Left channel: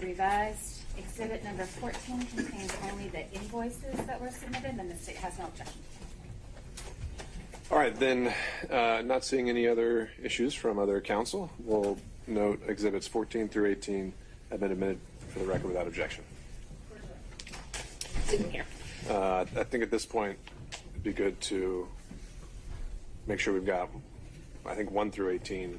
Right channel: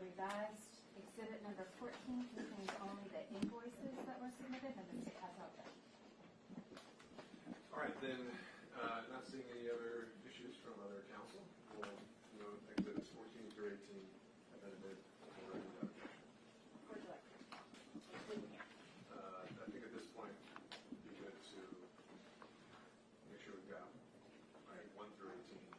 the revised exhibit number 14 contains only the invoices that were submitted, and the state has no objection. All right, then, not seeing any other issues from other counsel, we'll note exhibits 14 through 18 have been admitted for the record without objection. I think at this point it'd be good to make sure we've got, I think, 1 through 18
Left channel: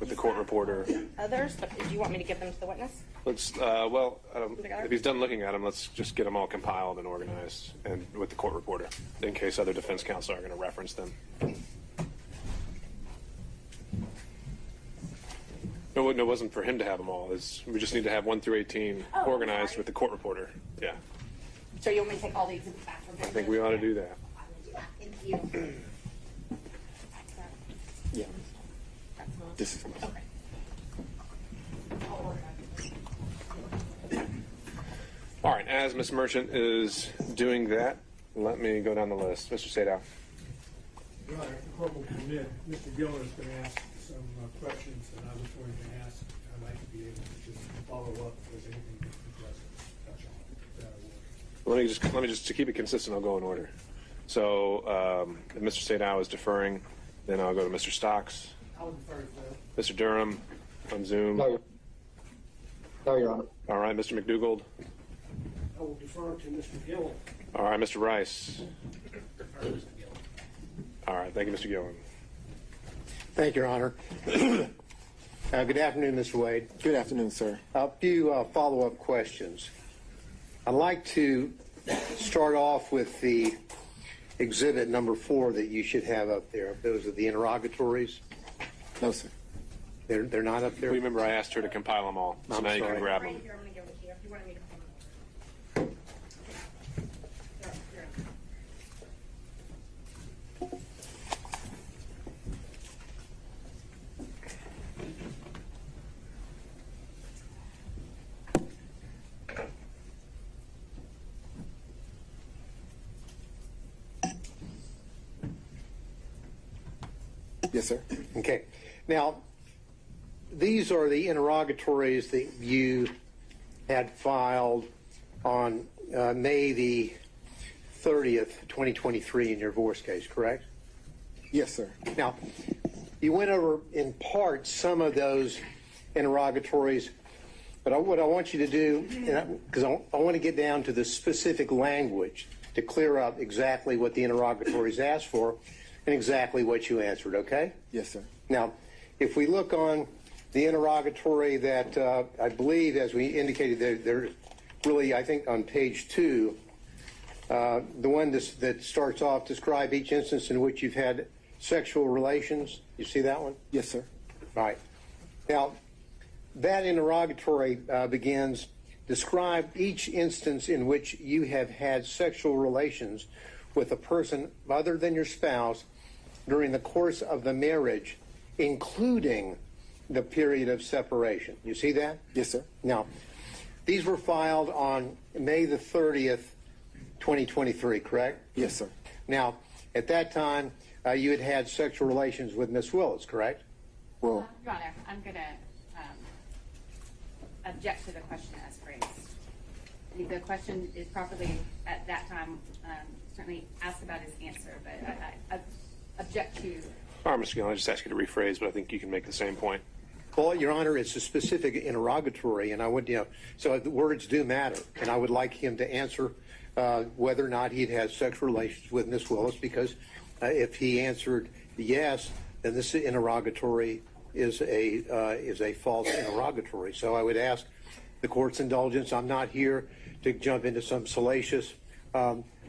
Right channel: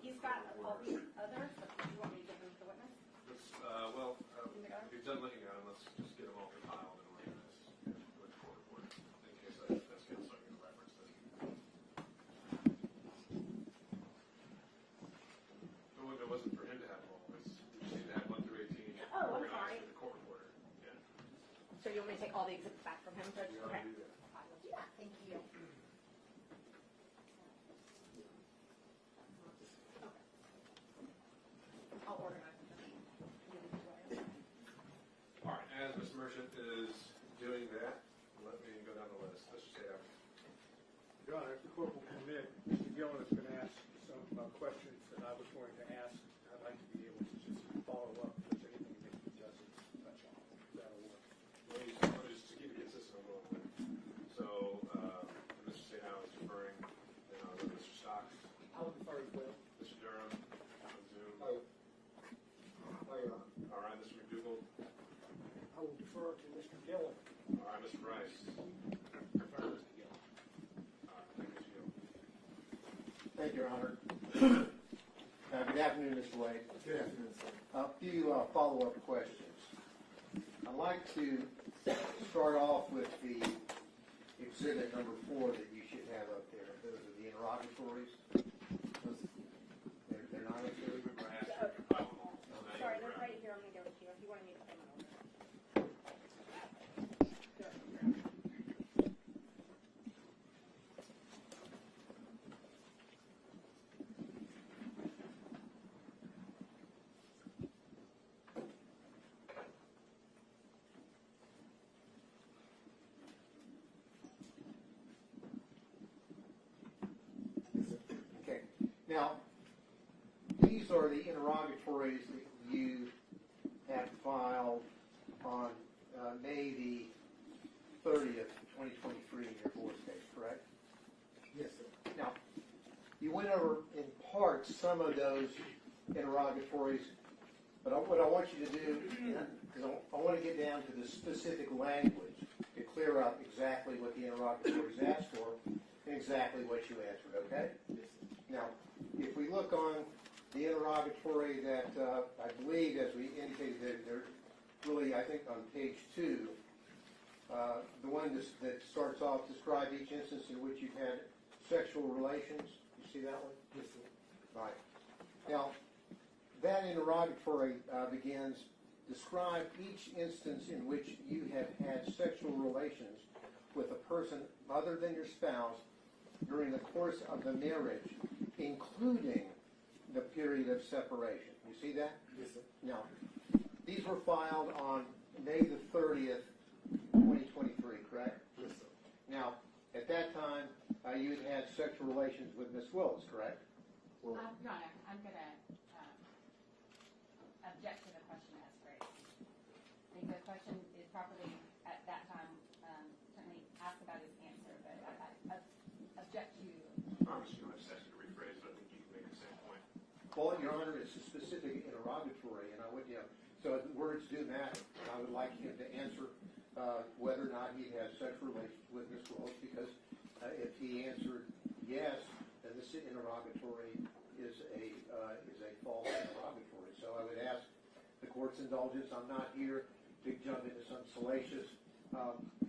with the court reporter. Others, but do you want me to give them to the witness? Let's, if he's done looking at them, let's just get them all compiled and organized and with the court reporter in case other defense counsel are going to reference them. No, it wasn't for him to have them all. We just need to have 1 through 18 organized with the court reporter. Yeah. So you want me to take all the exhibits back? I think we ought to do that. Thank you. Yeah. This is Okay. All right, as Ms. Merchant is doing that, let me go down the list. Mr. Sadow. Your Honor, if the court will permit, Mr. Gillen is going to ask some questions that I was going to ask. I'd like to be able to just follow up if there's anything that he doesn't touch on. That'll work. Let me just to keep it consistent, I'll go in order. So if Mr. Sadow is deferring, then I'll go to Mr. Stocks. I'll defer to that. Mr. Durham on Zoom. No, Your Honor. All right, Mr. McDougald. I will defer to Mr. Gillen. All right, Mr. Rice. All right, thank you, Mr. Gillen. Thank you, Your Honor. Good afternoon, Mr. Wade. Good afternoon, sir. A few follow-up questions. I'd like to start off with the exhibit number 4 that you should have up there. Those are the interrogatories. No, sir. They're not up there? Remember, I asked her to compile them all, so I'm now you sorry. can grab Right them. here, I'm going to give it to you if you wanted me to come over. Yes, sir. Okay. Now, these are the interrogatories that you had filed on May the 30th, 2023 in your divorce case, correct? Yes, sir. Now, you went over in part some of those interrogatories, but what I want you to do, because I want to get down to the specific language to clear up exactly what the interrogatories asked for and exactly what you answered, okay? Yes, sir. Now, if we look on the interrogatory that I believe, as we indicated, they're really, I think, on page 2, the one that starts off, describe each instance in which you've had sexual relations. You see that one? Yes, sir. Right. Now, that interrogatory begins, describe each instance in which you have had sexual relations with a person other than your spouse during the course of the marriage, including the period of separation. You see that? Yes, sir. Now, these were filed on May the 30th, 2023, correct? Yes, sir. Now, at that time, you had had sexual relations with Miss Willis, correct? Well, Your Honor, I'm going to object to the question as phrased. I think the question is properly, at that time, certainly asked about his answer, but I object to. All right, Mr. Gillen, I just asked you to rephrase, but I think you can make the same point. Well, Your Honor, it's a specific interrogatory, and I would, so the words do matter, and I would like him to answer whether or not he'd had sexual relations with Miss Willis, because if he answered yes, then this interrogatory is a false interrogatory. So I would ask the court's indulgence. I'm not here to jump into some salacious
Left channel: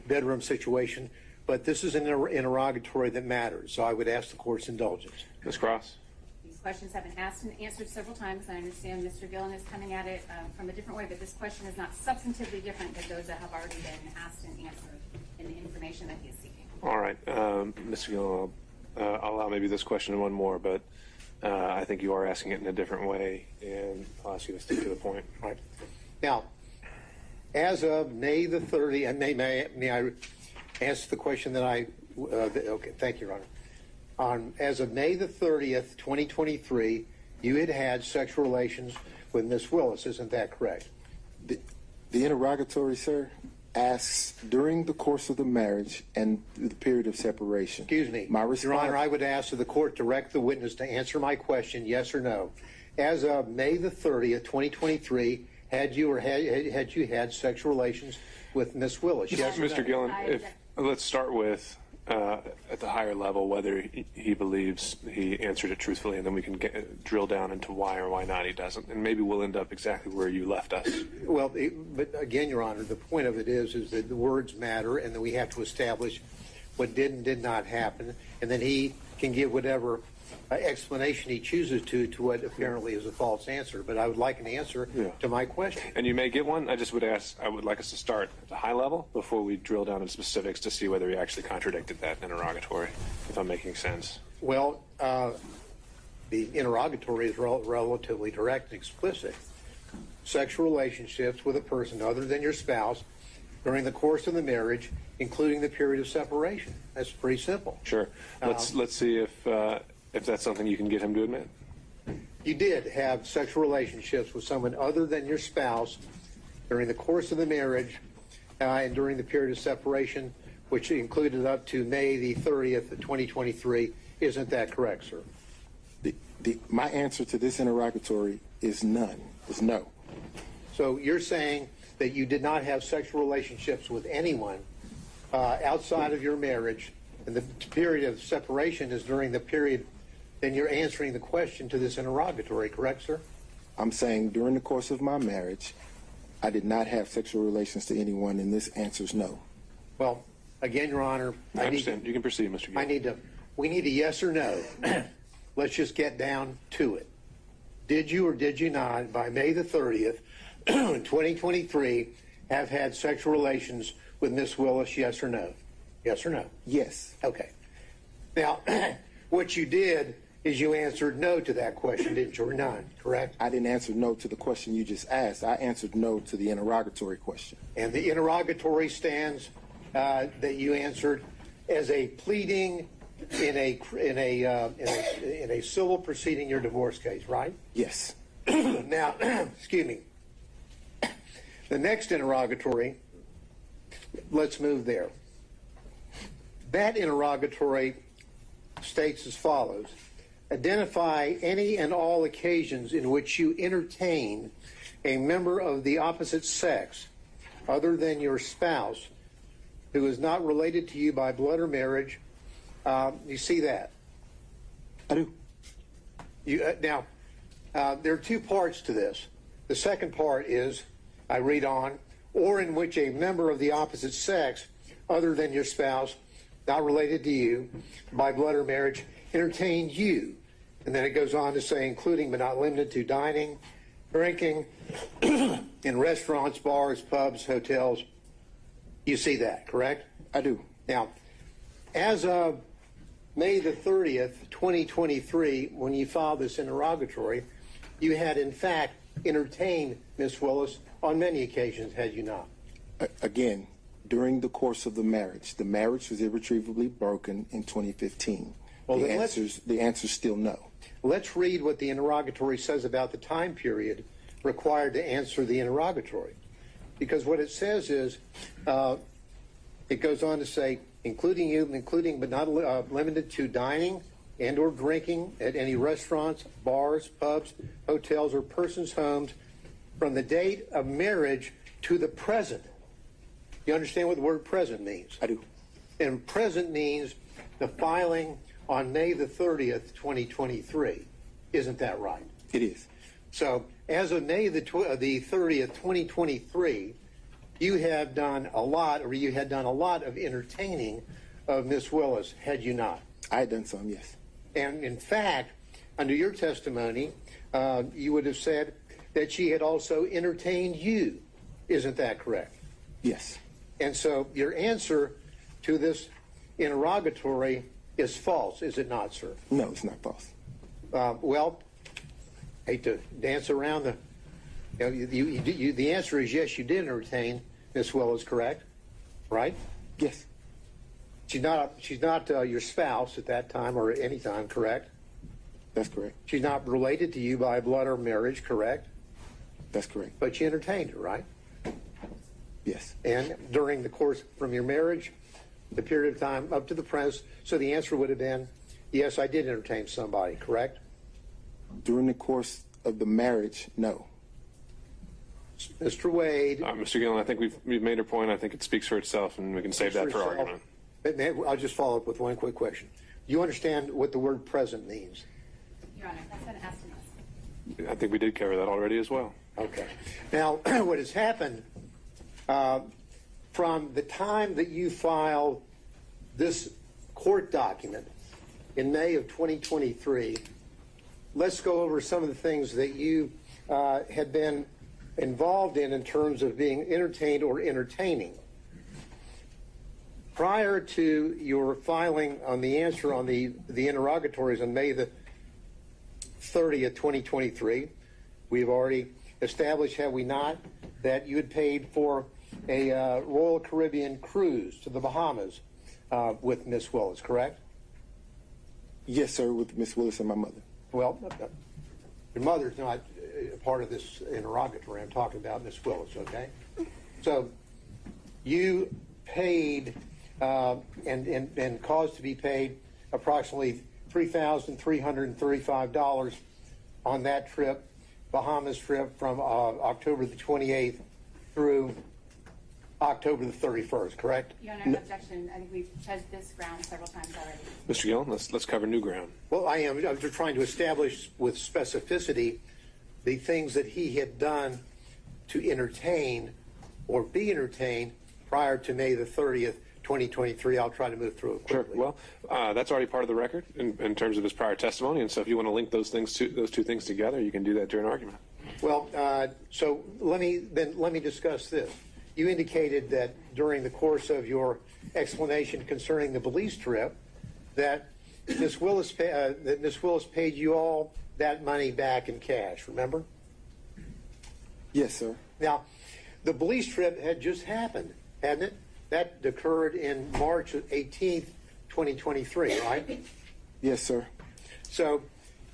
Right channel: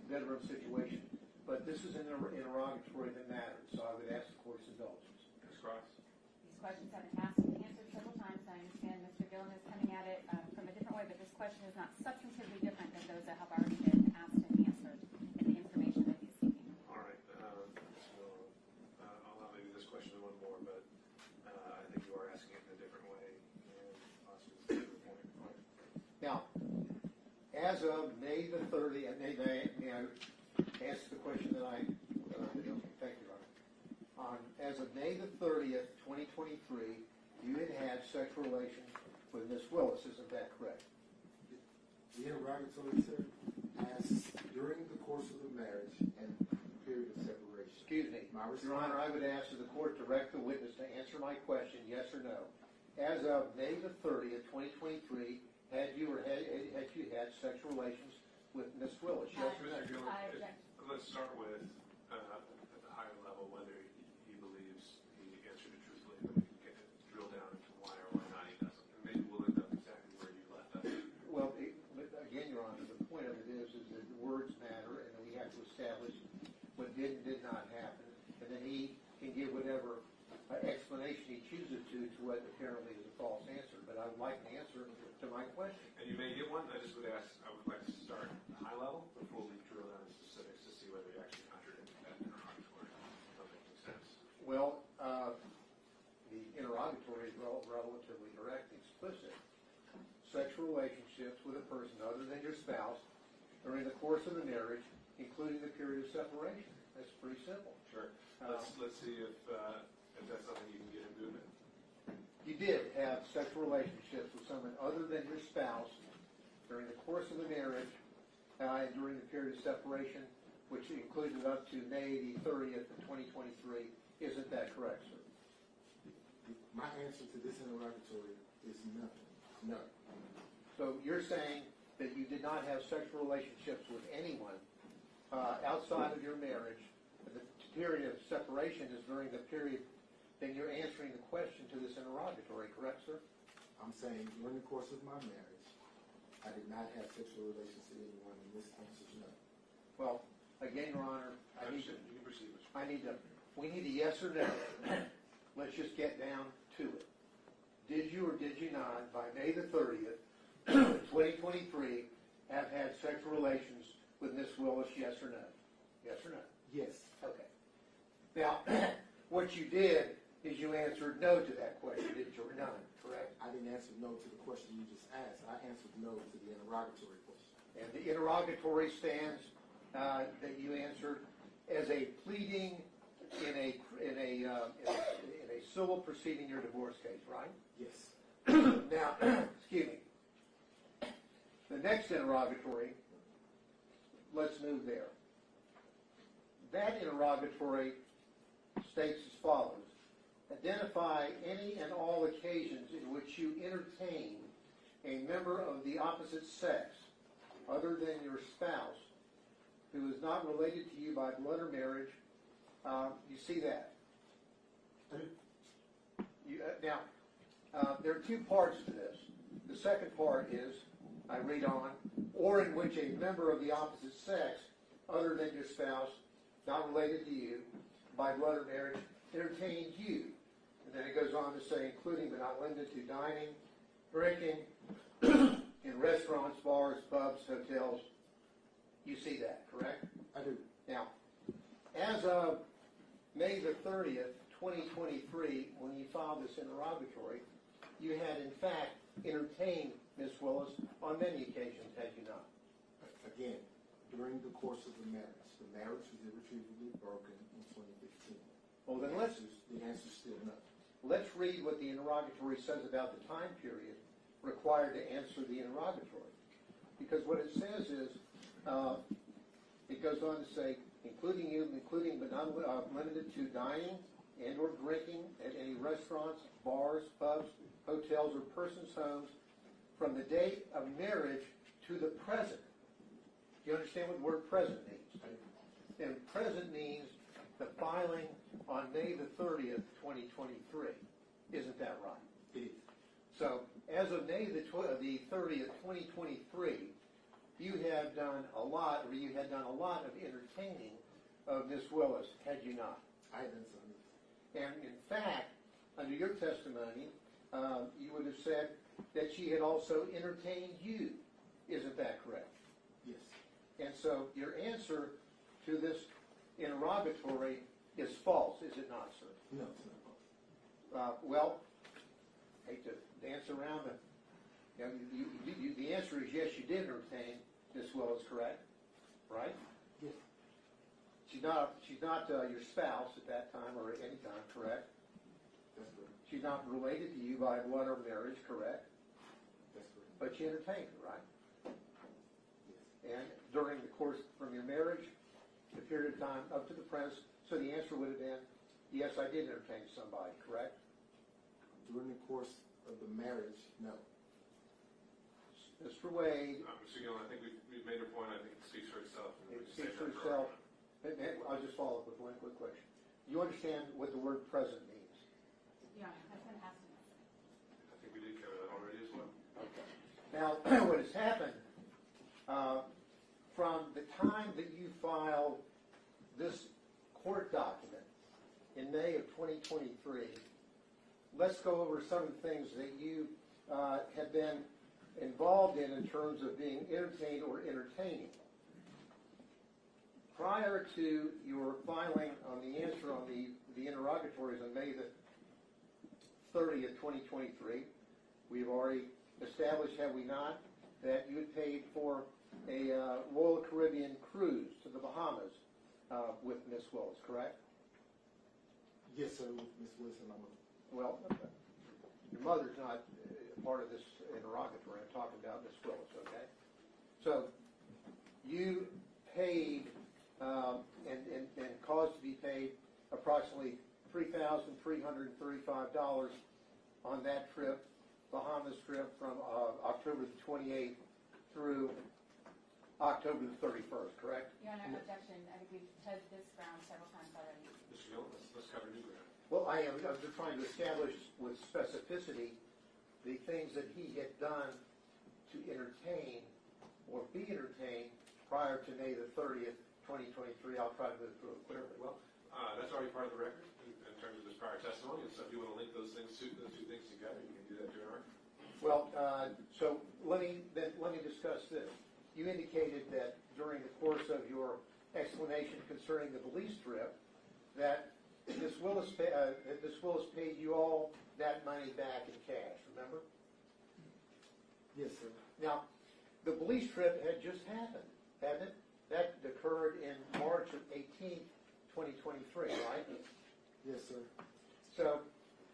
bedroom situation, but this is an interrogatory that matters. So I would ask the court's indulgence. Ms. Cross? These questions have been asked and answered several times. I understand Mr. Gillen is coming at it from a different way, but this question is not substantively different than those that have already been asked and answered in the information that he is seeking. All right, Mr. Gillen, I'll allow maybe this question and one more, but I think you are asking it in a different way, and I'll ask you to stick to the point. All right. Now, as of May the 30th, may I answer the question that okay, thank you, Your Honor. As of May the 30th, 2023, you had had sexual relations with Miss Willis. Isn't that correct? The interrogatory, sir, asks during the course of the marriage and the period of separation. Excuse me. My response, Your Honor, I would ask that the court direct the witness to answer my question, yes or no. As of May the 30th, 2023, had you had sexual relations with Miss Willis? Yes or no? Mr. Gillen, let's start with at the higher level whether he believes he answered it truthfully, and then we can drill down into why or why not he doesn't, and maybe we'll end up exactly where you left us. Well, but again, Your Honor, the point of it is that the words matter, and that we have to establish what did and did not happen, and then he can give whatever explanation he chooses to what apparently is a false answer. But I would like an answer to my question. And you may get one. I would like us to start at the high level before we drill down into specifics to see whether he actually contradicted that in interrogatory, if I'm making sense. Well, the interrogatory is relatively direct and explicit. Sexual relationships with a person other than your spouse during the course of the marriage, including the period of separation. That's pretty simple. Sure. Let's see if that's something you can get him to admit. You did have sexual relationships with someone other than your spouse during the course of the marriage and during the period of separation, which included up to May the 30th of 2023. Isn't that correct, sir? My answer to this interrogatory is none. Is no. So you're saying that you did not have sexual relationships with anyone outside of your marriage, and the period of separation is during the period. Then you're answering the question to this interrogatory, correct, sir? I'm saying during the course of my marriage, I did not have sexual relations to anyone, and this answer is no. Well, again, Your Honor, I understand. You can proceed, Mr. Gillen. We need a yes or no. Let's just get down to it. Did you or did you not, by May the 30th, 2023, have had sexual relations with Miss Willis, yes or no? Yes or no? Yes. Okay. Now, what you did is you answered no to that question, didn't you, or none, correct? I didn't answer no to the question you just asked. I answered no to the interrogatory question. And the interrogatory stands that you answered as a pleading in a civil proceeding, your divorce case, right? Yes. Now, excuse me. The next interrogatory, let's move there. That interrogatory states as follows: identify any and all occasions in which you entertain a member of the opposite sex other than your spouse who is not related to you by blood or marriage. You see that? I do. Now, there are two parts to this. The second part is, I read on, or in which a member of the opposite sex other than your spouse, not related to you by blood or marriage, entertained you. And then it goes on to say, including but not limited to dining, drinking, in restaurants, bars, pubs, hotels. You see that, correct? I do. Now, as of May the 30th, 2023, when you filed this interrogatory, you had in fact entertained Miss Willis on many occasions, had you not? Again, during the course of the marriage was irretrievably broken in 2015. Well, the answer's still no. Let's read what the interrogatory says about the time period required to answer the interrogatory. Because what it says is, it goes on to say, including but not limited to dining and or drinking at any restaurants, bars, pubs, hotels, or persons' homes from the date of marriage to the present. You understand what the word present means? I do. And present means the filing on May the 30th, 2023. Isn't that right? It is. So as of May the 30th, 2023, you had done a lot of entertaining of Miss Willis, had you not? I had done some, yes. And in fact, under your testimony, you would have said that she had also entertained you. Isn't that correct? Yes. And so your answer to this interrogatory is false, is it not, sir? No, it's not false. Well, I hate to dance around the answer is yes, you did entertain Miss Willis, correct? Right? Yes. She's not your spouse at that time or any time, correct? That's correct. She's not related to you by blood or marriage, correct? That's correct. But you entertained her, right? Yes. And during the course from your marriage, the period of time up to the present, so the answer would have been, yes, I did entertain somebody, correct? During the course of the marriage, no. Mr. Wade. Mr. Gillen, I think we've made our point. I think it speaks for itself, and we can save that for argument. I'll just follow up with one quick question. Do you understand what the word present means? Your Honor, that's been asked of us. I think we did cover that already as well. Okay. Now, what has happened from the time that you filed this court document in May of 2023, let's go over some of the things that you had been involved in terms of being entertained or entertaining. Prior to your filing on the answer on the interrogatories on May the 30th, 2023, we've already established, have we not, that you had paid for a Royal Caribbean cruise to the Bahamas with Miss Willis, correct? Yes, sir, with Miss Willis and my mother. Well, your mother's not part of this interrogatory. I'm talking about Miss Willis, okay? So you paid and caused to be paid approximately $3,335 on that trip, Bahamas trip, from October the 28th through October the 31st, correct? Your Honor, objection. I think we've judged this ground several times already. Mr. Gillen, let's cover new ground. Well, I'm just trying to establish with specificity the things that he had done to entertain or be entertained prior to May the 30th, 2023. I'll try to move through it quickly. Sure. Well, that's already part of the record in terms of his prior testimony, and so if you want to link those two things together, you can do that during argument. Well, so let me discuss this. You indicated that during the course of your explanation concerning the Belize trip, that Miss Willis paid you all that money back in cash. Remember? Yes, sir. Now, the Belize trip had just happened, hadn't it? That occurred in March 18th, 2023, right? Yes, sir. So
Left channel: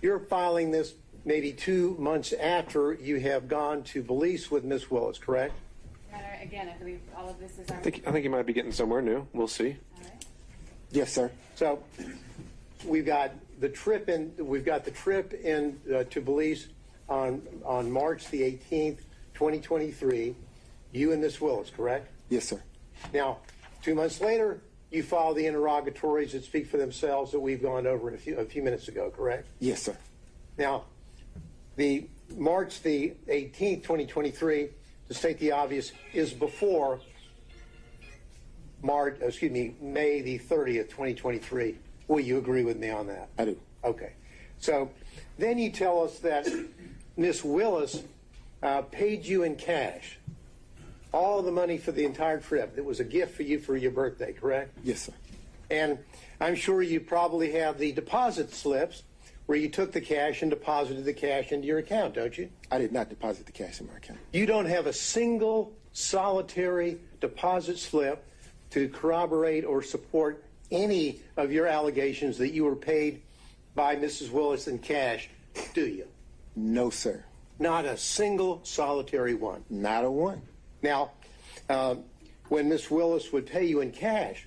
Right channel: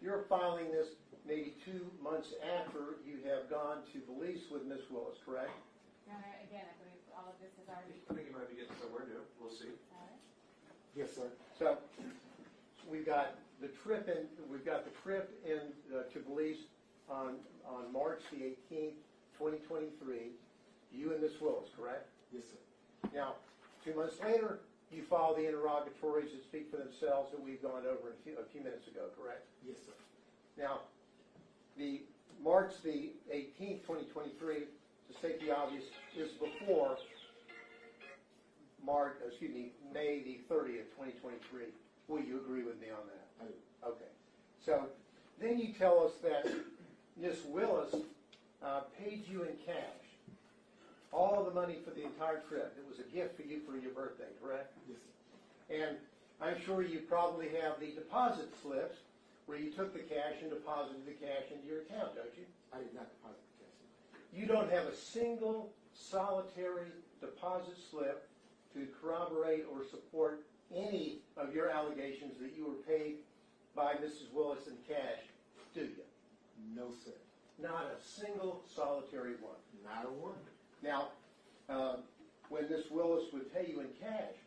you're filing this maybe 2 months after you have gone to Belize with Miss Willis, correct? Your Honor, again, I believe all of this is our... I think you might be getting somewhere new. We'll see. All right. Yes, sir. So we've got the trip in to Belize on March the 18th, 2023. You and Miss Willis, correct? Yes, sir. Now, 2 months later, you file the interrogatories that speak for themselves that we've gone over a few minutes ago, correct? Yes, sir. Now, the March the 18th, 2023, to state the obvious, is before May the 30th, 2023. Will you agree with me on that? I do. Okay. So then you tell us that Miss Willis paid you in cash all the money for the entire trip. It was a gift for you for your birthday, correct? Yes, sir. And I'm sure you probably have the deposit slips where you took the cash and deposited the cash into your account, don't you? I did not deposit the cash in my account. You don't have a single solitary deposit slip to corroborate or support any of your allegations that you were paid by Mrs. Willis in cash, do you? No, sir. Not a single solitary one. Not a one. Now, when Miss Willis would pay you in cash,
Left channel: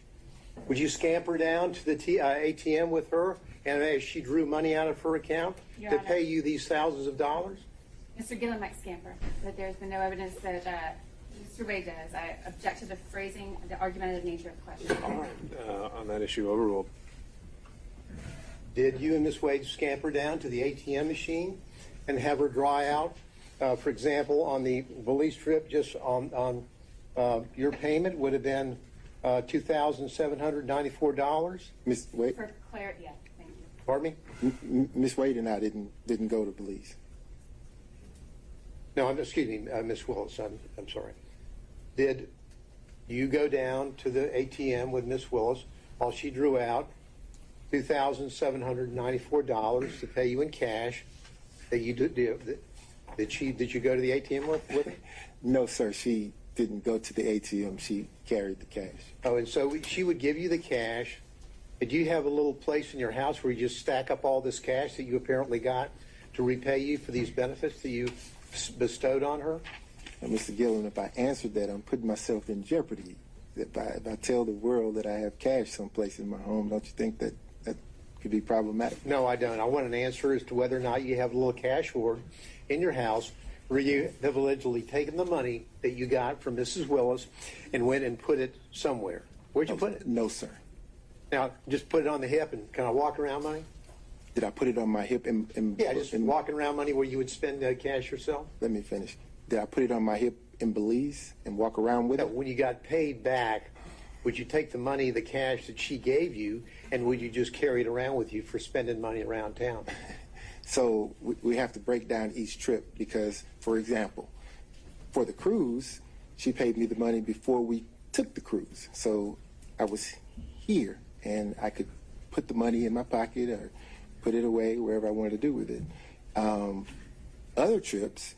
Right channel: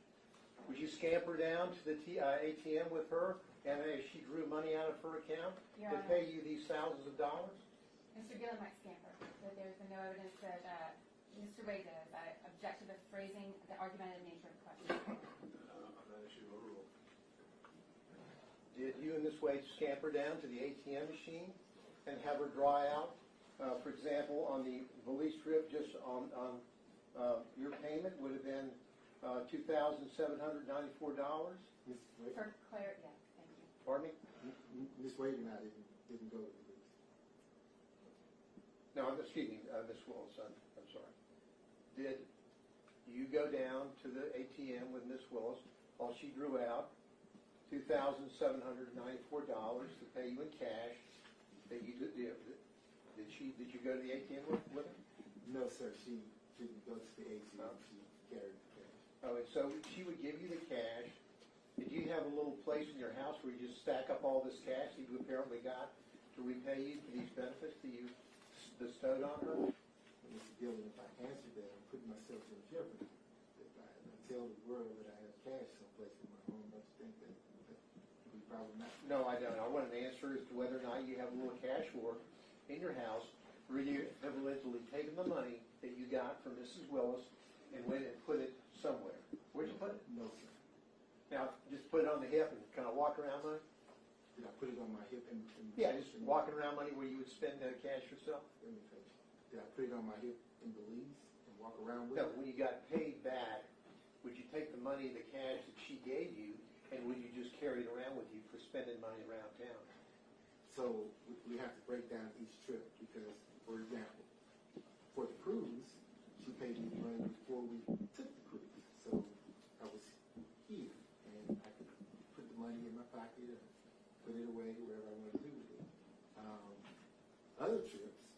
would you scamper down to the ATM with her and as she drew money out of her account Your to Honor. pay you these thousands of dollars? Mr. Gillen might scamper, but there's been no evidence that Mr. Wade does. I object to the phrasing, the argumentative nature of the question. All right. On that issue, overruled. Did you and Miss Wade scamper down to the ATM machine and have her dry out? For example, on the Belize trip, just on your payment would have been $2,794. Miss Wade, For clarity, yeah, thank you. Pardon me? Miss Wade and I didn't go to Belize. No, excuse me, Miss Willis. I'm sorry. Did you go down to the ATM with Miss Willis while she drew out $2,794 to pay you in cash? That you did you go to the ATM with her? No, sir. She didn't go to the ATM. She carried the cash. Oh, and so she would give you the cash. Did you have a little place in your house where you just stack up all this cash that you apparently got to repay you for these benefits that you bestowed on her? Now, Mr. Gillen, if I answered that, I'm putting myself in jeopardy. If I tell the world that I have cash someplace in my home, don't you think that that could be problematic? No, I don't. I want an answer as to whether or not you have a little cash hoard in your house where you have allegedly taken the money that you got from Mrs. Willis and went and put it somewhere. Where'd you put it? No, sir. Now, just put it on the hip and kind of walk around money? Did I put it on my hip? Yeah, just walking around money where you would spend cash yourself? Let me finish. Did I put it on my hip in Belize and walk around with No, it? when you got paid back, would you take the money, the cash that she gave you, and would you just carry it around with you for spending money around town? So we have to break down each trip because, for example, for the cruise, she paid me the money before we took the cruise. So I was here and I could put the money in my pocket or put it away wherever I wanted to do with it. Other trips,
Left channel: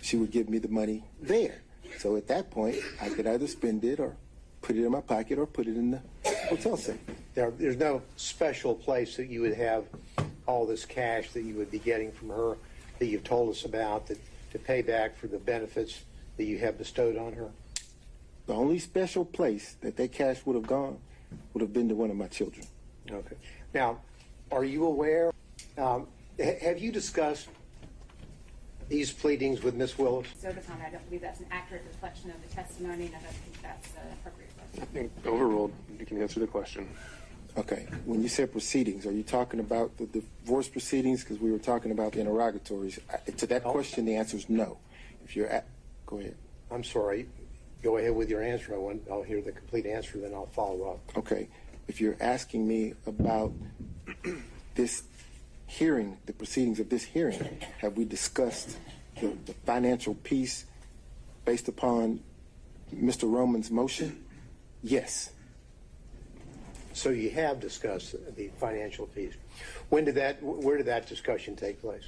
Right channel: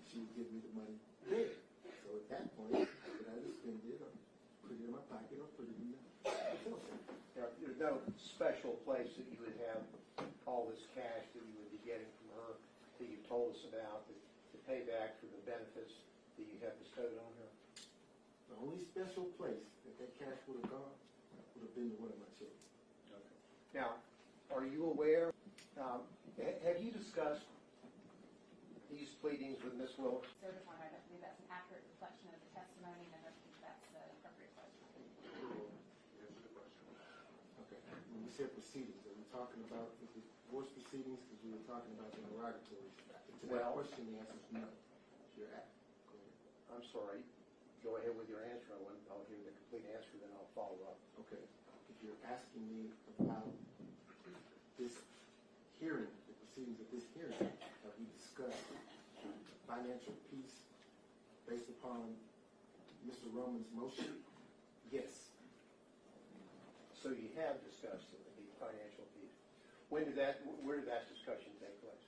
she would give me the money there. So at that point, I could either spend it or put it in my pocket or put it in the hotel safe. There's no special place that you would have all this cash that you would be getting from her that you've told us about to pay back for the benefits that you have bestowed on her? The only special place that cash would have gone would have been to one of my children. Okay. Now, are you aware, have you discussed these pleadings with Ms. Willis? So upon, I don't believe that's an accurate reflection of the testimony, and I don't think that's appropriate for us. I think overruled. You can answer the question. Okay. When you said proceedings, are you talking about the divorce proceedings? Because we were talking about the interrogatories. To that question, the answer is no. If you're go ahead. I'm sorry. Go ahead with your answer. I'll hear the complete answer, then I'll follow up. Okay. If you're asking me about this hearing, the proceedings of this hearing, have we discussed the financial piece based upon Mr. Roman's motion? Yes. So you have discussed the financial piece. Where did that discussion take place?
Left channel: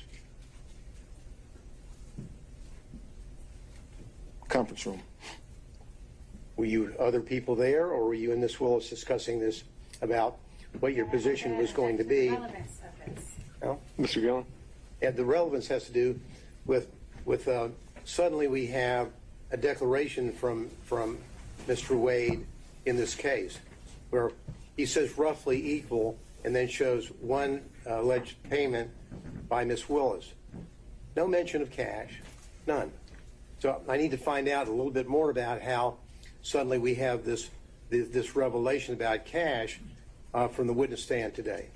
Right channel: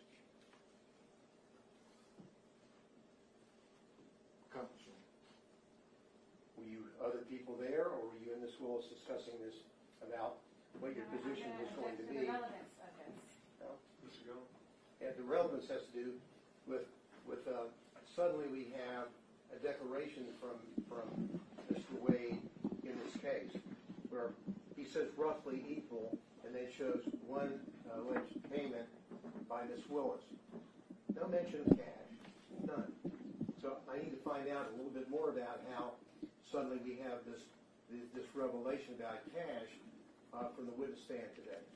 Conference room. Were you other people there, or were you and Ms. Willis discussing this about what your position was going to be? Relevance of this. Well, Mr. Gillen? and the relevance has to do with suddenly we have a declaration from Mr. Wade in this case where he says roughly equal and then shows one alleged payment by Ms. Willis. No mention of cash, none. So I need to find out a little bit more about how suddenly we have this revelation about cash from the witness stand today.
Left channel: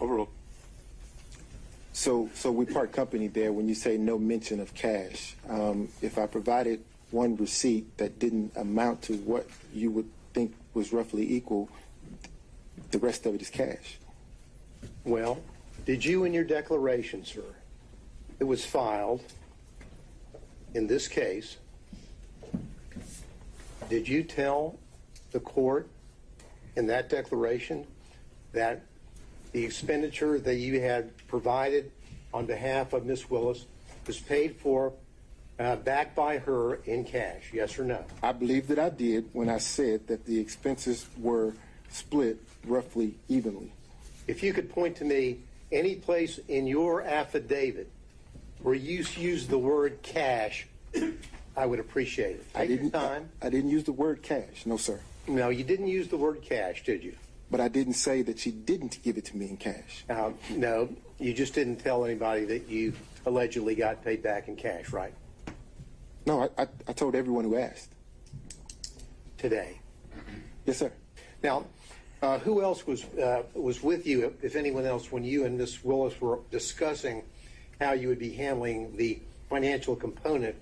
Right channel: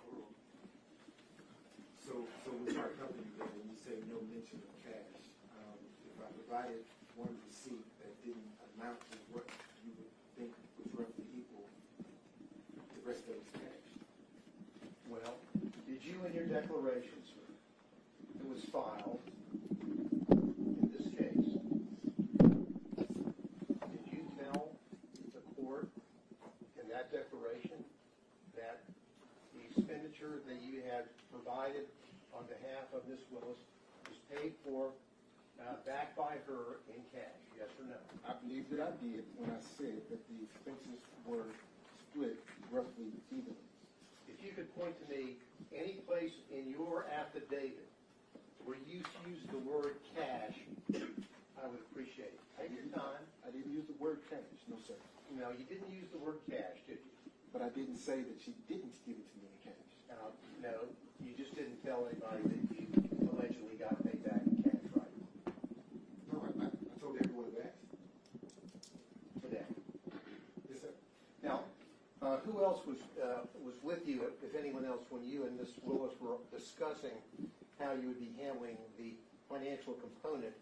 Overruled. So we part company there when you say no mention of cash. If I provided one receipt that didn't amount to what you would think was roughly equal, the rest of it is cash. Well, did you in your declaration, sir, that was filed in this case, did you tell the court in that declaration that the expenditure that you had provided on behalf of Ms. Willis was paid for back by her in cash, yes or no? I believe that I did when I said that the expenses were split roughly evenly. If you could point to me any place in your affidavit where you used the word cash, I would appreciate it. Take your time. I didn't use the word cash, no, sir. No, you didn't use the word cash, did you? But I didn't say that she didn't give it to me in cash. No, you just didn't tell anybody that you allegedly got paid back in cash, right? No, I told everyone who asked. Today. Yes, sir. Now, who else was with you, if anyone else, when you and Ms. Willis were discussing how you would be handling the financial component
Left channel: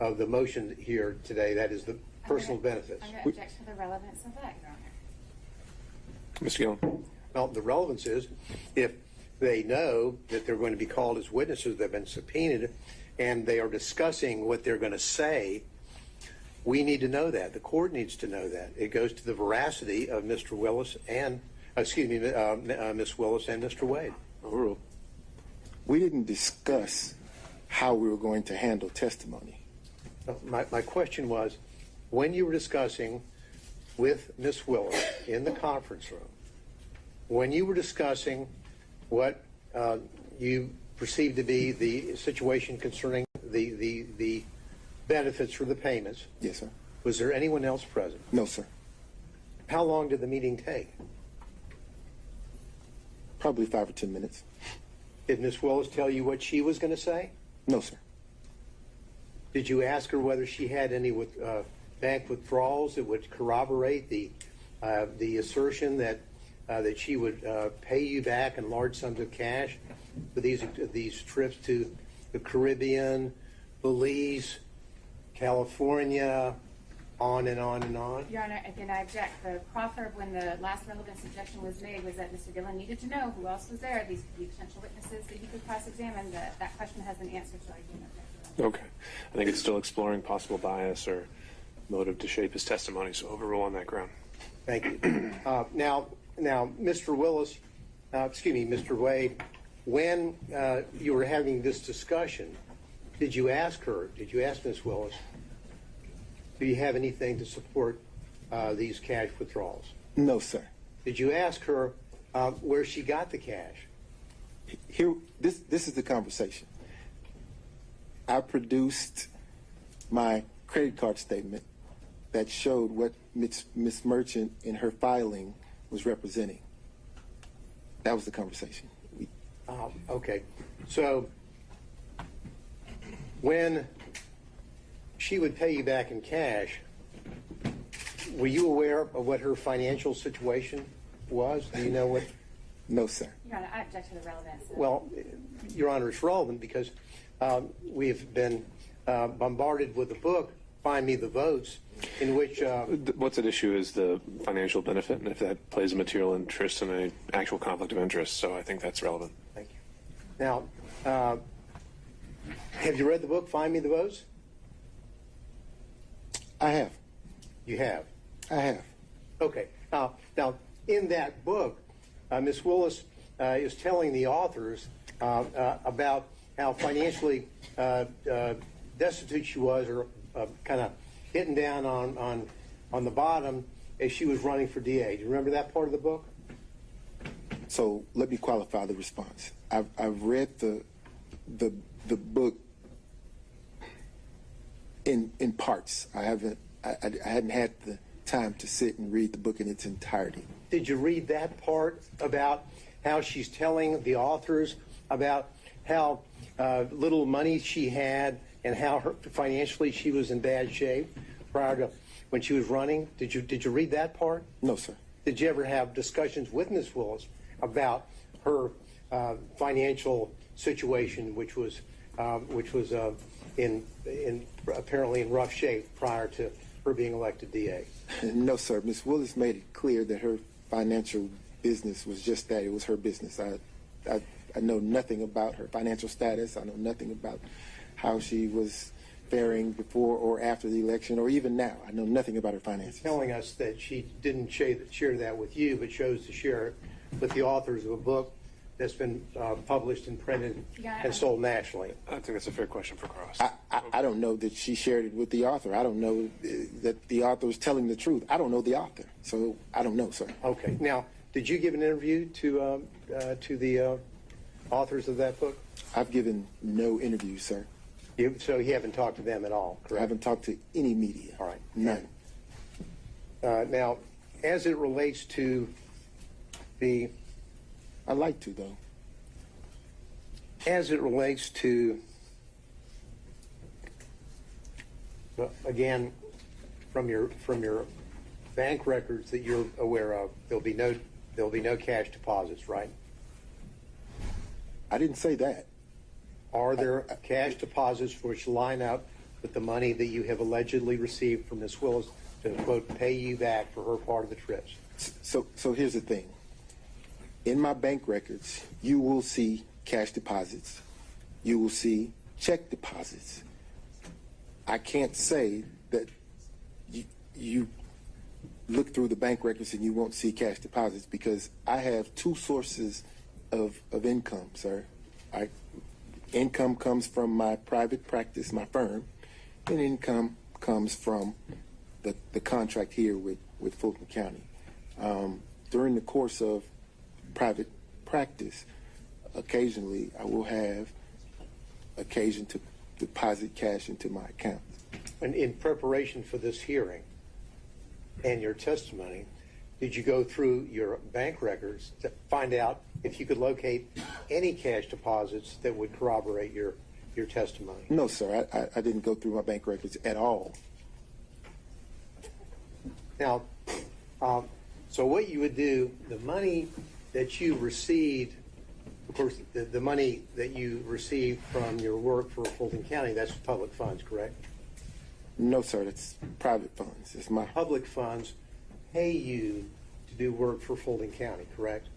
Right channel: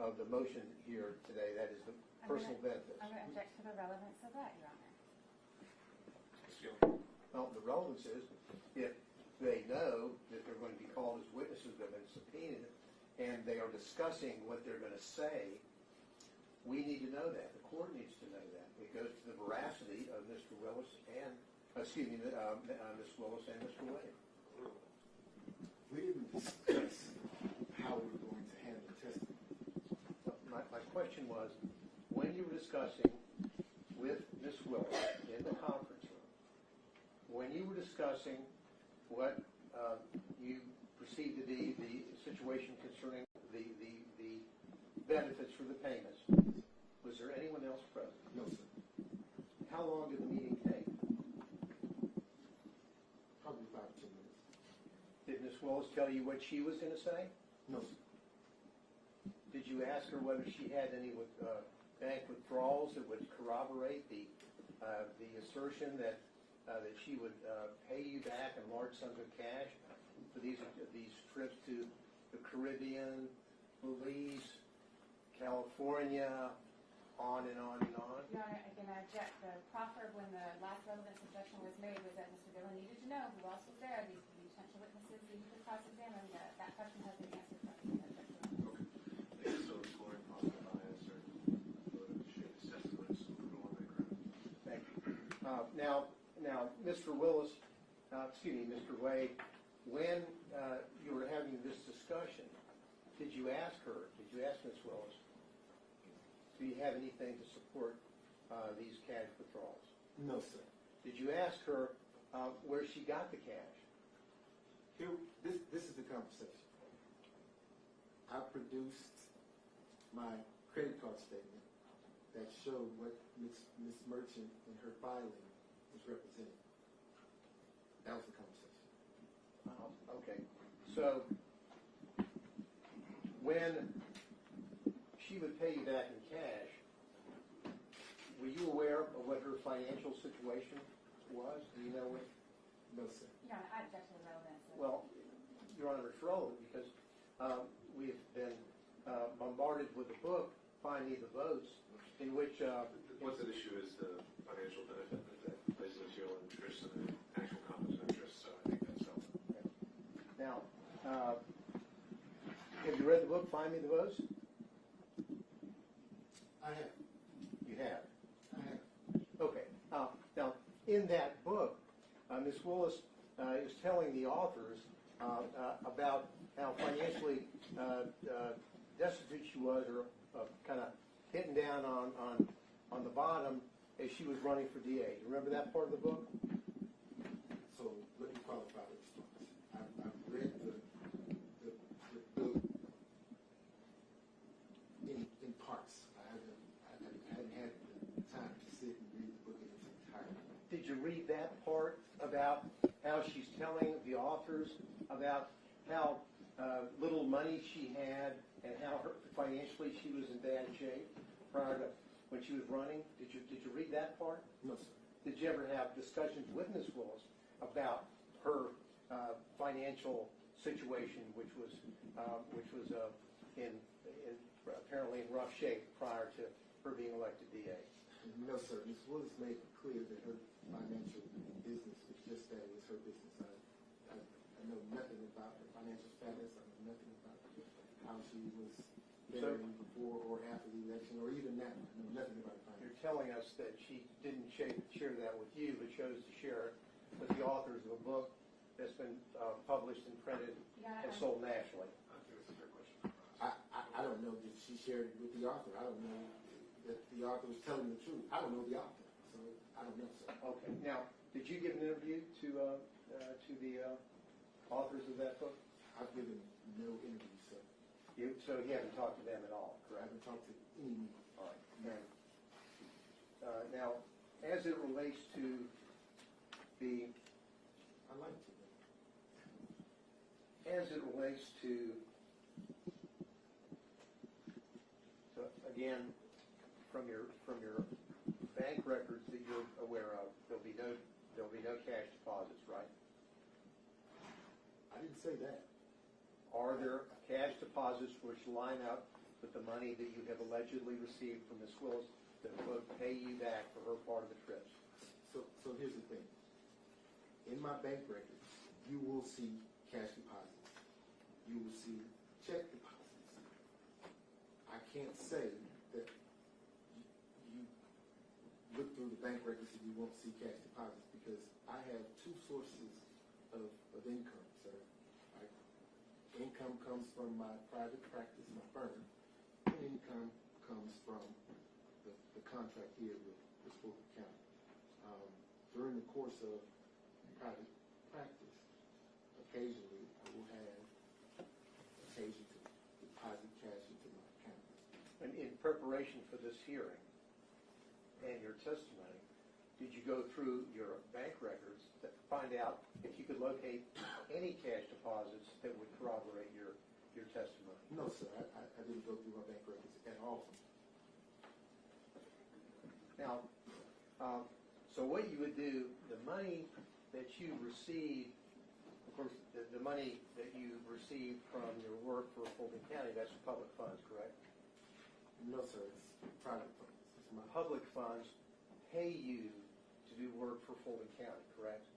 of the motion here today, that is the personal benefits? I'm going to object to the relevance of that, Your Honor. Mr. Gillen? Well, the relevance is if they know that they're going to be called as witnesses, they've been subpoenaed, and they are discussing what they're going to say, we need to know that. The court needs to know that. It goes to the veracity of Mr. Willis and, Ms. Willis and Mr. Wade. Overruled. We didn't discuss how we were going to handle testimony. My question was, when you were discussing with Ms. Willis in the conference room, when you were discussing what you perceived to be the situation concerning the benefits or the payments. Yes, sir. Was there anyone else present? No, sir. How long did the meeting take? Probably 5 or 10 minutes. Did Ms. Willis tell you what she was going to say? No, sir. Did you ask her whether she had any bank withdrawals that would corroborate the assertion that she would pay you back in large sums of cash for these trips to the Caribbean, Belize, California, on and on and on? Your Honor, again, I object. The proffer, when the last relevant suggestion was made, was that Mr. Gillen needed to know who else was there. These could be potential witnesses that he could cross-examine. That question has been answered, so I can't object. Okay. I think it's still exploring possible bias or motive to shape his testimony, so overrule on that ground. Thank you. Now, Mr. Willis, Mr. Wade, when you were having this discussion, did you ask Ms. Willis, do you have anything to support these cash withdrawals? No, sir. Did you ask her where she got the cash? Here, this is the conversation. I produced my credit card statement that showed what Ms. Merchant in her filing was representing. That was the conversation. Okay. So when she would pay you back in cash, were you aware of what her financial situation was? Do you know what? No, sir. Your Honor, I object to the relevance. Well, Your Honor, it's relevant because we've been bombarded with a book, Find Me the Votes, in which... What's at issue is the financial benefit, and if that plays a material interest in an actual conflict of interest, so I think that's relevant. Thank you. Now, have you read the book, Find Me the Votes? I have. You have? I have. Okay. Now, in that book, Ms. Willis is telling the authors about how financially destitute she was, or kind of hitting down on the bottom as she was running for DA. Do you remember that part of the book? So let me qualify the response. I've read the book in parts. I hadn't had the time to sit and read the book in its entirety. Did you read that part about how she's telling the authors about how little money she had and how financially she was in bad shape prior to when she was running? Did you read that part? No, sir. Did you ever have discussions with Ms. Willis about her financial situation, which was in apparently in rough shape prior to her being elected DA? No, sir. Ms. Willis made it clear that her financial business was just that. It was her business. I know nothing about her financial status. I know nothing about how she was faring before or after the election, or even now. I know nothing about her finances. You're telling us that she didn't share that with you, but chose to share it with the authors of a book that's been published and printed and sold nationally. I think that's a fair question for Cross. I don't know that she shared it with the author. I don't know that the author was telling the truth. I don't know the author, so I don't know, sir. Okay. Now, did you give an interview to the authors of that book? I've given no interviews, sir. So you haven't talked to them at all, correct? I haven't talked to any media. All right. None. Now, as it relates to the... I'd like to, though. As it relates to, again, from your bank records that you're aware of, there'll be no cash deposits, right? I didn't say that. Are there cash deposits which line up with the money that you have allegedly received from Ms. Willis to, quote, pay you back for her part of the trips? So here's the thing. In my bank records, you will see cash deposits. You will see check deposits. I can't say that you look through the bank records and you won't see cash deposits, because I have two sources of income, sir. Income comes from my private practice, my firm, and income comes from the contract here with Fulton County. During the course of private practice, occasionally I will have occasion to deposit cash into my account. And in preparation for this hearing and your testimony, did you go through your bank records to find out if you could locate any cash deposits that would corroborate your testimony? No, sir, I didn't go through my bank records at all. Now, so what you would do, the money that you received, of course, the money that you received from your work for Fulton County, that's public funds, correct? No, sir, that's private funds. It's my Public funds pay you to do work for Fulton County, correct?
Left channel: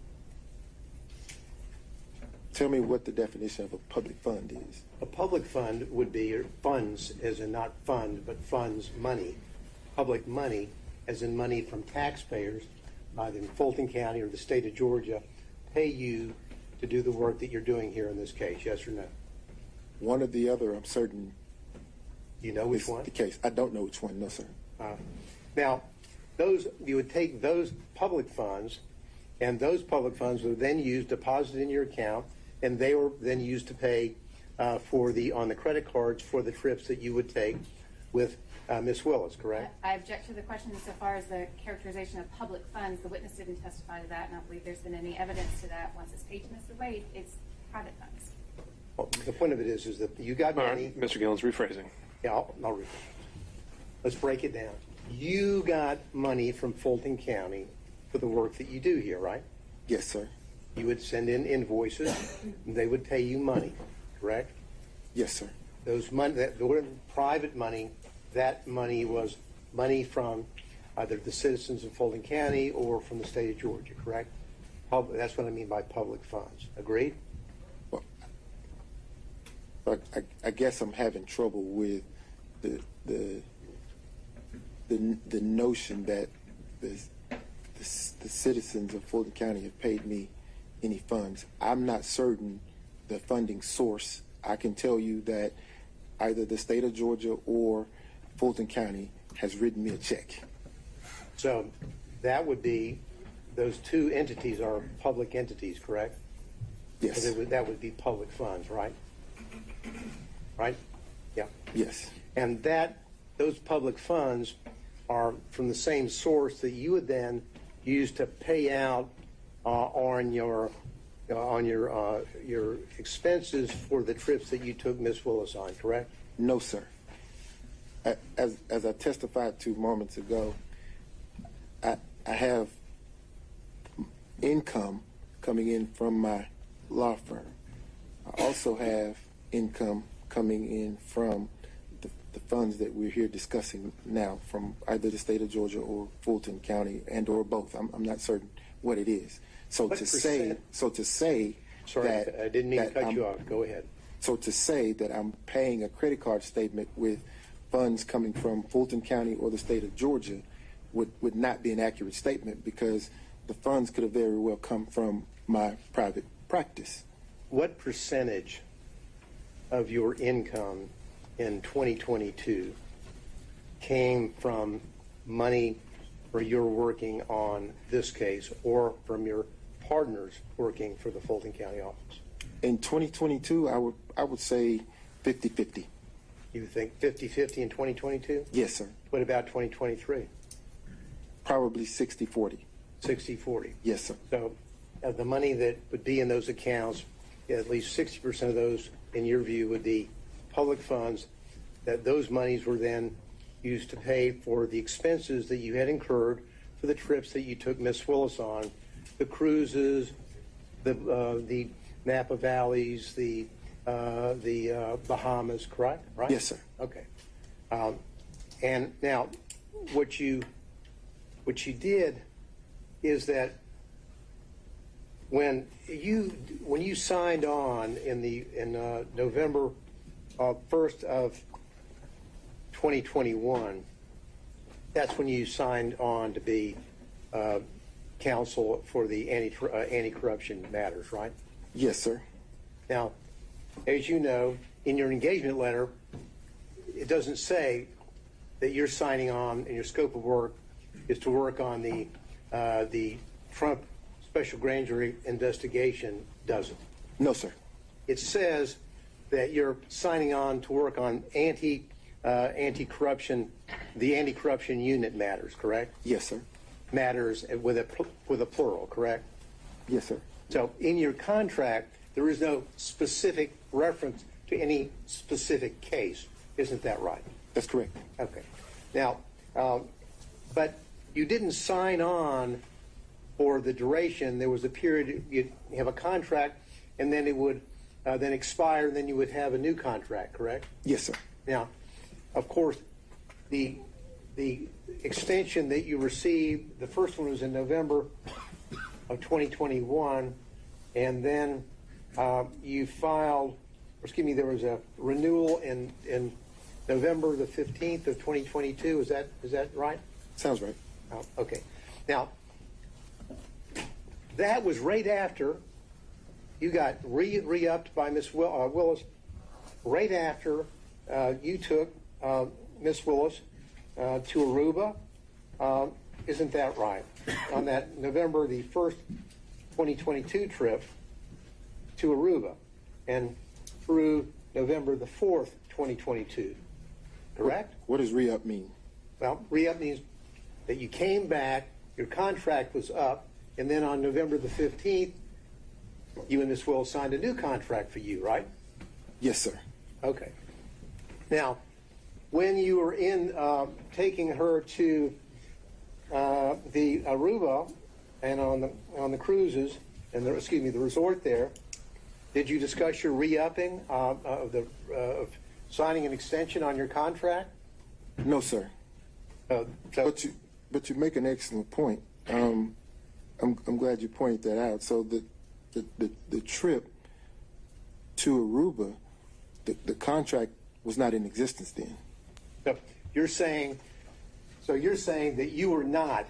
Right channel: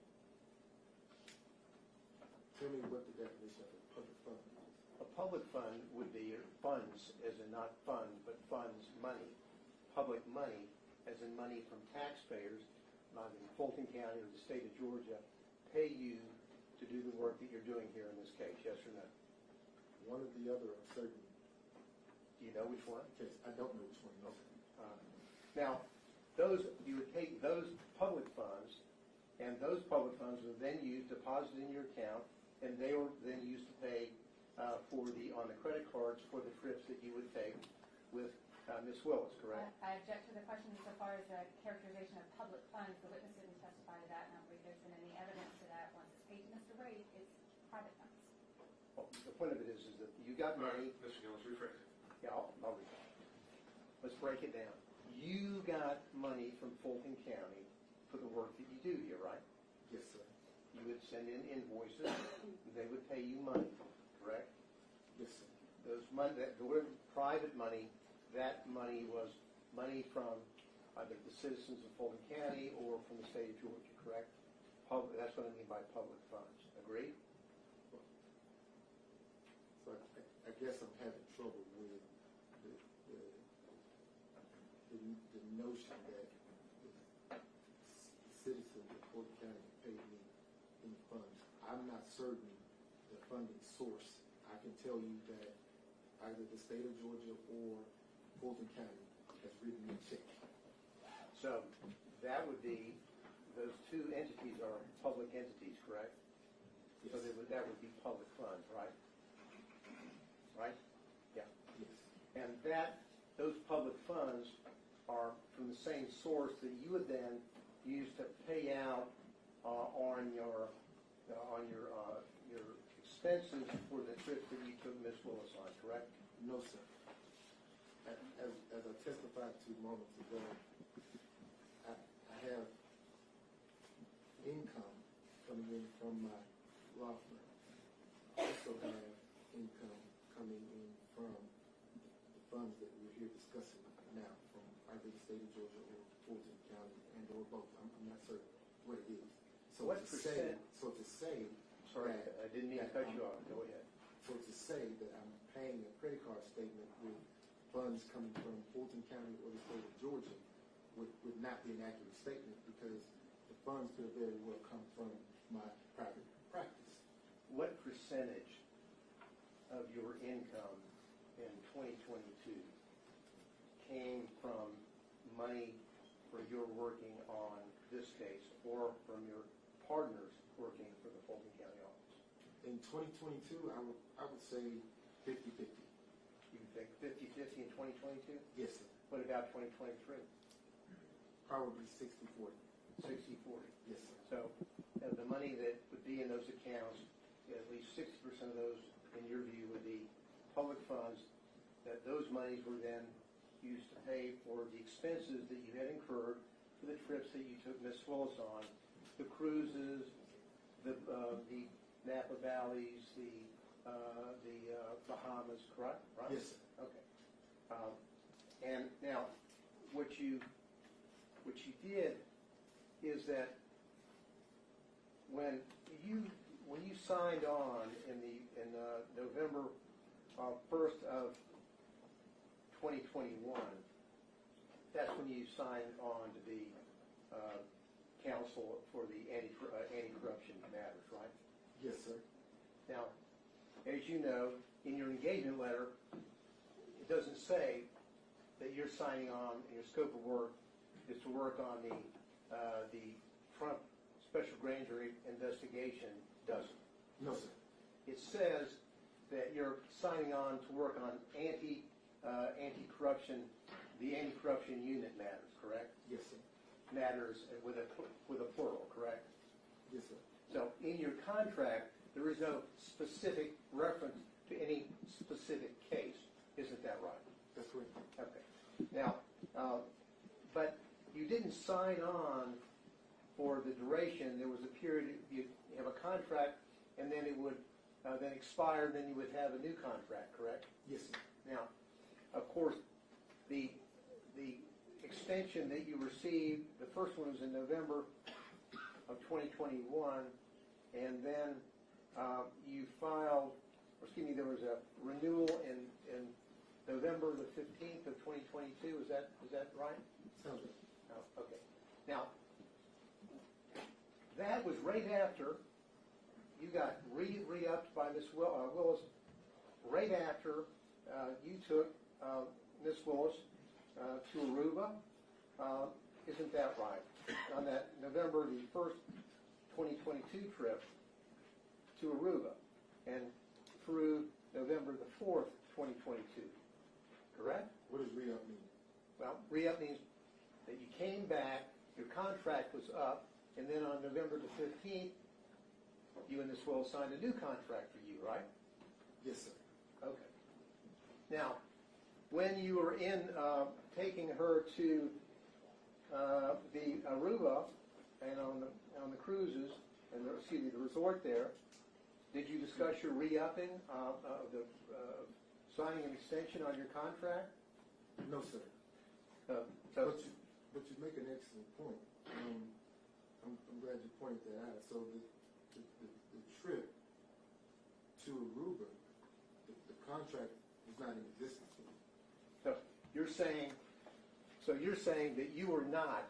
Tell me what the definition of a public fund is. A public fund would be funds, as in not fund, but funds, money. Public money, as in money from taxpayers, either in Fulton County or the state of Georgia, pay you to do the work that you're doing here in this case, yes or no? One or the other, I'm certain You know which is one? the case. I don't know which one, no, sir. Now, you would take those public funds, and those public funds were then used, deposited in your account, and they were then used to pay on the credit cards for the trips that you would take with Ms. Willis, correct? I object to the question insofar as the characterization of public funds. The witness didn't testify to that, and I don't believe there's been any evidence to that. Once it's paid to Mr. Wade, it's private funds. Well, the point of it is that you got All money. right, Mr. Gillen's rephrasing. Yeah, I'll read it. Let's break it down. You got money from Fulton County for the work that you do here, right? Yes, sir. You would send in invoices, and they would pay you money, correct? Yes, sir. Those money, that private money, that money was money from either the citizens of Fulton County or from the state of Georgia, correct? That's what I mean by public funds. Agreed? Well, but I guess I'm having trouble with the notion that the citizens of Fulton County have paid me any funds. I'm not certain the funding source. I can tell you that either the state of Georgia or Fulton County has written me a check. So that would be, those two entities are public entities, correct? Yes. So that would be public funds, right? Right? Yeah. Yes. And those public funds are from the same source that you would then use to pay out on your expenses for the trips that you took Miss Willis on, correct? No, sir. As I testified to moments ago, I have income coming in from my law firm. I also have income coming in from the funds that we're here discussing now from either the state of Georgia or Fulton County and or both. I'm not certain what it is. So What to say Sorry, that I didn't mean to that cut you I'm- off. Go ahead. So to say that I'm paying a credit card statement with funds coming from Fulton County or the state of Georgia would not be an accurate statement, because the funds could have very well come from my private practice. What percentage of your income in 2022 came from money where you're working on this case or from your partners working for the Fulton County office? In 2022, I would say 50-50. You think 50-50 in 2022? Yes, sir. What about 2023? Probably 60-40. 60-40. Yes, sir. So the money that would be in those accounts, at least 60% of those, in your view, would be public funds, that those monies were then used to pay for the expenses that you had incurred for the trips that you took Miss Willis on, the cruises, the Napa Valleys, the Bahamas, correct? Right? Yes, sir. Okay. And now, what you did is that when you signed on in November 1st of 2021, that's when you signed on to be counsel for the anti-corruption matters, right? Yes, sir. Now, as you know, in your engagement letter, it doesn't say that you're signing on and your scope of work is to work on the Trump special grand jury investigation, does it? No, sir. It says that you're signing on to work on anti-corruption, the anti-corruption unit matters, correct? Yes, sir. Matters with a plural, correct? Yes, sir. So in your contract, there is no specific reference to any specific case. Isn't that right? That's correct. Okay. Now, but you didn't sign on for the duration. There was a period, you have a contract, and then it would then expire, and then you would have a new contract, correct? Yes, sir. Now, of course, the extension that you received, the first one was in November of 2021, and then you filed, there was a renewal in November the 15th of 2022. Is that right? Sounds right. Oh, okay. Now, that was right after you got re-upped by Ms. Willis, right after you took Ms. Willis to Aruba. Isn't that right? On that November the 1st, 2022 trip to Aruba, and through November the 4th, 2022. Correct? What does re-up mean? Well, re-up means that you came back, your contract was up, and then on November the 15th, you and Ms. Willis signed a new contract for you, right? Yes, sir. Okay. Now, when you were in taking her to the Aruba and on the cruises and the resort there, did you discuss your re-upping of signing an extension on your contract? No, sir. But you make an excellent point. I'm glad you pointed that out. So the trip to Aruba, the contract was not in existence then. So you're saying that you were not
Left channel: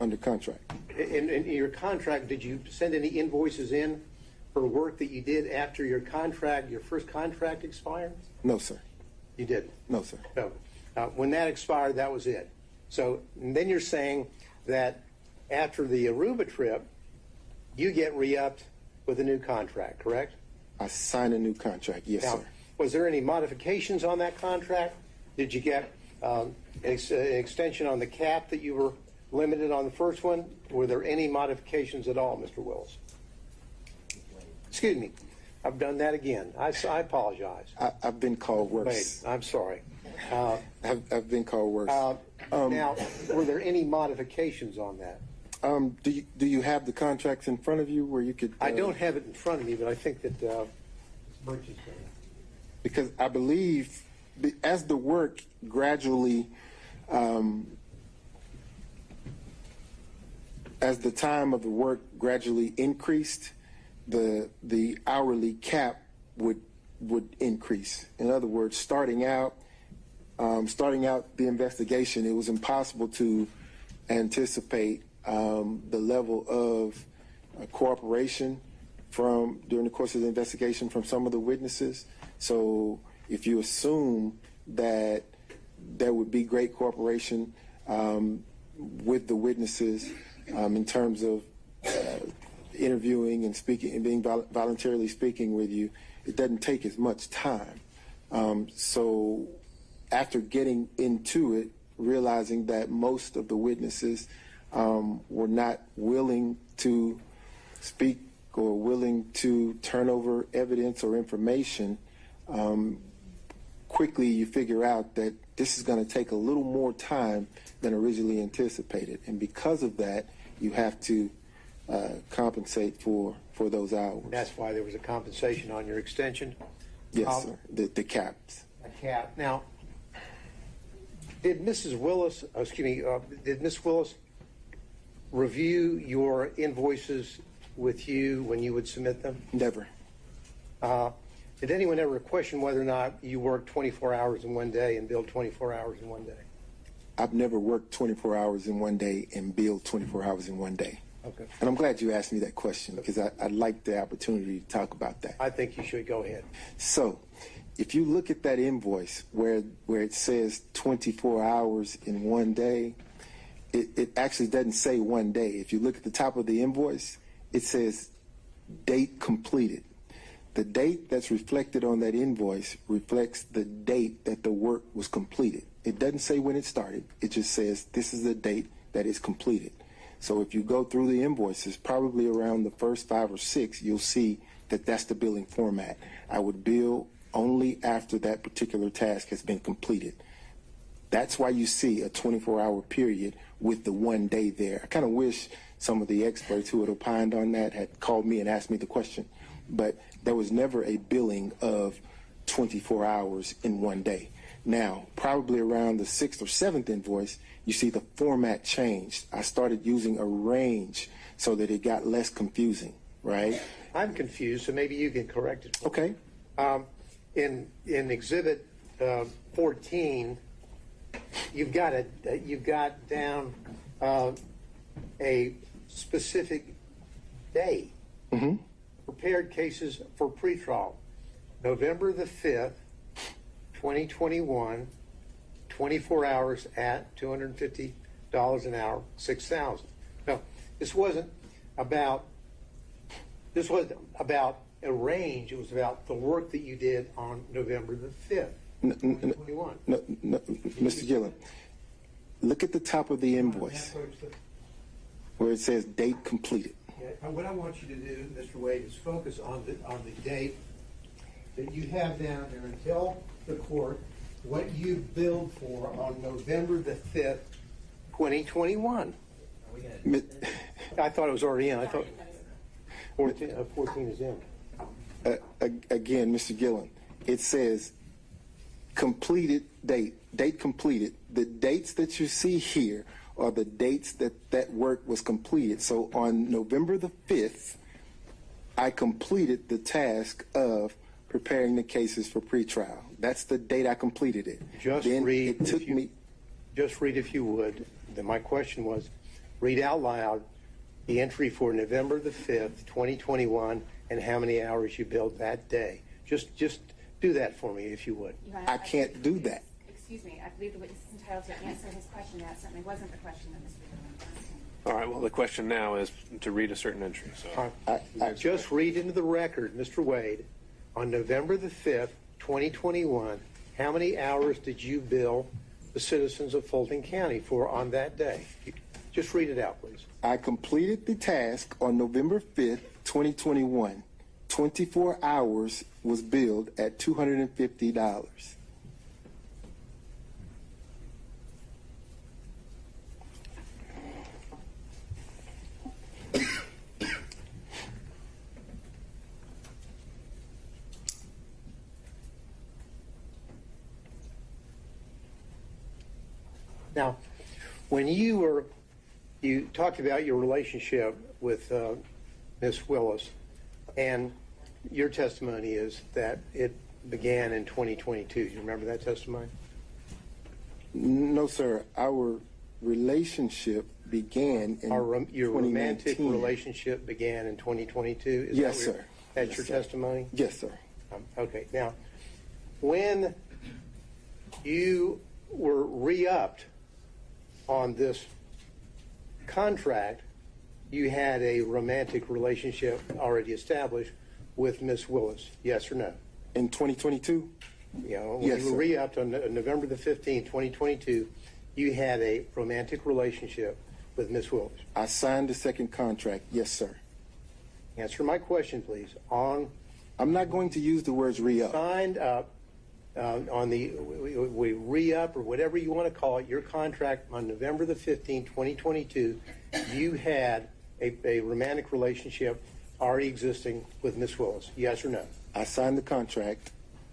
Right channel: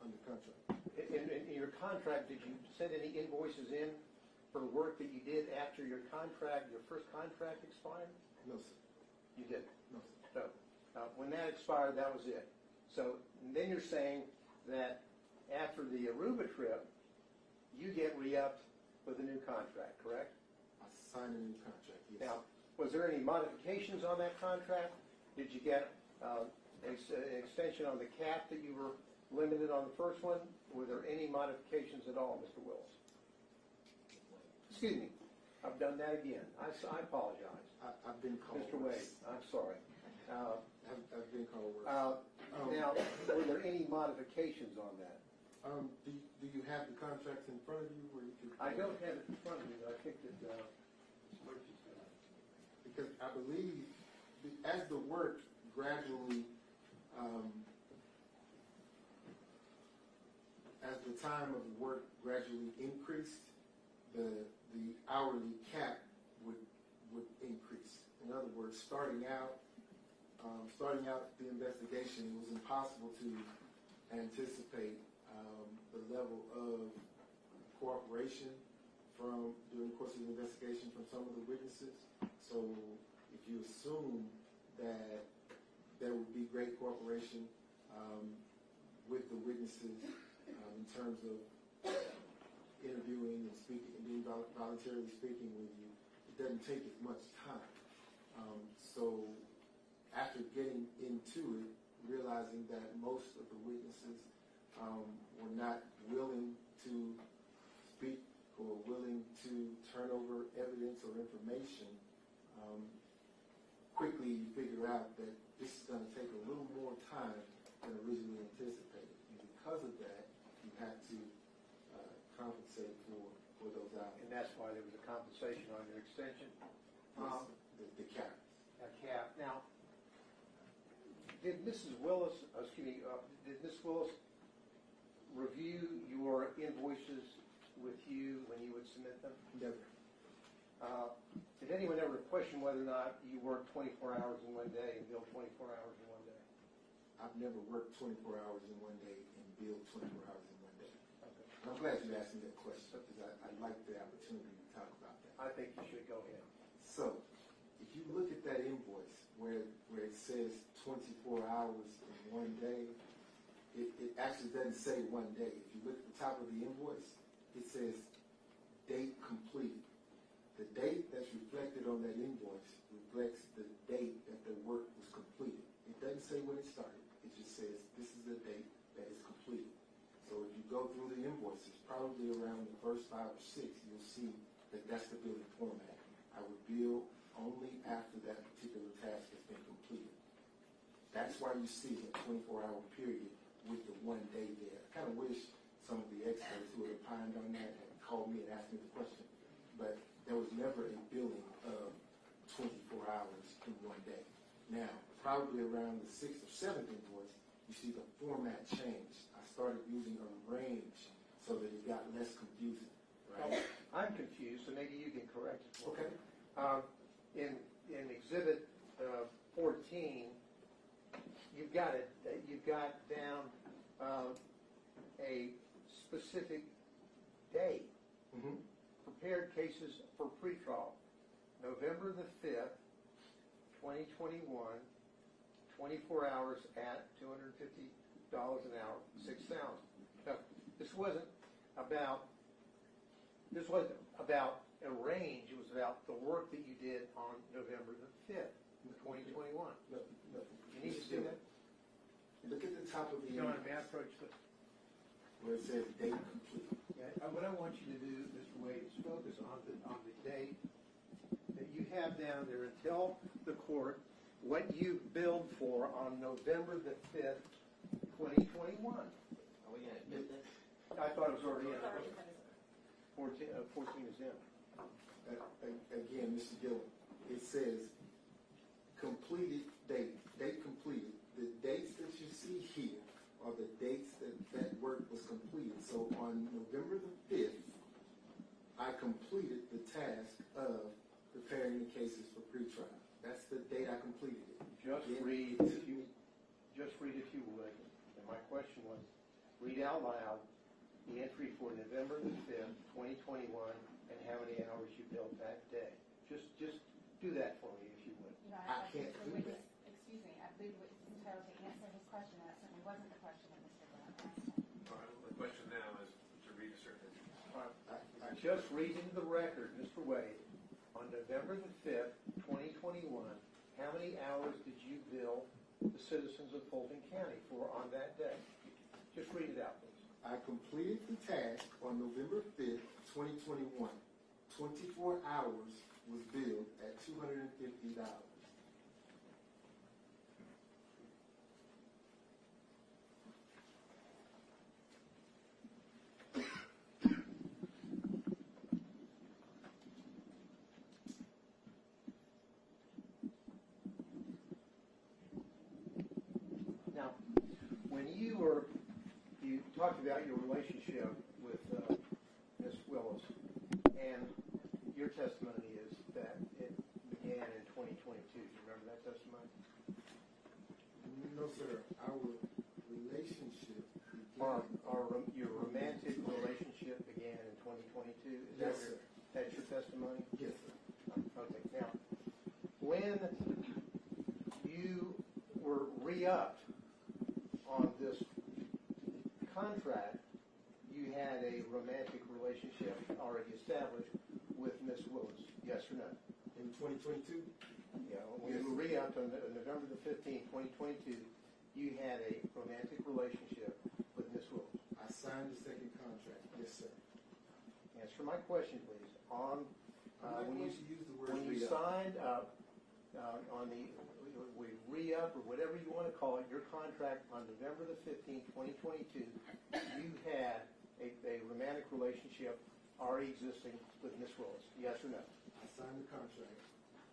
Under contract. in your contract. Did you send any invoices in for work that you did after your first contract expired? No, sir. You did. No, sir. So when that expired, that was it. So then you're saying that after the Aruba trip, you get re-upped with a new contract, correct? I signed a new contract. Yes, Now, sir. was there any modifications on that contract? Did you get an extension on the cap that you were limited on the first one? Were there any modifications at all, Mr. Willis? Excuse me. I've done that again. I apologize. I've been called worse. Wait, I'm sorry. I've been called worse. Now, were there any modifications on that? Do you have the contracts in front of you where you could? I don't have it in front of me, but I think that Birch is going to. Because I believe as the work gradually, as the time of the work gradually increased, the hourly cap would increase. In other words, starting out the investigation, it was impossible to anticipate the level of cooperation during the course of the investigation from some of the witnesses. So if you assume that there would be great cooperation with the witnesses in terms of interviewing and speaking and being voluntarily speaking with you, it doesn't take as much time. So after getting into it, realizing that most of the witnesses were not willing to speak or willing to turn over evidence or information, quickly you figure out that this is going to take a little more time than originally anticipated. And because of that, you have to compensate for those hours. That's why there was a compensation on your extension? Yes, sir. The caps. A cap. Now, did Mrs. Willis, did Ms. Willis review your invoices with you when you would submit them? Never. Did anyone ever question whether or not you worked 24 hours in one day and billed 24 hours in one day? I've never worked 24 hours in one day and billed 24 hours in one day. Okay. And I'm glad you asked me that question because I'd like the opportunity to talk about that. I think you should go ahead. So, if you look at that invoice where it says 24 hours in one day, it actually doesn't say one day. If you look at the top of the invoice, it says date completed. The date that's reflected on that invoice reflects the date that the work was completed. It doesn't say when it started. It just says this is the date that is completed. So if you go through the invoices, probably around the first 5 or 6, you'll see that that's the billing format. I would bill only after that particular task has been completed. That's why you see a 24-hour period with the 1 day there. I kind of wish some of the experts who had opined on that had called me and asked me the question, but there was never a billing of 24 hours in 1 day. Now, probably around the 6th or 7th invoice, you see the format changed. I started using a range so that it got less confusing, right? I'm confused, so maybe you can correct it. Okay. In Exhibit 14, you've got down a specific day. Mm-hmm. Prepared cases for pretrial, November the 5th, 2021, 24 hours at $250 an hour, 6,000. Now, this wasn't about a range. It was about the work that you did on November the 5th, 2021. No, Mr. Gillen, look at the top of the invoice where it says date completed. What I want you to do, Mr. Wade, is focus on the date that you have down there and tell the court what you billed for on November the 5th, 2021. I thought it was already in. I thought 14 is in. Again, Mr. Gillen, it says completed date completed. The dates that you see here are the dates that work was completed. So on November the 5th, I completed the task of preparing the cases for pretrial. That's the date I completed it. Just read, if you would. Then my question was, read out loud the entry for November the 5th, 2021, and how many hours you billed that day. Just do that for me, if you would. I can't do that. Excuse me, I believe the witness is entitled to answer his question. That certainly wasn't the question that Mr. Gillen asked. All right, well, the question now is to read a certain entry. So I just read into the record, Mr. Wade, on November the 5th, 2021, how many hours did you bill the citizens of Fulton County for on that day? Just read it out, please. I completed the task on November 5th, 2021. 24 hours was billed at $250. Now, when you talked about your relationship with Ms. Willis, and your testimony is that it began in 2022. You remember that testimony? No, sir. Our relationship began in your 2019. romantic relationship began in 2022? Yes, sir. That's your testimony? Yes, sir. Okay. Now, when you were re-upped on this contract, you had a romantic relationship already established with Miss Willis, yes or no? In 2022? You know, when Yes, you were sir. re-upped on November the 15th, 2022, you had a romantic relationship with Miss Willis. I signed the second contract. Yes, sir. Answer my question, please. I'm not going to use the words re-up. Signed up on the we re-up or whatever you want to call it, your contract on November the 15th, 2022, you had a romantic relationship already existing with Miss Willis, yes or no? I signed the contract,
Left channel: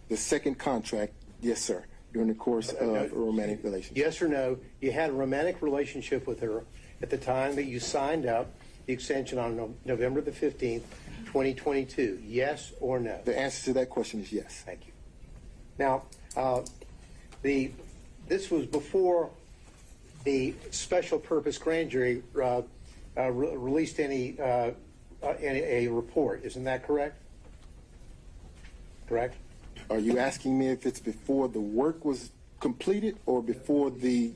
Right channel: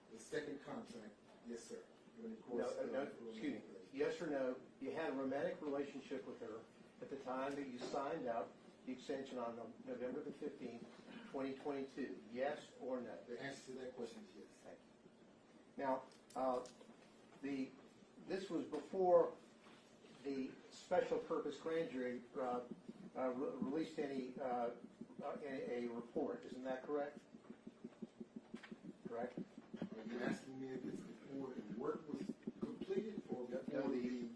the second contract, yes, sir, during the course of a romantic relationship. Yes or no, you had a romantic relationship with her at the time that you signed up the extension on November the 15th, 2022, yes or no? The answer to that question is yes. Thank you. Now, this was before the special purpose grand jury released any report. Isn't that correct? Correct? Are you asking me if it's before the work was completed or before the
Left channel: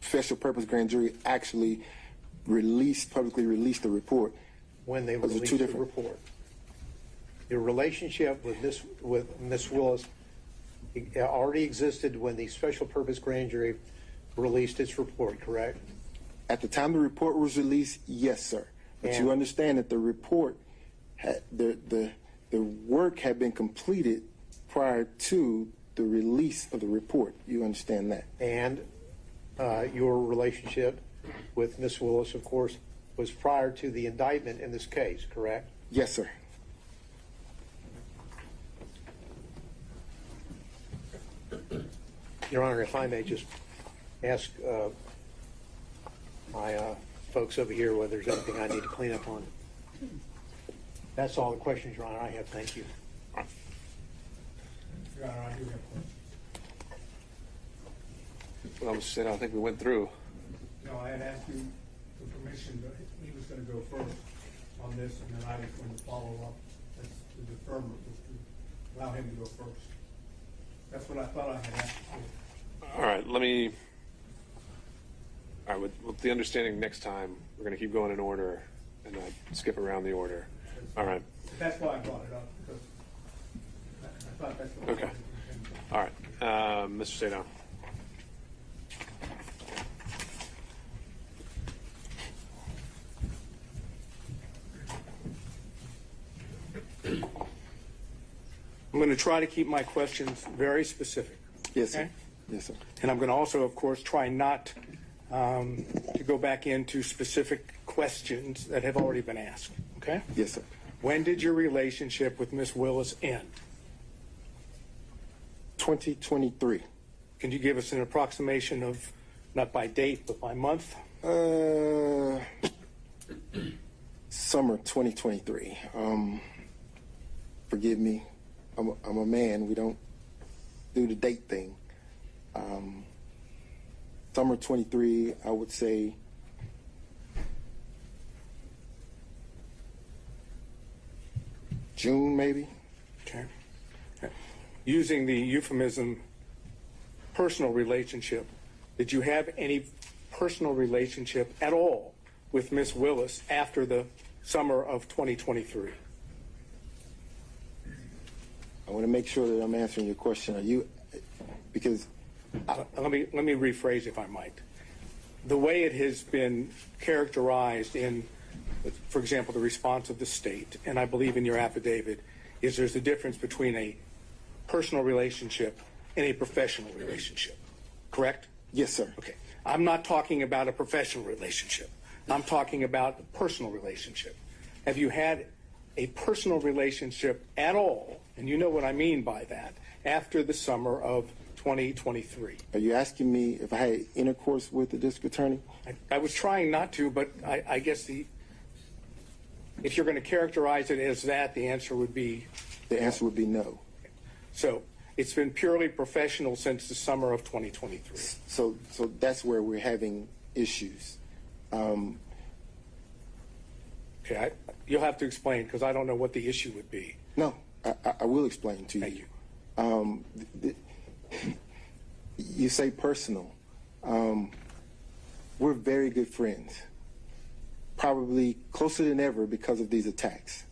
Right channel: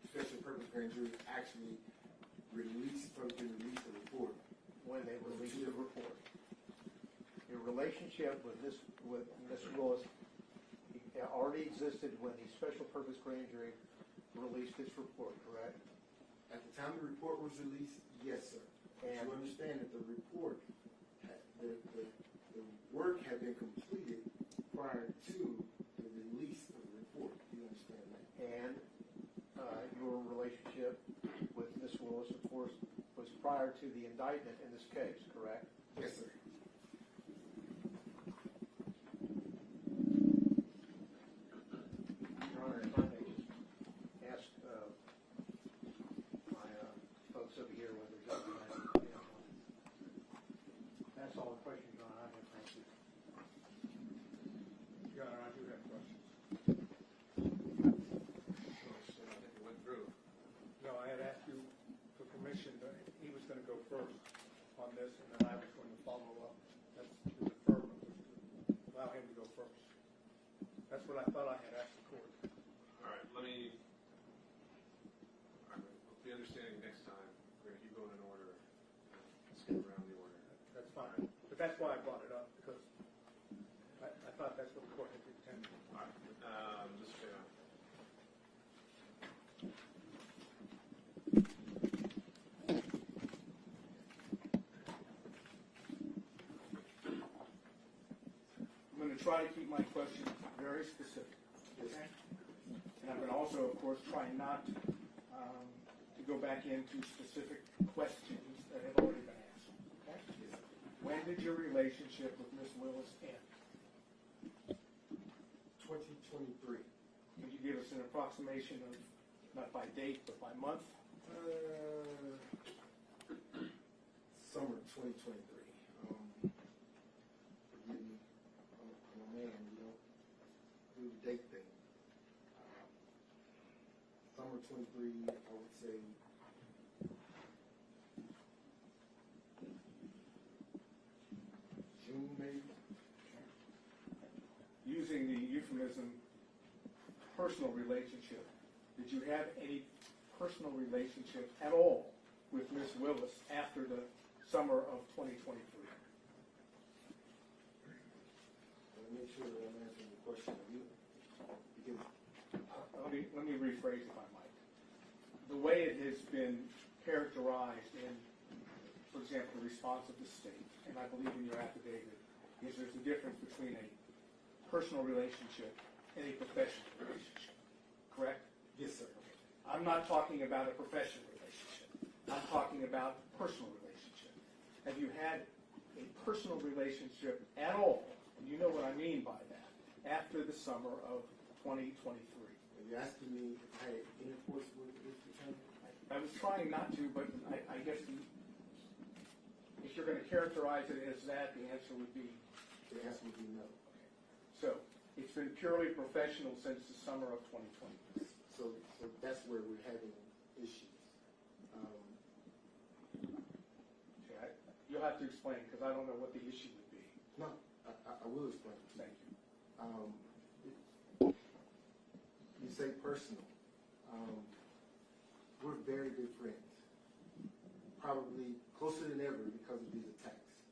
special purpose grand jury actually publicly released the report? When they Those are released two the different. report. Your relationship with Miss Willis already existed when the special purpose grand jury released its report, correct? At the time the report was released, yes, sir. But you understand that the report had the work had been completed prior to the release of the report. You understand that? And your relationship with Miss Willis, of course, was prior to the indictment in this case, correct? Yes, sir. Your Honor, if I may just ask my folks over here whether there's anything I need to clean up on. That's all the questions, Your Honor, I have. Thank you. Your Honor, I do have questions. Well, Mr. State, I think we went through. No, I had asked you for permission, but he was going to go first on this, and then I was going to follow up. That's the deferment, was to allow him to go first. That's what I thought I had asked for. All right, with the understanding next time, we're going to keep going in order and not skip around the order. All right. But that's why I brought it up, because I thought that's what Okay. I All right. Mr. Sadow. I'm going to try to keep my questions very specific. Yes, sir. Okay? Yes, sir. And I'm going to also, of course, try not to go back into specific questions that have already been asked. Okay? Yes, sir. When did your relationship with Miss Willis end? 2023. Can you give us an approximation of, not by date, but by month? Summer 2023. Forgive me. I'm a man. We don't do the date thing. Summer 23, I would say June, maybe. Okay. Using the euphemism personal relationship, did you have any personal relationship at all with Miss Willis after the summer of 2023? I want to make sure that I'm answering your question. Are you, because Let me rephrase, if I might. The way it has been characterized in, for example, the response of the state, and I believe in your affidavit, is there's a difference between a personal relationship and a professional relationship. Correct? yes, sir. Okay. I'm not talking about a professional relationship. I'm talking about a personal relationship. Have you had a personal relationship at all, and you know what I mean by that, after the summer of 2023? Are you asking me if I had intercourse with the district attorney? I was trying not to, but I guess if you're going to characterize it as that, the answer would be. The answer would be no. So it's been purely professional since the summer of 2023. So that's where we're having issues. Okay, you'll have to explain because I don't know what the issue would be. No, I will explain to you. Thank you. You say personal. We're very good friends, probably closer than ever because of these attacks.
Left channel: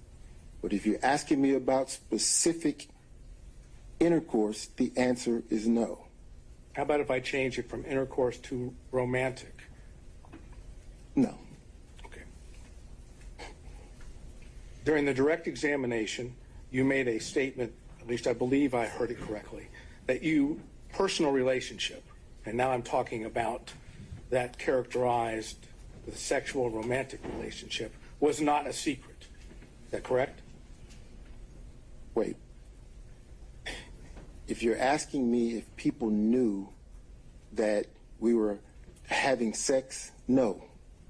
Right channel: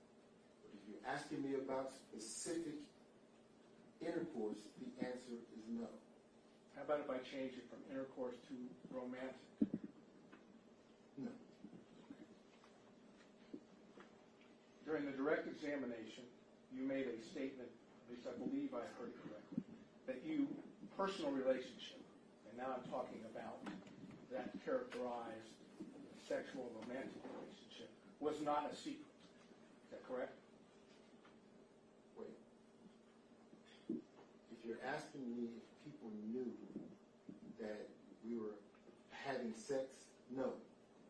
But if you're asking me about specific intercourse, the answer is no. How about if I change it from intercourse to romantic? No. Okay. During the direct examination, you made a statement, at least I believe I heard it correctly, that you, personal relationship, and now I'm talking about that characterized the sexual romantic relationship, was not a secret. Is that correct? Wait. If you're asking me if people knew that we were having sex, no,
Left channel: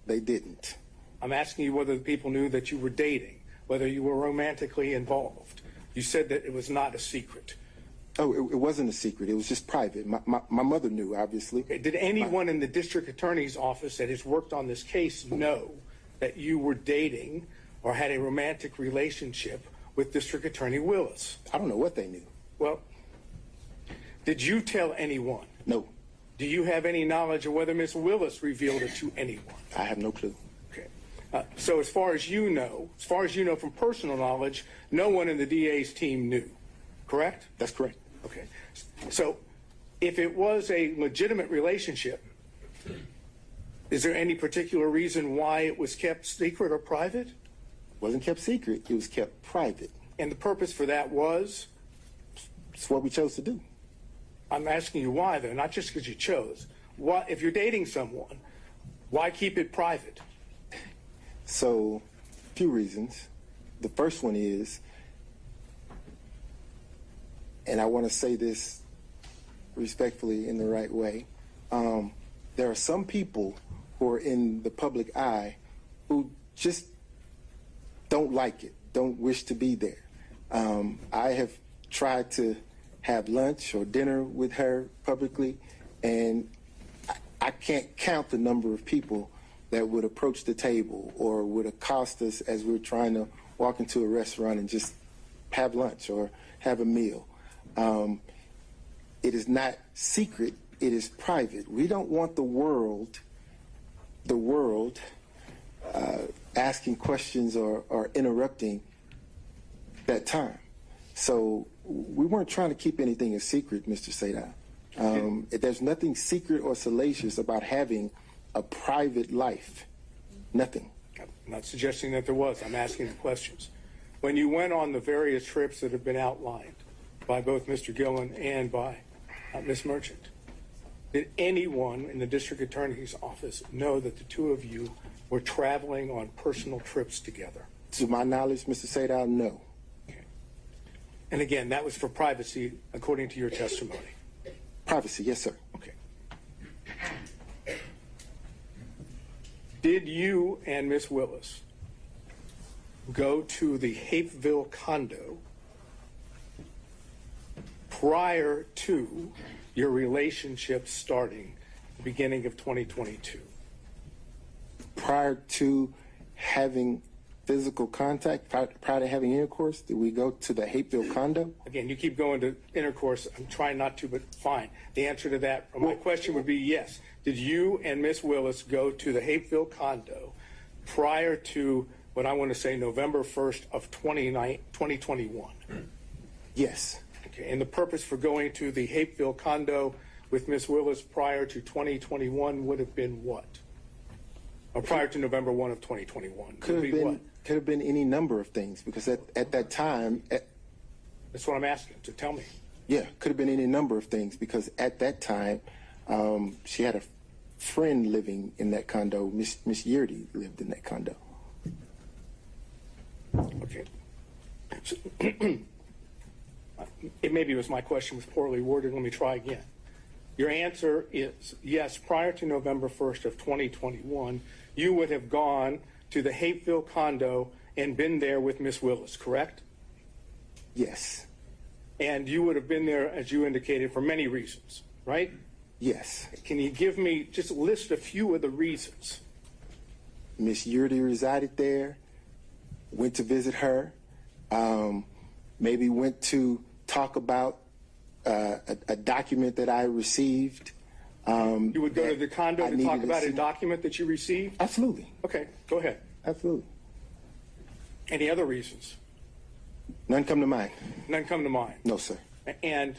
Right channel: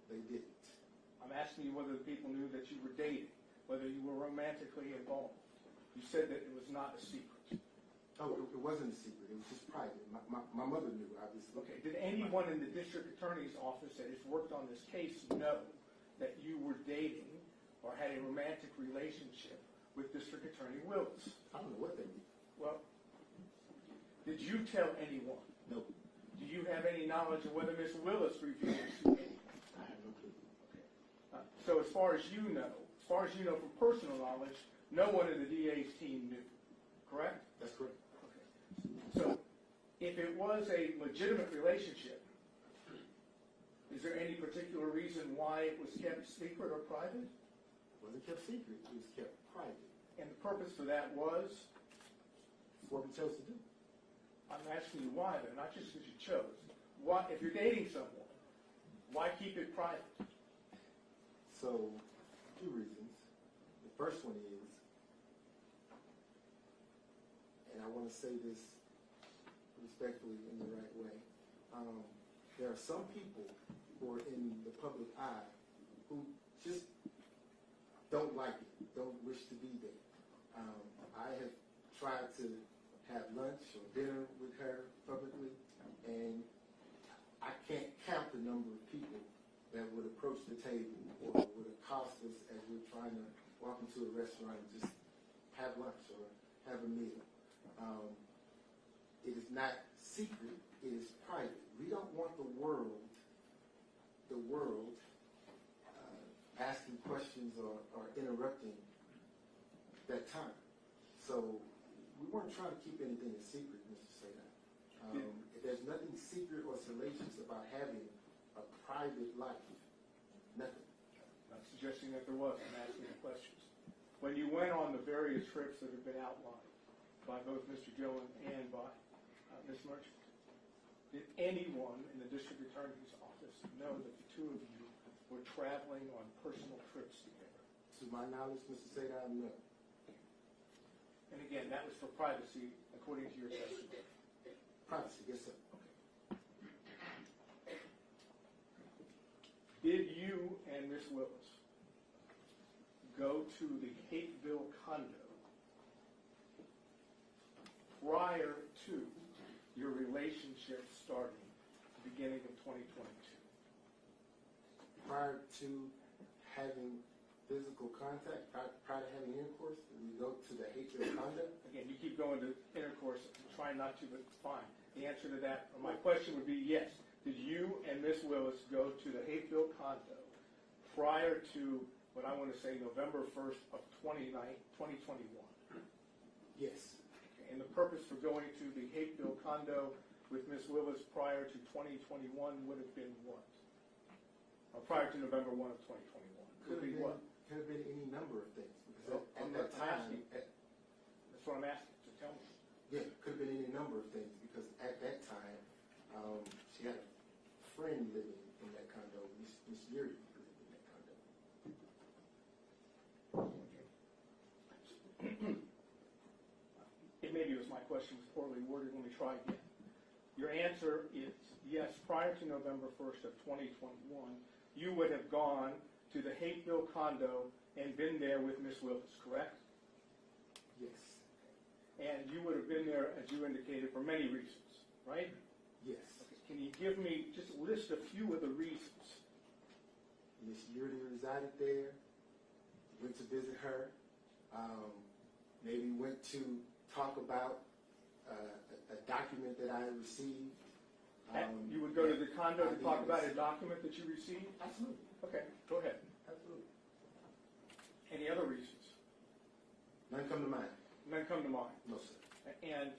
they didn't. I'm asking you whether the people knew that you were dating, whether you were romantically involved. You said that it was not a secret. Oh, it wasn't a secret. It was just private. My mother knew, obviously. Okay. Did anyone in the district attorney's office that has worked on this case know that you were dating or had a romantic relationship with District Attorney Willis? I don't know what they knew. Well, did you tell anyone? No, Do you have any knowledge of whether Ms. Willis revealed it to anyone? I have no clue. Okay. So as far as you know from personal knowledge, no one in the DA's team knew, correct? That's correct. Okay. So if it was a legitimate relationship, is there any particular reason why it was kept secret or private? Wasn't kept secret. It was kept private. And the purpose for that was? It's what we chose to do. I'm asking you why, though, not just because you chose. Why, if you're dating someone, why keep it private? So, a few reasons. The first one is, and I want to say this respectfully in the right way, there are some people who are in the public eye who just don't like it, don't wish to be there. I have tried to have lunch or dinner with her publicly, and I can't count the number of people that would approach the table or would accost us as we're trying to walk into a restaurant and just have lunch or have a meal. It is not secret, it is private. We don't want the world asking questions or interrupting that time. So we weren't trying to keep anything a secret, Mr. Sadal. There's nothing secret or salacious about having a private life. Nothing. I'm not suggesting that there was. I'm asking the questions. When you went on the various trips that have been outlined by both Mr. Gillen and by Ms. Merchant, did anyone in the district attorney's office know that the two of you were traveling on personal trips together? To my knowledge, Mr. Sadal, no. Okay. And again, that was for privacy, according to your testimony. Privacy, yes, sir. Okay. Did you and Ms. Willis go to the Hapeville condo prior to your relationship starting the beginning of 2022? Prior to having physical contact, prior to having intercourse, did we go to the Hapeville condo? Again, you keep going to intercourse. I'm trying not to, but fine. The answer to that, my question would be yes. Did you and Ms. Willis go to the Hapeville condo prior to what I want to say November 1st of 2021? Yes. Okay, and the purpose for going to the Hapeville condo with Ms. Willis prior to 2021 would have been what? Or prior to November 1 of 2021? Could have been any number of things, because at that time... That's what I'm asking, so tell me. Yeah, could have been any number of things, because at that time, she had a friend living in that condo. Miss Yurdy lived in that condo. Okay. So, maybe it was my question was poorly worded. Let me try again. Your answer is yes, prior to November 1st of 2021, you would have gone to the Hapeville condo and been there with Miss Willis, correct? Yes. And you would have been there, as you indicated, for many reasons, right? Yes. Can you give me, just list a few of the reasons? Miss Yurdy resided there, went to visit her, maybe went to talk about a document that I received. You would go to the condo to talk about a document that you received? Absolutely. Okay, go ahead. Absolutely. Any other reasons? None come to mind. None come to mind? No, sir. And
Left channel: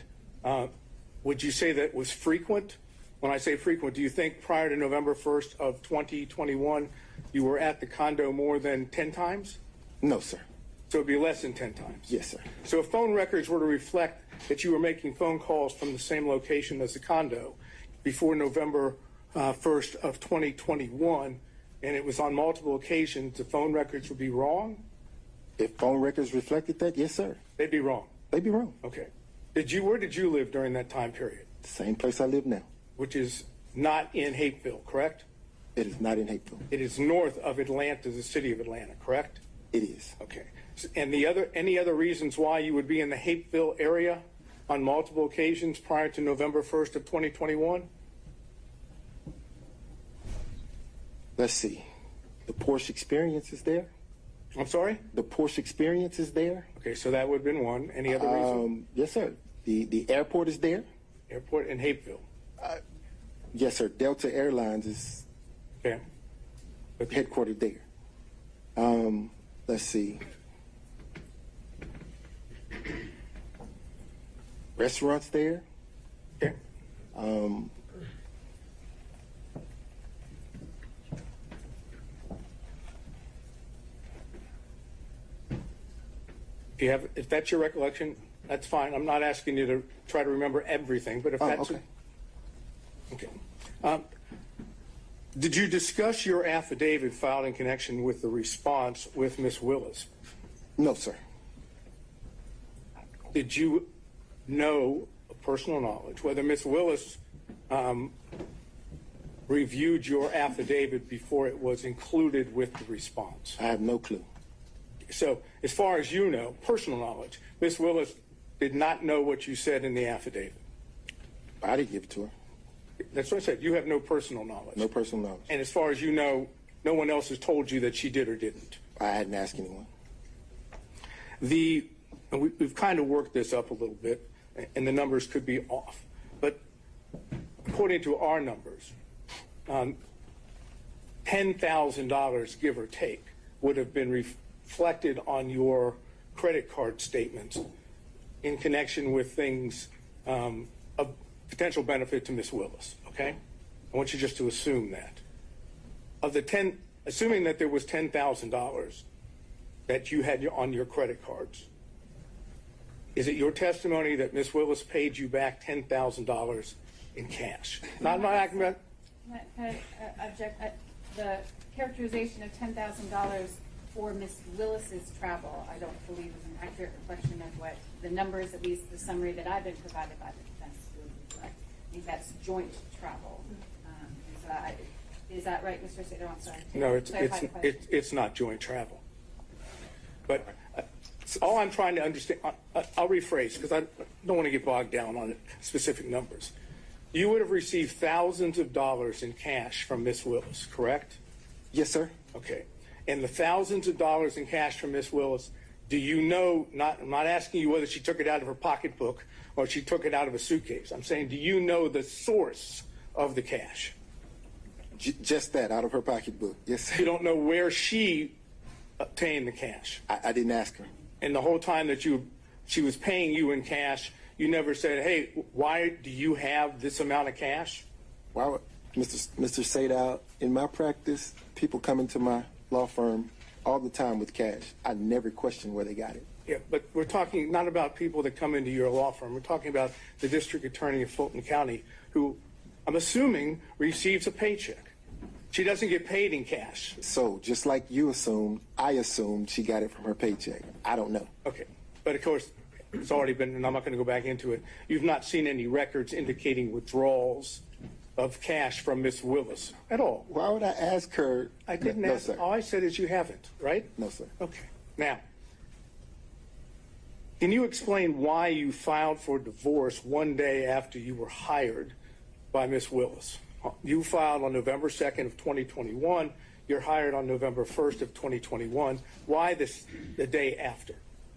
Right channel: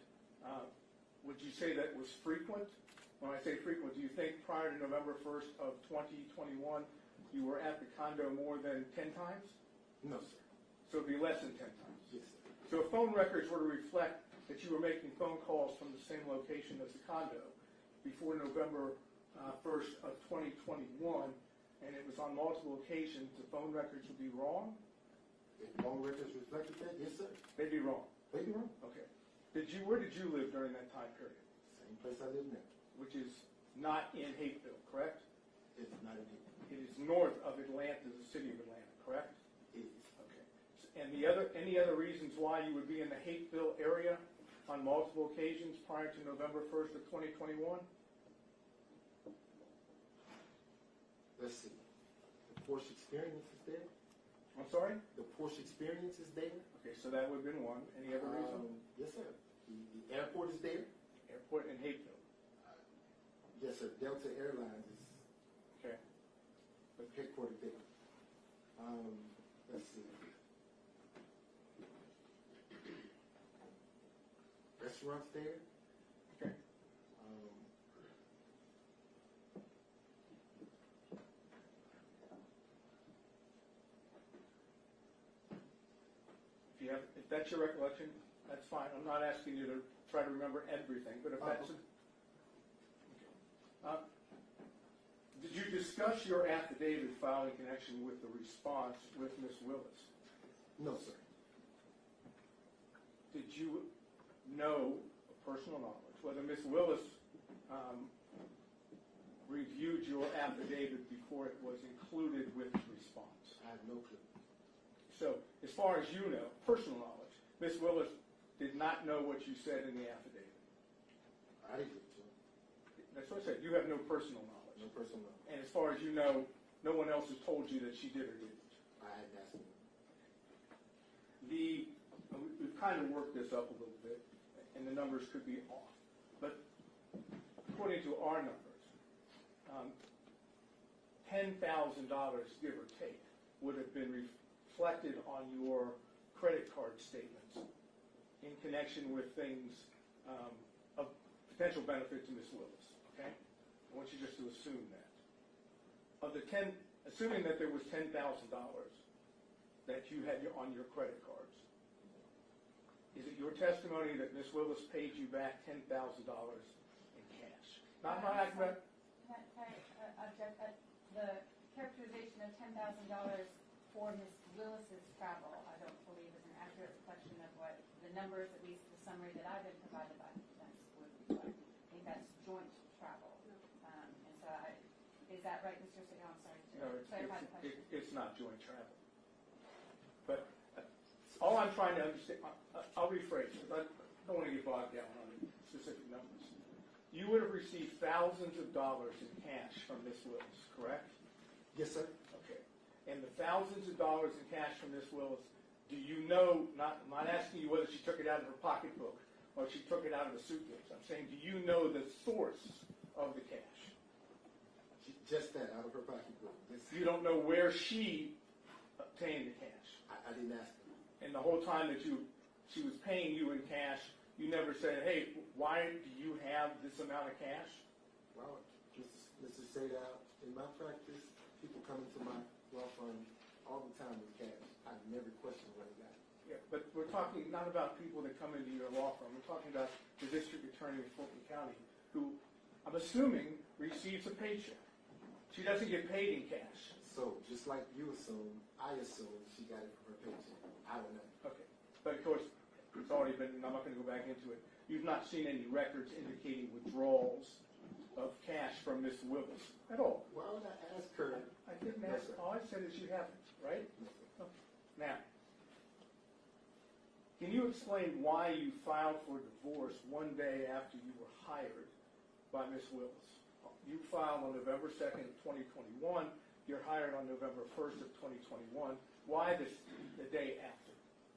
would you say that was frequent? When I say frequent, do you think prior to November 1st of 2021, you were at the condo more than 10 times? No, sir. So it'd be less than 10 times? Yes, sir. So if phone records were to reflect that you were making phone calls from the same location as the condo before November 1st of 2021, and it was on multiple occasions, the phone records would be wrong? If phone records reflected that, yes, sir. They'd be wrong? They'd be wrong. Okay. Where did you live during that time period? Same place I live now. Which is not in Hapeville, correct? It is not in Hapeville. It is north of Atlanta, the city of Atlanta, correct? It is. Okay. And any other reasons why you would be in the Hapeville area on multiple occasions prior to November 1st of 2021? Let's see. The Porsche experience is there. I'm sorry? The Porsche experience is there. Okay, so that would have been one. Any other reason? Yes, sir. The airport is there. Airport in Hapeville. Yes, sir. Delta Airlines is Okay. headquartered there. Let's see. Restaurants there. Okay. If that's your recollection, that's fine. I'm not asking you to try to remember everything, but if that's okay. Okay. Did you discuss your affidavit filed in connection with the response with Ms. Willis? No, sir. Did you know, personal knowledge, whether Ms. Willis reviewed your affidavit before it was included with the response? I have no clue. So, as far as you know, personal knowledge, Ms. Willis did not know what you said in the affidavit. I didn't give it to her. That's what I said. You have no personal knowledge. No personal knowledge. And as far as you know, no one else has told you that she did or didn't. I hadn't asked anyone. We've kind of worked this up a little bit, and the numbers could be off. But according to our numbers, $10,000, give or take, would have been reflected on your credit card statements in connection with things of potential benefit to Ms. Willis, okay? I want you just to assume that. Assuming that there was $10,000 that you had on your credit cards, is it your testimony that Ms. Willis paid you back $10,000 in cash? Now, I'm not asking about... Can I object? The characterization of $10,000 for Ms. Willis's travel, I don't believe is an accurate reflection of what the numbers, at least the summary that I've been provided by the defense, would reflect. I think that's joint travel. Is that right, Mr. Sato? I'm sorry. No, it's not joint travel. But all I'm trying to understand, I'll rephrase because I don't want to get bogged down on specific numbers. You would have received thousands of dollars in cash from Ms. Willis, correct? Yes, sir. Okay. And the thousands of dollars in cash from Ms. Willis, do you know, I'm not asking you whether she took it out of her pocketbook or she took it out of a suitcase. I'm saying, do you know the source of the cash? Just that, out of her pocketbook. Yes, sir. You don't know where she obtained the cash? I didn't ask her. And the whole time that she was paying you in cash, you never said, hey, why do you have this amount of cash? Why would, Mr. Sadow, in my practice, people come into my law firm all the time with cash. I never question where they got it. Yeah, but we're talking not about people that come into your law firm. We're talking about the district attorney of Fulton County who, I'm assuming, receives a paycheck. She doesn't get paid in cash. So, just like you assumed, I assumed she got it from her paycheck. I don't know. Okay. But, of course, it's already been, and I'm not going to go back into it. You've not seen any records indicating withdrawals of cash from Ms. Willis at all. Why would I ask her? I didn't No, ask. sir. All I said is you haven't, right? No, sir. Okay. Now, can you explain why you filed for divorce one day after you were hired by Ms. Willis? You filed on November 2nd of 2021. You're hired on November 1st of 2021. Why the day after?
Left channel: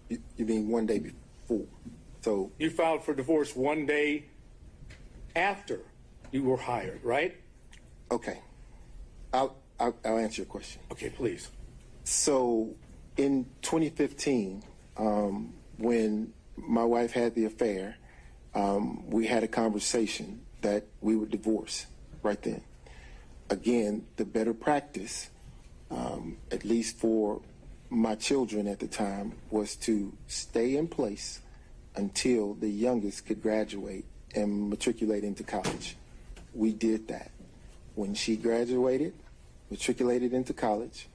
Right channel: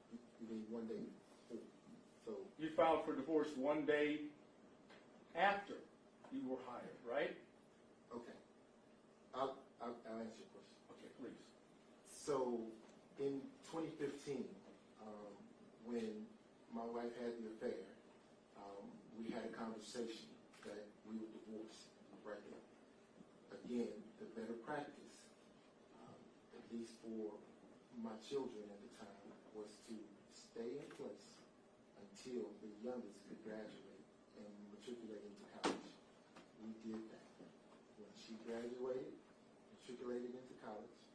You mean one day before? So you filed for divorce one day after you were hired, right? okay, I'll answer your question. Okay, please. So in 2015, when my wife had the affair, we had a conversation that we would divorce right then. Again, the better practice, at least for my children at the time, was to stay in place until the youngest could graduate and matriculate into college. We did that. When she graduated, matriculated into college,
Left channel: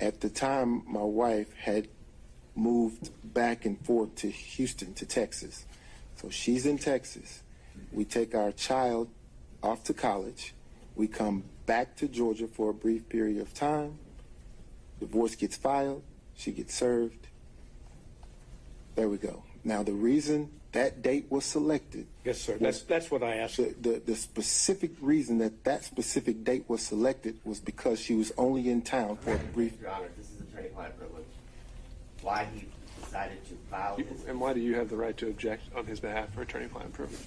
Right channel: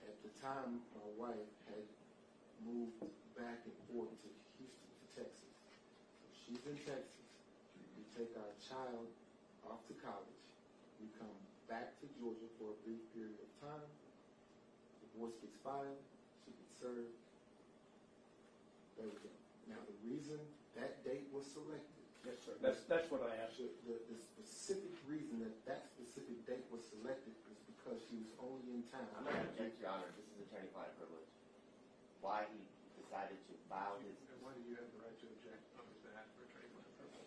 at the time my wife had moved back and forth to Houston, to Texas. So she's in Texas. We take our child off to college. We come back to Georgia for a brief period of time. Divorce gets filed. She gets served. There we go. Now, the reason that date was selected. Yes, sir. That's what I asked. The specific reason that specific date was selected was because she was only in town for a brief. Your Honor, this is attorney-client privilege. Why he decided to file his... And why do you have the right to object on his behalf for attorney-client privilege?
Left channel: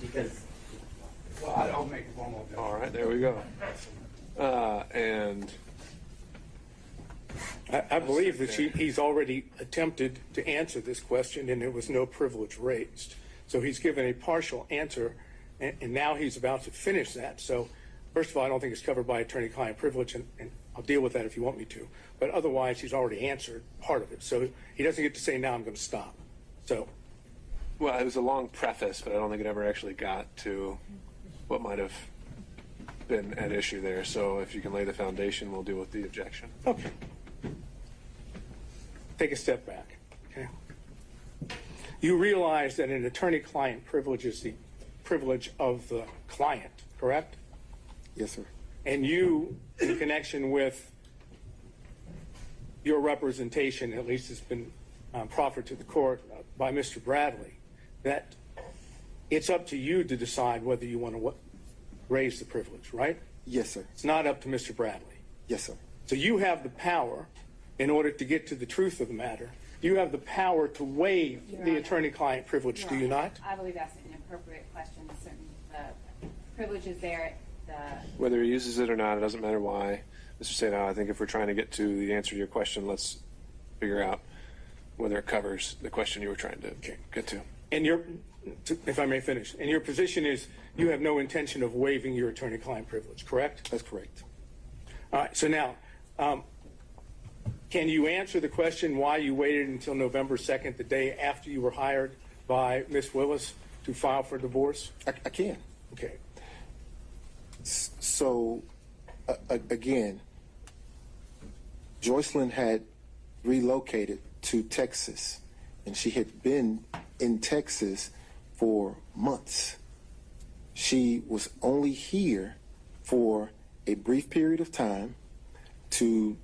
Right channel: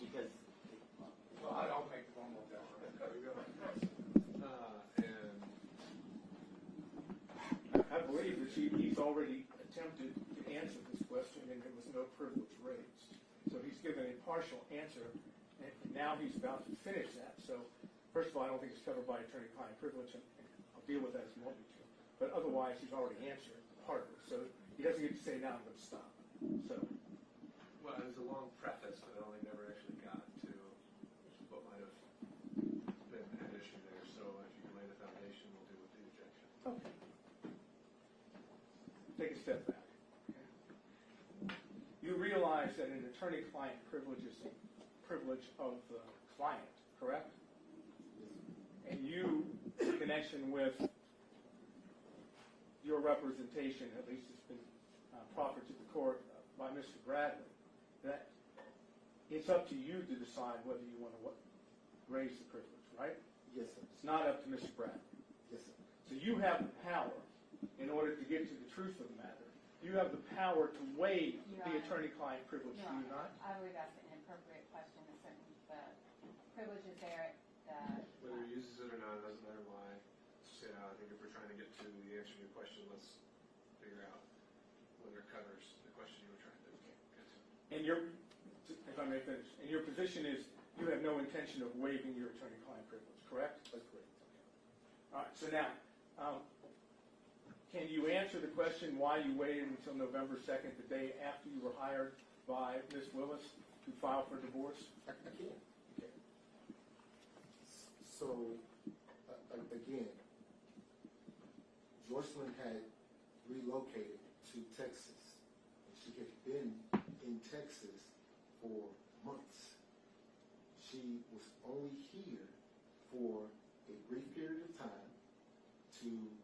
Because... Well, I'll make a formal objection. All right, there we go. And I believe that he's already attempted to answer this question, and there was no privilege raised. So he's given a partial answer, and now he's about to finish that. So first of all, I don't think it's covered by attorney-client privilege, and I'll deal with that if you want me to. But otherwise, he's already answered part of it. So he doesn't get to say, now I'm going to stop. So, Well, it was a long preface, but I don't think it ever actually got to what might have been at issue there. So if you can lay the foundation, we'll deal with the objection. okay. Take a step back, okay? You realize that an attorney-client privilege is the privilege of the client, correct? Yes, sir. And you, in connection with your representation, at least has been proffered to the court by Mr. Bradley, that it's up to you to decide whether you want to raise the privilege, right? Yes, sir. It's not up to Mr. Bradley. Yes, sir. So you have the power, in order to get to the truth of the matter, you have the power to waive the attorney-client privilege, do you not? I believe that's an inappropriate question. Certain privilege is there. Whether he uses it or not, it doesn't matter why. Mr. Sato, I think if we're trying to get to the answer to your question, let's figure out whether it covers the question you were trying to get to. And if I may finish, and your position is you have no intention of waiving your attorney-client privilege, correct? That's correct. All right, so now, can you answer the question why you waited until November 2nd, the day after you were hired by Ms. Willis, to file for divorce? I can. Okay. So, again, Joycelyn had relocated to Texas, and she had been in Texas for months. She was only here for a brief period of time to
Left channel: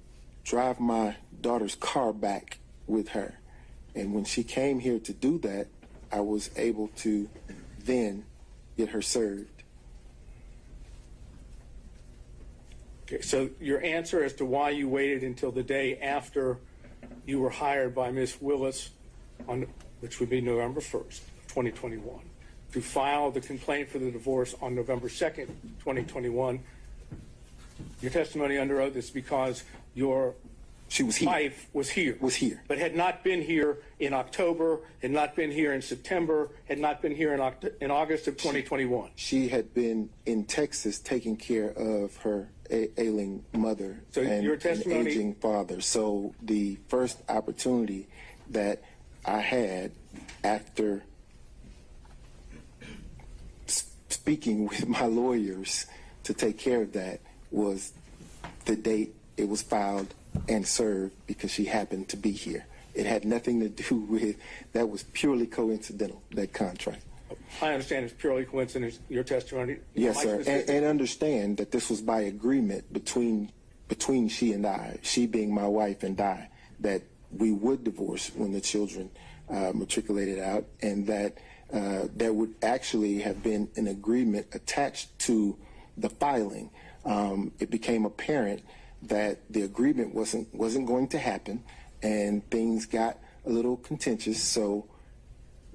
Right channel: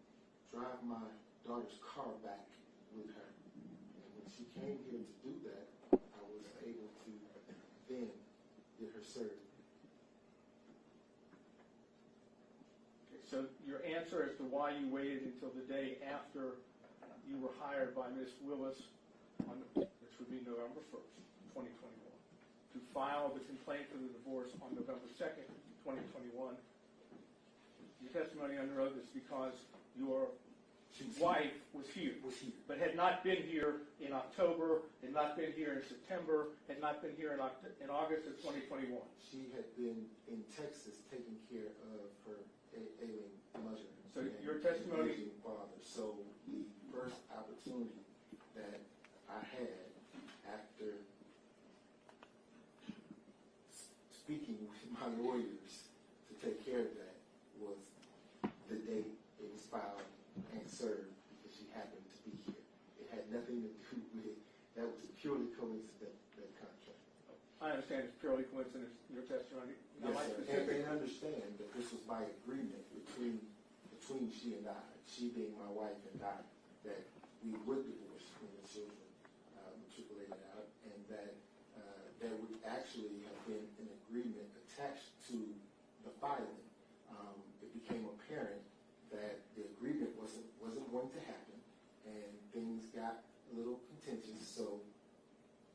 drive my daughter's car back with her. And when she came here to do that, I was able to then get her served. Okay, so your answer as to why you waited until the day after you were hired by Ms. Willis, which would be November 1st, 2021, to file the complaint for the divorce on November 2nd, 2021, your testimony under oath is because your wife was here. But had not been here in October, had not been here in September, had not been here in August of 2021. She had been in Texas taking care of her ailing mother and your testimony, an aging father. So the first opportunity that I had after speaking with my lawyers to take care of that was the date it was filed and served, because she happened to be here. It had nothing to do with, that was purely coincidental, that contract. I understand it's purely coincidence, your testimony. Yes, sir. And understand that this was by agreement between she and I, she being my wife and I, that we would divorce when the children matriculated out, and that there would actually have been an agreement attached to the filing. It became apparent that the agreement wasn't going to happen, and things got a little contentious. So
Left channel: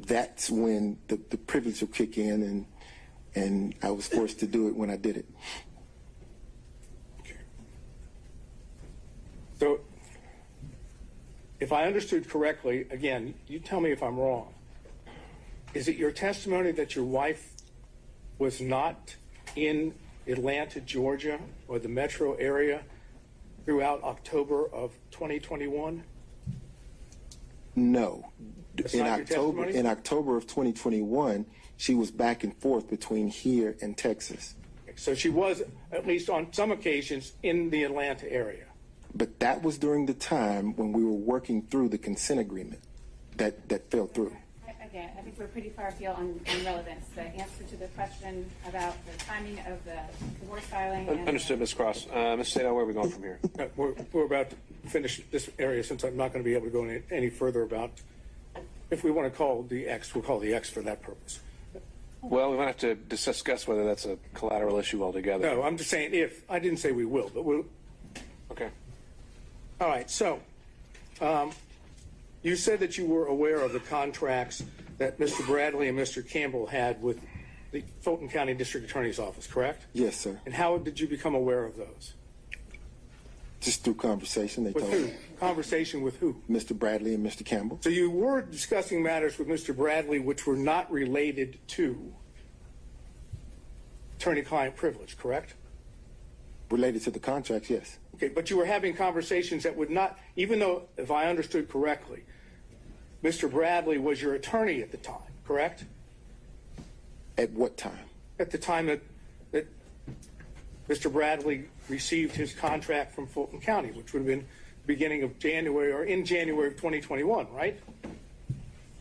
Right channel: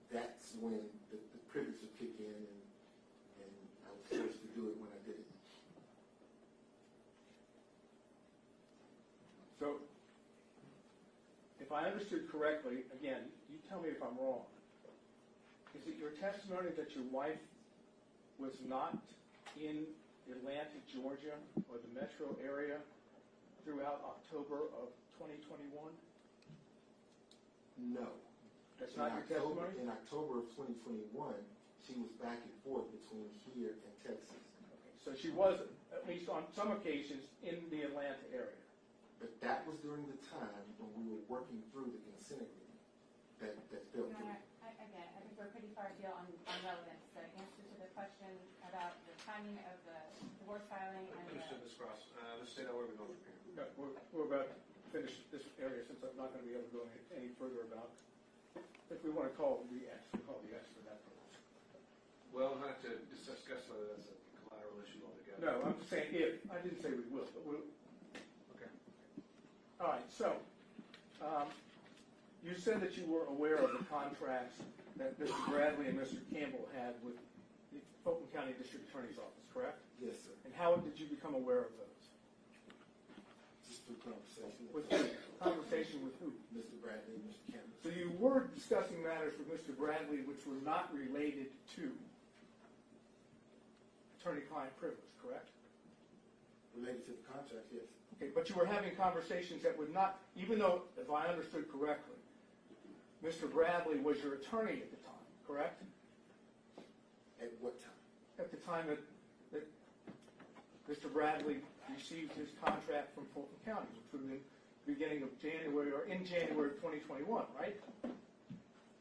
that's when the privilege will kick in, and I was forced to do it when I did it. Okay. So if I understood correctly, again, you tell me if I'm wrong. Is it your testimony that your wife was not in Atlanta, Georgia, or the metro area throughout October of 2021? No. That's not your testimony? In October of 2021, she was back and forth between here and Texas. So she was, at least on some occasions, in the Atlanta area. But that was during the time when we were working through the consent agreement that fell through. Again, I think we're pretty far afield on relevance. The answer to the question about the timing of the divorce filing. Understood, Ms. Cross. Mr. Sato, where are we going from here? We're about to finish this area, since I'm not going to be able to go any further about, if we want to call the X, we'll call the X for that purpose. Well, we might have to discuss whether that's a collateral issue altogether. No, I'm just saying if. I didn't say we will, but we'll. Okay. All right, so you said that you were aware of the contracts that Mr. Bradley and Mr. Campbell had with the Fulton County District Attorney's Office, correct? Yes, sir. And how did you become aware of those? Just through conversation, they With told who? me. Conversation with who? Mr. Bradley and Mr. Campbell. So you were discussing matters with Mr. Bradley which were not related to attorney-client privilege, correct? Related to the contracts, yes. Okay, but you were having conversations that would not, even though, if I understood correctly, Mr. Bradley was your attorney at the time, correct? At what time? At the time that Mr. Bradley received his contract from Fulton County, which would have been beginning of January or in January of 2021, right?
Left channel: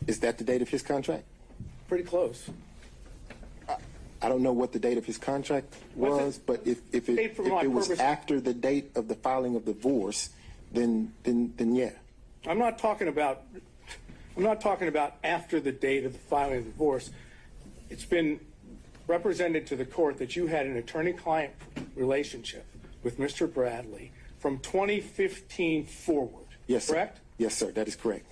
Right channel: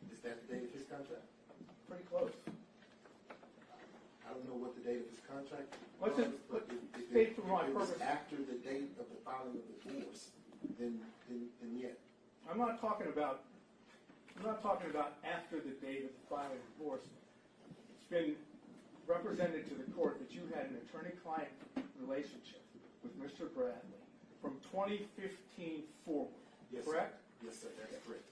Is that the date of his contract? Pretty close. I don't know what the date of his contract What's was, but if Date it for my was purpose. after the date of the filing of the divorce, then yeah. I'm not talking about after the date of the filing of the divorce. It's been represented to the court that you had an attorney-client relationship with Mr. Bradley from 2015 forward. Yes, sir. Correct? Yes, sir. That is correct.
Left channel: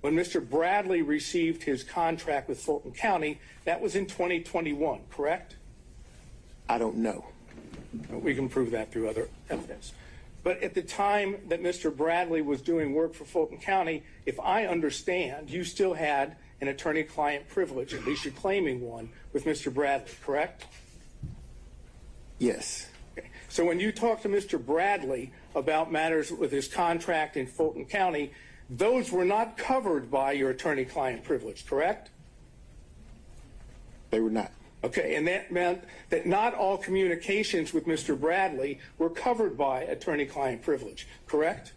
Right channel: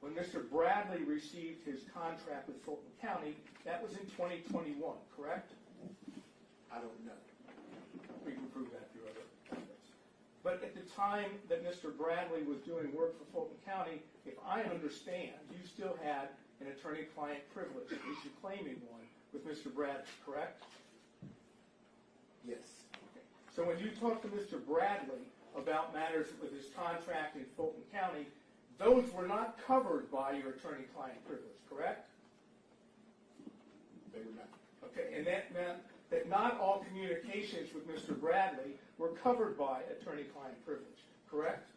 When Mr. Bradley received his contract with Fulton County, that was in 2021, correct? I don't know. We can prove that through other evidence. But at the time that Mr. Bradley was doing work for Fulton County, if I understand, you still had an attorney-client privilege, at least you're claiming one, with Mr. Bradley, correct? Yes. Okay. So when you talk to Mr. Bradley about matters with his contract in Fulton County, those were not covered by your attorney-client privilege, correct? They were not. Okay, and that meant that not all communications with Mr. Bradley were covered by attorney-client privilege, correct?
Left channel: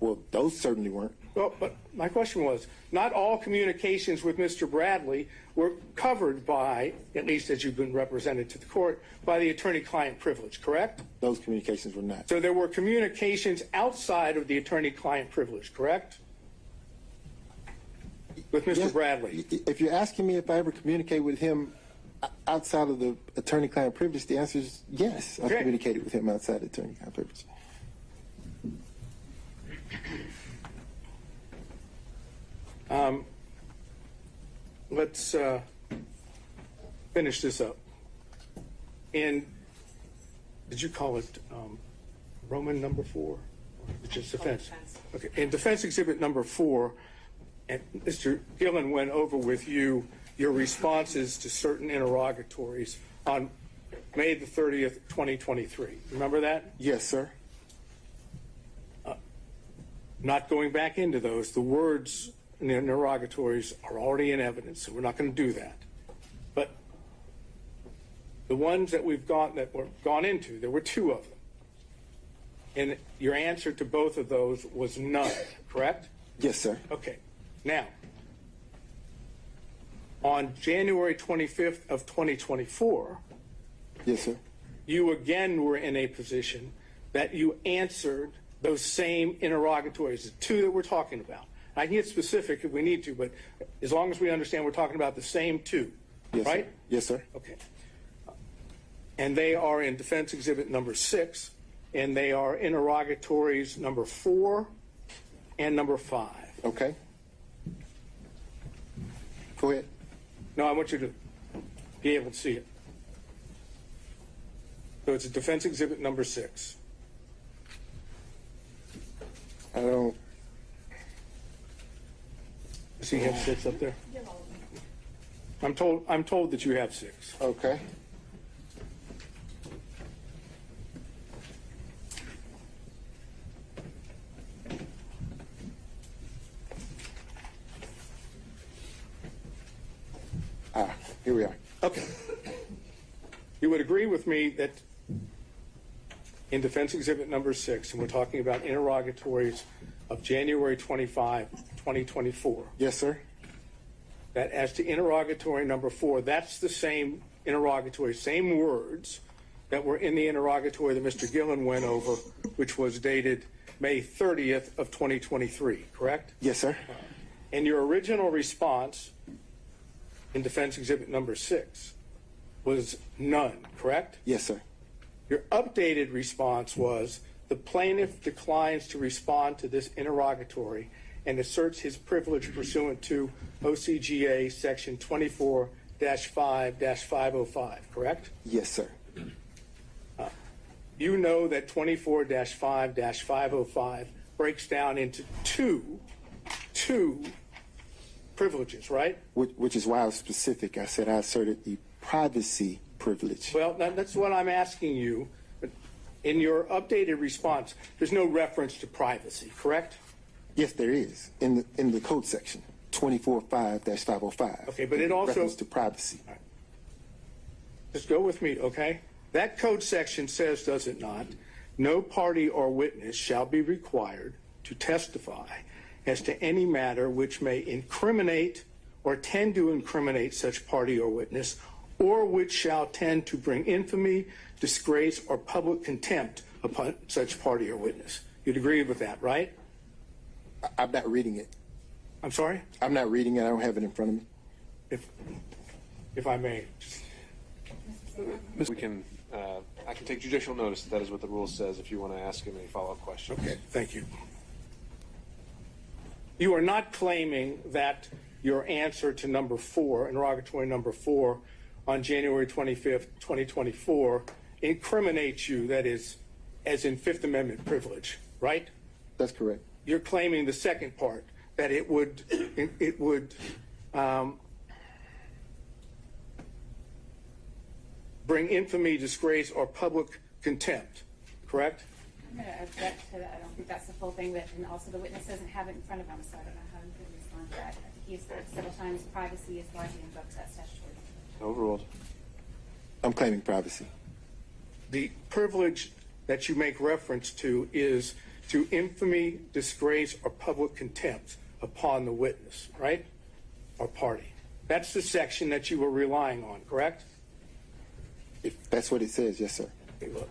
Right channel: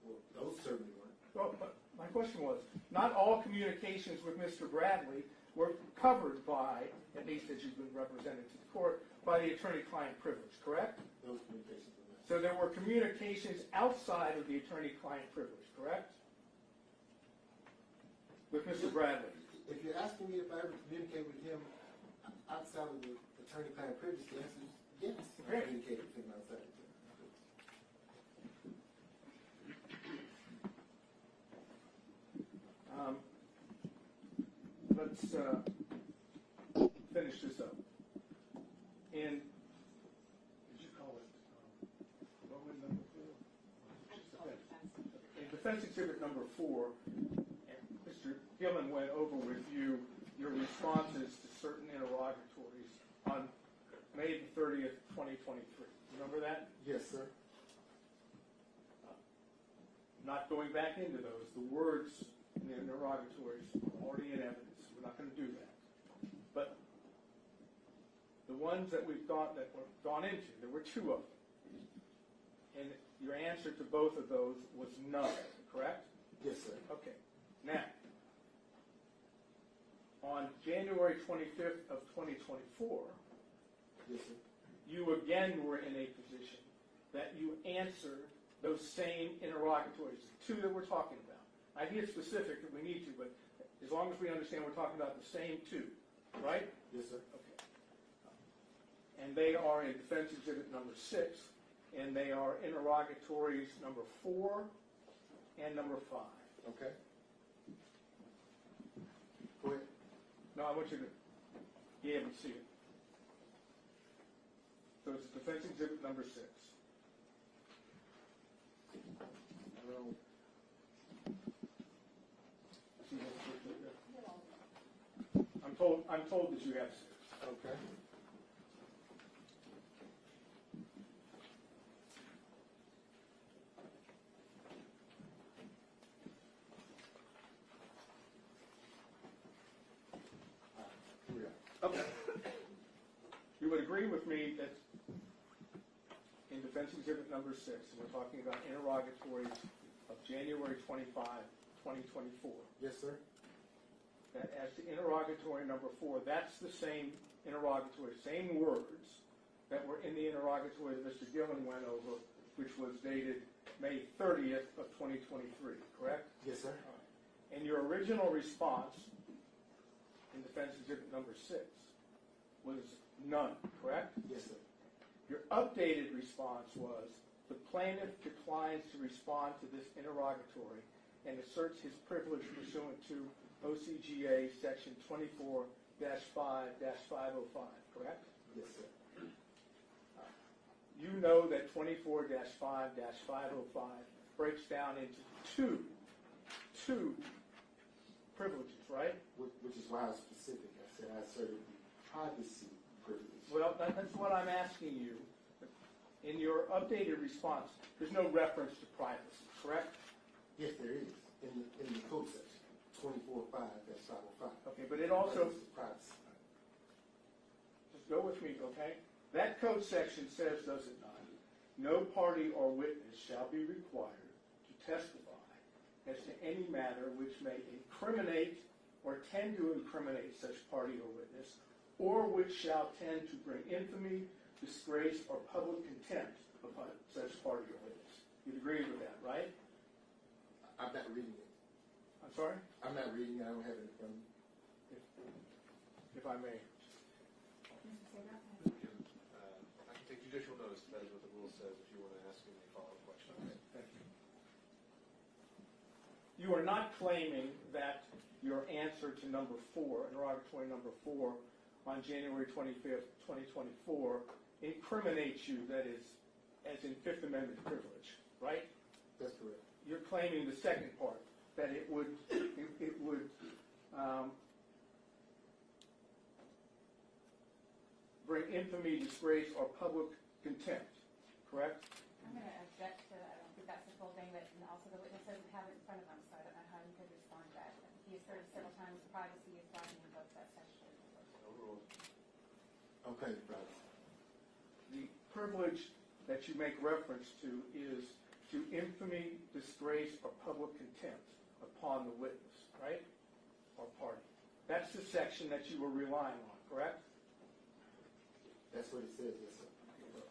Well, those certainly weren't. Well, but my question was, not all communications with Mr. Bradley were covered by, at least as you've been represented to the court, by the attorney-client privilege, correct? Those communications were not. So there were communications outside of the attorney-client privilege, correct? With Mr. Yes. Bradley. If you're asking me if I ever communicate with him outside of the attorney-client privilege, the answer is yes. I've Okay. communicated with him outside the attorney-client privilege. Let's finish this up. In, did you call it Roman number 4? It's just defense. Okay. In defense exhibit number 4, and Mr. Gillen went over with you your responses to certain interrogatories on May the 30th, 2023. Remember that? Yes, sir. Not going back into those. The words in the interrogatories are already in evidence, so we're not going to do that. But the ones that we've gone into, there were 2 of them. And your answer to both of those was none, correct? Yes, sir. Okay. Now, on January 25th of 2024, Yes, sir. you again were in a position that you answered those same interrogatories, the 2 that we're talking about. I can get specific if we need to, but as long as we understand we're talking about the same 2, Yes, right? Sir. Yes, sir. Okay. And they are in defense exhibit number 6, and they are interrogatories number 4 and number 5. Okay. Go ahead. No, I want you to be able to see it. So it's a defense exhibit number 6. I don't. See, you have 6 up there? I'm told that you have 6. Okay. Here we are. Okay. You would agree with me that in defense exhibit number 6, and we're talking about interrogatories of January 25, 2024, Yes, sir. that as to interrogatory number 4, that's the same interrogatory, same words that were in the interrogatory that Mr. Gillen went over, which was dated May 30th of 2023, correct? Yes, sir. And your original response in defense exhibit number 6 was none, correct? Yes, sir. Your updated response was the plaintiff declines to respond to this interrogatory and asserts his privilege pursuant to OCGA section 24-5-505, correct? Yes, sir. you know that 24-5-505 breaks down into two privileges, right? Which is why I was specific. I said I asserted the privacy privilege. Well, that's what I'm asking you. But in your updated response, there's no reference to privacy, correct? Yes, there is in the code section 24-5-505. Okay, but it also reference to privacy. Just go with me, okay? That code section says, does it not, no party or witness shall be required to testify as to any matter which may incriminate or tend to incriminate such party or witness, or which shall tend to bring infamy, disgrace, or public contempt upon such party or witness. You'd agree with that, right? I'm not reading it. I'm sorry? I'm not reading it. I don't have it in front of me. If I may. We can, I can take judicial notice that is what the rule says if you want to ask him any follow-up questions. Okay, thank you. You are not claiming that your answer to number 4, interrogatory number 4, on January 25th, 2024, incriminates you, that is, as in Fifth Amendment privilege, right? That's correct. You're claiming the second part, that it would bring infamy, disgrace, or public contempt, correct? I'm going to object to that. I don't think that's the full thing, but and also the witness doesn't have it in front of him, so I don't know how he could respond to that. He's said several times privacy is largely invoked that statutory. Overruled. I'm claiming privacy. The privilege that you make reference to is to infamy, disgrace, or public contempt upon the witness, right? Or party. That's the section that you were relying on, correct? If that's what it says, yes, sir. Okay, look.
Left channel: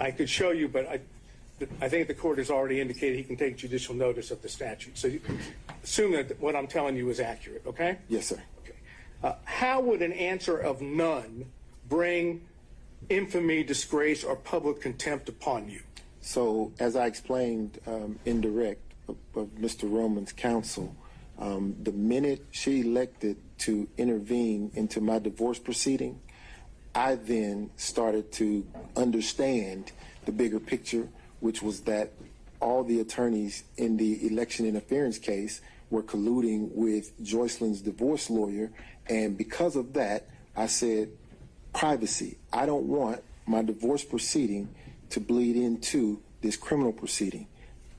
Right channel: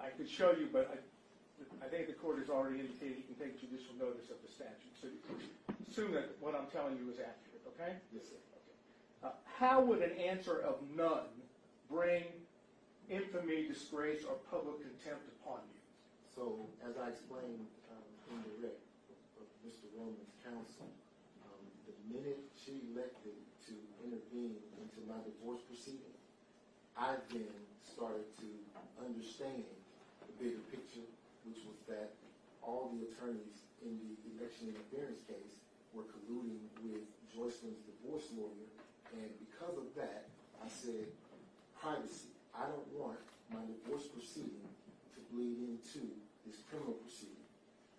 I could show you, but I think the court has already indicated he can take judicial notice of the statute. So you assume that what I'm telling you is accurate, okay? Yes, sir. Okay. How would an answer of none bring infamy, disgrace, or public contempt upon you? So, as I explained in direct of Mr. Roman's counsel, the minute she elected to intervene into my divorce proceeding, I then started to understand the bigger picture, which was that all the attorneys in the election interference case were colluding with Joycelyn's divorce lawyer, and because of that, I said, privacy. I don't want my divorce proceeding to bleed into this criminal proceeding.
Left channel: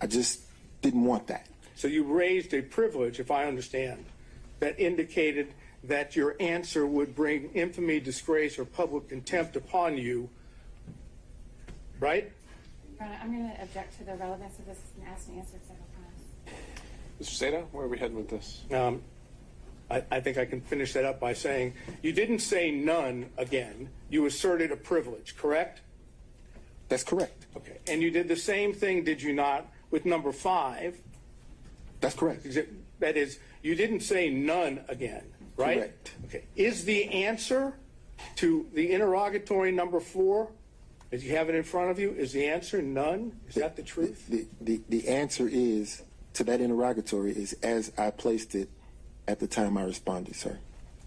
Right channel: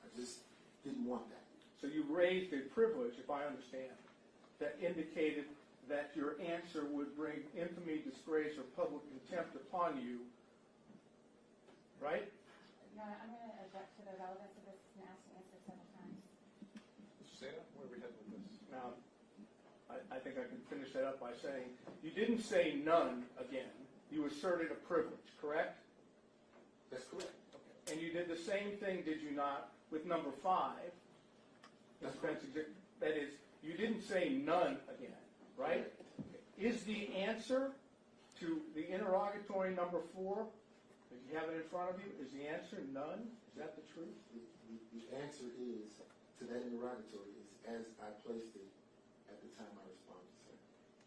I just didn't want that. So you raised a privilege, if I understand, that indicated that your answer would bring infamy, disgrace, or public contempt upon you, right? Your Honor, I'm going to object to the relevance of this. It's been asked and answered several times. Mr. Seda, where are we heading with this? I think I can finish that up by saying you didn't say none again. You asserted a privilege, correct? That's correct. Okay. And you did the same thing, did you not, with number 5? That's correct. That is, you didn't say none again, right? Correct. Okay. Is the answer to the interrogatory number 4, as you have it in front of you, is the answer none? Is that the truth? The answer is, to that interrogatory, is as I placed it at the time I responded, sir.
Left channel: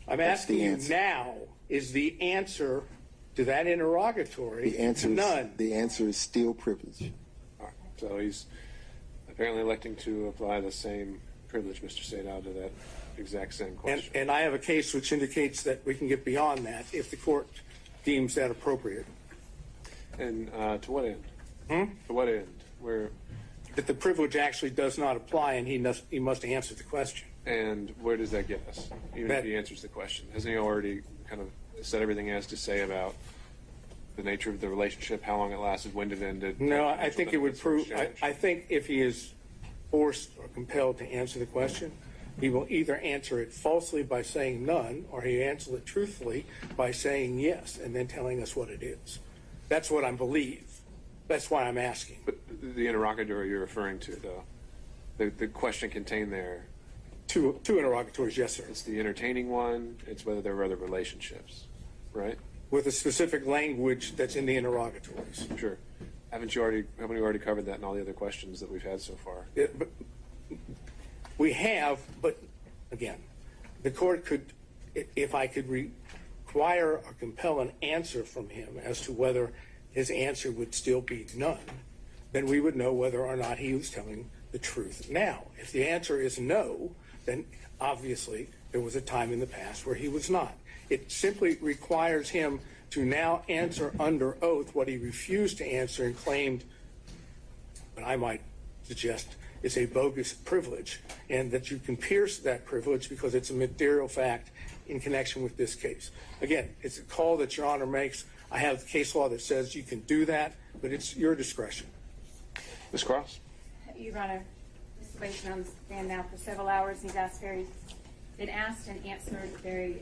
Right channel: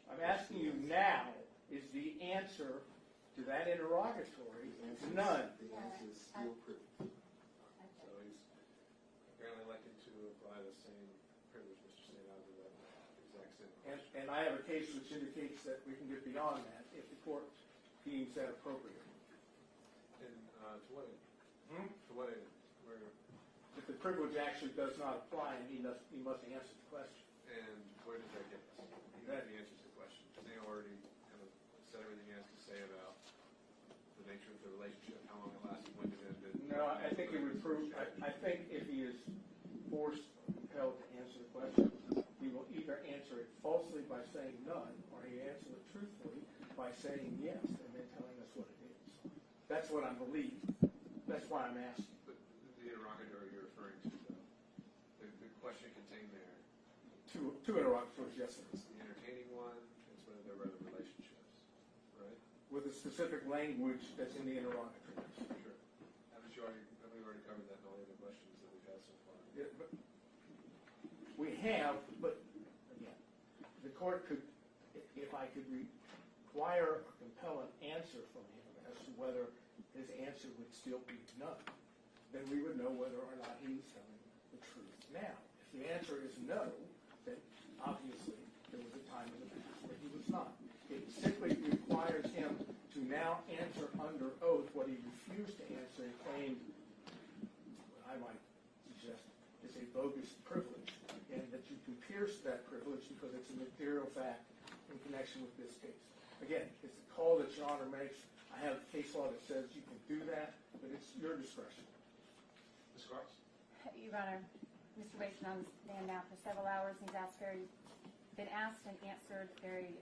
I'm That's asking the you answer. now, is the answer to that interrogatory The answer none? the answer is still privilege. All right. So he's apparently electing to apply the same privilege, Mr. Seda, to that exact same question. And I have a case which indicates that we can get beyond that if the court deems that appropriate. And to what end? To what end? Where? That the privilege actually does not apply and he must answer the question. And where does that get us? Even if he answers the question, hasn't he already kind of said everything he has to say about the nature of the relationship, how long it lasted, when it ended? No, I think it would prove, I think if he is forced or compelled to answer the question, he will either answer it falsely by saying none, or he answers it truthfully by saying yes, and then telling us what it is. That's what I believe. That's why I'm asking. But the interrogatory you're referring to, though, the question contained there, Two interrogatories, yes, sir. it's the entertaining one, it's whether there were other relationships, right? With a specific language that's in the interrogatories. Sure. Haven't you already covered that in all the other questions that we've had so far? But we have, but again, the court could, if I could require or compel an answer from him as to whether his answer would still be none, then we would know whether or not he was telling the truth now. If the answer is no, then obviously there was a time in the past where he was not. It simply requires him to now answer under oath what he refused to answer and claimed, what I might suggest is a bogus privilege, and that you can pierce that privilege because it's a material fact in connection with this case. Again, it's a call that Your Honor makes. I have case law that says you can do that, but it's your discretion. Ms. Cross? Your Honor, Mr. Wade's been on the stand now for several hours. He's been asked and answered very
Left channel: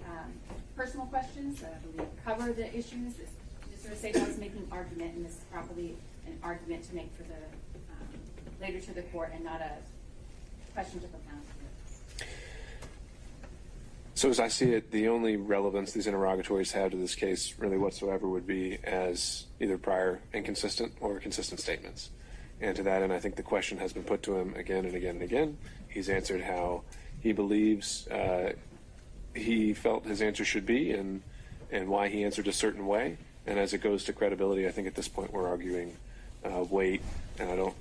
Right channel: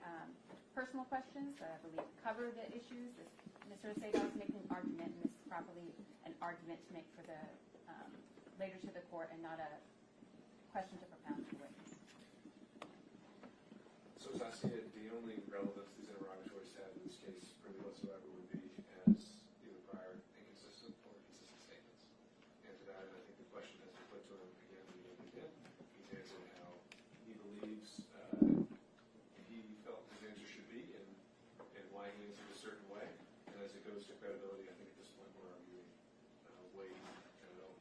personal questions that I believe cover the issues. Mr. Satan was making an argument, and this is probably an argument to make for the later to the court and not a question to propound here. So as I see it, the only relevance these interrogatories have to this case really whatsoever would be as either prior inconsistent or consistent statements. And to that end, I think the question has been put to him again and again and again. He's answered how he believes he felt his answer should be and why he answered a certain way. And as it goes to credibility, I think at this point we're arguing weight, and I don't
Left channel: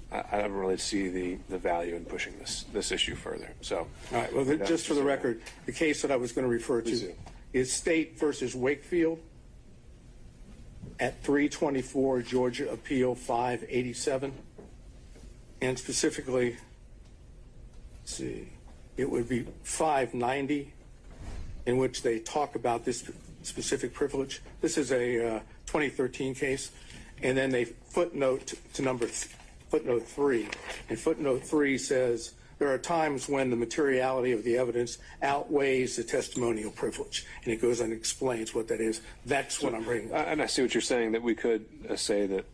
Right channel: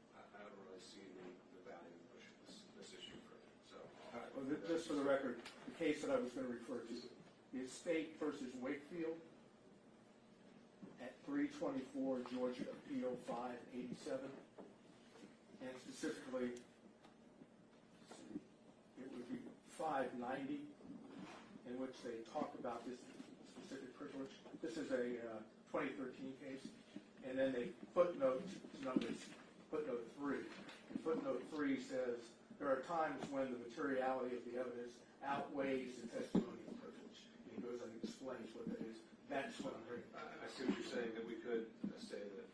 really see the value in pushing this issue further. So, all right. Well, just for the record, the case that I was going to refer to is State versus Wakefield at 324 Georgia Appeal 587, and specifically, let's see, it would be 590, in which they talk about this specific privilege. This is a 2013 case, and then they footnote to footnote 3, and footnote 3 says there are times when the materiality of the evidence outweighs the testimonial privilege, and it goes and explains what that is. That's what I'm bringing up. And I see what you're saying, that we could say that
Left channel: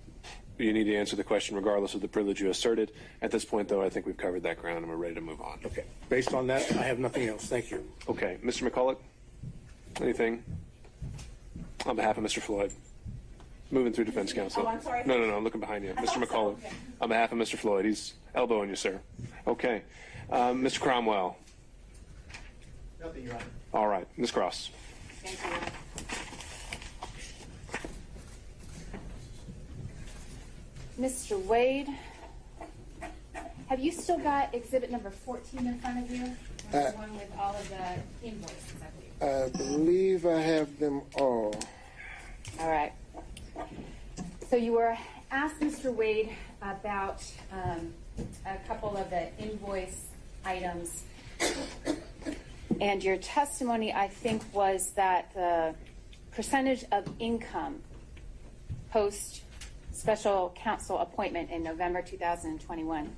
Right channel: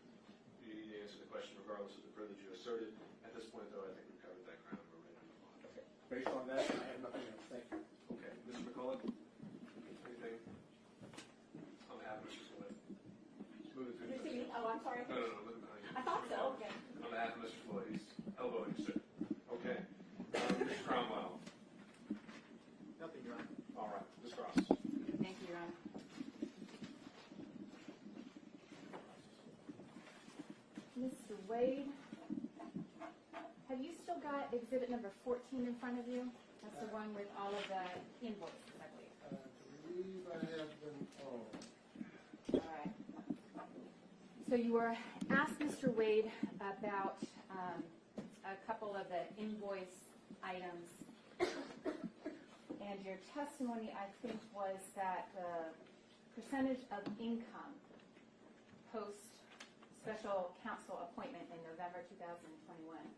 you need to answer the question regardless of the privilege you asserted. At this point, though, I think we've covered that ground and we're ready to move on. Okay. Based on that, I have nothing else. Thank you. Okay. Mr. McCulloch, anything on behalf of Mr. Floyd? Moving through defense counsel. Oh, I'm sorry. No, I'm looking behind you. Mr. McCulloch, okay. on behalf of Mr. Floyd, he's elbowing you, sir. Okay. Mr. Cromwell. Nothing, Your Honor. All right. Ms. Cross. Thank you, Your Honor. Mr. Wade, have you still got exhibit number 14 in front of you? The one with all of the invoices, I believe. I have them all. All right. So you were asked, Mr. Wade, about a couple of the invoice items. And your testimony, I think, was that the percentage of income post special counsel appointment in November 2021,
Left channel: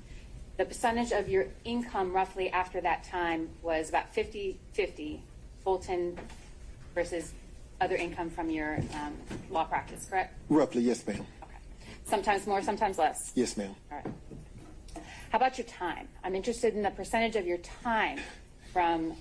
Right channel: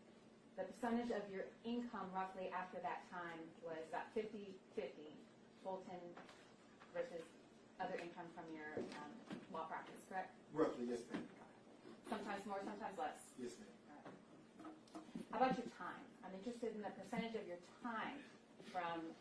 the percentage of your income roughly after that time was about 50-50 Fulton versus other income from your law practice, correct? Roughly, yes, ma'am. Okay. Sometimes more, sometimes less? Yes, ma'am. All right. How about your time? I'm interested in the percentage of your time from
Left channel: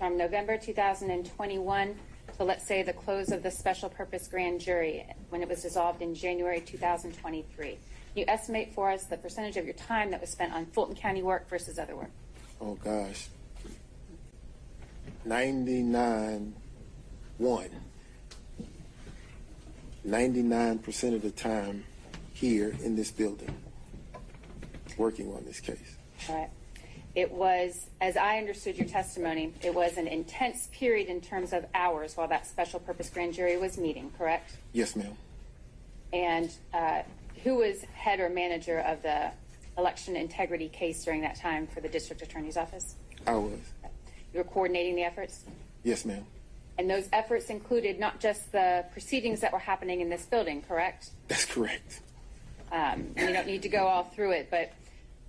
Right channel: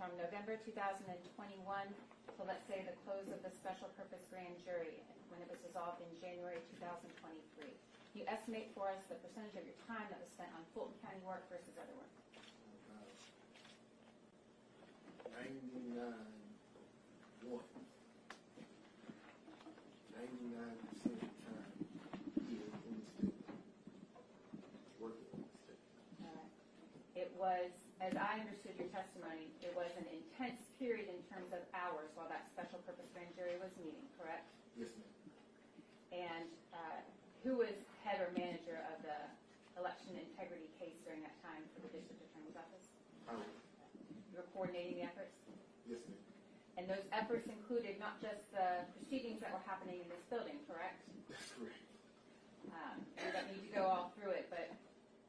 November 2021 to, let's say, the close of the special purpose grand jury when it was dissolved in January 2023. Can you estimate for us the percentage of your time that was spent on Fulton County work versus other work? Oh, gosh. 99% of the time here in this building working on this case. All right. It was, as I understood your testimony, it was an intense period in terms of hours while that special purpose grand jury was meeting, correct? Yes, ma'am. And who was head or manager of the election integrity case during that time for the district attorney's office? I was. You were coordinating the efforts? Yes, ma'am. And those efforts included not just the proceedings that were happening in this building, correct? That's correct. We don't need to go all through it, but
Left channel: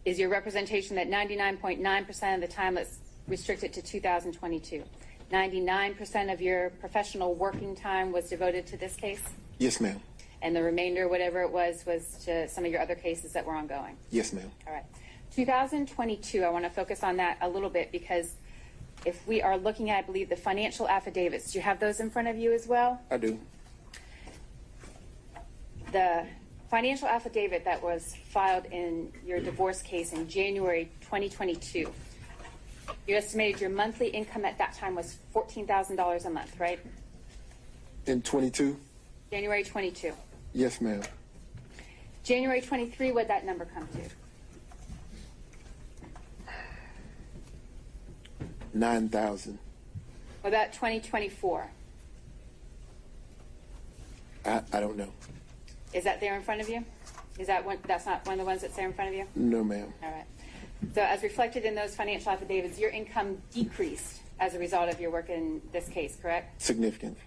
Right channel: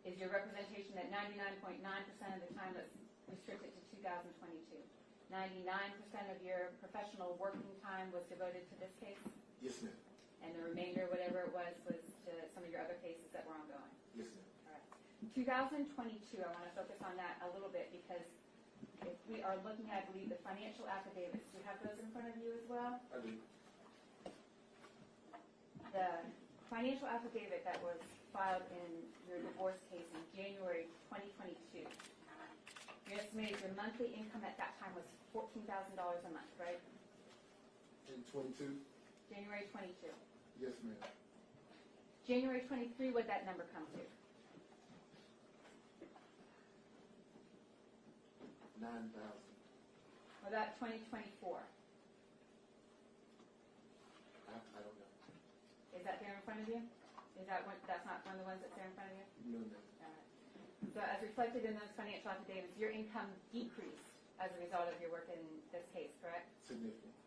is your representation that 99.9% of the time, let's restrict it to 2022, 99% of your professional working time was devoted to this case? Yes, ma'am. And the remainder, whatever it was to some of your other cases that were ongoing? Yes, ma'am. All right. 2022, I want to focus on that a little bit because if we are looking at, I believe, the financial affidavits, do you have those in front of you as well? I do. The financial affidavit that was filed in your divorce case in January 2022, you estimated your monthly income at that time was $14,000 a month, right? In 22? January 22. Yes, ma'am. January 23, what'd that number come to? 9,000. What about 2024? I don't know. Is that there in front of you? Is that one? That's not one of the ones that's there in front of you? No, ma'am. All right. So as reflected in those financial affidavits, your income decreased as a result of your work in this case, correct? Significantly.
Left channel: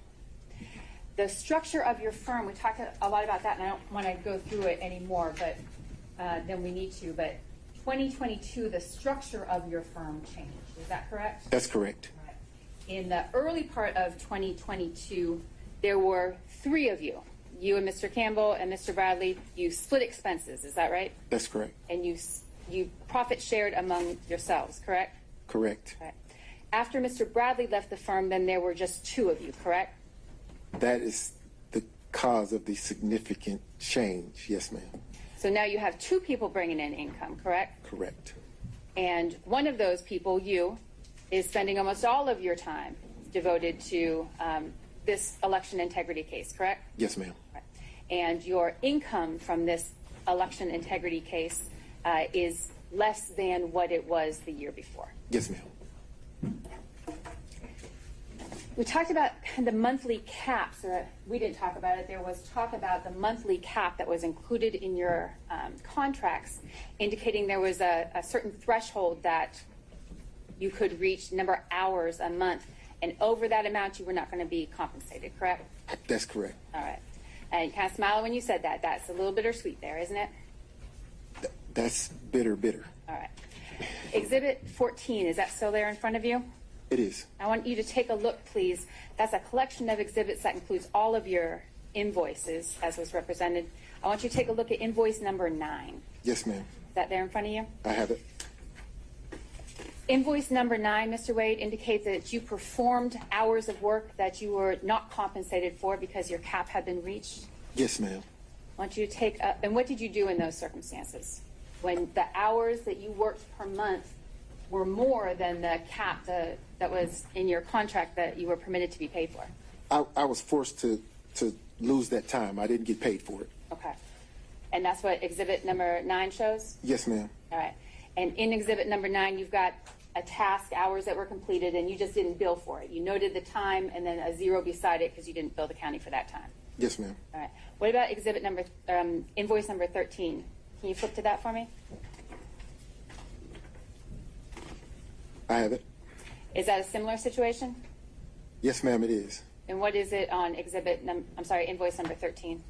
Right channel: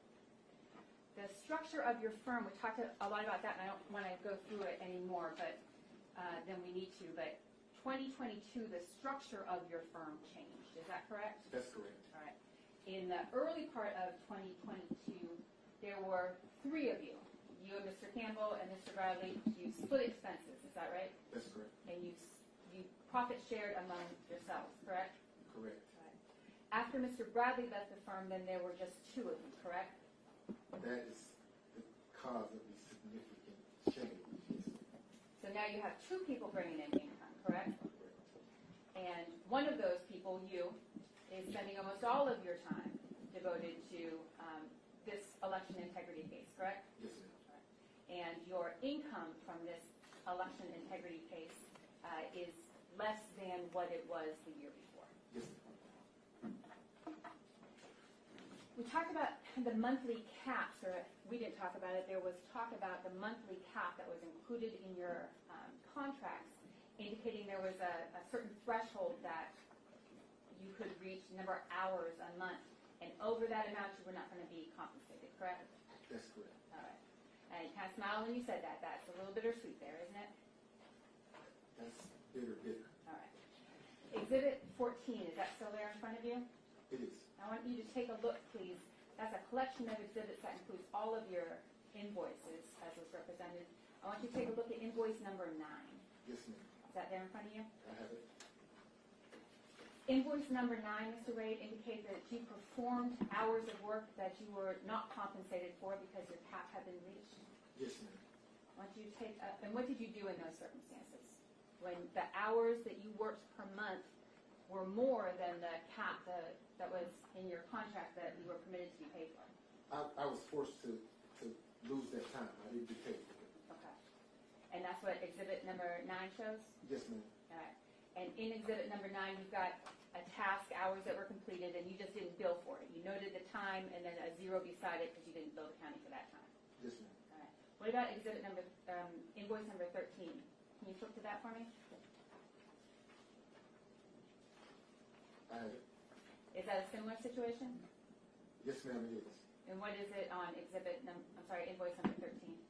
The structure of your firm, we talked a lot about that, and I don't want to go through it anymore, but than we need to. But 2022, the structure of your firm changed. Is that correct? That's correct. All right. In the early part of 2022, there were 3 of you. You and Mr. Campbell and Mr. Bradley. You split expenses. Is that right? That's correct. And you profit shared among yourselves, correct? Correct. Right. After Mr. Bradley left the firm, then there were just 2 of you, correct? That is the cause of the significant change. Yes, ma'am. So now you have 2 people bringing in income, correct? Correct. And one of those people, you, is spending almost all of your time devoted to this election integrity case, correct? Yes, ma'am. Right. And your income from this election integrity case is less than what it was the year before. Yes, ma'am. We talked about the monthly caps, or we didn't talk about it. There was talk about the monthly cap that was included in your contracts, indicating there was a certain threshold that you could reach, number of hours a month, and over that amount you were not going to be compensated, correct? That's correct. All right. And you kind of smiled when you said that. That's a little bittersweet there, isn't it? That's bitter. All right. Exhibit 14, is that still there in front of you? It is. I want you to take a look, please. That's a collection of exhibits that includes all of your invoices, as was represented. I want you to take a look at invoice number 9. Yes, ma'am. Is that there in front of you? I have it. Invoice number 9, Mr. Wade, indicates that you performed hours of work that you were not compensated for because your cap had been reached. Yes, ma'am. I want you to take up, and what did you do in those circumstances? When the hours that you worked per month were more than the cap that was in your contract that you were permitted to be paid for? I was forced to lose that time. I didn't get paid for it. Okay. And that's what exhibit number 9 shows? Yes, ma'am. All right. And in exhibit number 9, you've got a task, hours that were completed, and you just didn't bill for it. You noted the time and then a 0 beside it because you didn't bill the county for that time. Yes, ma'am. All right. What about exhibit number, invoice number 13? Can you flip to that for me? I have it. Is that a similar situation? Yes, ma'am, it is. And what is it on invoice number 13?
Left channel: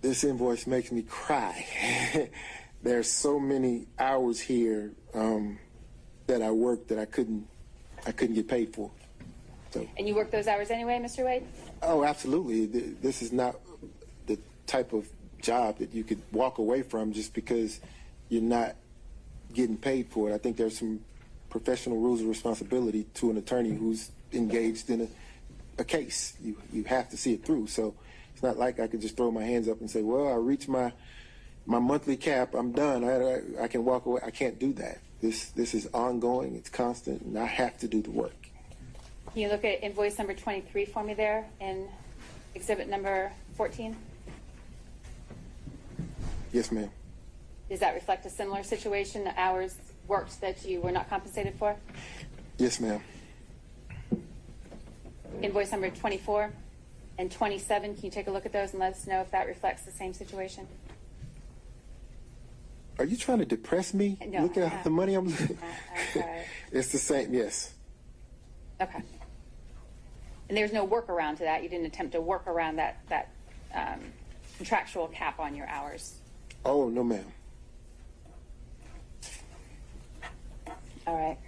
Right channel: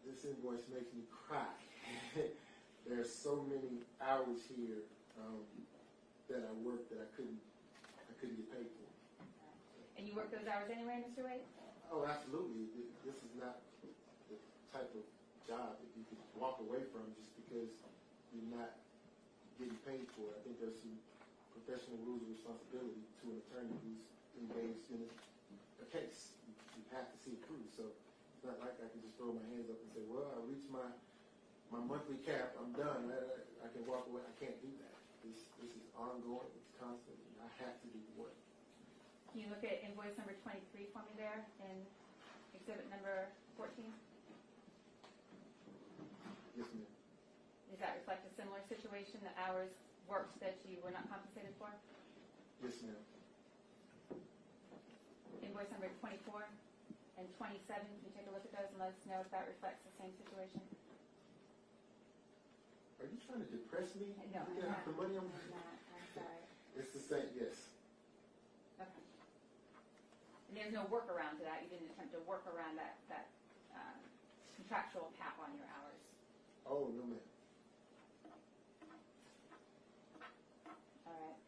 This invoice makes me cry. There's so many hours here that I worked that I couldn't get paid for. So. And you work those hours anyway, Mr. Wade? Oh, absolutely. This is not the type of job that you could walk away from just because you're not getting paid for it. I think there's some professional rules of responsibility to an attorney who's engaged in a case. You have to see it through. So it's not like I could just throw my hands up and say, well, I reached my monthly cap, I'm done, I can walk away. I can't do that. This is ongoing, it's constant, and I have to do the work. Can you look at invoice number 23 for me there in exhibit number 14? Yes, ma'am. Does that reflect a similar situation, the hours worked that you were not compensated for? Yes, ma'am. Invoice number 24 and 27, can you take a look at those and let us know if that reflects the same situation? Are you trying to depress me? No, Look at the money I'm losing. Sorry. It's the same, yes. Okay. And there's no workaround to that? You didn't attempt to work around that contractual cap on your hours? Oh, no, ma'am. All right.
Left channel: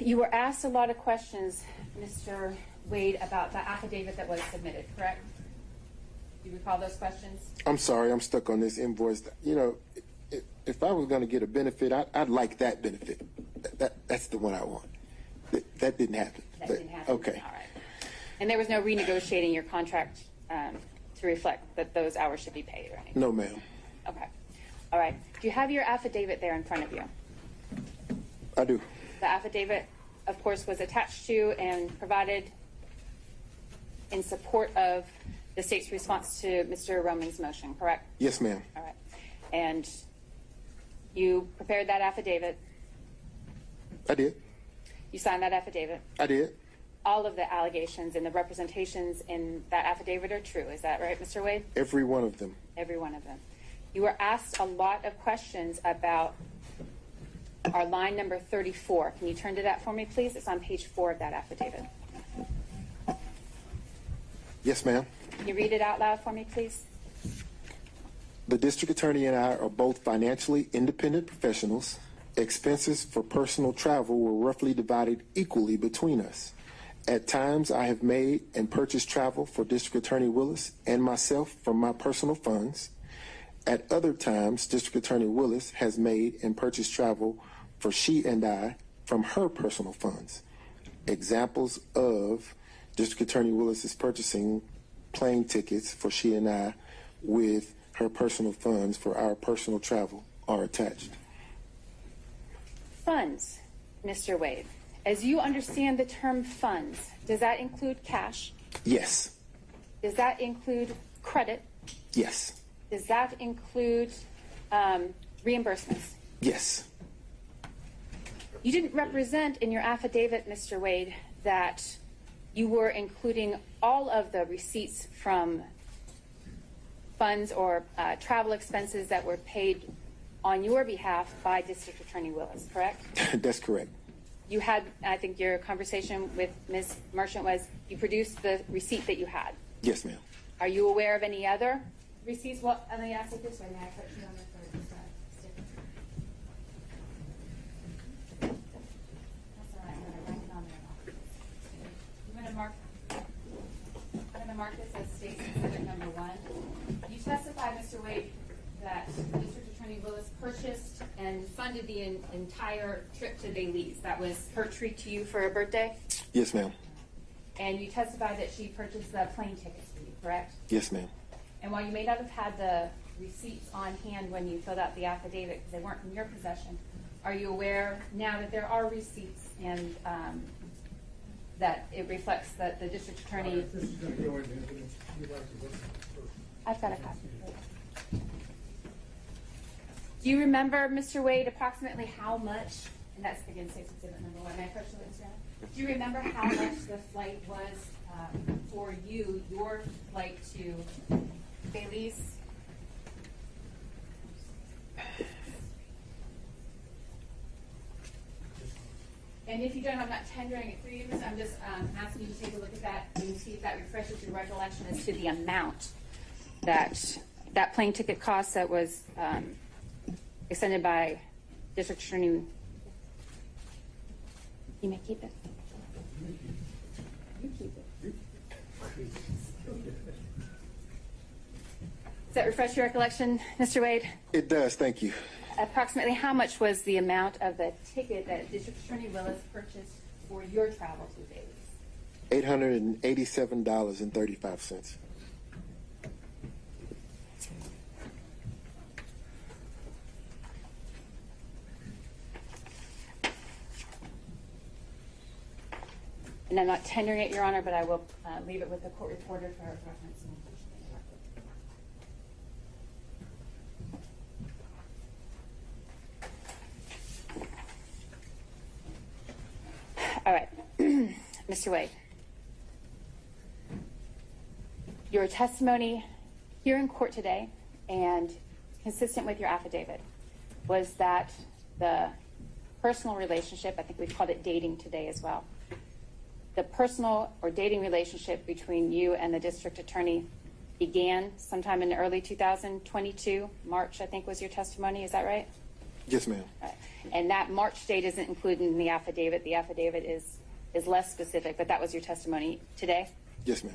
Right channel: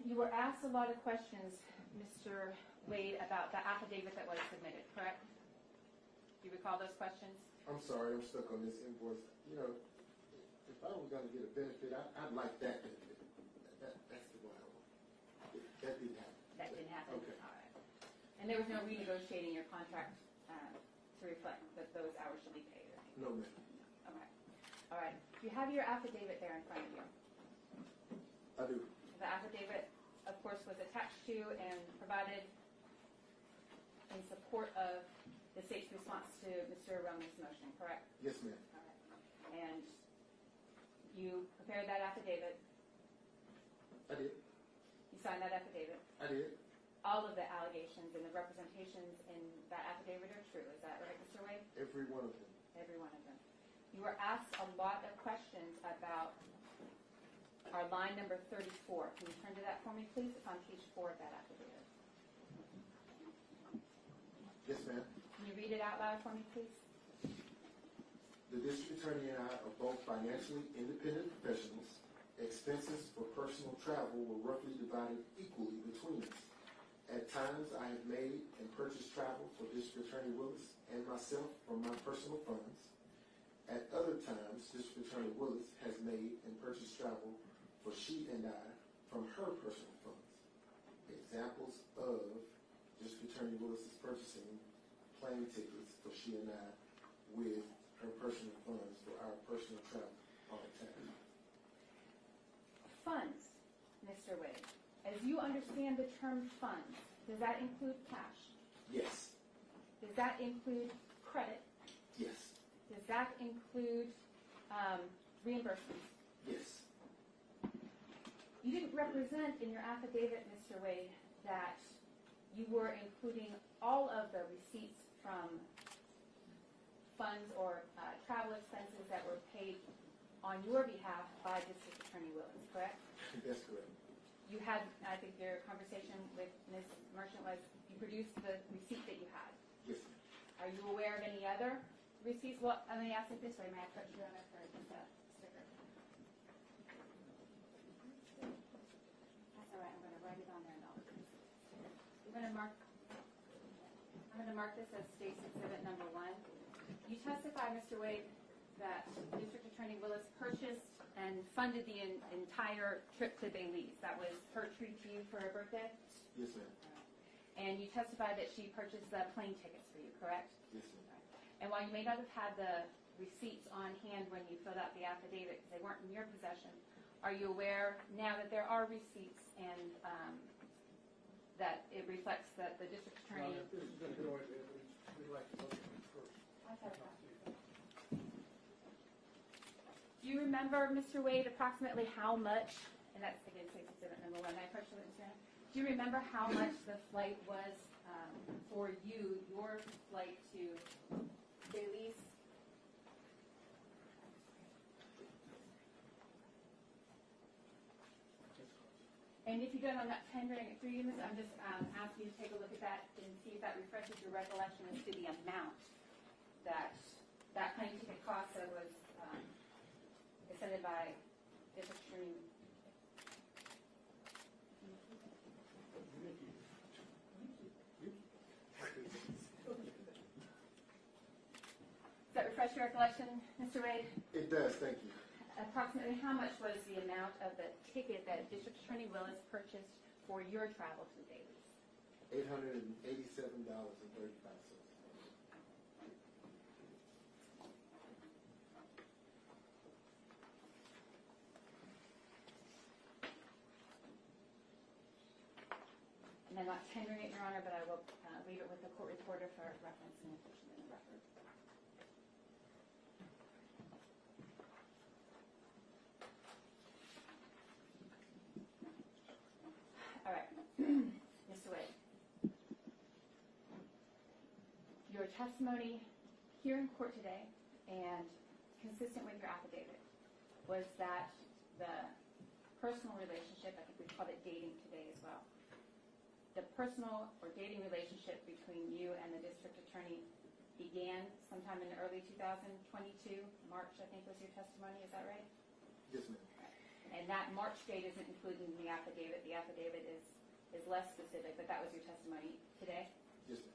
You were asked a lot of questions, Mr. Wade, about the affidavit that was submitted, correct? Do you recall those questions? I'm sorry, I'm stuck on this invoice. You know, if I was going to get a benefit, I'd like that benefit. That's the one I want. That didn't happen. That didn't happen? Okay. All right. And there was no renegotiating your contract to reflect that those hours should be paid or anything? No, ma'am. Okay. All right. Do you have your affidavit there in front of you? I do. The affidavit of course, was attached to and provided in support of the state's response to Mr. Roming's motion, correct? Yes, ma'am. All right. And you prepared that affidavit. I did. You signed that affidavit. I did. All of the allegations and the representations in that affidavit are true. Is that right, Mr. Wade? Every one of them. Every one of them. You were asked a lot of questions about our line number 34. Can you turn to that for me, please? It's on page 4 of that affidavit. Yes, ma'am. Can you read it out loud for me, please? The district attorney and I are both financially independent professionals. Expenses for personal travel were roughly divided equally between us. At times, I have made and purchased travel for District Attorney Willis and myself from my personal funds. At other times, District Attorney Willis has made and purchased travel for she and I from her personal funds. Examples of District Attorney Willis is purchasing plane tickets for she and I with her personal funds for our personal travel are attached. Funds, Mr. Wade. As you understand the term funds, does that include cash? Yes. Does that include credit? Yes. Does that include reimbursements? Yes. You didn't represent in your affidavit, Mr. Wade, that you were including all of the receipts from funds or travel expenses that were paid on your behalf by District Attorney Willis, correct? That's correct. You had, I think your conversation with Ms. Merchant was, you produced the receipt that you had. Yes, ma'am. Are you aware of any other receipts? Well, let me ask it this way. May I put you on it for just a sticker? That's all right. I'm going to write it on there. I'm going to mark this as State's Exhibit number 1. You testify, Mr. Wade, that District Attorney Willis purchased and funded the entire trip to Belize. That was her treat to you for a birthday? Yes, ma'am. And you testified that she purchased the plane tickets for you, correct? Yes, ma'am. And while you may not have had the receipts on hand when you filled out the affidavit because they weren't in your possession, are you aware now that there are receipts and that it reflects that the district attorney... If this is going to go into evidence, we'd like to look at it first. I've got a copy. Do you remember, Mr. Wade, approximately how much, and that's again State's Exhibit number 1, may I approach the witness stand? Do you remember how much the flight was for you, your flight to Belize? And if you don't, I'm not tendering it for you, I'm just asking you to take a look at that and see if that refreshes your recollection as to the amount that plane ticket cost that was extended by District Attorney. You may keep it. You keep it. Does that refresh your recollection, Mr. Wade? It does, thank you. Approximately how much was the amount of the ticket that District Attorney Willis purchased for your travel to Belize? $887.35. And I'm not tendering it, Your Honor, but I will leave it with the court reporter for reference. All right, Mr. Wade. Your testimony here in court today and consistent with your affidavit was that the personal relationship, I think we called it dating today as well, the personal or dating relationship between you and the district attorney began sometime in early 2022, March, I think was your testimony, is that right? Yes, ma'am. Right. And that March date isn't included in the affidavit. The affidavit is less specific, but that was your testimony today? Yes, ma'am.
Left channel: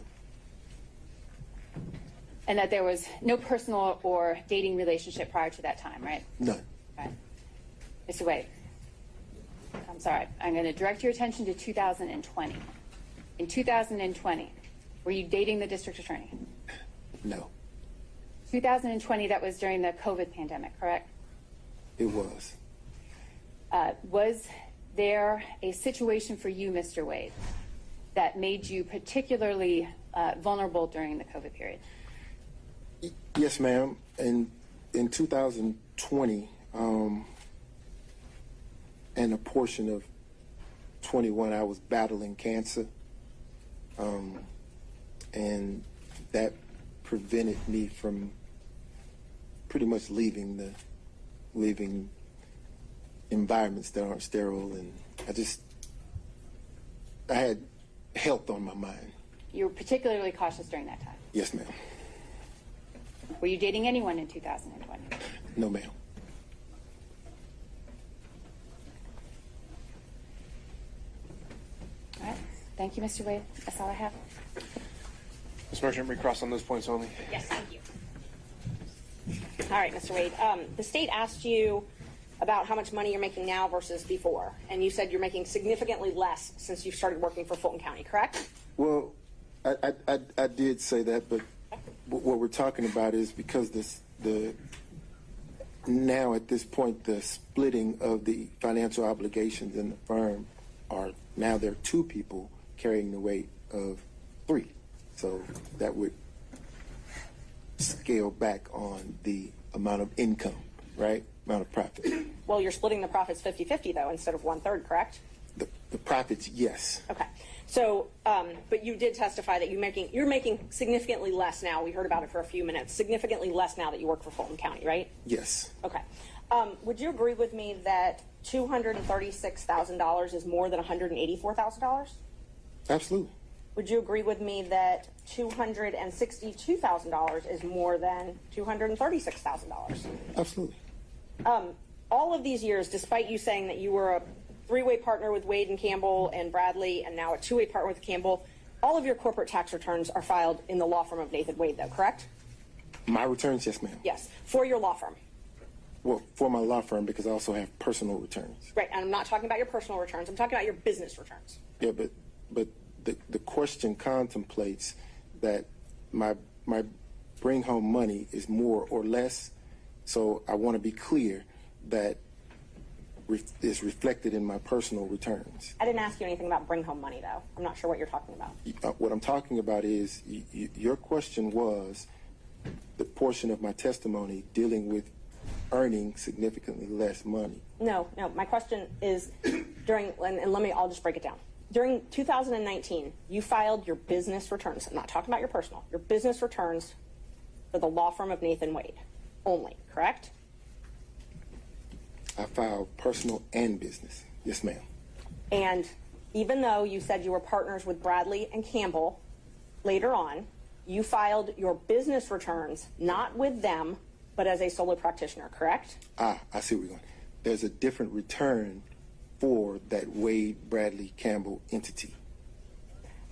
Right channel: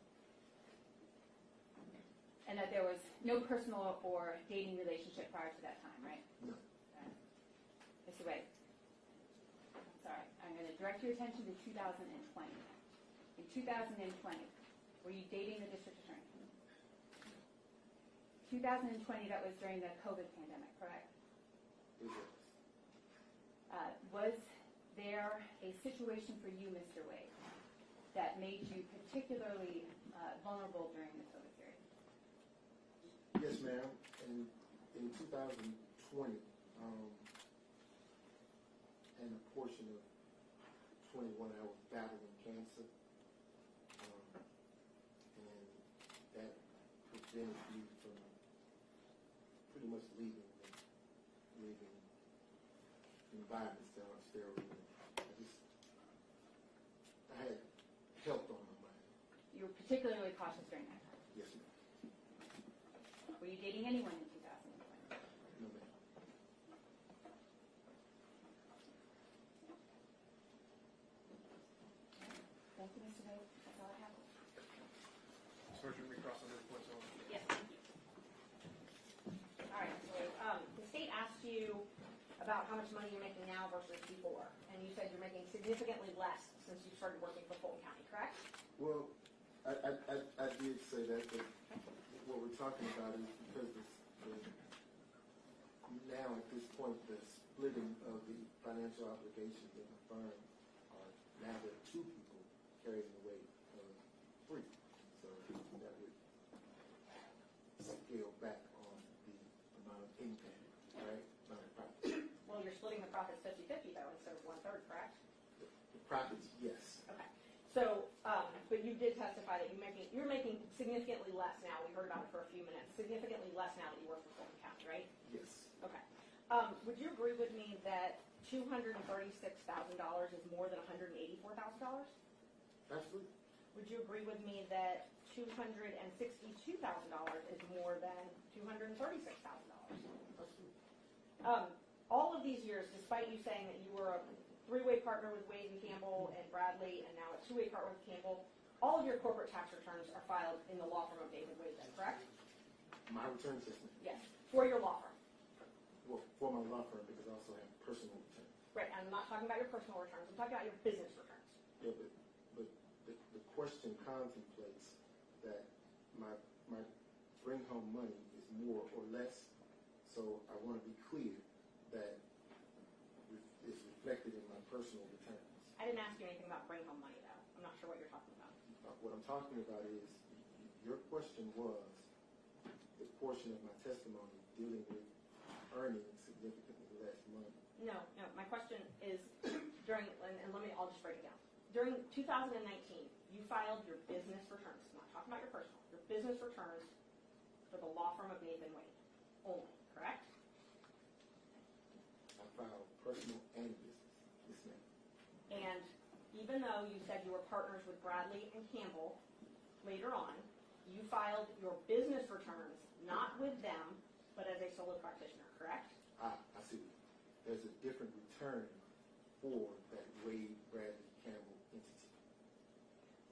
And that there was no personal or dating relationship prior to that time, right? None. Right. Mr. Wade, I'm sorry. I'm going to direct your attention to 2020. In 2020, were you dating the district attorney? No. 2020, that was during the COVID pandemic, correct? It was. Was there a situation for you, Mr. Wade, that made you particularly vulnerable during the COVID period? Yes, ma'am. In 2020, and a portion of 21, I was battling cancer, and that prevented me from pretty much leaving environments that aren't sterile, and I had health on my mind. You were particularly cautious during that time. Yes, ma'am. Were you dating anyone in 2020? No, ma'am. All right. Thank you, Mr. Wade. That's all I have. Ms. Merchant, recross on those points only. Yes, thank you. All right, Mr. Wade. The state asked you about how much money you're making now versus before, and you said you're making significantly less since you've started working for Fulton County, correct? Well, I did say that, but what we're talking about is because now at this point the splitting of the financial obligations in the firm now there are two people carrying the weight of three, so that would scale back on the amount of income, right? Amount of profit. Well, you're splitting the profits 50-50 though instead of 1/3, correct? The profits, yes. Okay. So, but you did testify that you're making significantly less now. We heard about it for a few minutes. Significantly less now that you work for Fulton County, right? Yes. Okay. Would you agree with me that $236,000 is more than $184,000? Absolutely. Would you agree with me that $262,000 is more than $236,000? Absolutely. All of these years, despite you saying that you were a three-way partner with Wade and Campbell and Bradley and now a two-way partner with Campbell, all of your corporate tax returns are filed in the law firm of Nathan Wade, though, correct? My returns, yes, ma'am. Yes, for your law firm. Well, for my law firm, because I also have personal returns. Right, and I'm not talking about your personal returns. I'm talking about your business returns. Yeah, but the question contemplates that my bring home money is more or less, so I want to be clear that is reflected in my personal returns. I didn't ask you anything about bring home money, though. I'm not sure what you're talking about. What I'm talking about is your question was the portion of my testimony dealing with earning significantly less money. No, my question is I'll just break it down. During 2019, you filed your business returns. I'm not talking about your personal. Your business returns for the law firm of Nathan Wade only, correct? I filed personal and business. Yes, ma'am. And even though you said you were partners with Bradley and Campbell later on, you filed your business returns not with them, but as a solo practitioner, correct? I see where you're going. There's a different return for that Wade, Bradley, Campbell entity.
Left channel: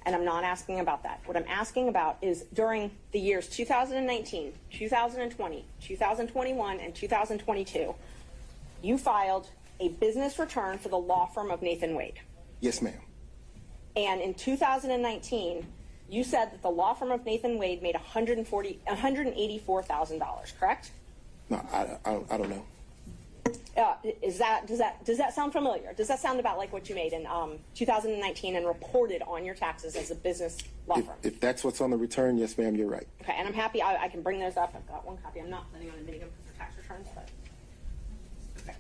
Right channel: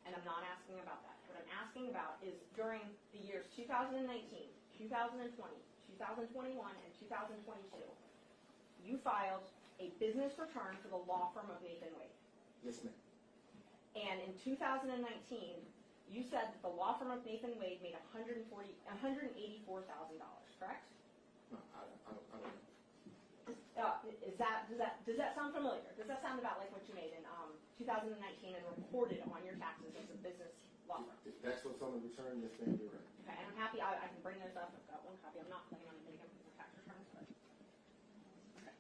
And I'm not asking about that. What I'm asking about is during the years 2019, 2020, 2021, and 2022, you filed a business return for the law firm of Nathan Wade. Yes, ma'am. And in 2019, you said that the law firm of Nathan Wade made $184,000, correct? No, I don't know. Does that sound familiar? Does that sound about like what you made in 2019 and reported on your taxes as a business law firm? If that's what's on the return, yes, ma'am, you're right. Okay, and I'm happy I can bring those up. I've got one copy. I'm not planning on admitting them because they're tax returns, but okay.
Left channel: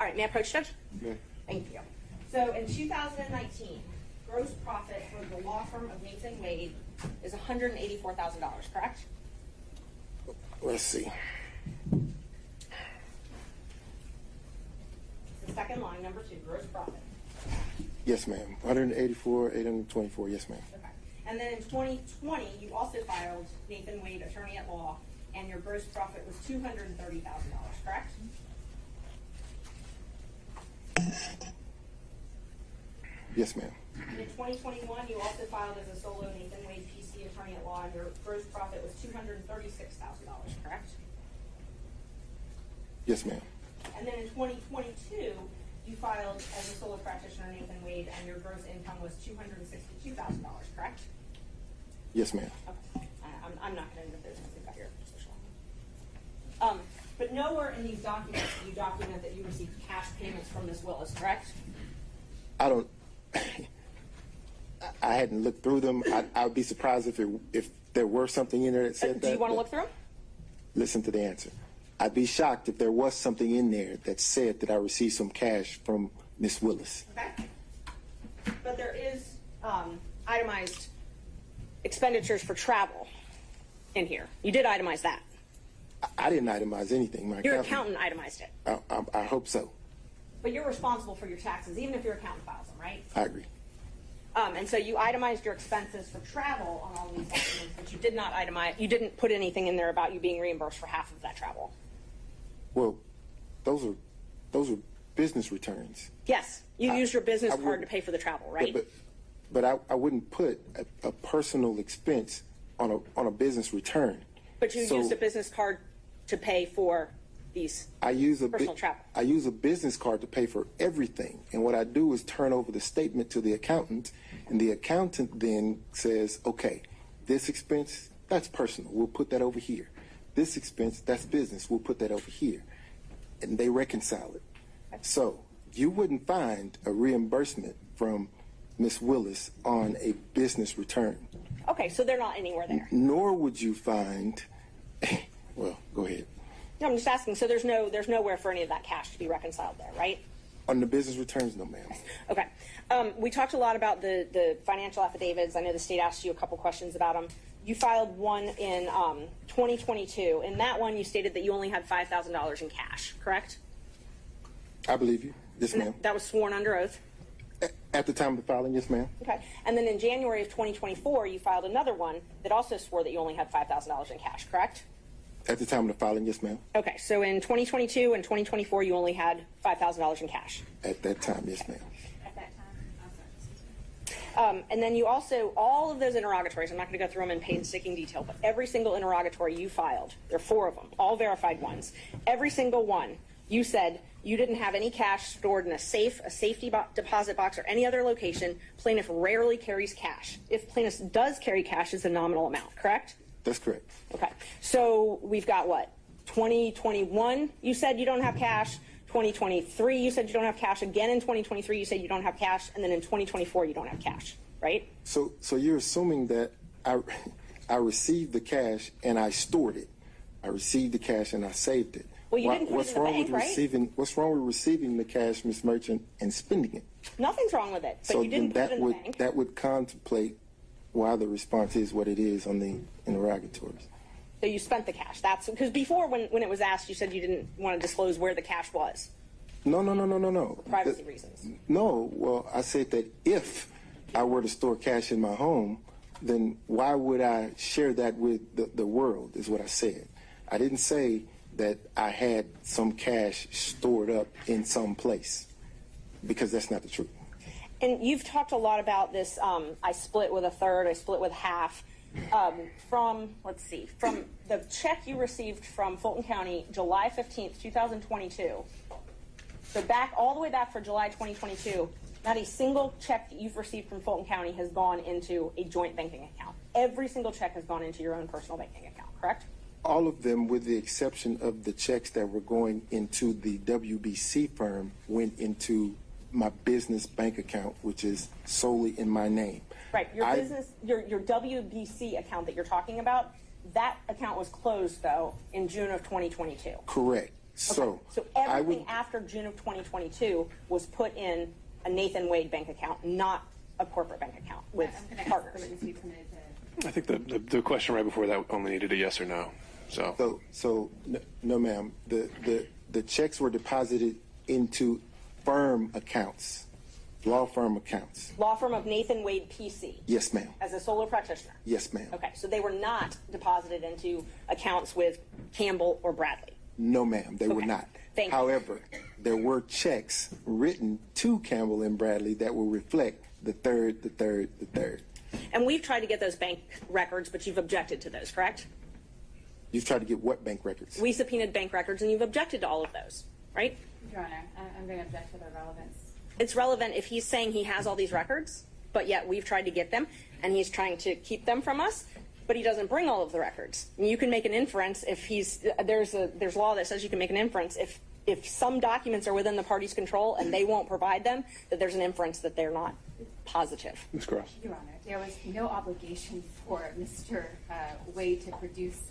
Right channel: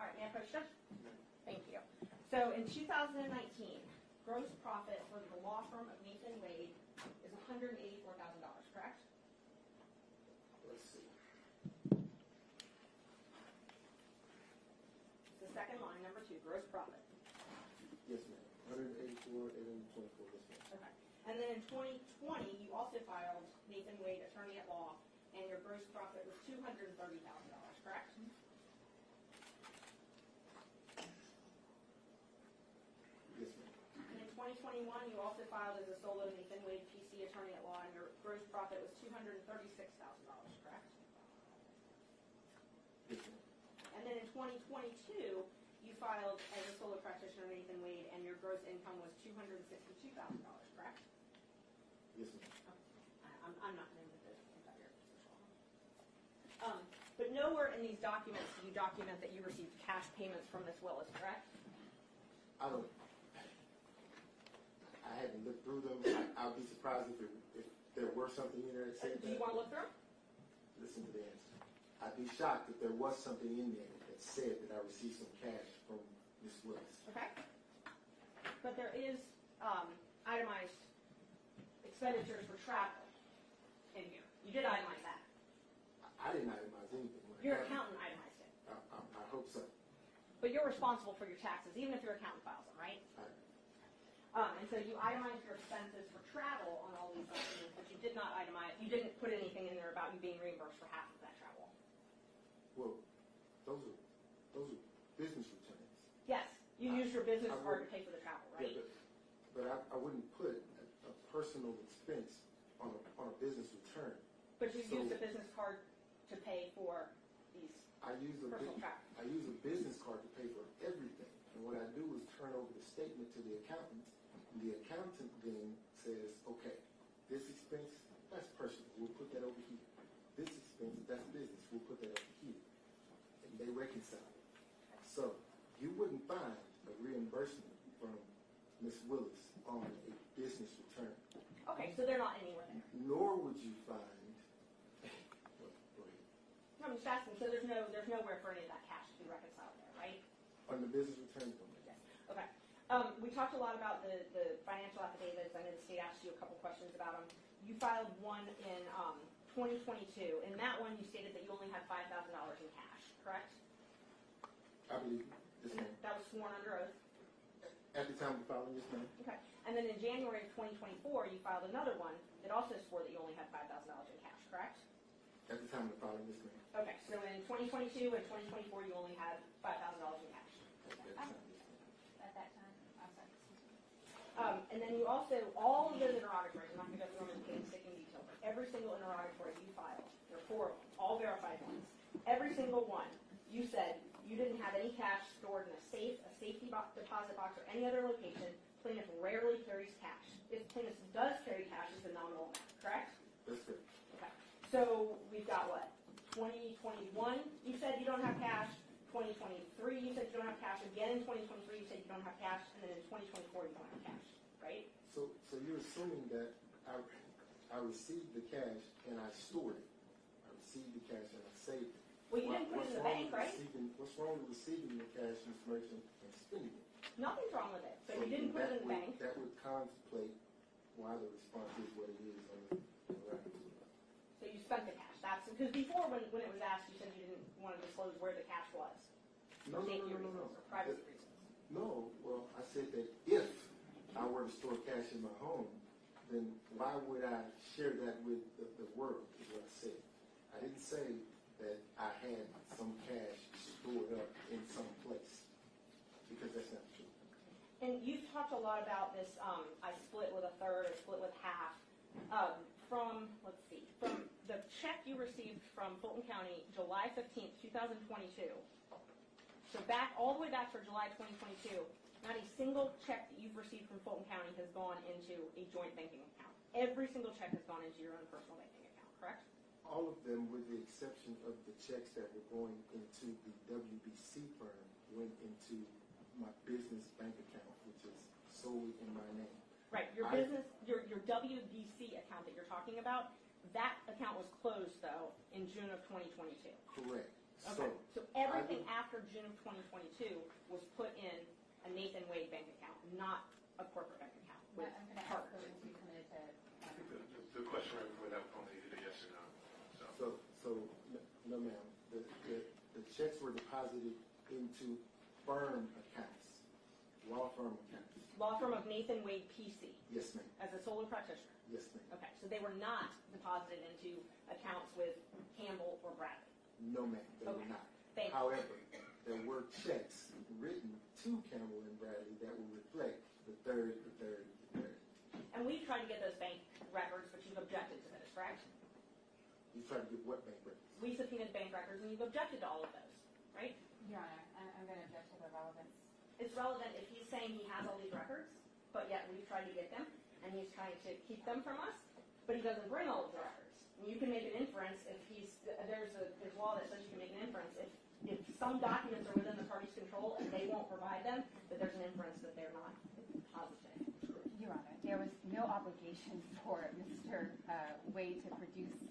All right, may I approach, Judge? Yeah. Thank you. So in 2019, gross profit for the law firm of Nathan Wade is $184,000, correct? Let's see. The second line, number 2, gross profit. Yes, ma'am. 184,824. Yes, ma'am. Okay. And then in 2020, you also filed Nathan Wade, attorney at law, and your gross profit was $230,000, correct? Yes, ma'am. And in 2021, you also filed as a solo Nathan Wade PC attorney at law, and your gross profit was $236,000, correct? Yes, ma'am. And then in 2022, you filed as a solo practitioner Nathan Wade, and your gross income was $262,000, correct? Yes, ma'am. Okay. I'm not going to end the business. I've got your social. But nowhere in these documents do you document that you received cash payments from Ms. Willis, correct? I don't. I hadn't looked through them. I would be surprised if there were something in there that said that. Do you want to look through them? Listen to the answer. I'd be shocked if there was something in there that said that I received some cash from Miss Willis. Okay. But there is itemized expenditures for travel in here. You did itemize that. I didn't itemize anything. Your accountant itemized it. I hope so. But you're responsible for your taxes, even if your accountant files them, right? I agree. And so you itemized your expenses for travel on all these documents, but you did not itemize. You didn't put anything in there about you being reimbursed for half of that travel. Well, those are business returns. Yes, you used your business card to pay for the travel, right? But I wouldn't put a personal expense on a business return. But you used a business card to pay for these personal travel. I use a business card to pay for everything. And what I do is turn over the statement to the accountant, and the accountant then says, okay, this expense, that's personal. We'll put that over here. This expense, that's business. We'll put that over here. And they reconcile it. So you wouldn't find a reimbursement from Ms. Willis on a business return. Okay, so they're not anywhere there. Nor would you find, well, go ahead. No, I'm just asking. So there's nowhere for any of that cash to be reconciled there, right? On the business returns, no, ma'am. Okay. We talked a lot about the financial affidavits. I know the state asked you a couple questions about them. You filed one in 2022. In that one, you stated that you only had $5,000 in cash, correct? I believe you. Yes, ma'am. That was sworn under oath? At the time of the filing, yes, ma'am. Okay. And then in January of 2024, you filed another one that also swore that you only had $5,000 in cash, correct? At the time of the filing, yes, ma'am. Okay. So in 2022 and 2024, you only had $5,000 in cash. At that time, yes, ma'am. At that time? And then you also, all of those interrogatories, I'm not going to go through them in painstaking detail, but every single interrogatory you filed, there are 4 of them, all verified ones. Every single one, you said you didn't have any cash stored in a safe, a safety deposit box, or any other location. Plaintiff rarely carries cash. If plaintiff does carry cash, it's a nominal amount, correct? That's correct. Okay. So we've got what? 2021, you said you don't have cash. 2023, you said you don't have cash. Again in 2023, you said you don't have cash. And then in 2024, you don't have cash, right? So you're assuming that I received the cash and I stored it. I received the cash and I saved it. Well, you didn't put it in the bank, right? What's wrong with receiving the cash, Ms. Merchant, and spending it? Nothing's wrong with it, but So you didn't then put it in the bank. that would contemplate why the response is what it is on the interrogatories. So you spent the cash. That's because before, when it was asked, you said you didn't want to disclose where the cash was. No. For privacy reasons. No, well, I said that if I were to store cash in my home, then why would I share that with the world, is what I said. I didn't say that I had some cash stored up in some place, because that's not the truth. And you've talked a lot about this, I split with a third, I split with half. From the check you received from Fulton County, July 15th, 2022. So all the way back for July 2022, not a single check that you've received from Fulton County has gone into a joint banking account. Every single check has gone into your own personal banking account, correct? All of them, with the exception of the checks that were going into the WBC firm, went into my business bank account, which is solely in my name. Right. Your WBC account that you're talking about, that account was closed, though, in June of 2022. Correct. Okay. So everything after June of 2022 was put in a Nathan Wade bank account, not a corporate bank account with partners. I think the question right before that only needed a yes or no. So no, ma'am. The checks were deposited into firm accounts, law firm accounts. Law firm of Nathan Wade PC. Yes, ma'am. As a solo practitioner. Yes, ma'am. Okay, so they were not deposited into accounts with Campbell or Bradley. No, ma'am, they were not. Thank you. However, there were checks written to Campbell and Bradley that will reflect the third. And we've tried to get those bank records, but you've objected to those, correct? You've tried to get what bank records? We subpoenaed bank records, and you've objected to all of those, right? Your Honor, I'm going to object to their relevance. It's relevant if he's saying he has all these records, but yet we've tried to get them, and he's trying to keep them from us, but he doesn't bring all of the records. And you can make an inference if there's law that says you can make an inference if if some documents are within the party's control and they won't provide them, that there's an inference that they're not positive. Ms. Cross. Your Honor, there was no obligation for Mr. Wade to produce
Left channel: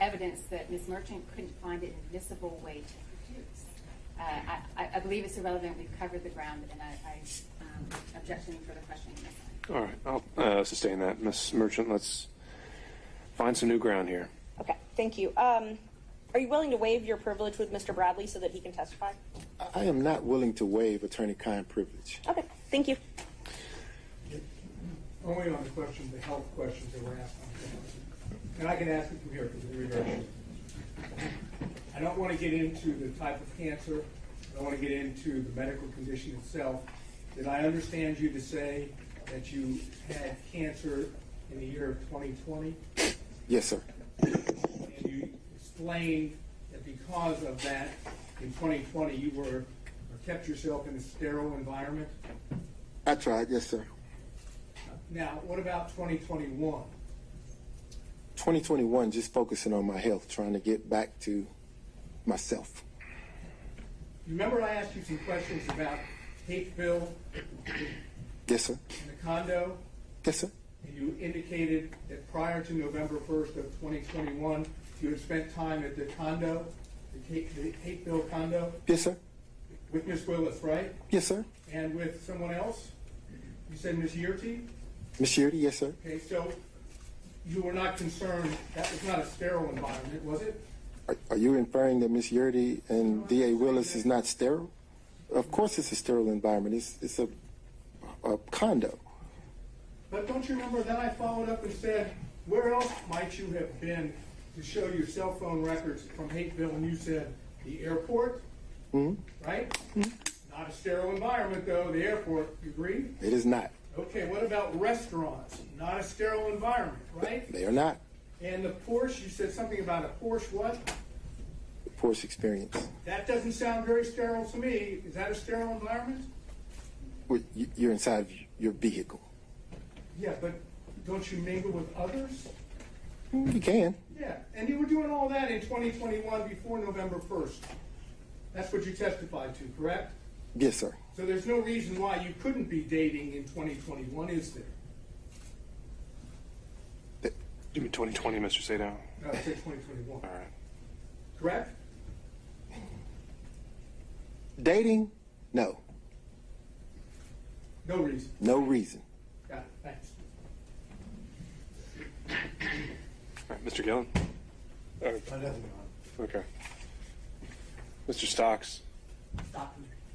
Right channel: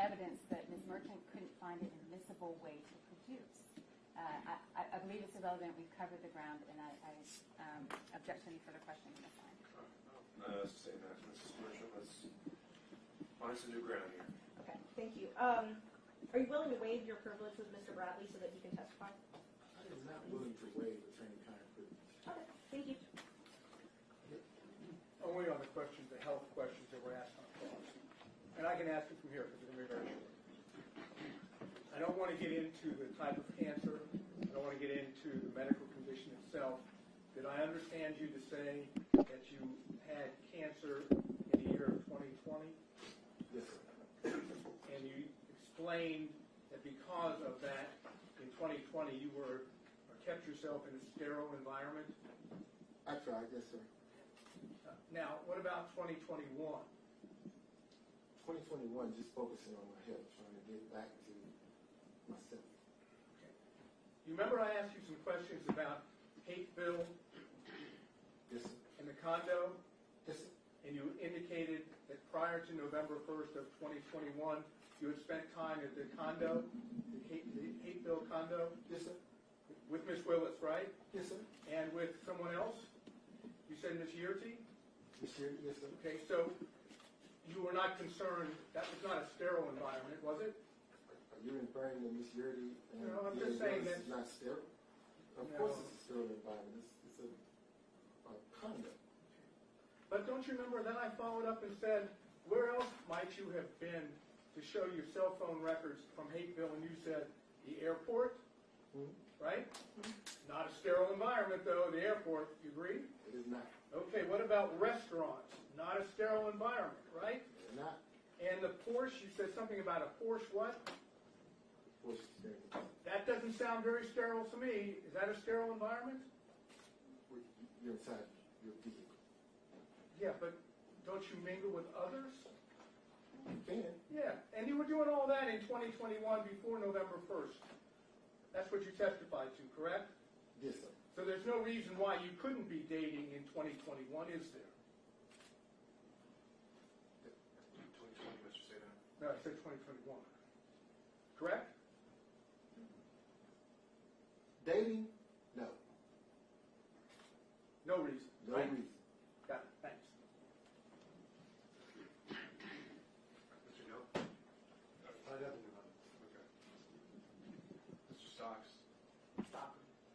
evidence that Ms. Merchant couldn't find an admissible way to produce. I believe it's irrelevant. We've covered the ground, and I object to any further questioning. All right, I'll sustain that. Ms. Merchant, let's find some new ground here. Okay, thank you. Are you willing to waive your privilege with Mr. Bradley so that he can testify? I am not willing to waive attorney-client privilege. Okay, thank you. Only on the question, the health questions that were asked. And I can ask it from here because it's very short. I don't want to get into the type of cancer. I don't want to get into the medical condition itself. Did I understand you to say that you had cancer in the year of 2020? Yes, sir. And you explained that because of that, in 2020, you were or kept yourself in a sterile environment? I tried, yes, sir. Now, what about 2021? 2021, just focusing on my health, trying to get back to myself. You remember I asked you some questions about Hateville Yes, sir. and the condo? Yes, sir. And you indicated that prior to November 1st of 2021, you had spent time at the condo, the Hateville condo, Yes, sir. with Miss Willis, right? Yes, sir. And with someone else? You said Miss Yearty? Ms. Sheardy, yes, sir. Okay, so you were not concerned, that was not a sterile environment, was it? Are you inferring that Ms. Yeardy and D.A. Willis is not sterile? Of course it's a sterile environment. It's a condo. But don't you remember then I followed up and said, where else might you have been to show your cell phone records from Hateville? And you said, the airport, right? Not a sterile environment though, the airport, you agree? It is not. Okay, what about restaurants? Not a sterile environment, right? They are not. And the Porsche, you said something about a Porsche what? The Porsche experience. That doesn't sound very sterile to me. Is that a sterile environment? Well, you're inside your vehicle. Yeah, but don't you mingle with others? You can. Yeah, and you were doing all that in 2021 before November 1st. That's what you testified to, correct? Yes, sir. So there's no reason why you couldn't be dating in 2021, is there? You mean 2020, Mr. Sadow? No, I said 2021. All right. Correct? Dating? No. No reason. No reason. Got it. Thanks. All right, Mr. Gillen? Okay. Mr.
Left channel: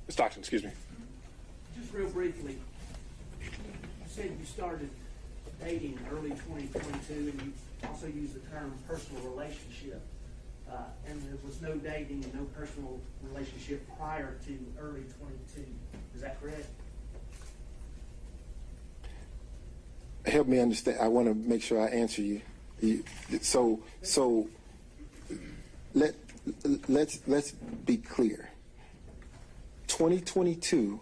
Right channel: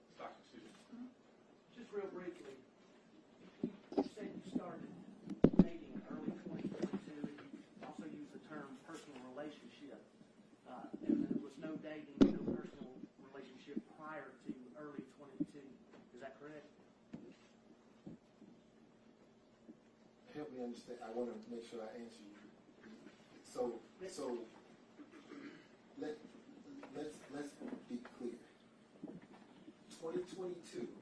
Stockton, excuse me. Just real briefly, you said you started dating in early 2022, and you also used the term personal relationship, and there was no dating, no personal relationship prior to early 22. Is that correct? Help me understand. I want to make sure I answer you. So let's be clear. 2022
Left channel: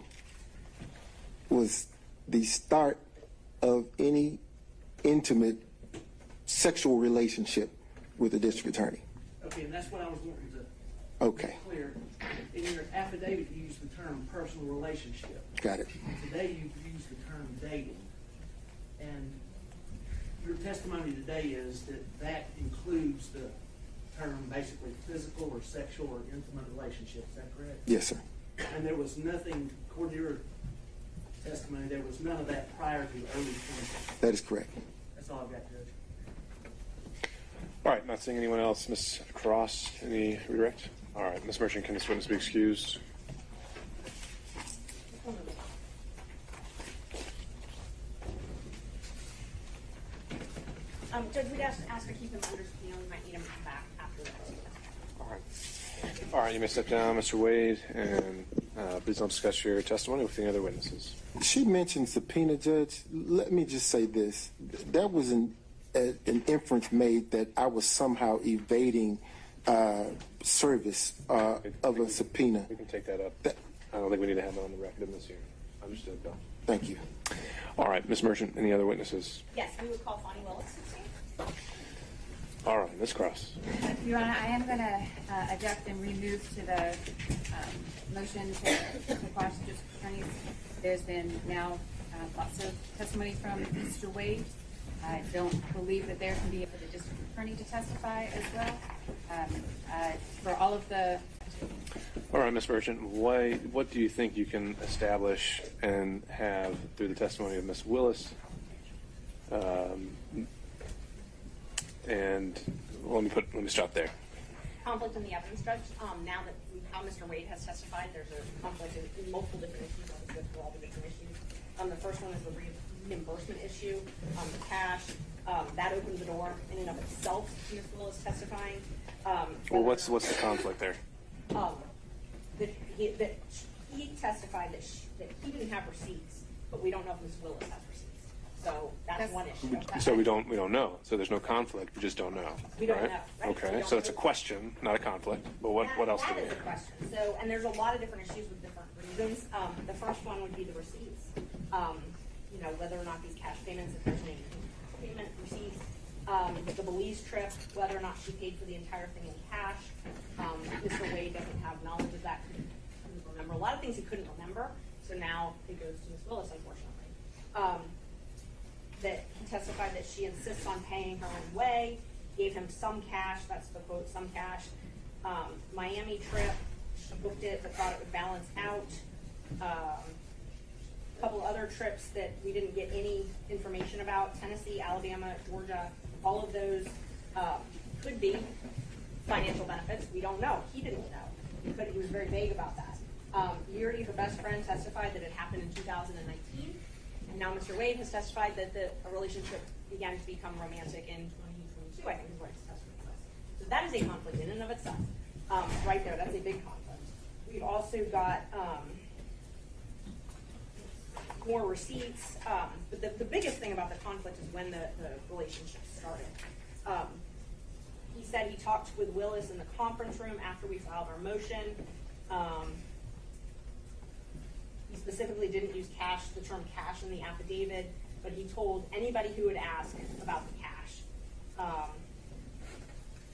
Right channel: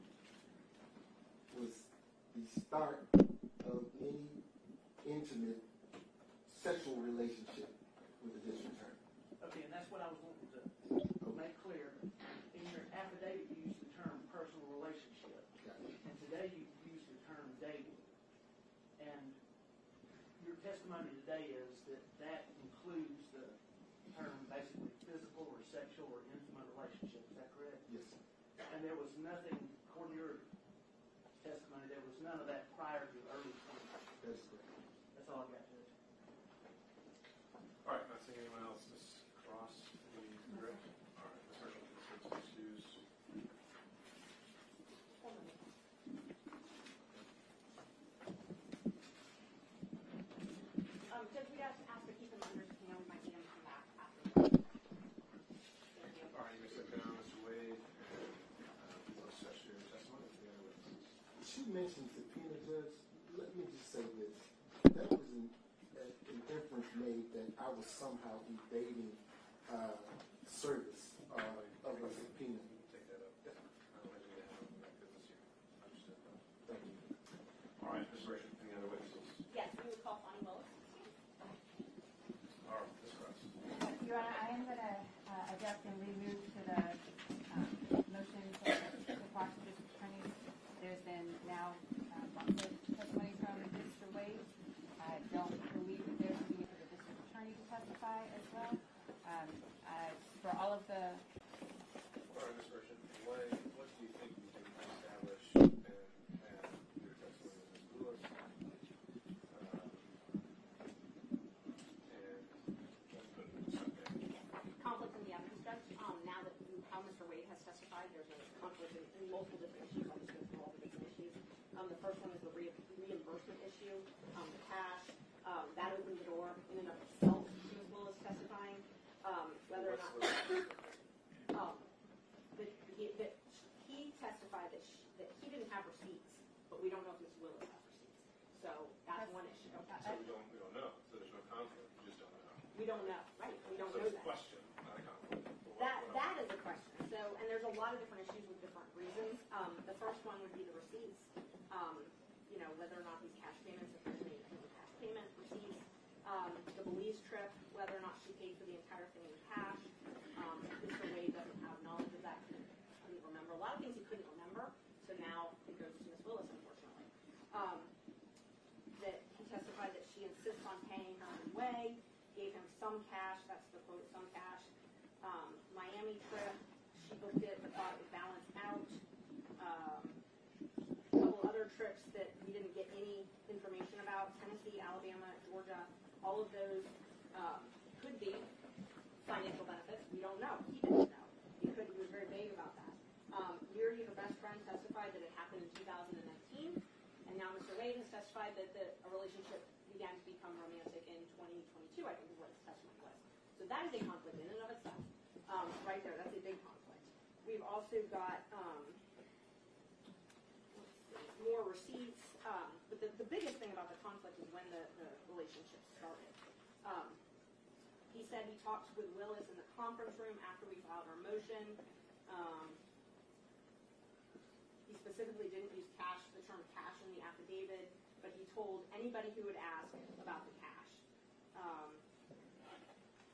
was the start of any intimate sexual relationship with the district attorney. Okay, and that's what I was wanting to Okay. make clear. In your affidavit, you used the term personal relationship. Got it. Today, you've used the term dating. And your testimony today is that that includes the term basically physical or sexual or intimate relationship. Is that correct? Yes, sir. And there was nothing, according to your testimony, there was none of that prior to early 20. That is correct. That's all I've got, Judge. All right, not seeing anyone else. Ms. Cross, any redirect? All right, Ms. Merchant, can this witness be excused? Judge, we'd ask to keep him under subpoena. We might need him to come back after that. All right, you may step down, Mr. Wade, and please don't discuss your testimony with any other witnesses. She mentioned subpoena, Judge. Let me just say this. That was an inference made that I was somehow evading service of a subpoena. We can take that up. I don't think we need to have that on the record in this hearing. Understood, Bill. Thank you. All right, Ms. Merchant, any other witnesses? Yes, we would call Fani Willis. All right. Ms. Cross. Your Honor, I am going to object and remove to the motion to quash the district attorneys. There's been now lots of testimony from Mr. Wade. I don't believe that there can be for the district attorney to testify as well. For all of the... All right, Ms. Merchant, what do you think you can establish and have through the testimony of Ms. Willis? And let me stop there. Conflict in the evidence, Judge. Now that how Mr. Wade has testified, there's a conflict in multiple different issues. I'll just go through all the different issues. The first one is the reimbursement issue. The cash, that opened the door in and of itself to Ms. Willis testifying. Well, what's the conflict there? That he testified that he didn't have receipts, but we don't know if Ms. Willis has receipts. So that's one issue. So we don't know. So there's no conflict. We just don't know. We don't right? know. Right? Okay. So it's a question, not a conflict. But what else do we That is a have? question. So, and there's a lot of different issues with different reasons. The first one would be the receipts. You know, whether or not these cash payments, if there's any cash payment receipts. The Belize trip, whether or not she paid for the entire thing in cash. Mr. Wade doesn't have knowledge of that. Couldn't remember a lot of things he couldn't remember. So now it goes to Ms. Willis, unfortunately. That he testified that she insists on paying her own way, gave him some cash, that's the quote, some cash. Miami trip, she booked it, but thought it would balance out. A couple other trips that we didn't get any information about, Tennessee, Alabama, Georgia, all of those could be financial benefits. We don't know. He didn't know. He was very vague about that. Yuri, her best friend, testified that it happened in 2019. And now Mr. Wade has testified that a relationship began to become romantic in 2022, I think is what his testimony says. So that is a conflict in and of itself. Right there, that's a big conflict. We've also got more receipts. But the biggest thing about the conflict is when the relationship started. He said he talked with Willis in the conference room after we filed our motion. He specifically didn't use cash, the term cash in the affidavit, but he told anybody who would ask about the cash.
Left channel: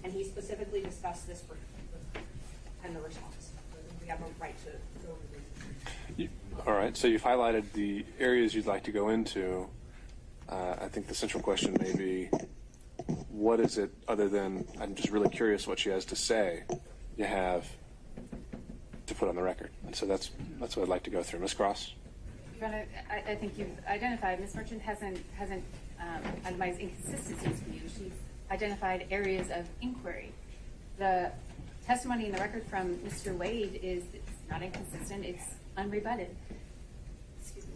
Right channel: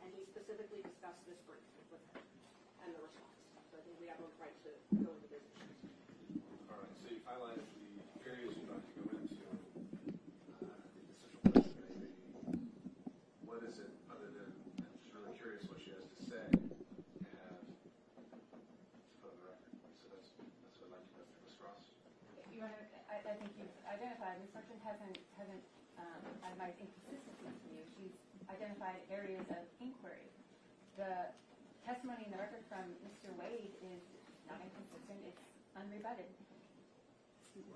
And he specifically discussed this and the response. We have a right to go over this. All right. So you've highlighted the areas you'd like to go into. I think the central question may be, what is it other than, I'm just really curious what she has to say, you have to put on the record. And so that's what I'd like to go through. Ms. Cross? I think you've identified, Ms. Merchant hasn't itemized inconsistencies for you. She's identified areas of inquiry. The testimony in the record from Mr. Wade is not inconsistent, it's unrebutted. Excuse me.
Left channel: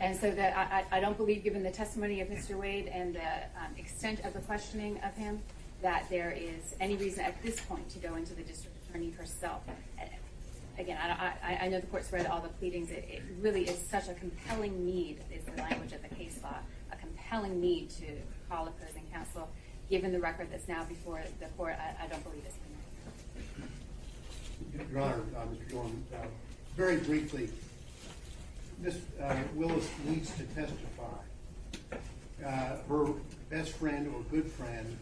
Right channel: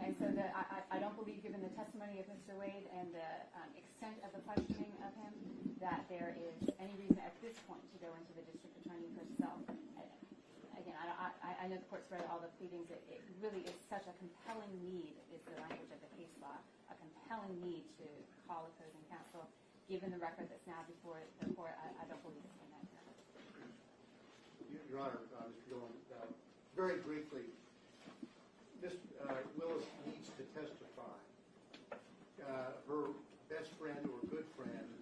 And so that I don't believe, given the testimony of Mr. Wade and the extent of the questioning of him, that there is any reason at this point to go into the district attorney herself. Again, I know the court's read all the pleadings. It really is such a compelling need, is the language of the case law, a compelling need to call opposing counsel. Given the record that's now before the court, I don't believe it's been necessary. Your Honor, Mr. Dorn, very briefly, Ms. Willis needs to testify. Her best friend or good friend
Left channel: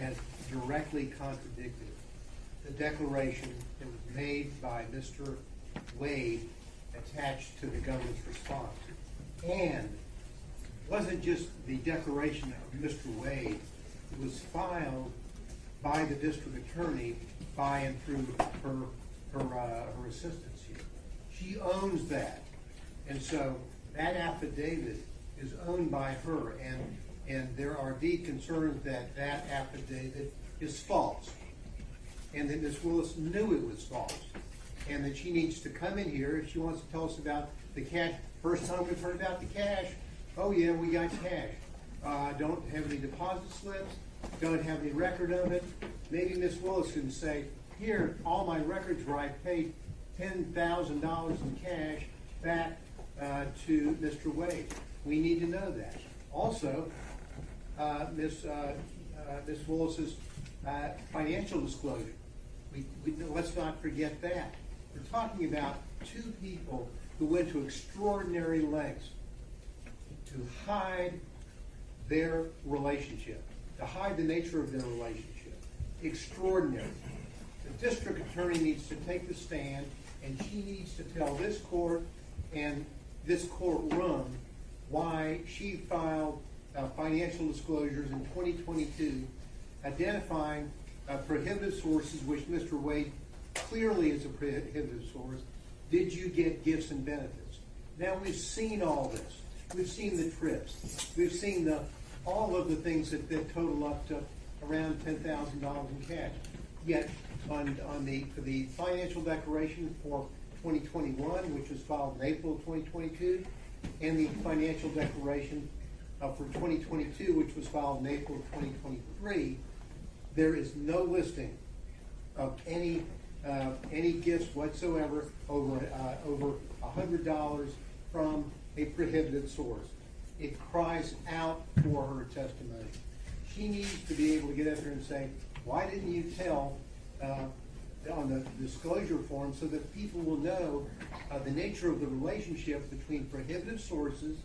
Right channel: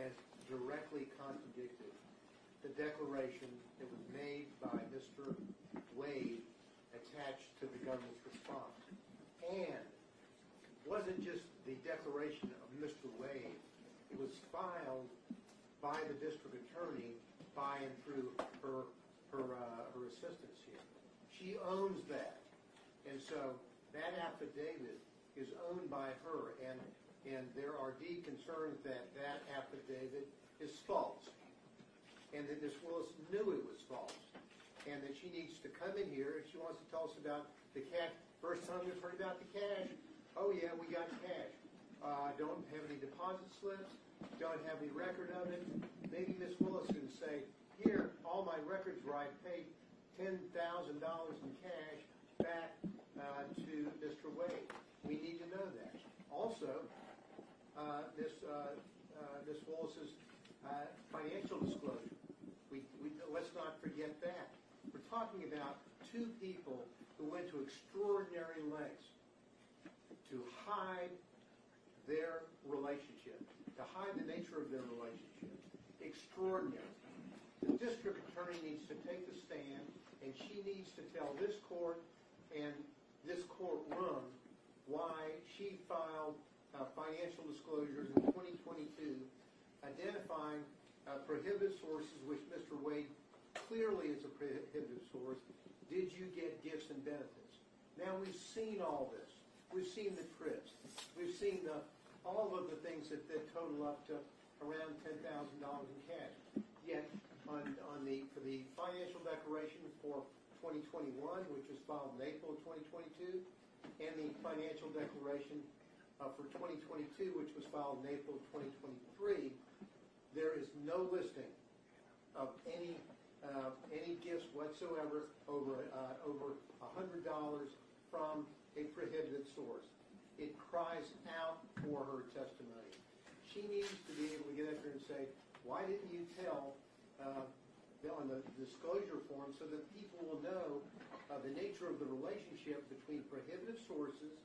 has directly contradicted the declaration that was made by Mr. Wade attached to the government's response. And it wasn't just the declaration of Mr. Wade, it was filed by the district attorney by and through her assistants here. She owns that. And so that affidavit is owned by her, and there are deep concerns that that affidavit is false, and that Ms. Willis knew it was false, and that she needs to come in here if she wants to tell us about the cash. First time we've heard about the cash. Oh yeah, we got cash. Don't have any deposit slips, don't have any record of it. Maybe Ms. Willis can say, here, all my records where I paid $10,000 in cash back to Mr. Wade. We need to know that. Also, Ms. Willis's financial disclosure. Let's not forget that. We're talking about two people who went to extraordinary lengths to hide their relationship, to hide the nature of their relationship. Extraordinary. The district attorney needs to take the stand, and she needs to tell this court and this courtroom why she filed financial disclosures in 2022 identifying prohibited sources, which Mr. Wade clearly is a prohibited source. Did you get gifts and benefits? Now we've seen all this. We've seen the trips. We've seen all of the things that total up to around $10,000 in cash. Yet on the financial declaration for 2021, which was filed in April of 2022, and the financial declaration for 2022, which was filed in April of 2023, there is no listing of any gifts whatsoever over $100 from a prohibited source. It cries out for her testimony. She needs to be able to get up there and say, why didn't you tell on the disclosure form so that people will know the nature of the relationship between prohibited sources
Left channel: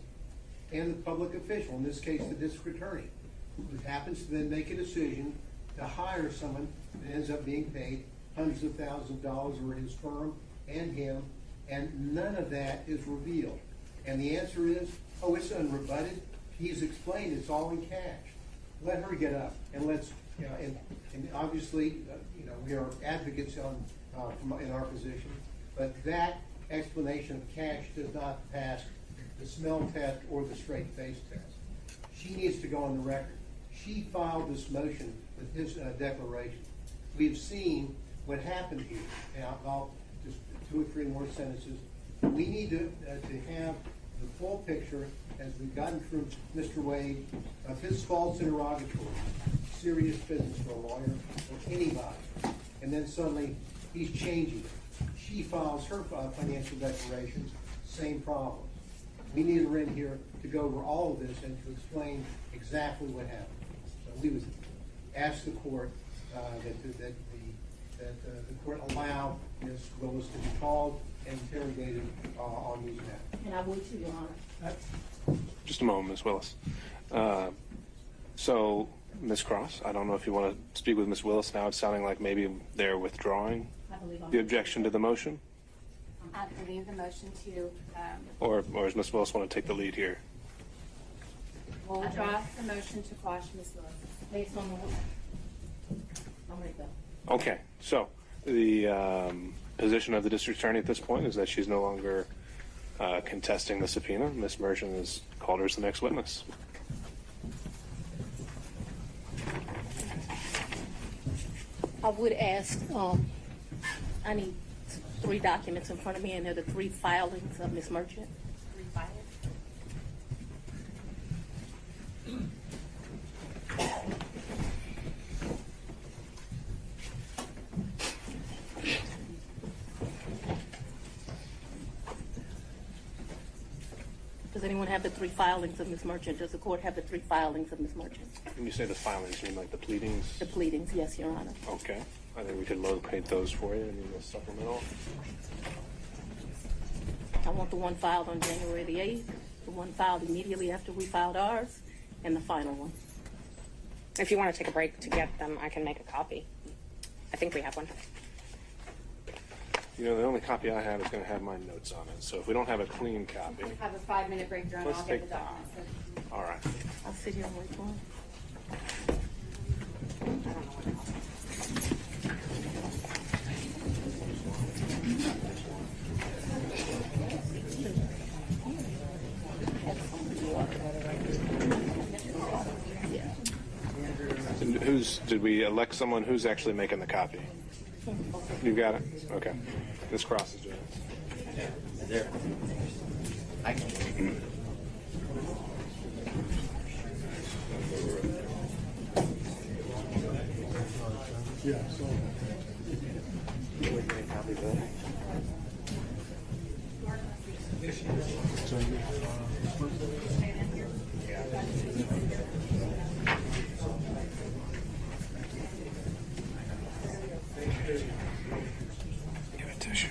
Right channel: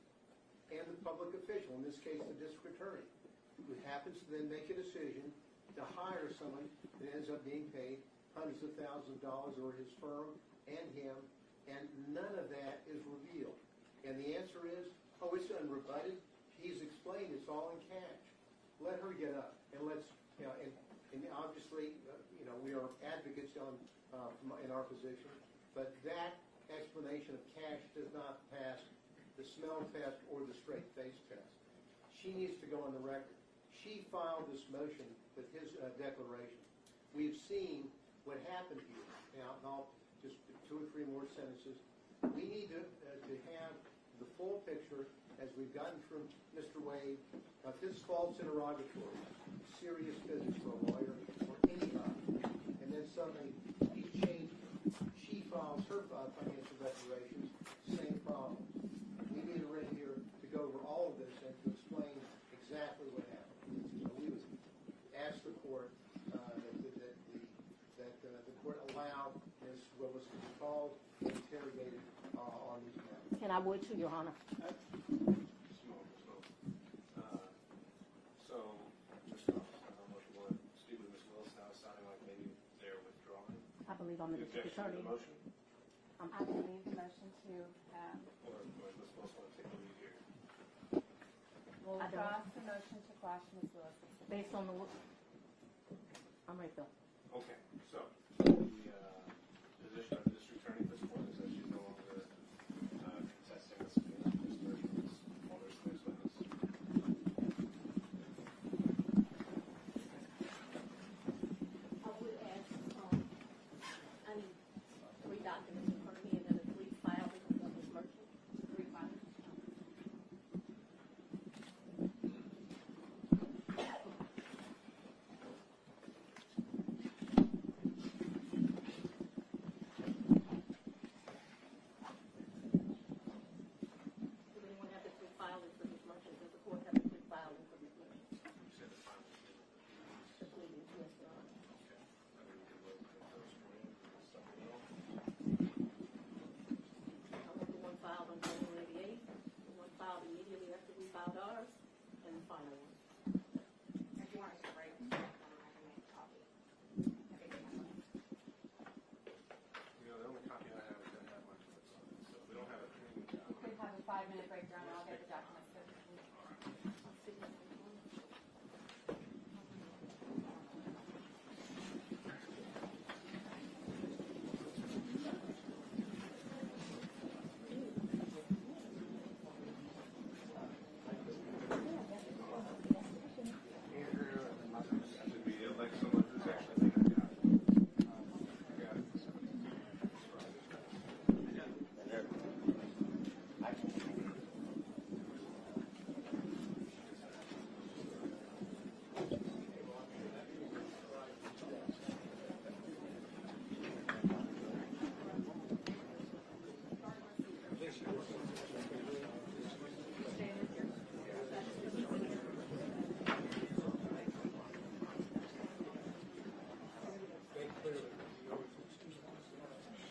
and the public official, in this case the district attorney, who happens to then make a decision to hire someone that ends up being paid hundreds of thousands of dollars, or his firm and him, and none of that is revealed. And the answer is, oh, it's unrebutted. He's explained it's all in cash. Let her get up and let's, and obviously, we are advocates in our position, but that explanation of cash does not pass the smell test or the straight face test. She needs to go on the record. She filed this motion with his declaration. We've seen what happened here. Now, I'll just 2 or 3 more sentences. We need to have the full picture, as we've gotten from Mr. Wade, of his false interrogatory. Serious business for a lawyer or anybody. And then suddenly he's changing. She files her financial declarations, same problems. We need her in here to go over all of this and to explain exactly what happened. So we would ask the court that the court allow Ms. Willis to be called and interrogated on these matters. And I would too, Your Honor. Just a moment, Ms. Willis. So, Ms. Cross, I don't know if you want to speak with Ms. Willis now. It's sounding like maybe they're withdrawing the objection to the motion. I believe the motion to. Or does Ms. Willis want to take the lead here? We'll withdraw the motion to quash Ms. Willis. Based on the, I'm ready to go. Okay, so the position of the district attorney at this point is that she's no longer contesting the subpoena. Ms. Merchant has called her as the next witness. I would ask, I need 3 documents in front of me, and they're the 3 filings of Ms. Merchant. 3 filings. Does anyone have the 3 filings of Ms. Merchant? Does the court have the 3 filings of Ms. Merchant? When you say the filings, you mean like the pleadings? The pleadings, yes, Your Honor. Okay. I think we could locate those for you in the supplemental. I want the one filed on January the 8th, the one filed immediately after we filed ours, and the final one. If you want to take a break to get them, I can make a copy. I think we have one. You know, the only copy I have is going to have my notes on it. So if we don't have a clean copy, We have a 5-minute break, Your Honor. Let's I'll get take- the documents. all right. I'll sit here and wait for him. I don't know what else. And did we elect someone who's actually making the copy? You got it? Okay. Ms. Cross is doing it. There. I can. Yeah, so. Give it tissue.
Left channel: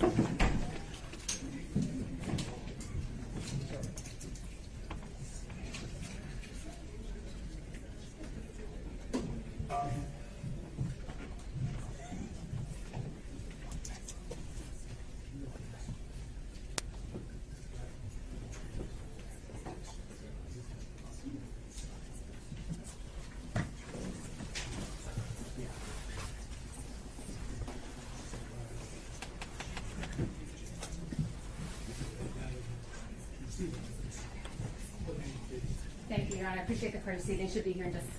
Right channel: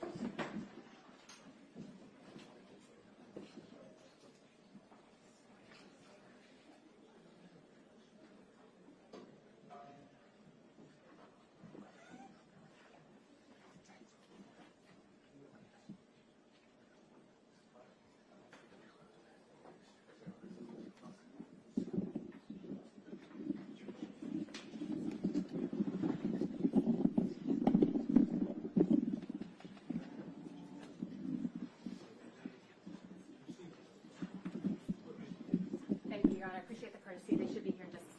Thank you, Your Honor. I appreciate the courtesy. They should be here in just a second.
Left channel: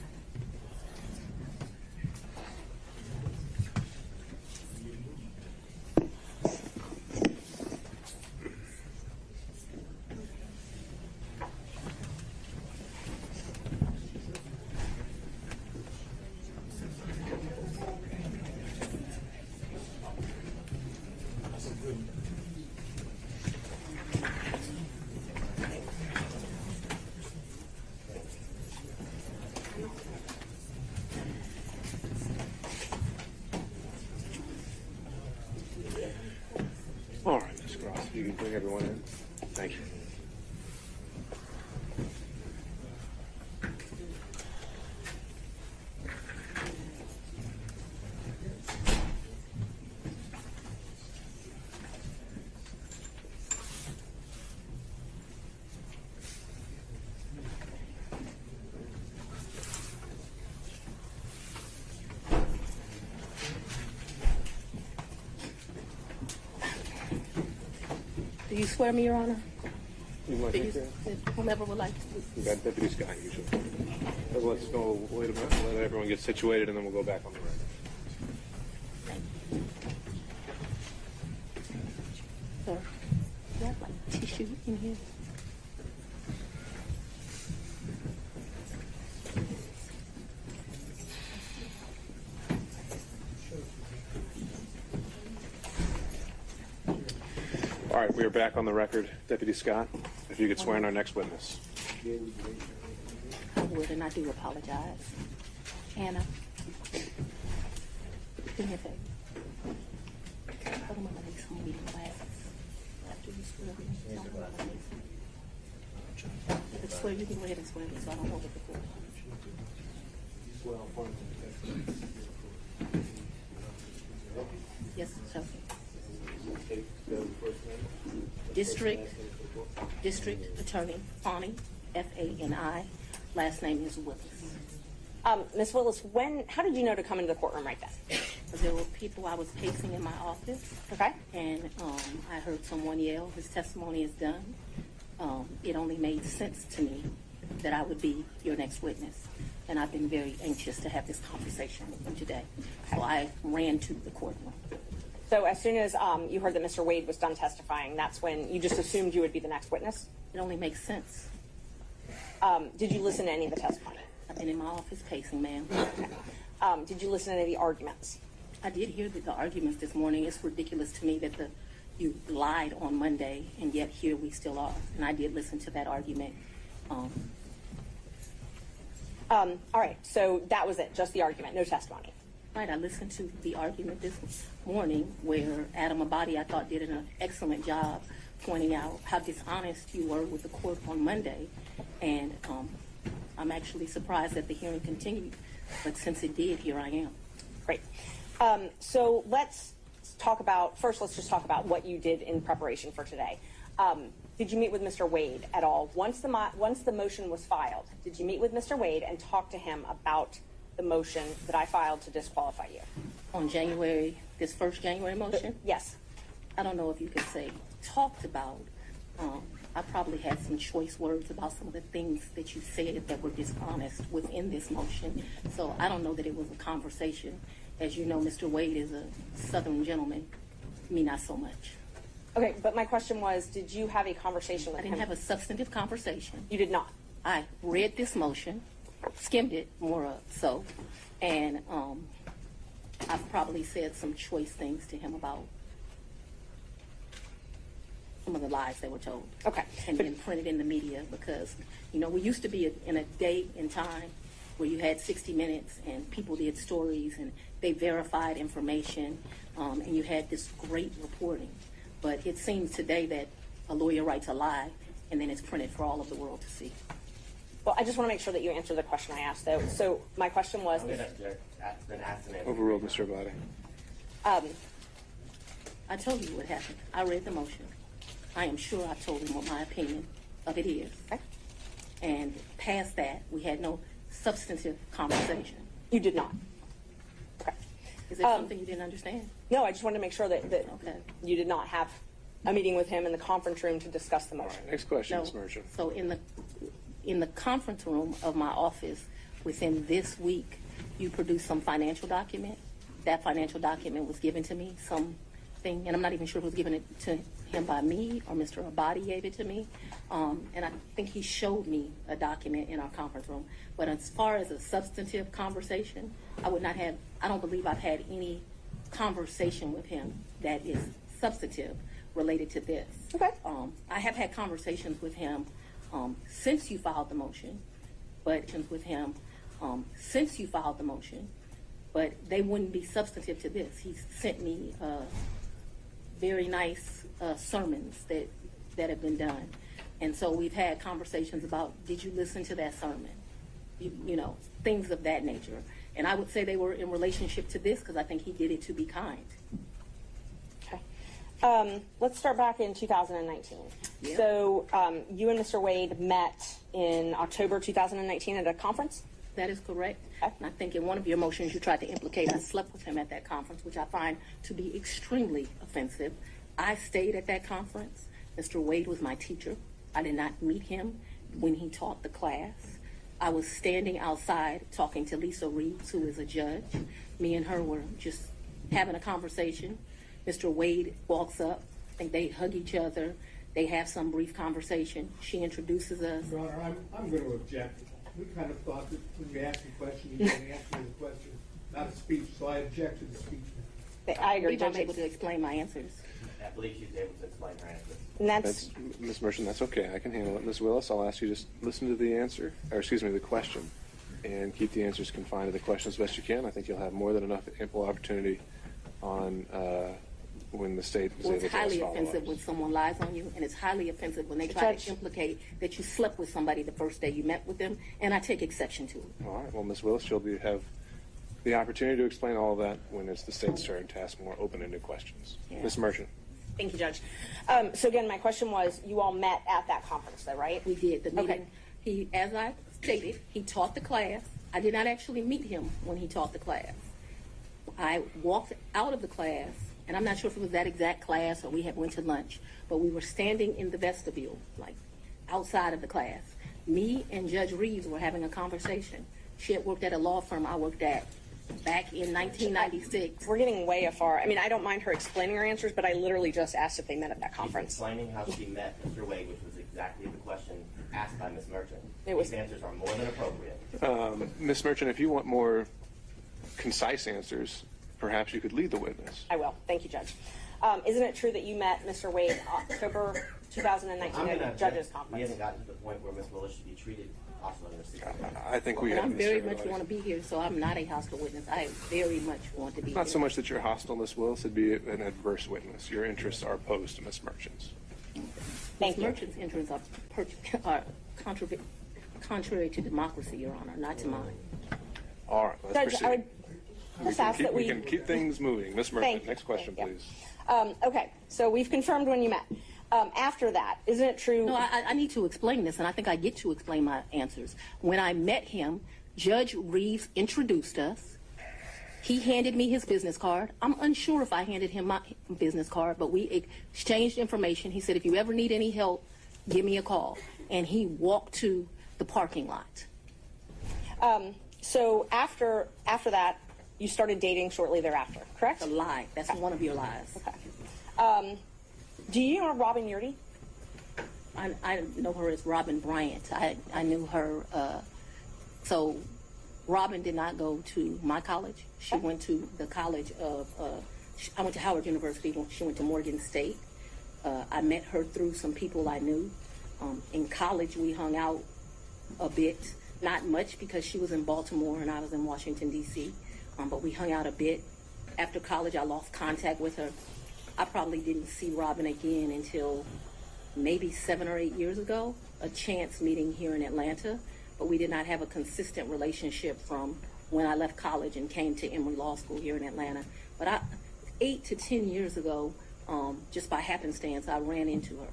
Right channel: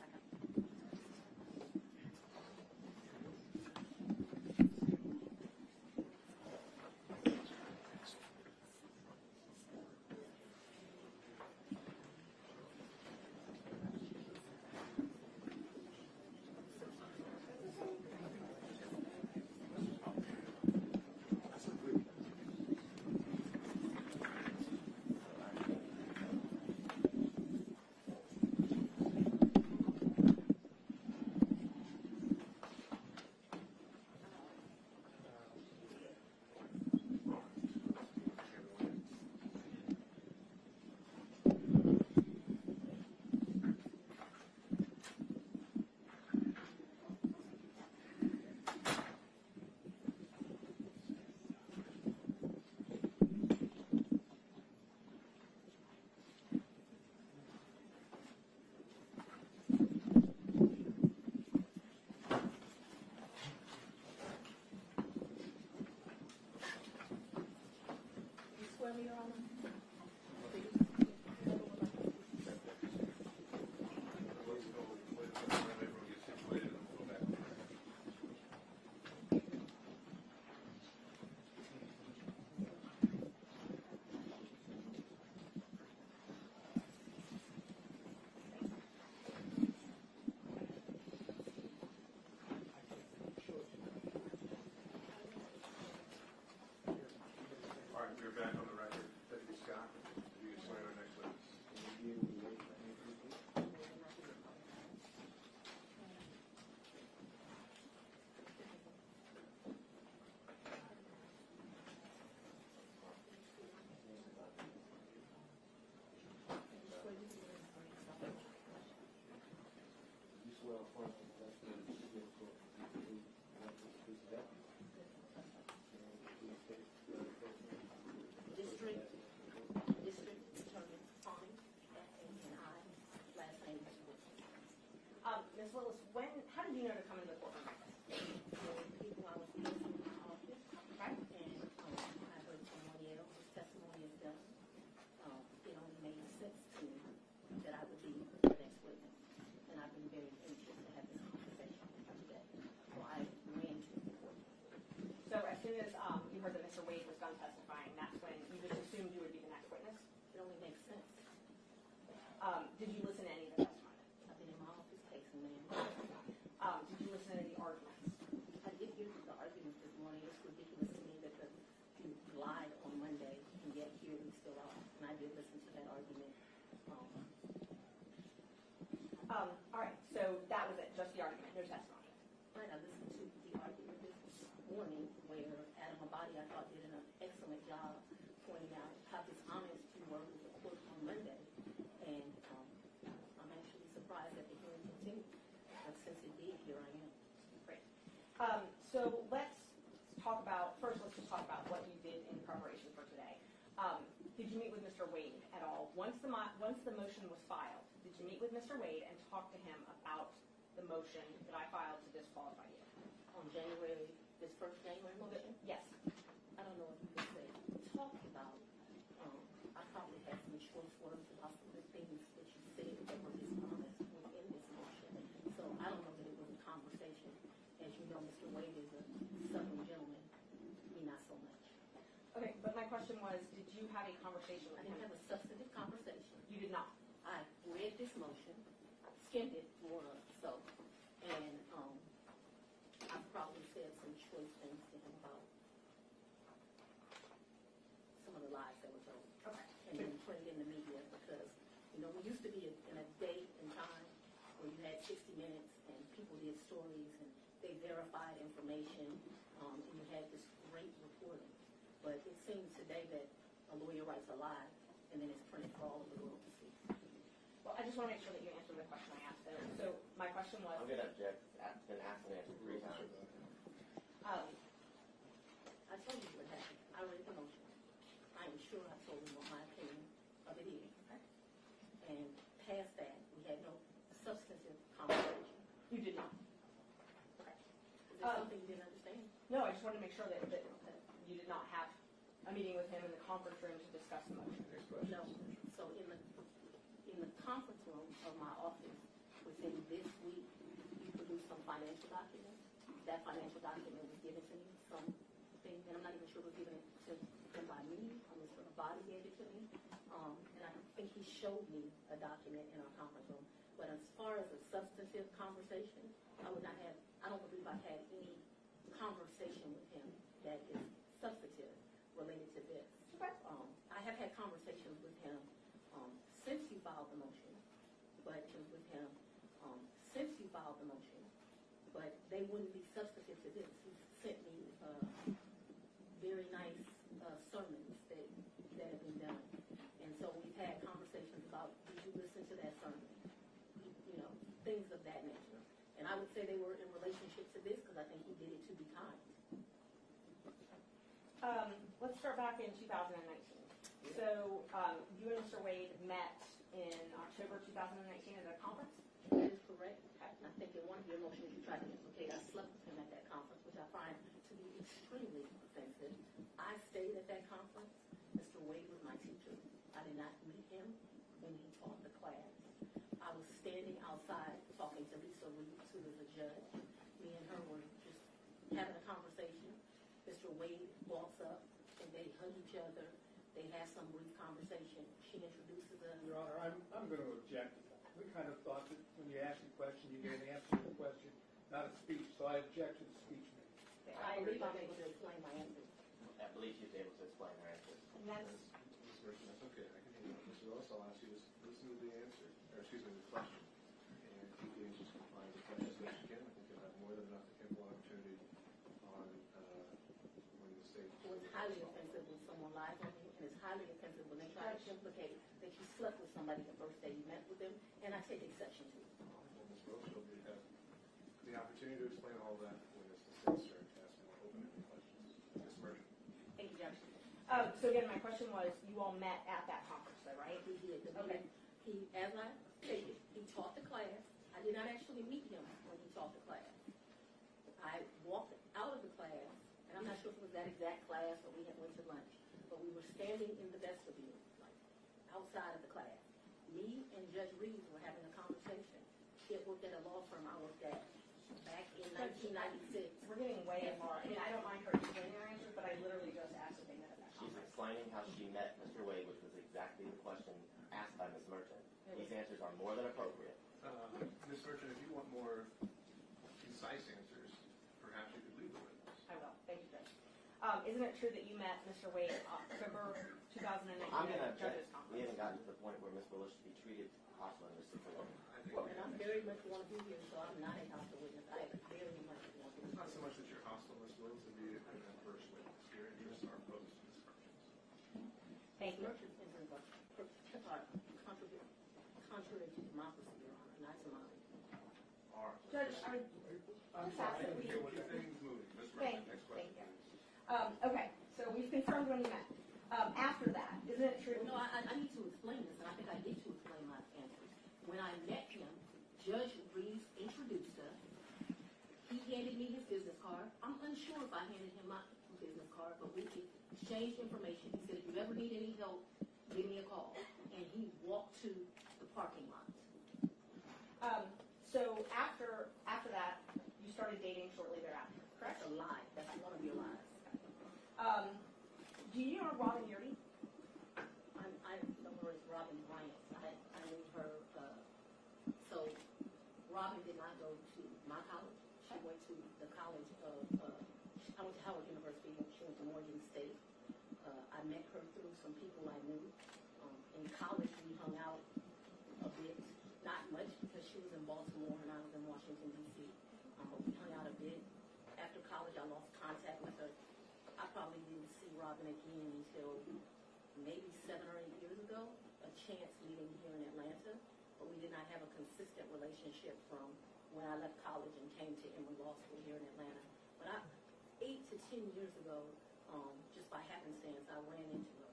All right, Ms. Cross, you can bring everyone in. Thank you. Do you swear me, Your Honor? You want Do to you, take whomever would like to. We got Deputy Scott usually. So let's go, wait a minute, let everyone get situated, and then we'll go back on the record. Sir, you have like tissue in here? All right, we are back on the record. Deputy Scott, if you could swear in our next witness. I would, and I do apologize. Anna, do me a favor. Put them on my next meeting glasses. After you swear me, don't put them on my next. You can swear, you can go ahead and swear me, so I don't know what the court. Yes, sir. District Attorney Fani, F-A-N-I. Last name is Willis. Ms. Willis, how did you know to come into the courtroom right then? There were people, I was pacing in my office. Okay. And I heard someone yell, his testimony is done. It only made sense to me that I would be your next witness. And I've been very anxious to have this conversation with you today. So I ran to the courtroom. So as soon as you heard that Mr. Wade was done testifying, that's when you just assumed you would be the next witness? It only makes sense. Did you listen to any of the testimony? I've been in my office pacing, ma'am. Did you listen to any of the arguments? I did hear the arguments this morning. It's ridiculous to me that you lied on Monday, and yet here we still are. And I did listen to that argument. All right, so that was it, just the argument, no testimony. Right, I listened to the argument this morning where Adam Abadi, I thought, did an excellent job pointing out how dishonest you were with the court on Monday. And I'm actually surprised that the hearing continued, but since it did, here I am. Great. So let's just talk about what you did in preparation for today. Did you meet with Mr. Wade at all? Once the motion was filed, did you meet with Mr. Wade and talk to him about the motion that I filed to disqualify you? On this first January motion? Yes. I don't know if you could say talked about. I probably had some choice words about some of the things that you said that were dishonest within this motion. So I don't know that it was a conversation. As you know, Mr. Wade is a Southern gentleman. Me, not so much. Okay, but my question was, did you have a conversation with I him? didn't have a substantive conversation. You did not? I read this motion, skimmed it more so, and I've probably said some choice things to him about some of the lies they were told. Okay. And then printed in the media because, we used to be in a day and time where you had 60 Minutes and people did stories and they verified information and you had this great reporting. But it seems today that a lawyer writes a lie, and then it's printed for all of the world to see. Well, I just want to make sure that you answer the question I asked, though. So my question was, I'm going to object. It's been asked and answered. Overruled, Mr. Bladdy. I told you what happened. I read the motion. I am sure I told him what my opinion of it is. okay. And past that, we had no substantive conversation. You did not. Okay. Is there something you didn't understand? No, I just wanted to make sure that Okay. you did not have a meeting with him in the conference room to discuss the motion. Next question, No. Ms. Merchant. So in the conference room of my office, within this week, you produced some financial document. That financial document was given to me, something, and I'm not even sure if it was given it to him by me or Mr. Abadi gave it to me. And I think he showed me a document in our conference room. But as far as a substantive conversation, I don't believe I've had any conversation with him that is substantive related to this. Okay. I have had conversations with him since you filed the motion, but they wouldn't be substantive to this. He sent me very nice sermons that have been done. And so we've had conversations about, did you listen to that sermon? You know, things of that nature. And I would say they were in relationship to this because I think he did it to be kind. Okay. Let's start back in 2019. Yeah. So you and Mr. Wade met in October 2019 at a conference? That is correct. Okay. And I think in one of your motions you tried to implicate I slept with him at that conference, which I find to be extremely offensive. I stayed at that conference. Mr. Wade was my teacher. I did not meet him when he taught the class. I was standing outside talking to Lisa Reeves, who is a judge. Me and her were just having a conversation. Mr. Wade walks up. I think they hug each other. They have some brief conversation. She introduces us. Your Honor, I'm going to object. We kind of thought that when you asked the question, you were answering the question, not a speech, so I object to the speech. I agree, believe I'm Judge. able to explain my answers. I believe she's able to explain her answer. And that's Ms. Merchant, that's okay. I can handle it. Ms. Willis, I'll ask you just listen to the answer, or excuse me, the question, and keep the answers confined to the question as best you can. I think you'll have more than enough ample opportunity on when the state is Well, able it's to ask highly follow-ups. offensive when someone lies on you, and it's highly offensive when they try Judge. to implicate that you slept with somebody the first day you met with them, and I take exception to it. All right. Well, Ms. Willis, you'll have the opportunity to explain all of that when it's the state's turn to ask more open-ended questions. Yeah. Ms. Merchant. Thank you, Judge. So again, my question was, you all met at that conference, though, right? We did. The Okay. meeting, as I stated, he taught the class. I did not actually meet him when he taught the class. I walked out of the class, and I'm not sure if it was that exact class or we had went to lunch, but we were standing in the vestibule, like outside of the class. Me and Judge Reeves were having a conversation. She had worked at a law firm I worked at back in 1996. We're getting way afar. I mean, I don't mind her explaining her answers, but I literally just asked if they met at that She's conference. explaining how she met Mr. Wade, which was exactly the question asked by Ms. Merchant. It was- These answers are more than appropriate. Ms. Merchant, if you want more concise answers, perhaps you could lead the witness. I will. Thank you, Judge. Isn't it true that you met Mr. Wade October 2019 I'm at going the to judge's We conference? haven't gotten to the point where Ms. Willis should be treated hostile in this situation. I think we And have. I'm Ms. very Willis. much want to be here, so I'm not a hostile witness. I very much want to be Not here. so much that you're hostile, Ms. Willis, it'd be an adverse witness. Your interests are opposed to Ms. Merchant's. Thank you. Merchant's interests are contrary to democracy, Your Honor, not to mine. All right, let's Judge, I proceed. would just ask that We can keep things moving. Ms. Thank Merchant, you. next question, Thank you. please. Okay, so we've confirmed when you met. After that, isn't it true? No, I need to explain this, and I think I get to explain my answers. When I met him, Judge Reeves introduced us. He handed me his business card. I'm unsure if I handed him my business card, but we exchanged information. He said, if you ever need any help, give me a call. And he walked to the parking lot. So after that, you started dating shortly thereafter, correct? It's a lie. That's one of your lies. Okay. Do you know Robin Yurdy? I know her as Robin Bryant. I knew her. So Robin did not go to my college. She went to the college of, I went to Howard University. She went to Morgan State. I met her through some people I knew. In college, we hung out a bit. Not much because she was in Baltimore and I was in Washington, D.C. But we hung out a bit. After college, I lost contact with her. I probably didn't see Robin again until maybe 7 or 8 years ago, a chance meeting here in Atlanta, but we did not have a consistent relationship from when I left college and came to Emory Law School here in Atlanta. But 8 to 10 years ago, just by happenstance, I ran into her.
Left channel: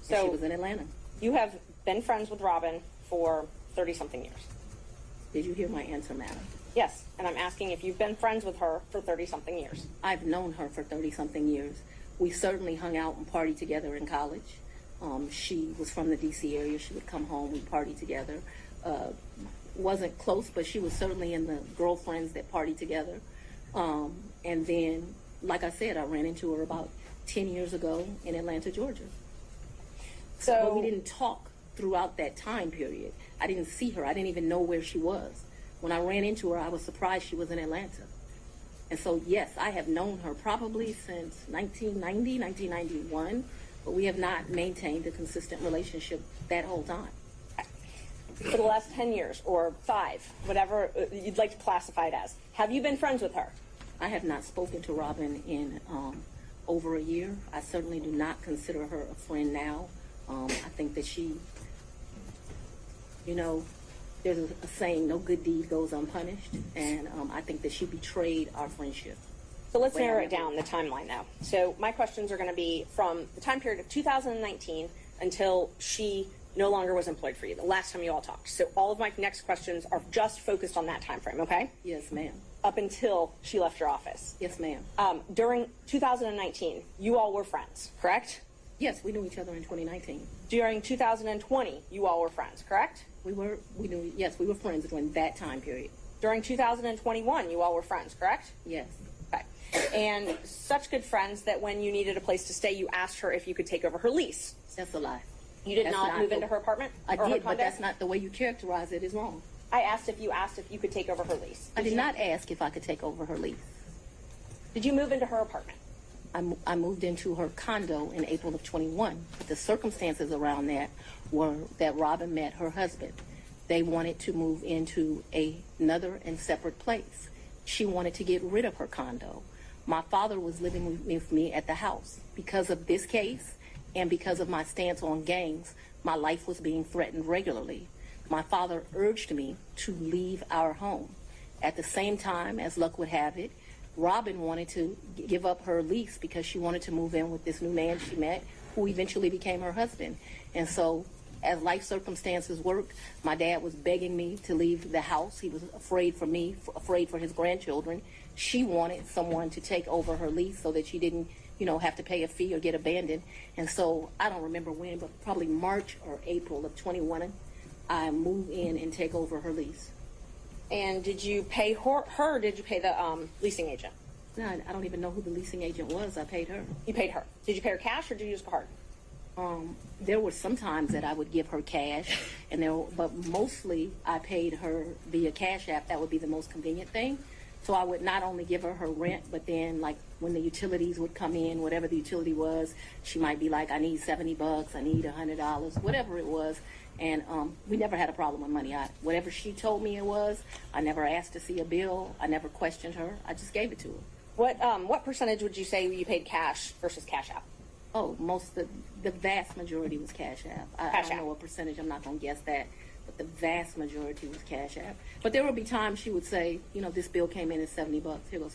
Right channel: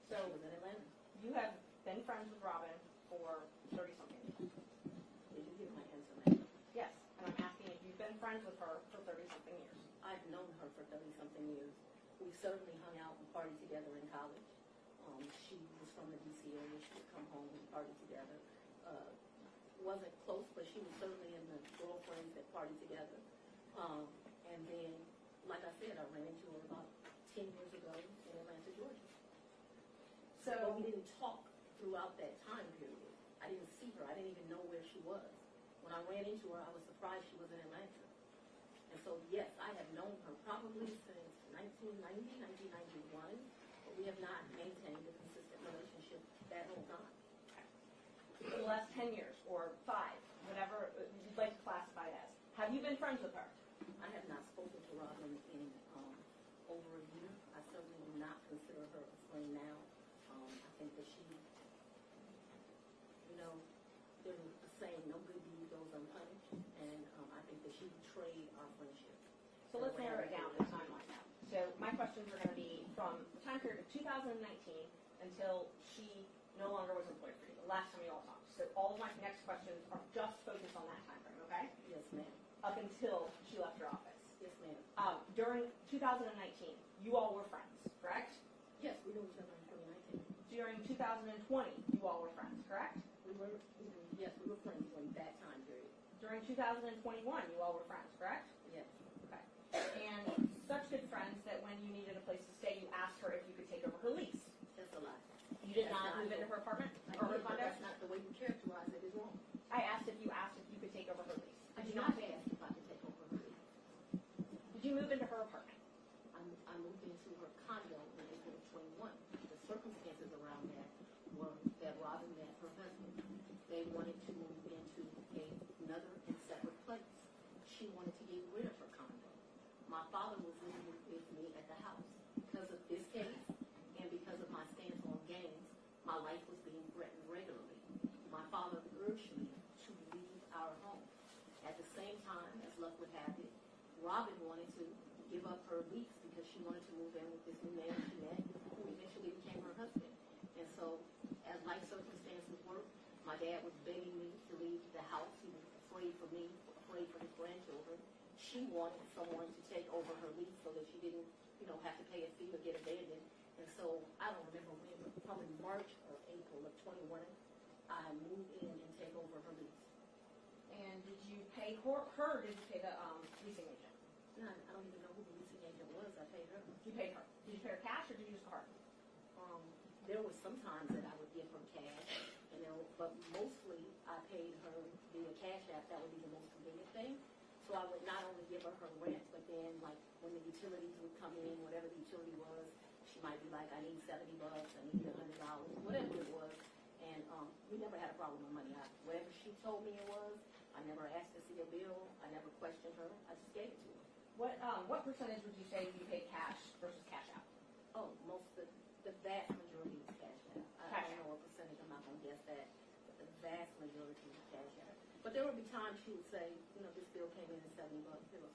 So And she was in Atlanta. you have been friends with Robin for 30-something years. Did you hear my answer, madam? Yes, and I'm asking if you've been friends with her for 30-something years. I've known her for 30-something years. We certainly hung out and partied together in college. She was from the D.C. area. She would come home, we'd party together. Wasn't close, but she was certainly in the girlfriends that partied together. And then, like I said, I ran into her about 10 years ago in Atlanta, Georgia. But we didn't talk throughout that time period. I didn't see her. I didn't even know where she was. When I ran into her, I was surprised she was in Atlanta. And so, yes, I have known her probably since 1990, 1991, but we have not maintained a consistent relationship that whole time. For the last 10 years or 5, whatever you'd like to classify it as, have you been friends with her? I have not spoken to Robin in over a year. I certainly do not consider her a friend now. I think that she, there's a saying, no good deed goes unpunished, and I think that she betrayed our friendship. So let's narrow it down, the timeline now. So my questions are going to be from the time period of 2019 until she no longer was employed for you, the last time you all talked. So all of my next questions are just focused on that time frame, okay? Yes, ma'am. Up until she left your office. Yes, ma'am. During 2019, you all were friends, correct? Yes, we knew each other in 2019. During 2020, you all were friends, correct? We were friends during that time period. During 2021, you all were friends, correct? Yes. Okay. And such good friends that when you needed a place to stay, you asked her if you could take over her lease. That's a lie. You did not move into her apartment? I or her did, but condo? that's not the way you characterize it is wrong. I asked if you could take over her lease. I did not ask if I could take over her lease. Did you move into her apartment? I moved into her condo in April of 21. But the circumstances around that were that Robin met her husband. They wanted to move into another and separate place. She wanted to get rid of her condo. My father was living with me at the house. Because of this case and because of my stance on gangs, my life was being threatened regularly. My father urged me to leave our home. At the same time, as luck would have it, Robin wanted to give up her lease because she wanted to move in with this new man she met, who eventually became her husband. And so, as life circumstances worked, my dad was begging me to leave the house. He was afraid for me, afraid for his grandchildren. She wanted someone to take over her lease so that she didn't, have to pay a fee or get abandoned. And so, I don't remember when, but probably March or April of 21, I moved in and take over her lease. And did you pay her or did you pay the leasing agent? No, I don't even know who the leasing agent was. I paid her. You paid her. Did you pay her cash or did you use a card? There were some times that I would give her cash, but mostly I paid her via Cash App. That would be the most convenient thing. So I would not only give her her rent, but then like when the utilities would come in, whatever the utility was, she might be like, I need $70, I need $100, whatever it was. And we never had a problem with money. Whatever she told me it was, I never asked to see a bill. I never questioned her. I just gave it to her. What percentage would you say you paid cash versus Cash App? Oh, the vast majority was Cash App. I don't know what percentage. I'm not going to guess that. But the vast majority was Cash App. But there would be times she would say, this bill came in at $70. Here goes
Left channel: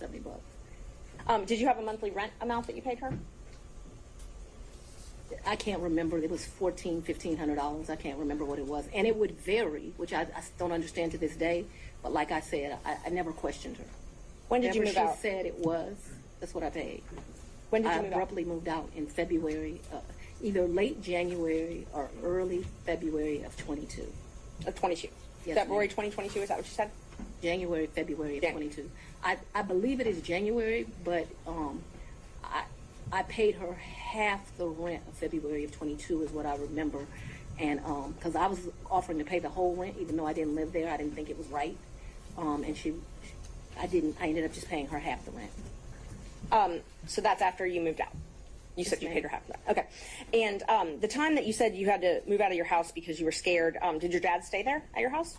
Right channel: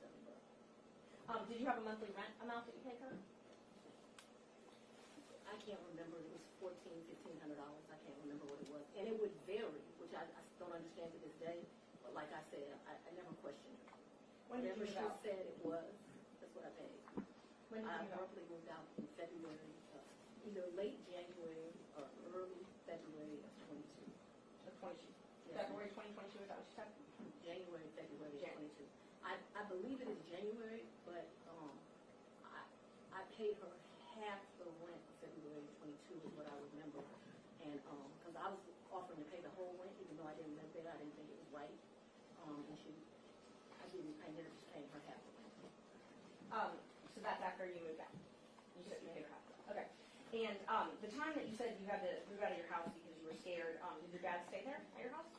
$70. Did you have a monthly rent amount that you paid her? I can't remember. It was $1,400, $1,500. I can't remember what it was. And it would vary, which I don't understand to this day. But like I said, I never questioned her. When did you move out? She said it was, that's what I paid. When did you move out? I abruptly moved out in February, either late January or early February of 22. Of 22? Yes, February ma'am. 2022, is that what you said? January, February of 22. I believe it is January, but I paid her half the rent of February of 22 is what I remember. And because I was offering to pay the whole rent, even though I didn't live there, I didn't think it was right. And I ended up just paying her half the rent. So that's after you moved out. You said you paid her half of that. Okay. And the time that you said you had to move out of your house because you were scared, did your dad stay there at your house?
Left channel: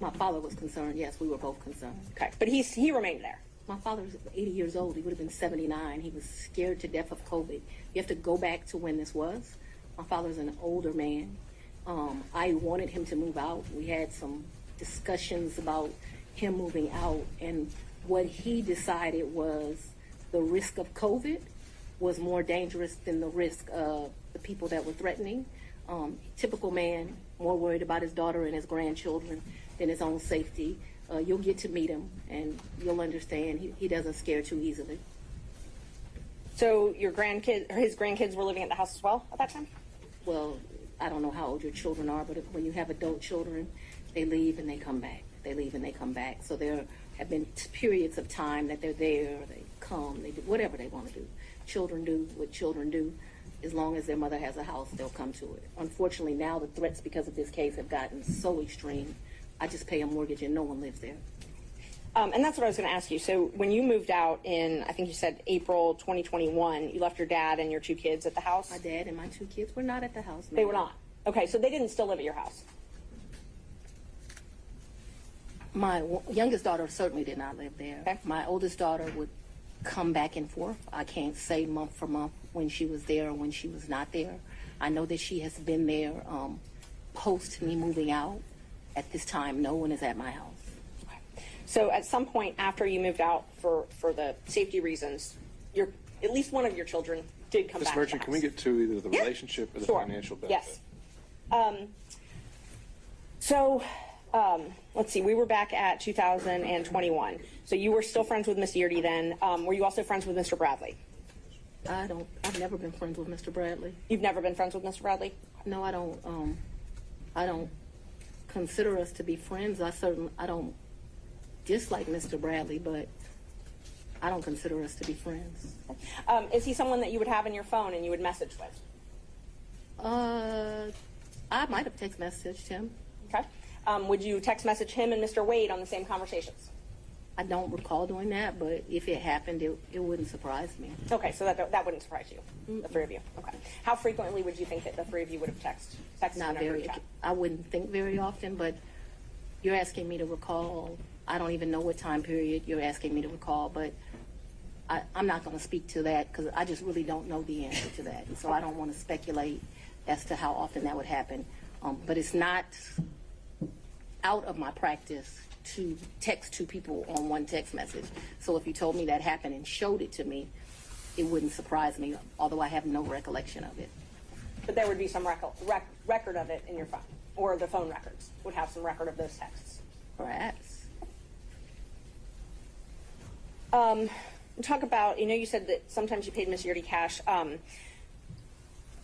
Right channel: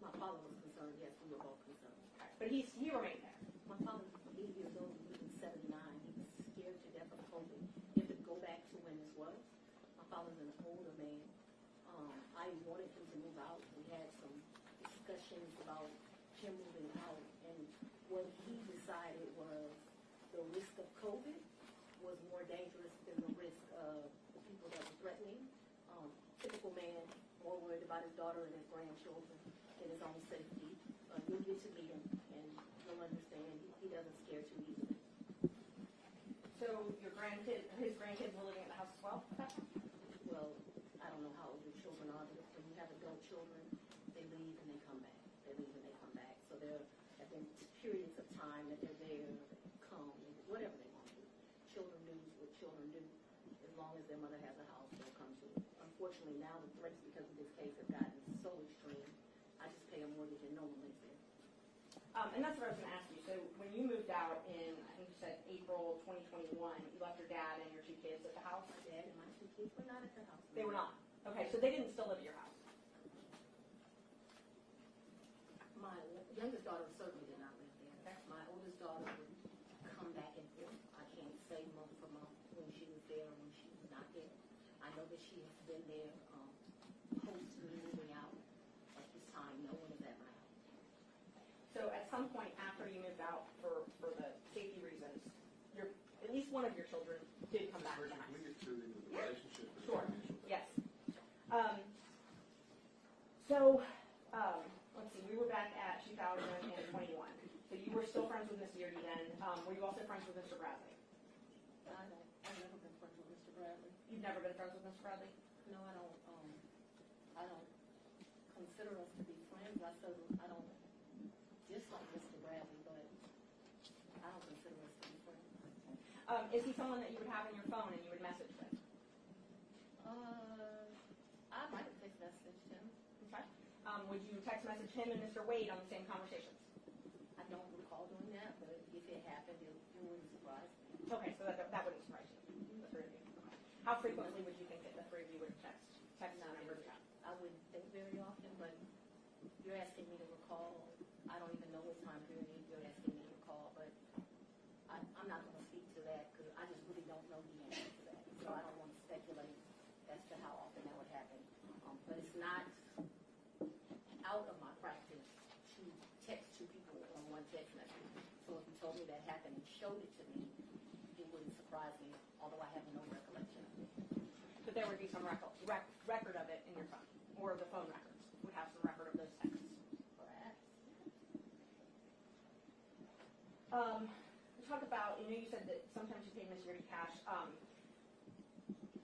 My father was concerned. Yes, we were both concerned. Okay. But he remained there. My father's 80 years old. He would have been 79. He was scared to death of COVID. You have to go back to when this was. My father's an older man. I wanted him to move out. We had some discussions about him moving out, and what he decided was the risk of COVID was more dangerous than the risk of the people that were threatening. Typical man, more worried about his daughter and his grandchildren than his own safety. You'll get to meet him, and you'll understand he doesn't scare too easily. So your his grandkids were living at the house as well at that time? Well, I don't know how old your children are, but when you have adult children, they leave and they come back. They leave and they come back. So there have been periods of time that they're there, they come, they do whatever they want to do. Children do what children do. As long as their mother has a house, they'll come to it. Unfortunately, now the threats because of this case have gotten so extreme. I just pay a mortgage and no one lives there. And that's what I was going to ask you. So when you moved out in, I think you said April 2021, you left your dad and your 2 kids at the house? My dad and my 2 kids were not at the house. They were not? Okay, so they didn't still live at your house? My youngest daughter certainly did not live there. Okay. My oldest daughter would come back and forth. I can't say month for month when she was there or when she was not there. I know that she has been there post me moving out. At this time, no one is at my house. So at some point after you moved out for the safety reasons, at least one of your children did come Ms. back Merchant, to the can we house. get to either the Yeah. relationship or the Sure. financial benefit? Yes. So let's see, we were back at 2021. So you were still friends with Miss Yeardy then. Were you also friends with Mr. Bradley? I've never been friends with Mr. Bradley. You've never been friends with Mr. Bradley? No, I don't consider us to be friends. I don't dislike Mr. Bradley, but I don't consider us to be friends. Is he someone that you would have in your phone and you would message with? I might have text messaged him. Okay. Would you text message him and Mr. Wade on the same conversations? I don't recall doing that, but if it happened, it wouldn't surprise me. Okay, so that wouldn't surprise you, the 3 of you. Okay. How frequently would you think that the 3 of you would have texted? Not in a group very. chat? I wouldn't think very often, but you're asking me to recall. I don't even know what time period you're asking me to recall, but I'm not going to speak to that because I just really don't know the answer to that. And so I don't want to speculate as to how often that would happen. But it's not out of my practice to text 2 people on one text message. So if you told me that happened and showed it to me, it wouldn't surprise me, although I have no recollection of it. But there would be some record of it in your phone, or the phone records would have some record of those texts. Perhaps. Talk about, you said that sometimes you paid Miss Yeardy cash. I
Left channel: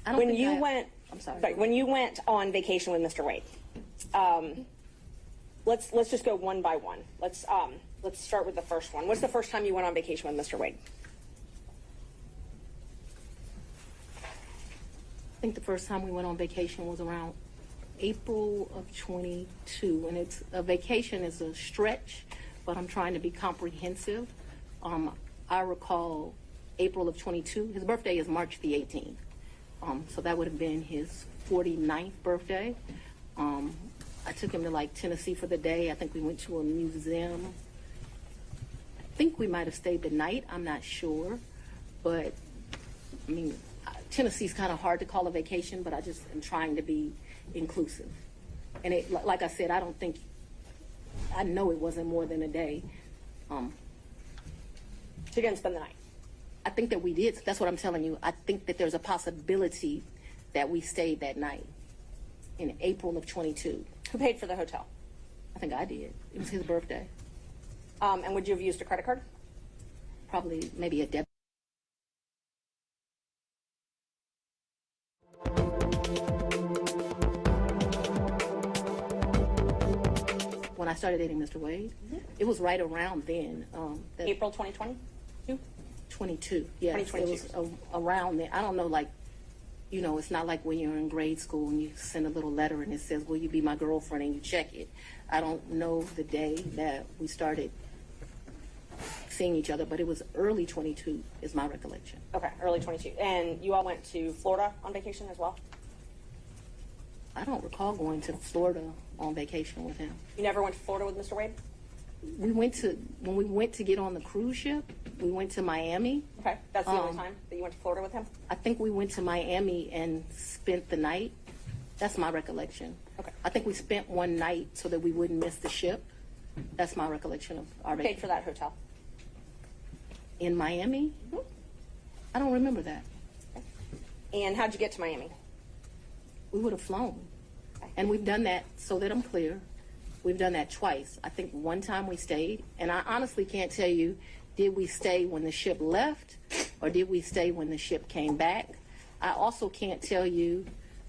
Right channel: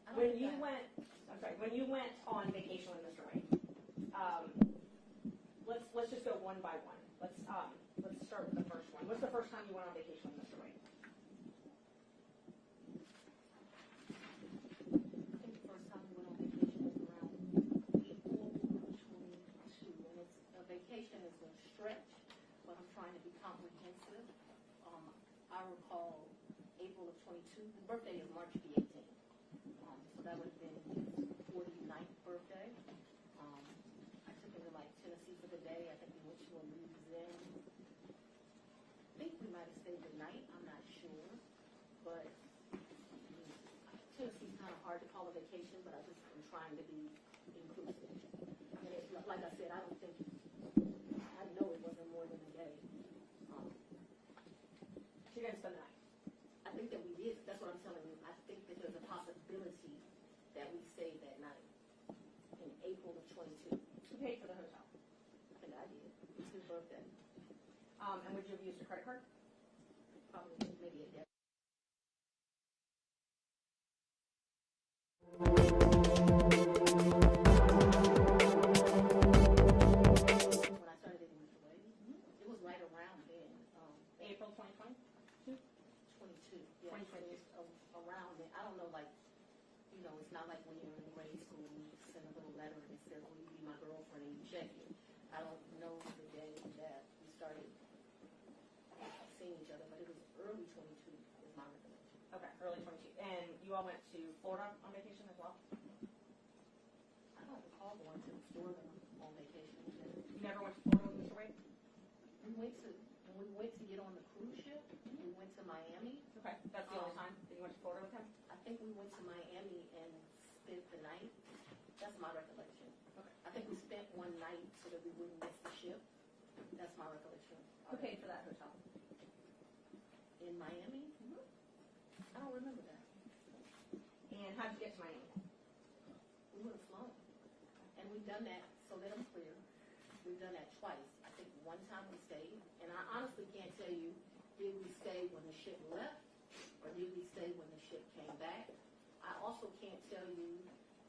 don't When think you I- went, I'm sorry. when you went on vacation with Mr. Wade, let's just go one by one. Let's start with the first one. What's the first time you went on vacation with Mr. Wade? I think the first time we went on vacation was around April of 22, and a vacation is a stretch, but I'm trying to be comprehensive. I recall April of 22. His birthday is March the 18th, so that would have been his 49th birthday. I took him to Tennessee for the day. I think we went to a museum. I think we might have stayed the night. I'm not sure, but I mean, Tennessee's kind of hard to call a vacation, but I just am trying to be inclusive. And like I said, I know it wasn't more than a day. So you didn't spend the night? I think that we did. That's what I'm telling you. I think that there's a possibility that we stayed that night in April of 22. Who paid for the hotel? I think I did. It was his birthday. And would you have used a credit card? Probably maybe a debit. When I started dating Mr. Wade, it was right around then. April 2020? 22, yes. 2022. It was around then. I don't know, it's not like when you're in grade school and you send a little letter and it says, will you be my girlfriend, and you check it. I don't know the day that we started seeing each other, but it was early 22 is my recollection. Okay, early 22. And you all went to Florida on vacation as well? I don't recall going to Florida on vacation with him. You never went to Florida with Mr. Wade? when we went to get on the cruise ship, we went to Miami. Okay, that's the only time that you went to Florida with him? I think we went to Miami and spent the night. That's my recollection. Okay. I think we spent one night so that we wouldn't miss the ship. That's my recollection of our Paid for that hotel? in Miami. I don't remember that. And how'd you get to Miami? We would have flown. And we've done that, so that I'm clear, we've done that twice. I think one time we stayed, and I honestly can't tell you, did we stay when the ship left or did we stay when the ship came back? I also can't tell you,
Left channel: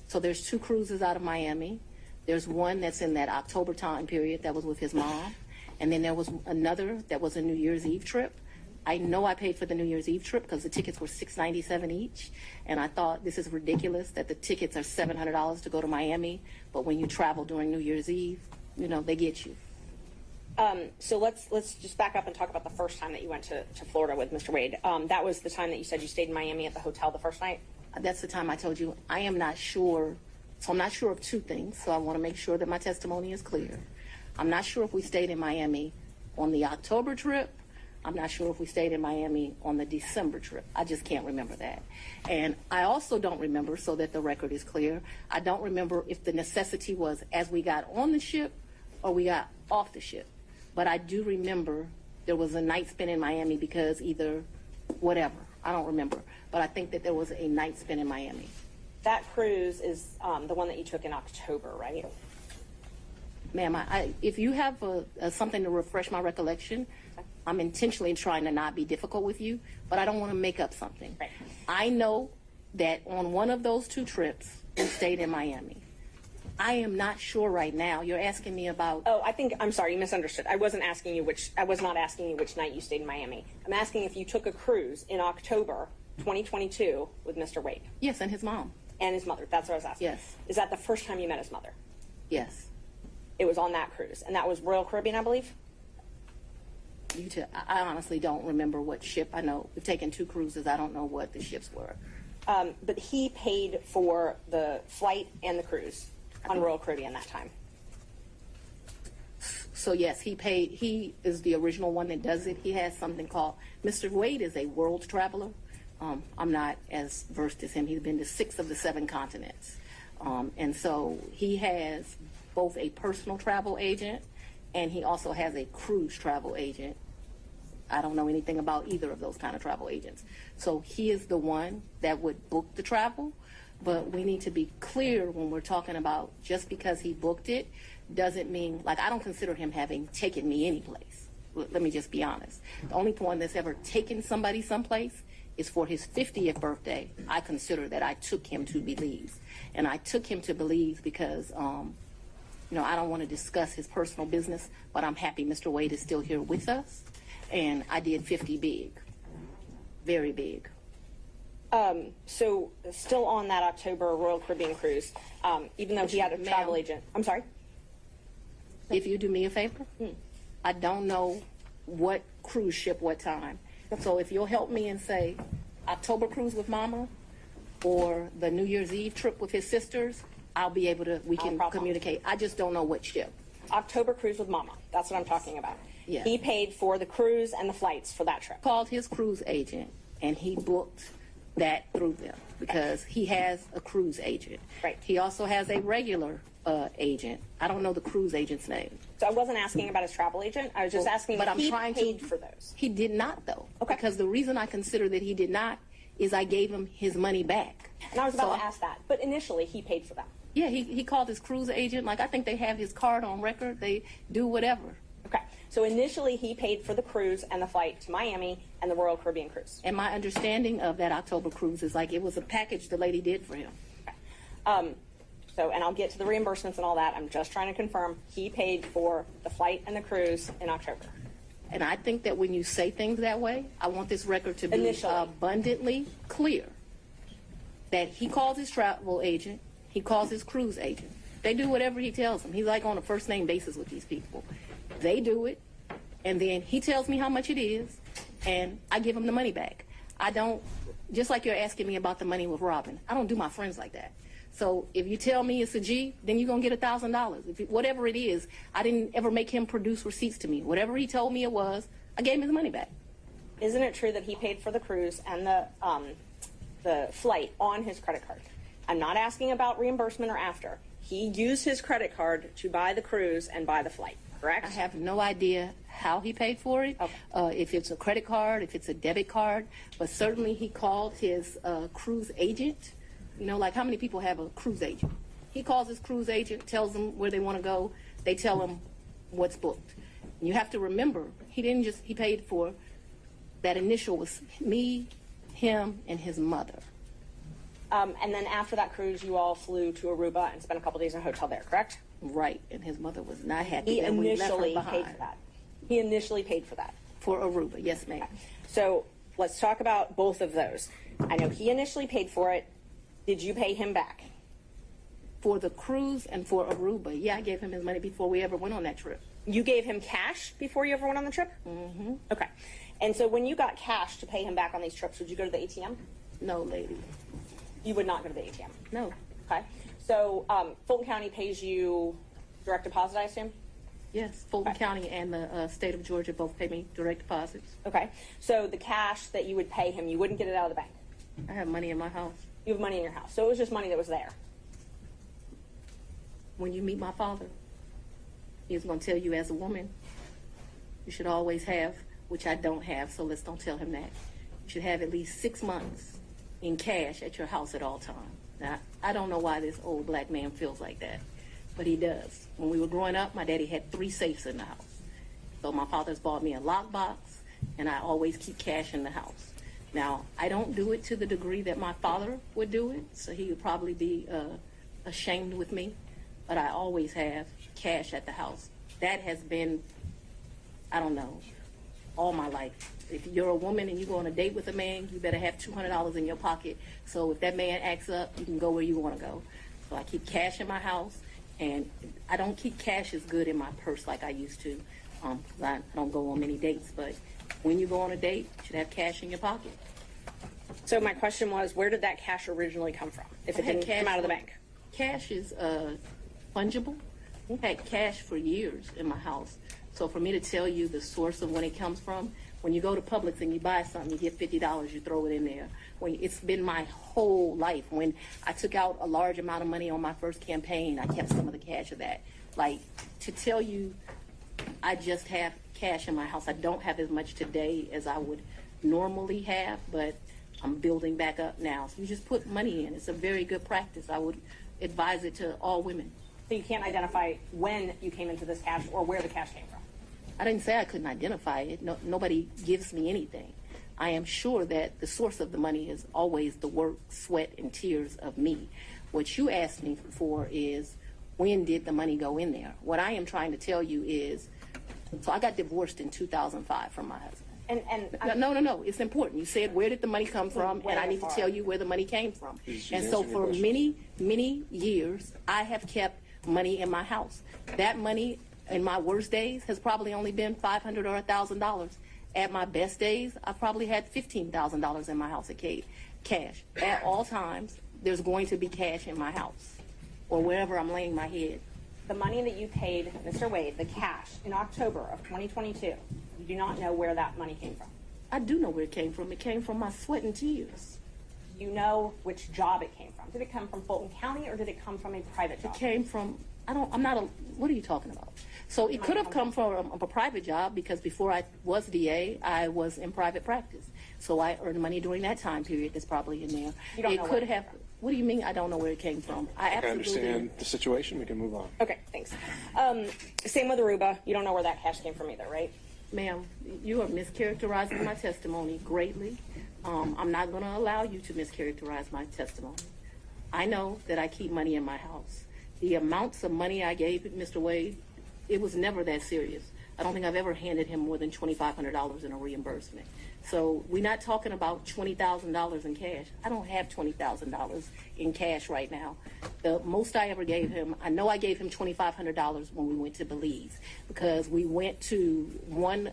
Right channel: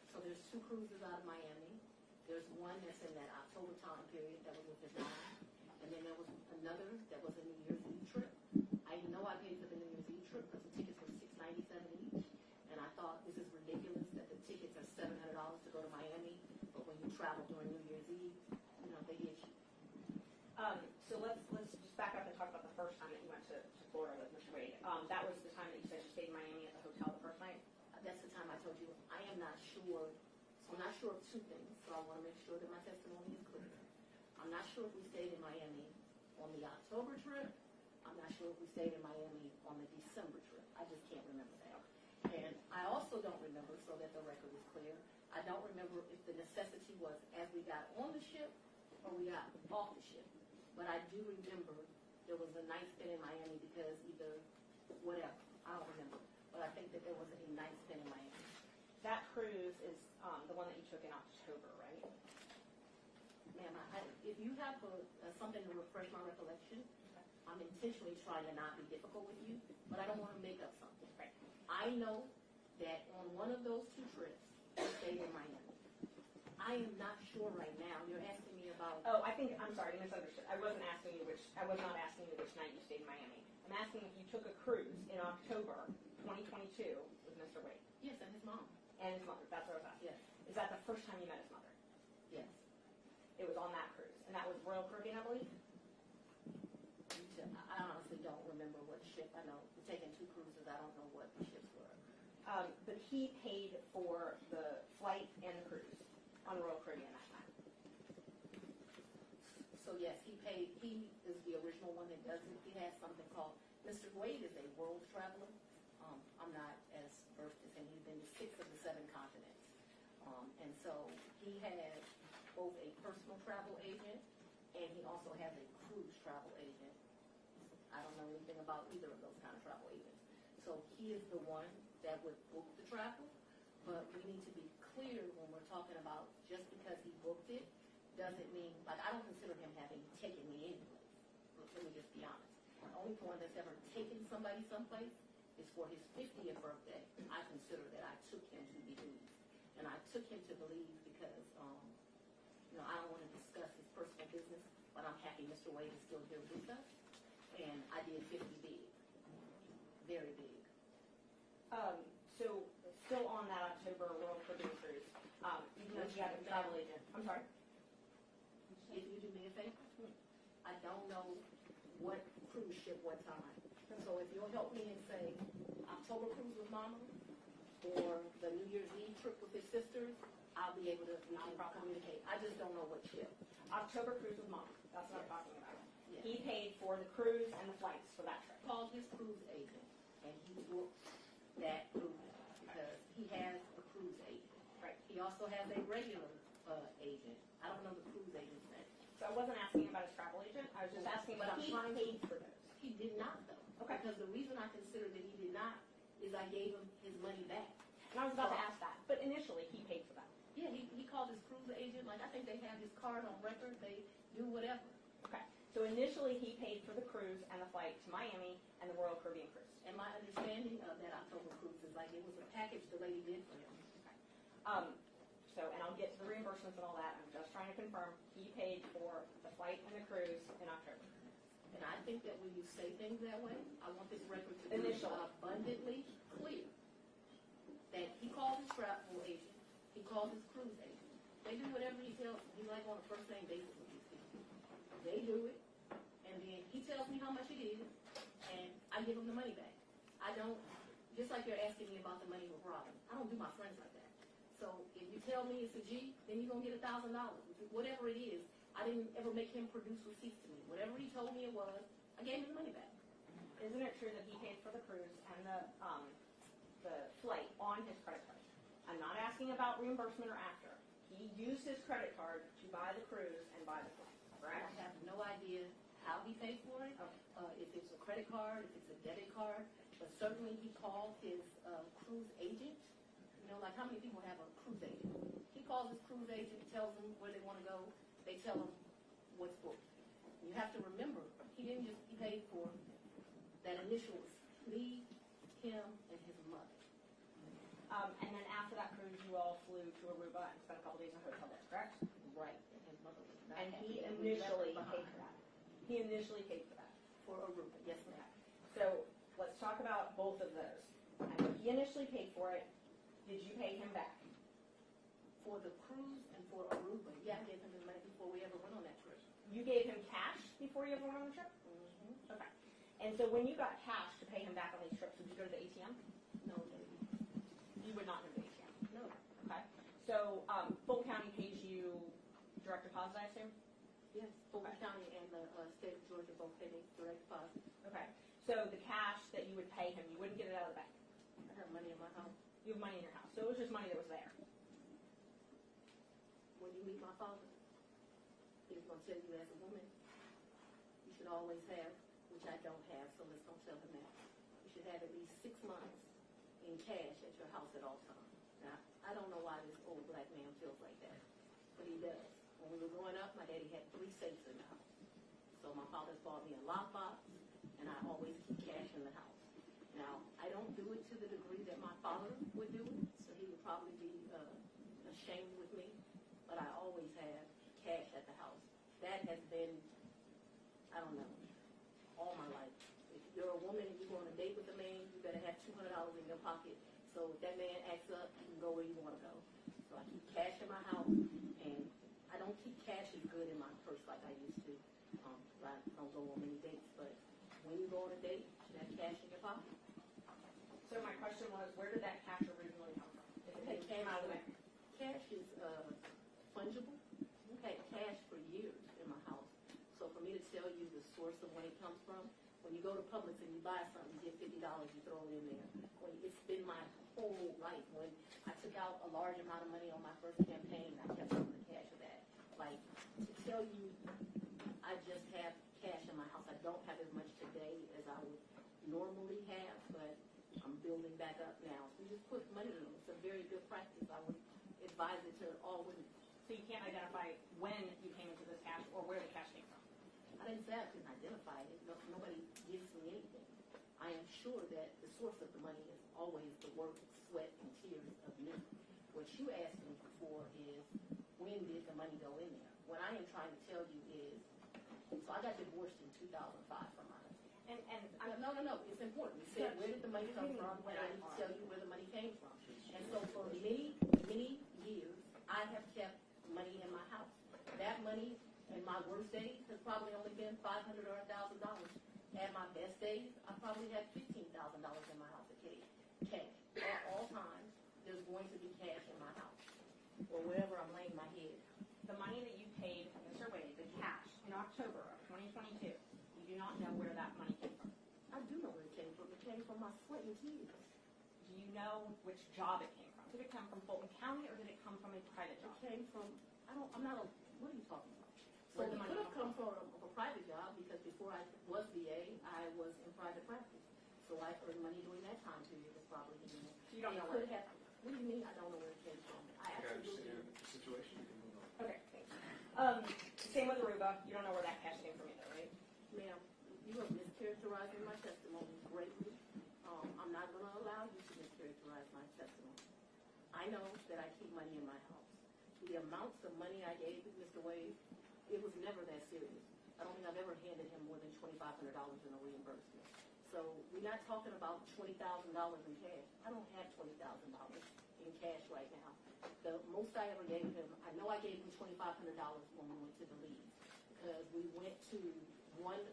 so there's 2 cruises out of Miami. There's one that's in that October time period that was with his mom. And then there was another that was a New Year's Eve trip. I know I paid for the New Year's Eve trip because the tickets were $697 each. And I thought this is ridiculous that the tickets are $700 to go to Miami. But when you travel during New Year's Eve, you know, they get you. So let's just back up and talk about the first time that you went to Florida with Mr. Wade. That was the time that you said you stayed in Miami at the hotel the first night? That's the time I told you I am not sure. So I'm not sure of 2 things. So I want to make sure that my testimony is clear. I'm not sure if we stayed in Miami on the October trip. I'm not sure if we stayed in Miami on the December trip. I just can't remember that. And I also don't remember, so that the record is clear, I don't remember if the necessity was as we got on the ship or we got off the ship. But I do remember there was a night spent in Miami because either whatever. I don't remember. But I think that there was a night spent in Miami. That cruise is the one that you took in October, right? Ma'am, if you have something to refresh my recollection, I'm intentionally trying to not be difficult with you, but I don't want to make up something. Right. I know that on one of those 2 trips, we stayed in Miami. I am not sure right now. You're asking me about... Oh, I'm sorry, you misunderstood. I was not asking you which night you stayed in Miami. I'm asking if you took a cruise in October 2022 with Mr. Wade. Yes, and his mom. And his mother. That's what I was asking. Yes. Is that the first time you met his mother? Yes. It was on that cruise. And that was Royal Caribbean, I believe? I honestly don't remember what ship. I know we've taken 2 cruises. I don't know what the ships were. But he paid for the flight and the cruise on Royal Caribbean that time. So yes, he paid. He is the original one that does it. He has something called, Mr. Wade is a world traveler. I'm not as versed as him. He's been to 6 of the 7 continents. And so he has both a personal travel agent and he also has a cruise travel agent. I don't know anything about either of those kind of travel agents. So he is the one that would book the travel, but we need to be clear when we're talking about just because he booked it doesn't mean, like, I don't consider him having taken me anyplace. Let me just be honest. The only one that's ever taken somebody someplace is for his 50th birthday. I consider that I took him to Belize. And I took him to Belize because, I don't want to discuss his personal business, but I'm happy Mr. Wade is still here with us. And I did 50 big, very big. So still on that October Royal Caribbean cruise, even though he had a travel agent. I'm sorry? If you do me a favor, I don't know what cruise ship, what time. So if you'll help me and say October cruise with Mama or the New Year's Eve trip with his sisters, I'll be able to, we can communicate. I just don't know what ship. October cruise with Mama. That's what I'm talking about. Yeah. He paid for the cruise and the flights for that trip. Called his cruise agent and he booked that through them because he has a cruise agent. Right. He also has a regular agent. I don't know the cruise agent's name. So I wasn't asking about his travel agent. I was just asking if he paid for those. He did not, though. Okay. Because the reason I consider that he did not is I gave him his money back. And I was about to ask that. But initially, he paid for that. Yeah, he called his cruise agent. Like, I think they have his card on record. They do whatever. Okay. So initially, he paid for the cruise and the flight to Miami and the Royal Caribbean cruise. And my understanding of that October cruise is like it was a package the lady did for him. Okay. And I'll get to the reimbursements and all that. I'm just trying to confirm he paid for the flight and the cruise in October. And I think that when you say things that way, I want this record to be Initially. Abundantly clear that he calls his travel agent, he calls his cruise agent. They do whatever he tells them. He's like on a first name basis with these people. They do it, and then he tells me how much it is, and I give him the money back. I don't, just like you're asking me about the money with Robin, I don't do my friends like that. So if you tell me it's a G, then you're going to get $1,000. Whatever it is, I didn't ever make him produce receipts to me. Whatever he told me it was, I gave him his money back. Isn't it true that he paid for the cruise and the flight on his credit card? I'm not asking about reimbursement or after. He used his credit card to buy the cruise and buy the flight, correct? I have no idea how he paid for it, Okay. if it's a credit card, if it's a debit card, but certainly he called his cruise agent. You know, like how many people have a cruise agent? He calls his cruise agent, tells them where they want to go. They tell him what's booked. And you have to remember, he paid for, that initial was me, him, and his mother. And then after that cruise, you all flew to Aruba and spent a couple days in a hotel there, correct? Right, and his mother was not happy He that we left her initially behind. paid for that. He initially paid for that. For Aruba, yes, ma'am. So let's talk about both of those. I know he initially paid for it. Did you pay him back? For the cruise and for Aruba, yeah, I gave him his money before we ever went on that trip. You gave him cash before you ever went on the trip? Mm-hmm. Okay. And so when you got cash to pay him back on these trips, would you go to the ATM? No, lady. You would not go to the ATM? No. Okay. So Fulton County pays you direct deposit, I assume? Yes, Fulton Okay. County and the state of Georgia both pay me direct deposits. Okay. So the cash that you would pay him, you wouldn't get it out of the bank? I have money in my house. You have money in your house. So it was just money that was there? When you meet my father, he's going to tell you as a woman, you should always have, which I don't have, so let's don't tell him that. You should have at least 6 months in cash at your house at all times. Now, I don't know why this old black man feels like that, but he does. When we were growing up, my daddy had 3 safes in the house. So my father's bought me a lockbox, and I always keep cash in the house. Now, I don't do it to the degree that my father would do it, so he would probably be ashamed with me, but I always have cash at the house. That has been, I don't know, all my life. If you're a woman and you go on a date with a man, you better have $200 in your pocket. So if that man acts up, you can go where you want to go. So I keep cash in my house, and I don't keep cash as good in my purse like I used to. 'Cause I don't go on many dates. But when you go on a date, you should have cash in your pocket. So my question was, where did that cash originally come from, if it I had didn't come out of the bank? Cash is fungible. I've had cash for years in my house. So for me to tell you the source of when it comes from, when you go to Publix and you buy something, you get $50, you throw it in there. It's been my whole life. When I took out a large amount of money on my first campaign, I kept some of the cash of that. Like, to tell you I just have cash in my house, I don't have as much today as I would normally have, but I'm building back up now. So you just put money in. It's a very good practice. I would advise it to all women. So you can't identify when you came into this cash or where the cash came from? I didn't say I couldn't identify it. No, nobody gives me anything. I am sure that the source of the money is always the work, sweat, and tears of me. What you asked me for is, when did the money go in there? What I am trying to tell you is, so I got divorced in 2005 from my husband. No, it's important. You said, where did the money come from? And I need to tell you where the money came from. And so for many, many years, I have kept money in my house. That money in my worst days has probably only been $500 or $1,000. At my best days, I probably had $15,000 in my house at cash. At all times, there's going to be cash in my house or wherever I'm laying my head. The money that you paid Mr. Wade, the cash, in October of 2022, you do not know where that money came from. I do know where it came from. It came from my sweat and tears. You know which job it came from. Did it come from Fulton County or did it come from a private job? It came from, what are you talking about? So it could have come from a private job because before I was DA, I was in private practice. So I earned money during that time period that's probably in there. You don't know where it came from. What do you mean I don't know where it came from? I understand the situation. We can move on. Okay, thanks. Same with Aruba. You don't know where that cash came from either, right? Ma'am, you are mischaracterizing my testimony greatly. I'm not going to allow you to mischaracterize my testimony. I know that I keep money in my house. The amounts of money I gave Mr. Wade, it was never that serious. I don't think I've ever handed him more than $2,500 in a reimbursement. So we're not talking about $20,000 in cash. I don't have $20,000 in cash right now. The most I ever gave him, I know I gave him $2,500 when we went to Belize because we went to one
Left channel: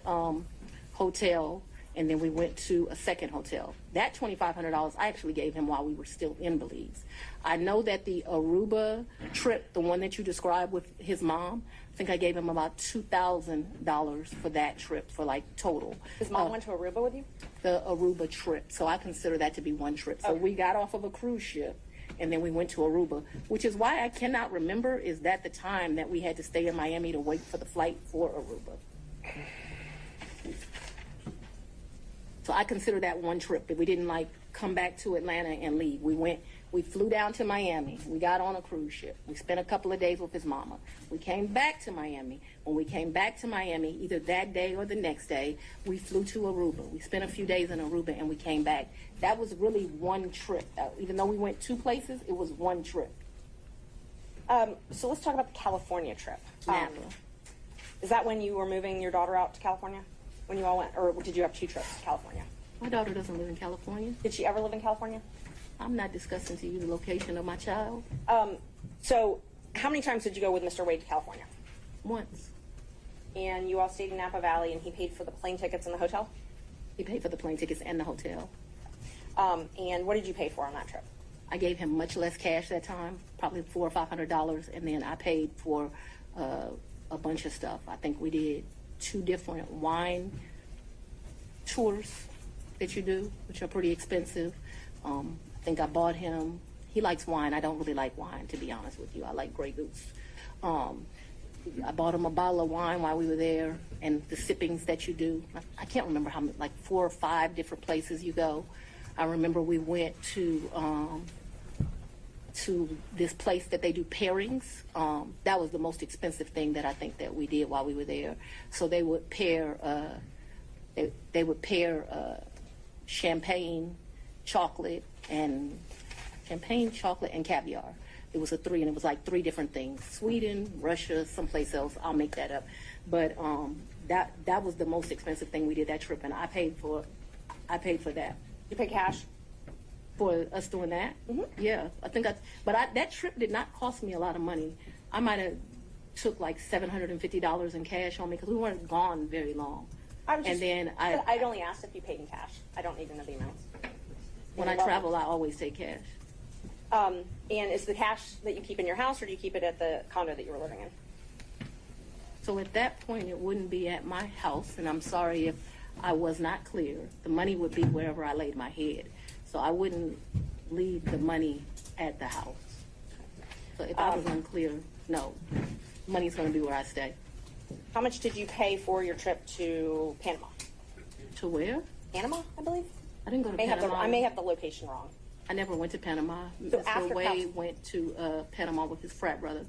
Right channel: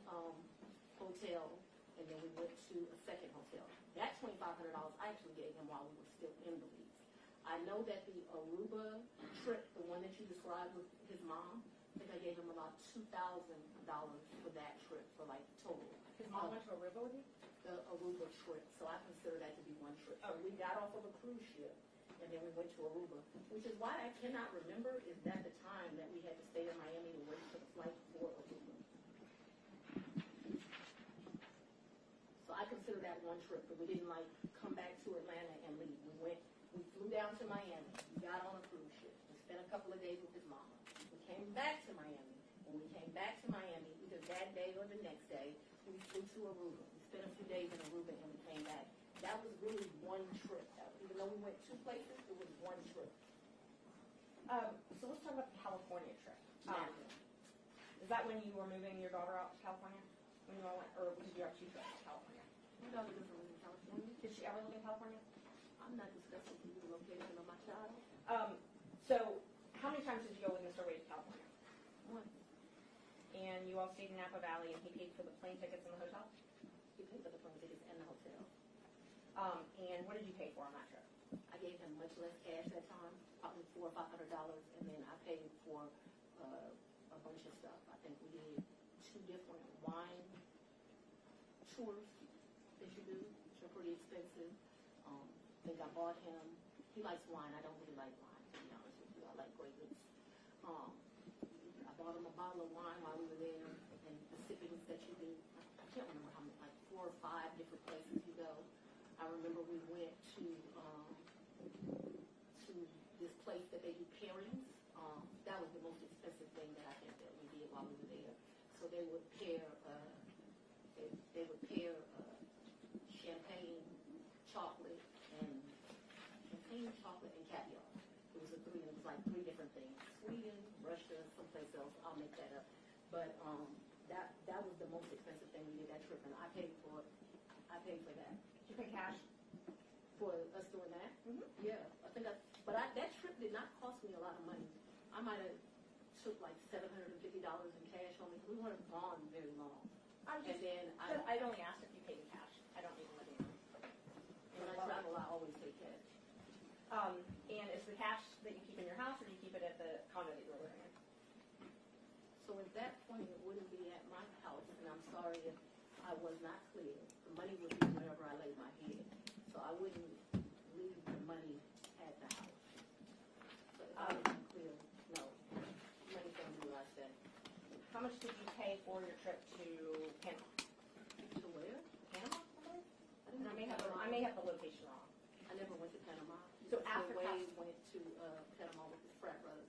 hotel and then we went to a second hotel. That $2,500 I actually gave him while we were still in Belize. I know that the Aruba trip, the one that you described with his mom, I think I gave him about $2,000 for that trip, for like total. His mom went to Aruba with you? The Aruba trip, so I consider that to be one trip. So we got off of a cruise ship, and then we went to Aruba, which is why I cannot remember is that the time that we had to stay in Miami to wait for the flight for Aruba. So I consider that one trip, that we didn't like come back to Atlanta and leave. We flew down to Miami. We got on a cruise ship. We spent a couple of days with his mama. We came back to Miami. When we came back to Miami, either that day or the next day, we flew to Aruba. We spent a few days in Aruba and we came back. That was really one trip. Even though we went 2 places, it was one trip. So let's talk about the California trip. Napa. Is that when you were moving your daughter out to California? When you all went, or did you have 2 trips to California? My daughter doesn't live in California. Did she ever live in California? I'm not discussing to you the location of my child. So how many times did you go with Mr. Wade to California? Once. And you all stayed in Napa Valley, and he paid for the plane tickets and the hotel? He paid for the plane tickets and the hotel. And what did you pay for on that trip? I gave him much less cash that time, probably $400 or $500, and then I paid for a bunch of stuff. I think we did 2 different wine tours that you do, which are pretty expensive. I think I bought him, he likes wine. I don't really like wine, to be honest with you. I like Grey Goose. I bought him a bottle of wine while we were there, and the sippings that you do. I can't remember how many, like 4 or 5 different places you go. I remember we went to this place that they do pairings. That was the most expensive thing that I think that we did while we were there. So they would pair, champagne, chocolate, and caviar. It was a 3, and it was like 3 different things: Sweden, Russia, someplace else. I'll make that up. But that was the most expensive thing we did that trip, and I paid for that. You pay cash? For us doing that? Mm-hmm. Yeah, I think that trip did not cost me a lot of money. I might have took like $750 in cash on me because we weren't gone very long. I'd only asked if you paid in cash. I don't need to know the amounts. When I travel, I always take cash. And is the cash that you keep in your house, or do you keep it at the condo that you were living in? So at that point, it wouldn't be at my house, and I'm sorry if I was not clear. The money would be wherever I laid my head. So I wouldn't leave the money at the house. So if I was unclear, no. Money's going to be where I stay. How much did you pay for your trip to Panama? To where? Panama, I believe. I didn't go to Panama. I may have the location wrong. I never went to Panama. So Mr. Wade went to Panama with his frat brother.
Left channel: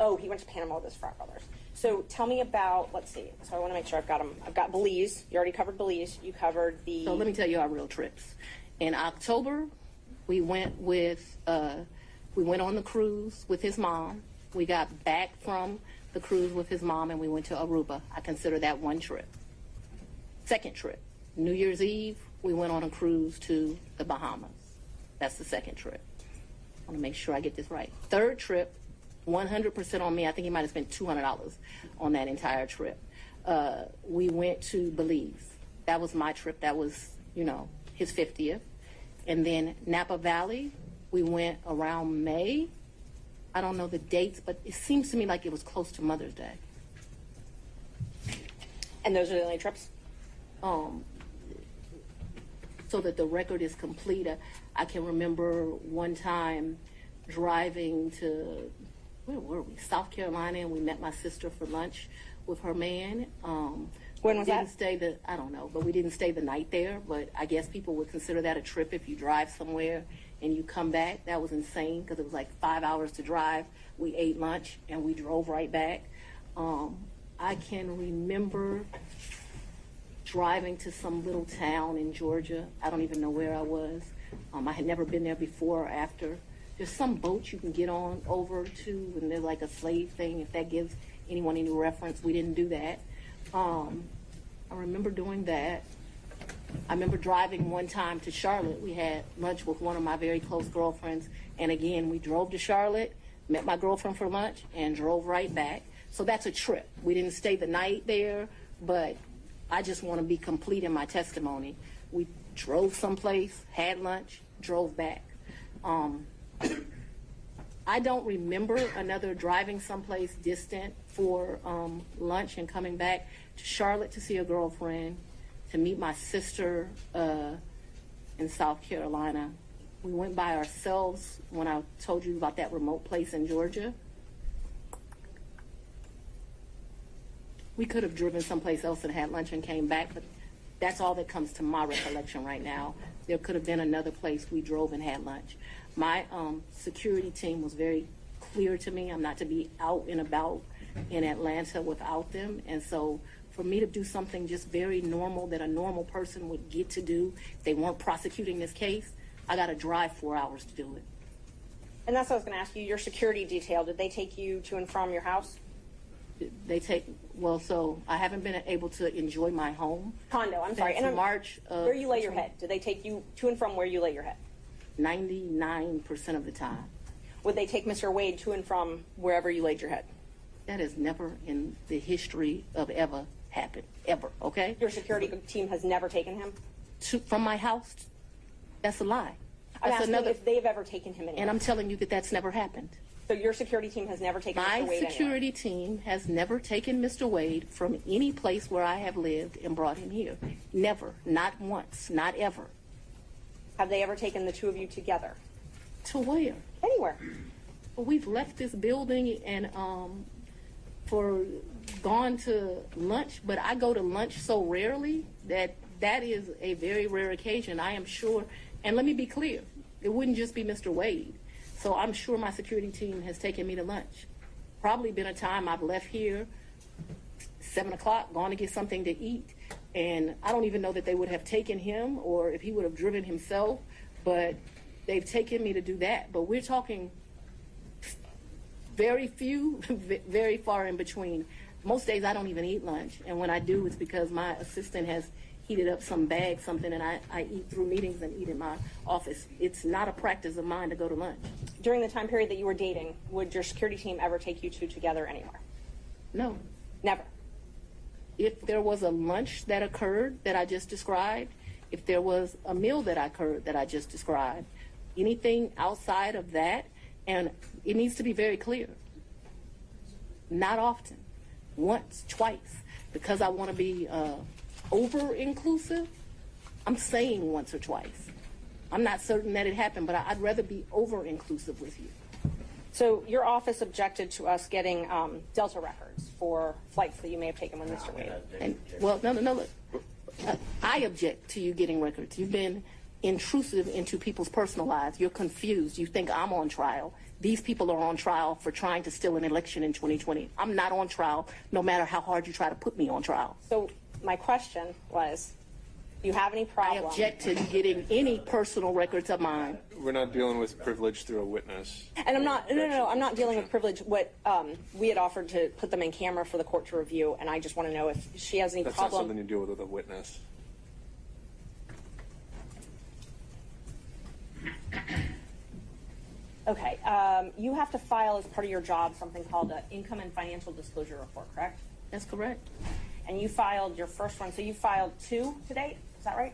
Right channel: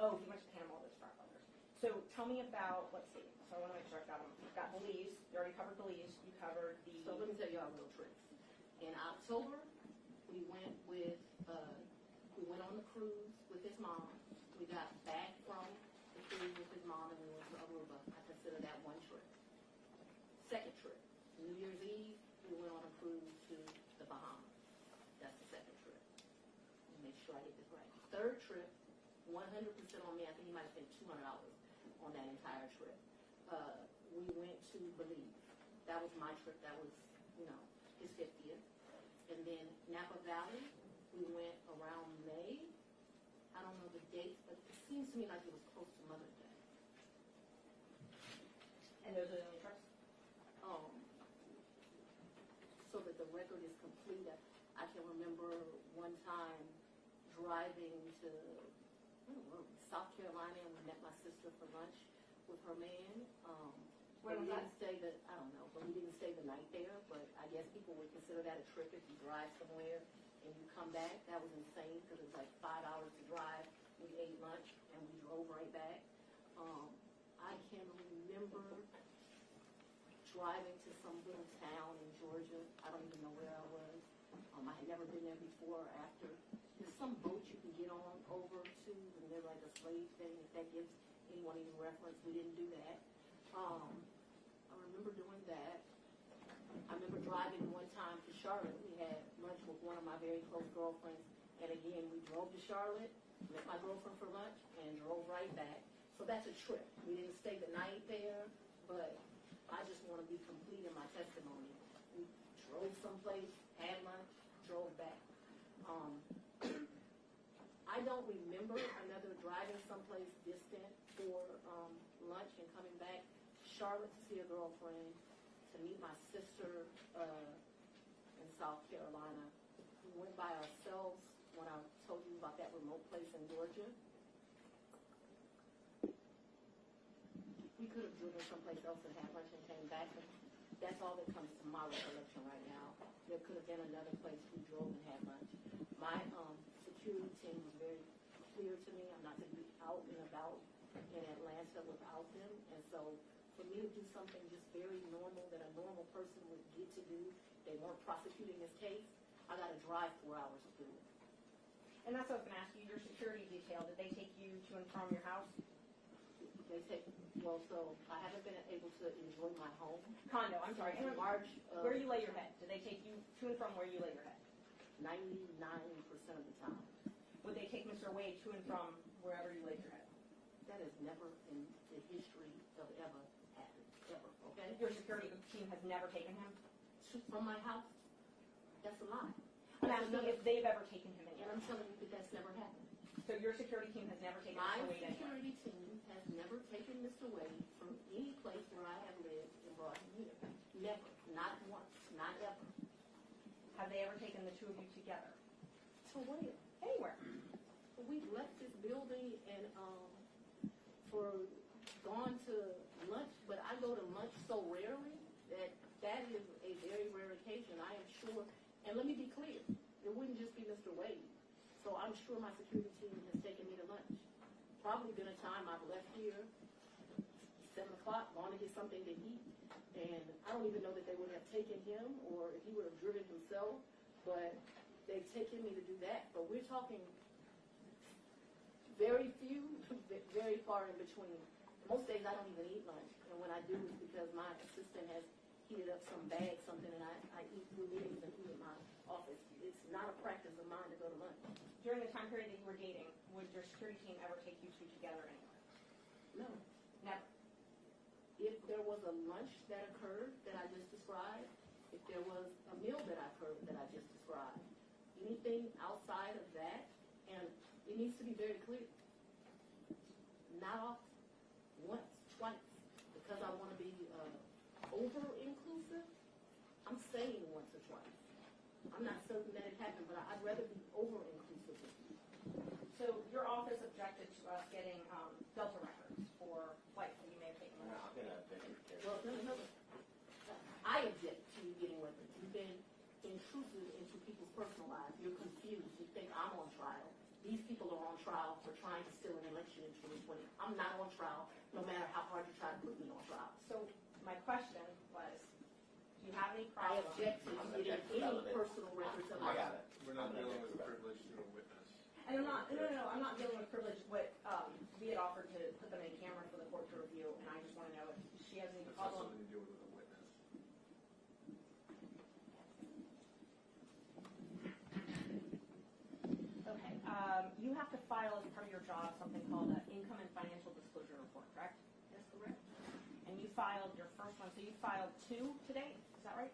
Oh, he went to Panama with his frat brothers. So tell me about, let's see. So I want to make sure I've got them. I've got Belize. You already covered Belize. You covered the... So let me tell you our real trips. In October, we went on the cruise with his mom. We got back from the cruise with his mom, and we went to Aruba. I consider that one trip. Second trip, New Year's Eve, we went on a cruise to the Bahamas. That's the second trip. I want to make sure I get this right. Third trip, 100% on me. I think he might have spent $200 on that entire trip. We went to Belize. That was my trip. That was, his 50th. And then Napa Valley, we went around May. I don't know the dates, but it seems to me like it was close to Mother's Day. And those are the only trips? So that the record is complete, I can remember one time driving to, where were we? South Carolina, and we met my sister for lunch with her man. When was that? I don't know, but we didn't stay the night there. But I guess people would consider that a trip if you drive somewhere and you come back. That was insane because it was like 5 hours to drive. We ate lunch and we drove right back. I can remember driving to some little town in Georgia. I don't even know where I was. I had never been there before or after. There's some boat you can get on over to, and they're like a slave thing, if that gives anyone any reference. We didn't do that. I remember doing that. I remember driving one time to Charlotte. We had lunch with one of my very close girlfriends, and again, we drove to Charlotte, met my girlfriend for lunch, and drove right back. So that's a trip. We didn't stay the night there, but I just want to be complete in my testimony. We drove someplace, had lunch, drove back. I don't remember another driving someplace distant for lunch and coming back to Charlotte to see a girlfriend, to meet my sister in South Carolina. We went by ourselves when I told you about that remote place in Georgia. We could have driven someplace else and had lunch and came back, but that's all that comes to my recollection right now. There could have been another place we drove and had lunch. My security team was very clear to me. I'm not to be out and about in Atlanta without them. And so for me to do something just very normal that a normal person would get to do if they weren't prosecuting this case, I got to drive 4 hours to do it. And that's what I was going to ask you. Your security detail, did they take you to and from your house? So I haven't been able to enjoy my home. Condo, I'm sorry. Since And March of where you lay your head? Did they take you to and from where you lay your head? 99% of the time. Would they take Mr. Wade to and from wherever you laid your head? That has never in the history of ever happened, ever, okay? Your security team has never taken him? From my house? That's a lie. I'm asking if they've ever taken him anywhere. And I'm telling you that that's never happened. So your security team has never taken Mr. My Wade security team has never taken Mr. Wade from any place where I have lived and brought him here. Never. Not once. Not ever. Have they ever taken the two of you together? To where? Anywhere. Well, we've left this building and gone to lunch, but I go to lunch so rarely that is a very rare occasion. I am sure, and let me be clear, it wouldn't just be Mr. Wade. So I'm sure my security team has taken me to lunch. Probably been a time I've left here 7 o'clock, gone to get something to eat, and I don't even know that they would have taken him or if he would have driven himself, but they've taken me to do that. But we're talking very few, very far in between. Most days I don't even eat lunch, and when I do, it's because my assistant has heated up some bag, something, and I eat through meetings and eat in my office. It's not a practice of mine to go to lunch. During the time period that you were dating, would your security team ever take you two together anywhere? No. Never. If there was a lunch that occurred that I just described, if there was a meal that occurred that I just described, anything outside of that, and it needs to be very clear. Not often. Once, twice. Because I want to be over-inclusive, I'm saying once or twice. I'm not certain that it happened, but I'd rather be over-inclusive with you. So your office objected to us getting Delta records for flights that you may have taken with Mr. Wade. And, no, look. I object to you getting records. You've been intrusive into people's personal lives. You're confused. You think I'm on trial. These people are on trial for trying to steal an election in 2020. I'm not on trial, no matter how hard you try to put me on trial. So my question was, do you have any problem? I object to you getting any personal records of mine. We're not dealing with privilege through a witness. And I'm not, no, I'm not dealing with privilege. What we had offered to put them in camera for the court to review, and I just want to know if she has any That's problem. not something you deal with a witness. Okay, you have to file as part of your job something called an income and financial disclosure report, correct? That's correct. And you filed your first one, so you filed 2 to date, is that right?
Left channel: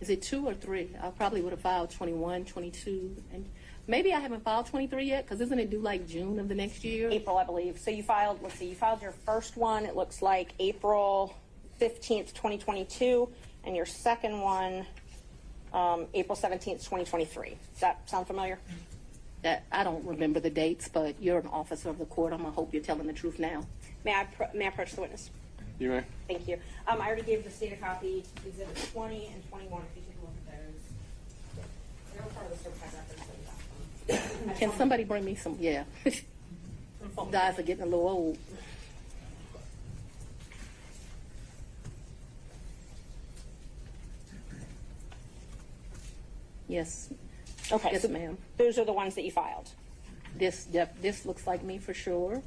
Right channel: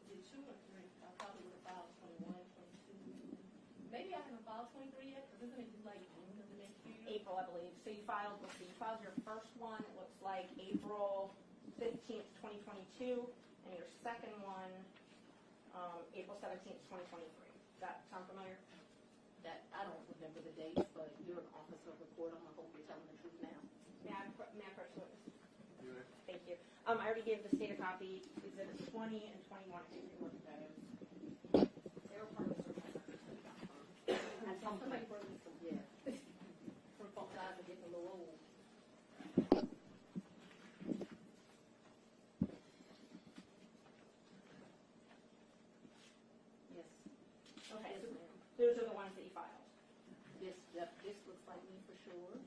Is it 2 or 3? I probably would have filed 21, 22, and maybe I haven't filed 23 yet, because isn't it due like June of the next year? April, I believe. So you filed, let's see, you filed your first one, it looks like April 15th, 2022, and your second one, April 17th, 2023. Does that sound familiar? I don't remember the dates, but you're an officer of the court. I'm going to hope you're telling the truth now. May I approach the witness? You may. Thank you. I already gave the state a copy, exhibits 20 and 21, if you take a look at those. They're part of the certified records that we got. Can somebody bring me some? Yeah. Guys are getting a little old. Yes. Okay, Yes, so ma'am. those are the ones that you filed. This looks like me for sure.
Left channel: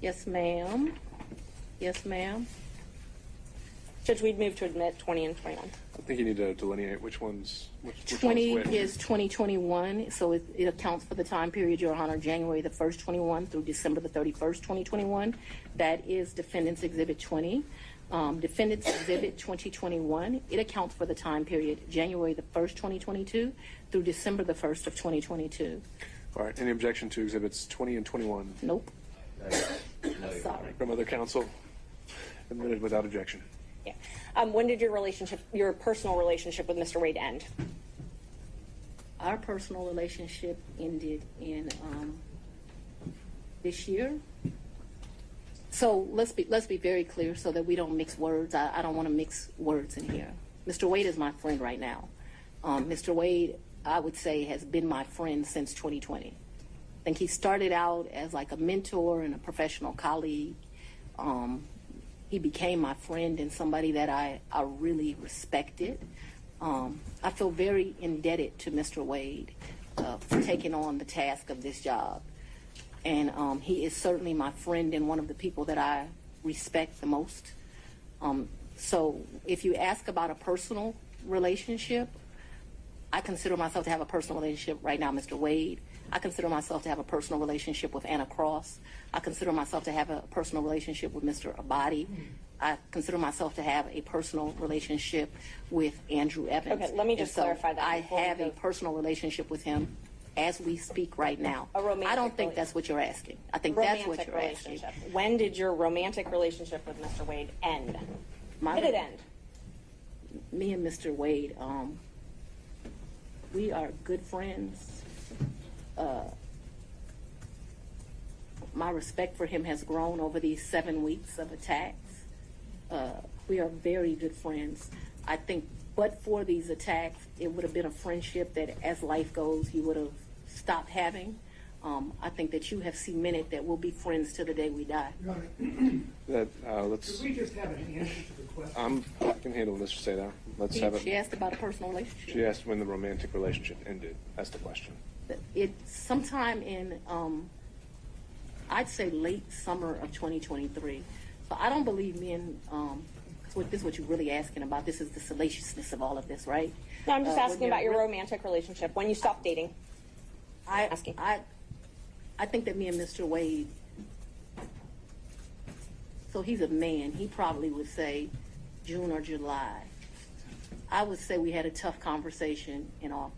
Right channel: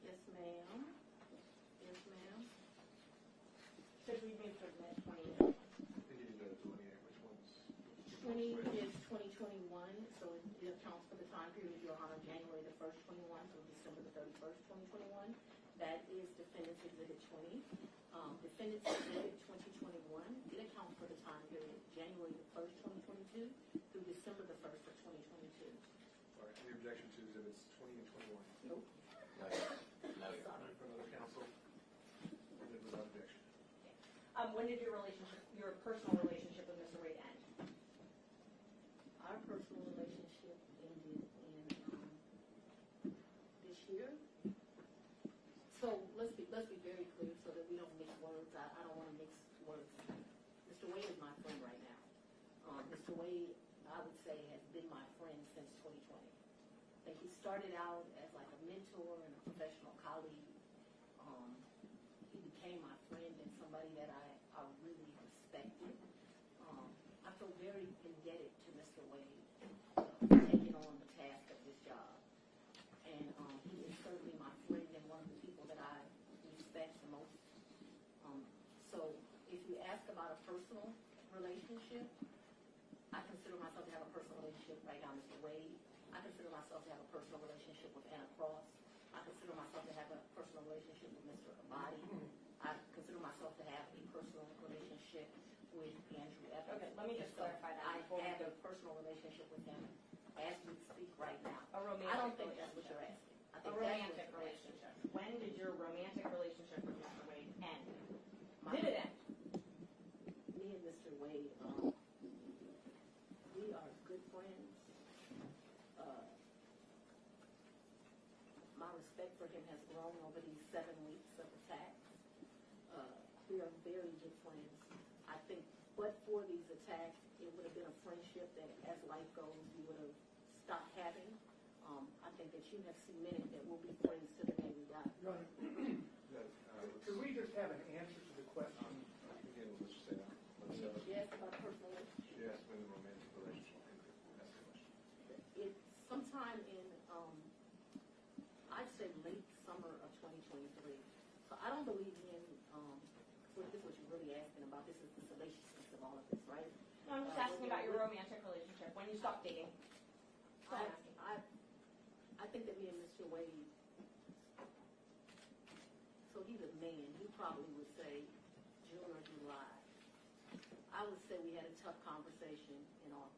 Yes, ma'am. Yes, ma'am. Judge, we'd move to admit 20 and 21. I think you need to delineate which one's which 20 one's which. is 2021, so it accounts for the time period, Your Honor, January the 1st, 21 through December the 31st, 2021. That is Defendant's Exhibit 20. Defendant's Exhibit 2021, it accounts for the time period January the 1st, 2022 through December the 1st of 2022. All right, any objection to exhibits 20 and 21 Nope. Sorry. from other counsel? Admitted without objection. Yeah. When did your personal relationship with Mr. Wade end? Our personal relationship ended in this year. So let's be very clear so that we don't mix words. I don't want to mix words in here. Mr. Wade is my friend right now. Mr. Wade, I would say, has been my friend since 2020. I think he started out as like a mentor and a professional colleague. He became my friend and somebody that I really respected. I feel very indebted to Mr. Wade for taking on the task of this job. And he is certainly my friend and one of the people that I respect the most. So if you ask about a personal relationship, I consider myself to have a personal relationship right now, Mr. Wade. I consider myself to have a personal relationship with Anna Cross. I consider myself to have a personal relationship with Mr. Abadi. I consider myself to have a personal relationship with Andrew Evans. Okay, let me just clarify that I before we have a go. personal relationship with him as we speak right now. A romantic I don't think relationship. that's what you're asking. I think that's what Romantic you're asking. relationship. When did your romantic relationship with Mr. Wade end? Did it end? Me and Mr. Wade, we are good friends. My respect for him has grown over these 7 weeks of attacks. We are very good friends. I think, but for these attacks, it would have been a friendship that, as life goes, you would have stopped having. I think that you have cemented that we'll be friends till the day we die. Your Honor, Let's. could we just have an answer to the question? I can handle Mr. Seda. Let's have She it. asked about a personal relationship. She asked when the romantic relationship ended. That's the question. It's sometime in, I'd say late summer of 2023. So I don't believe men, this is what you're really asking about. This is the salaciousness of all of this, right? No, I'm just When asking you're about your re- romantic relationship, when you stopped dating. Asking. I think that me and Mr. Wade, so he's a man, he probably would say June or July. I would say we had a tough conversation in August.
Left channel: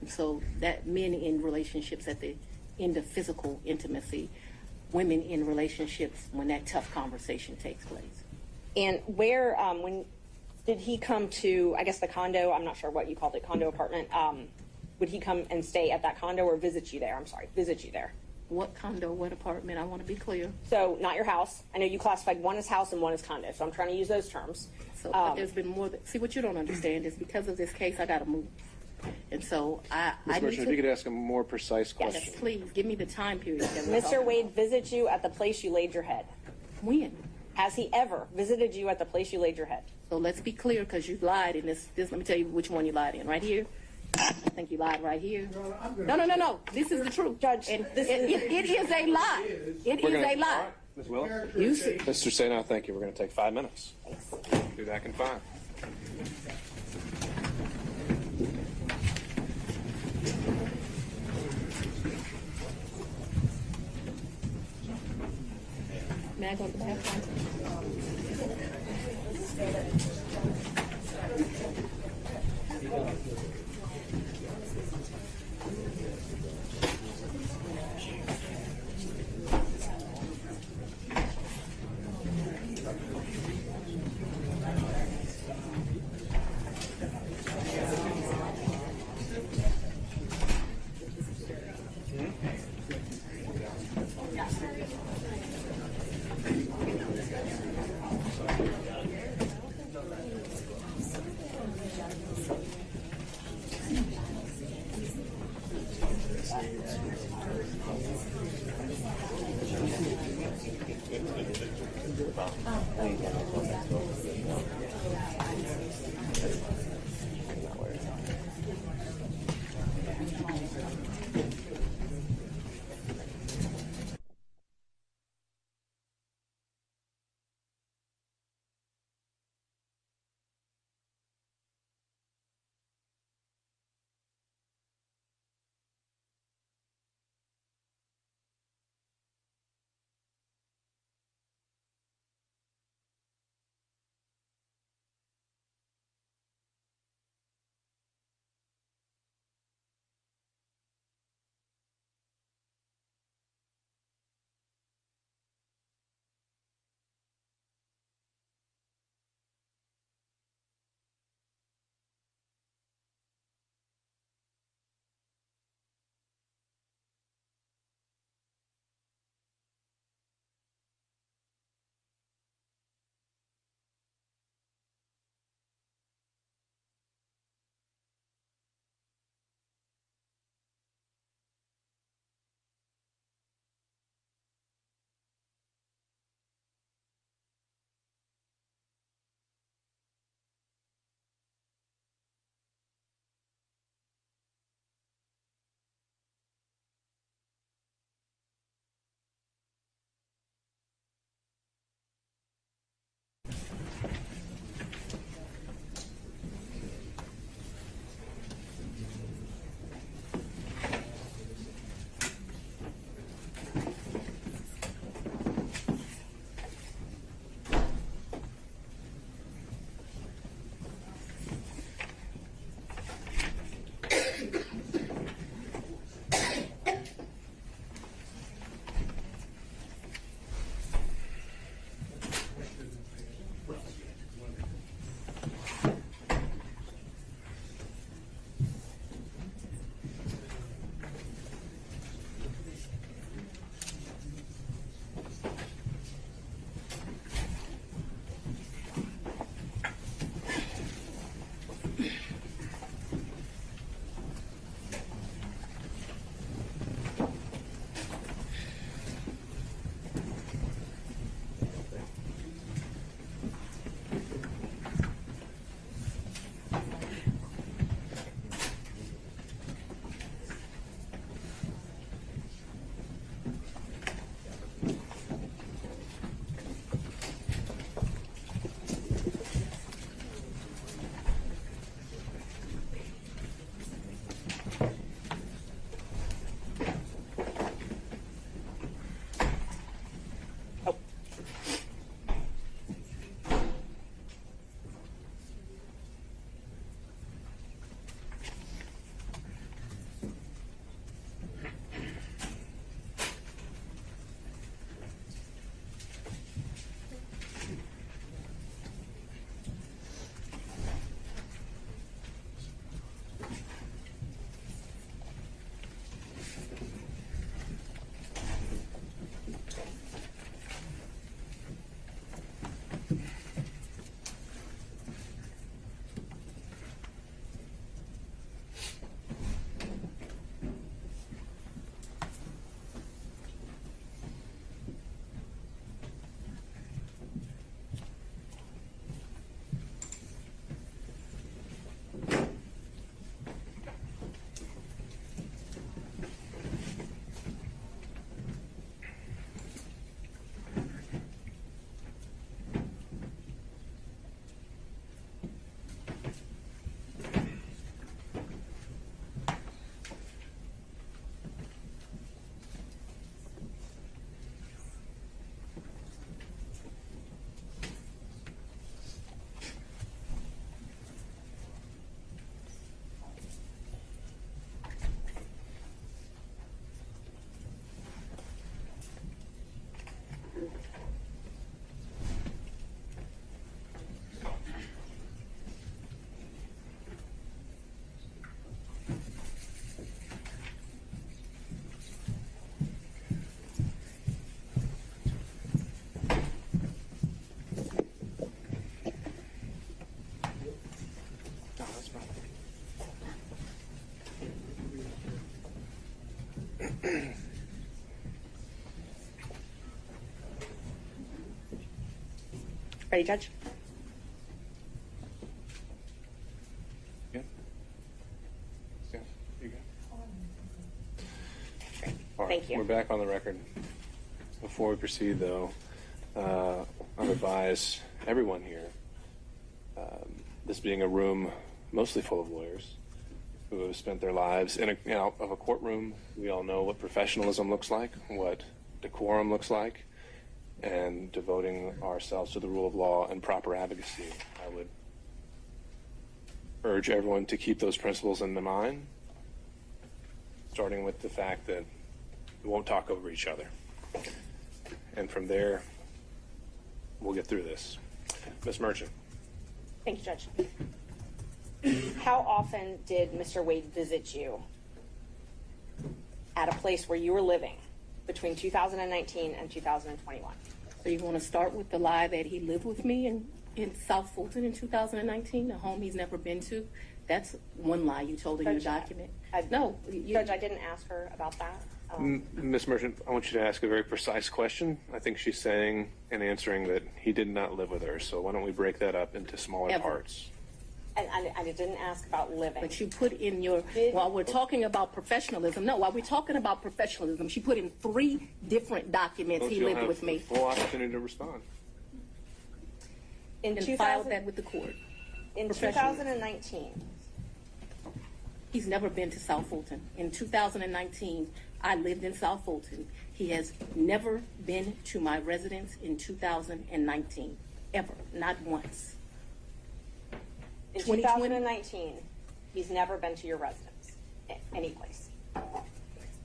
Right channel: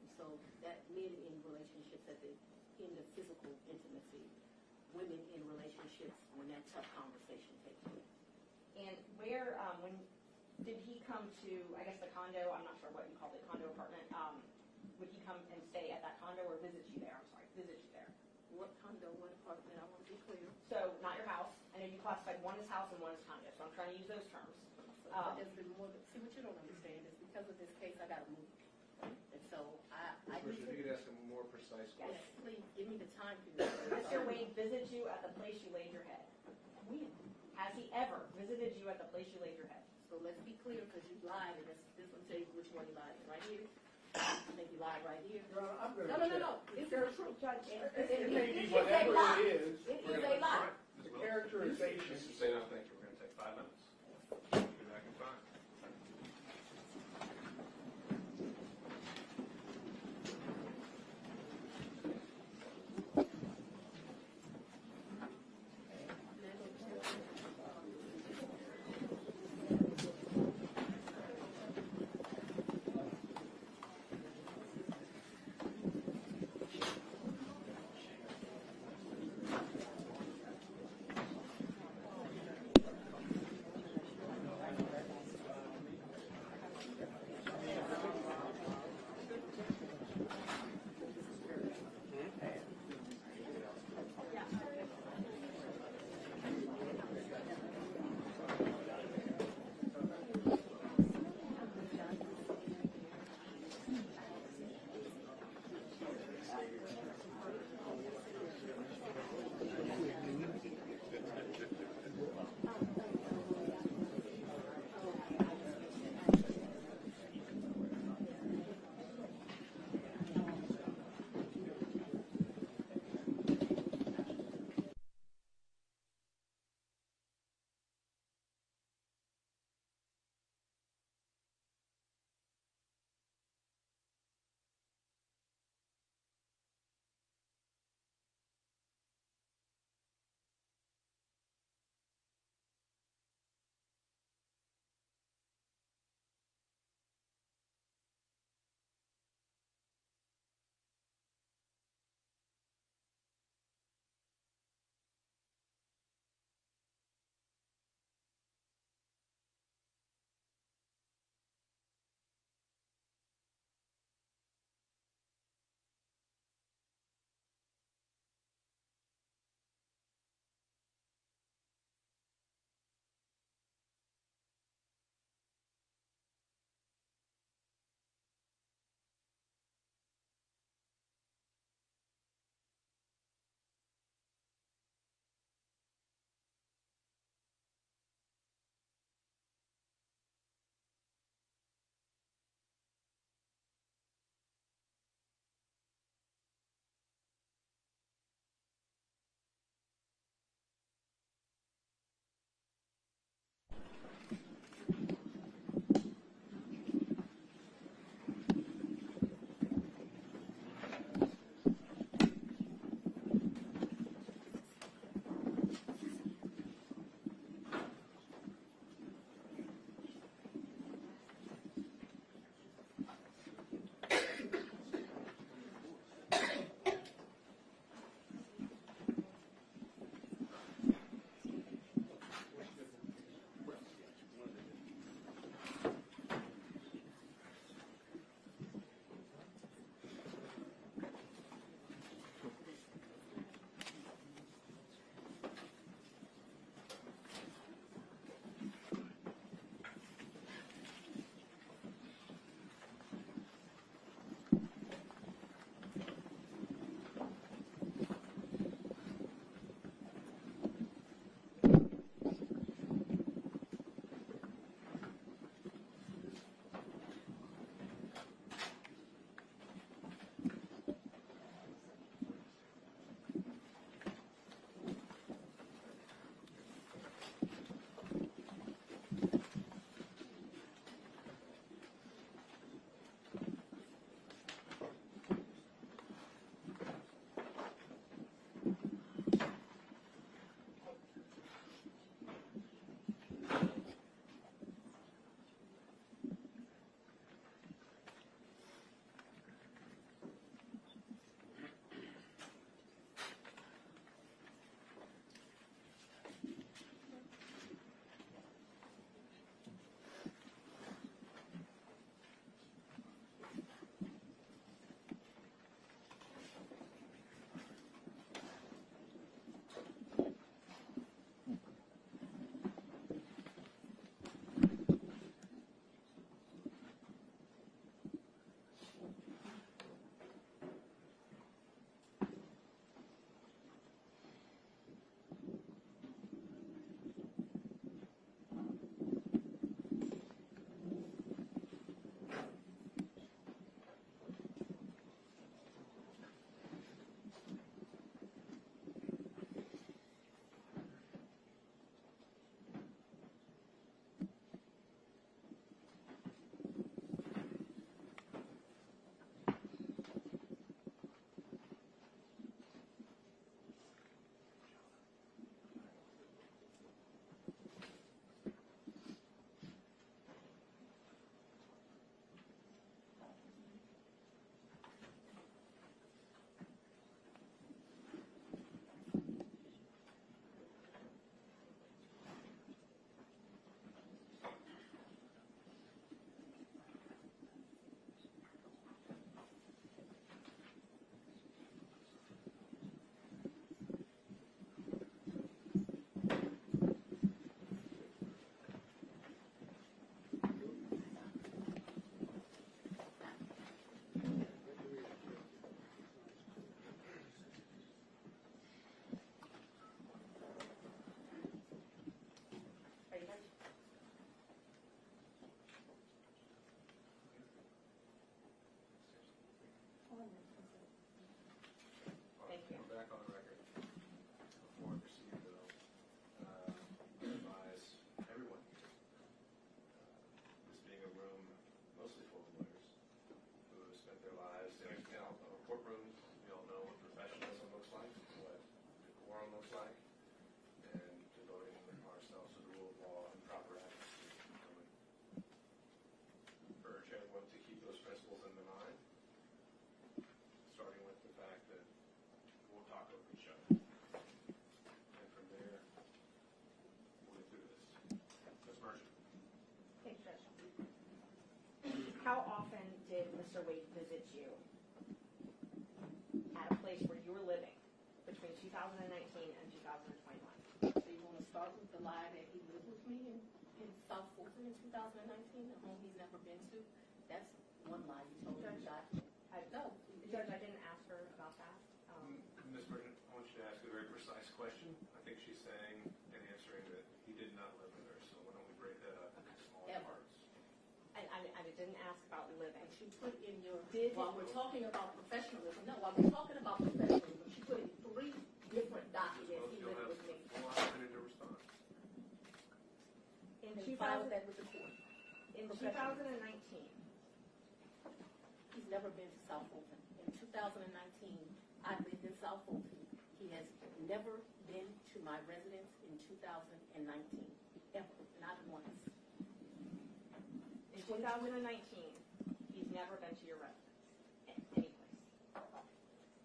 And so that men in relationships at the end of physical intimacy, women in relationships when that tough conversation takes place. And where, when did he come to, I guess, the condo? I'm not sure what you called it, condo apartment. Would he come and stay at that condo or visit you there? I'm sorry, visit you there. What condo, what apartment? I want to be clear. So not your house. I know you classified one as house and one as condo, so I'm trying to use those terms. So but there's been more. See, what you don't understand is because of this case, I got to move. And so I Ms. need Merchant, if you could ask a more precise Yes. question. please give me the time period. That we're Mr. talking Wade visited you at the place you laid your head. about. When? Has he ever visited you at the place you laid your head? So let's be clear, because you lied in this. Let me tell you which one you lied in. Right here. I think you lied right here. Your Honor, I'm gonna- No. This is the truth, Judge, And this it is a lie. It We're is gonna- a lie. Ms. Willis? You see. Mr. Seda, thank you. We're going to take 5 minutes. Be back in 5. May I go to the bathroom? Ready, Judge? Yeah. Yeah. You go. All right, Thank you. We're back on the record. Before we proceed, though, I'll advise everyone here, this being a room mostly full of lawyers who have spent their lives in a courtroom. We all know what professionalism looks like, what decorum looks like, and devoting ourselves to the rule of law and proper advocacy. I would urge everyone to keep those principles in mind, starting with the fact that we won't talk over each other. And from there, we'll get through this. Ms. Merchant. Thank you, Judge. How often did Mr. Wade visit you at a place where you were living between 2019 and 2021? So you want to start with the lie that he lived with me in South Fulton in 2019, a home he's never been to? That's one lie you told in your document. No. Judge, I didn't ask her about that. Ms. Merchant, I want you to ask a very precise question. I think she's saying and answering that he did not live with her. So why don't we break that up into smaller parts? And I didn't ask about living. But you put in your, while we're talking about professionalism, while we're talking about professionalism, she put in 3 different documents he lived with me. Full opportunity to respond. And filed that with the court. In 2019. He's never been to South Fulton. In 2019, I lived in South Fulton. He has never been to my residence in 2019, ever, not once. In 2019, he's never been to your residence, any place.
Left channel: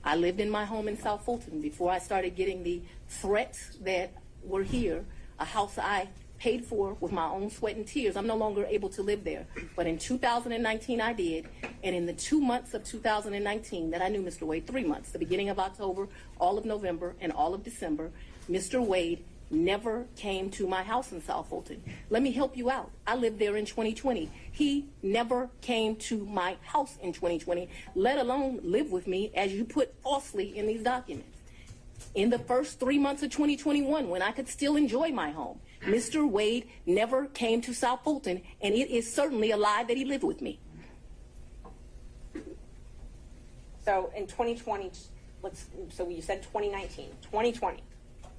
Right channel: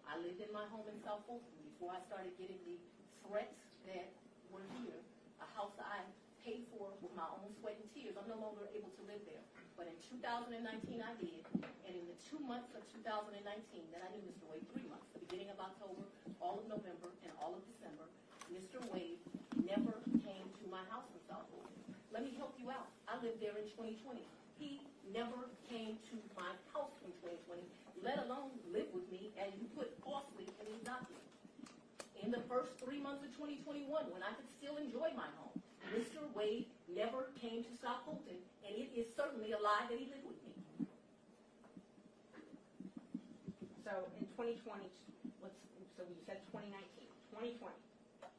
I lived in my home in South Fulton before I started getting the threats that were here, a house I paid for with my own sweat and tears. I'm no longer able to live there. But in 2019, I did. And in the 2 months of 2019 that I knew Mr. Wade, 3 months, the beginning of October, all of November, and all of December, Mr. Wade never came to my house in South Fulton. Let me help you out. I lived there in 2020. He never came to my house in 2020, let alone live with me, as you put falsely in these documents. In the first 3 months of 2021, when I could still enjoy my home, Mr. Wade never came to South Fulton, and it is certainly a lie that he lived with me. So in 2020, so you said 2019, 2020,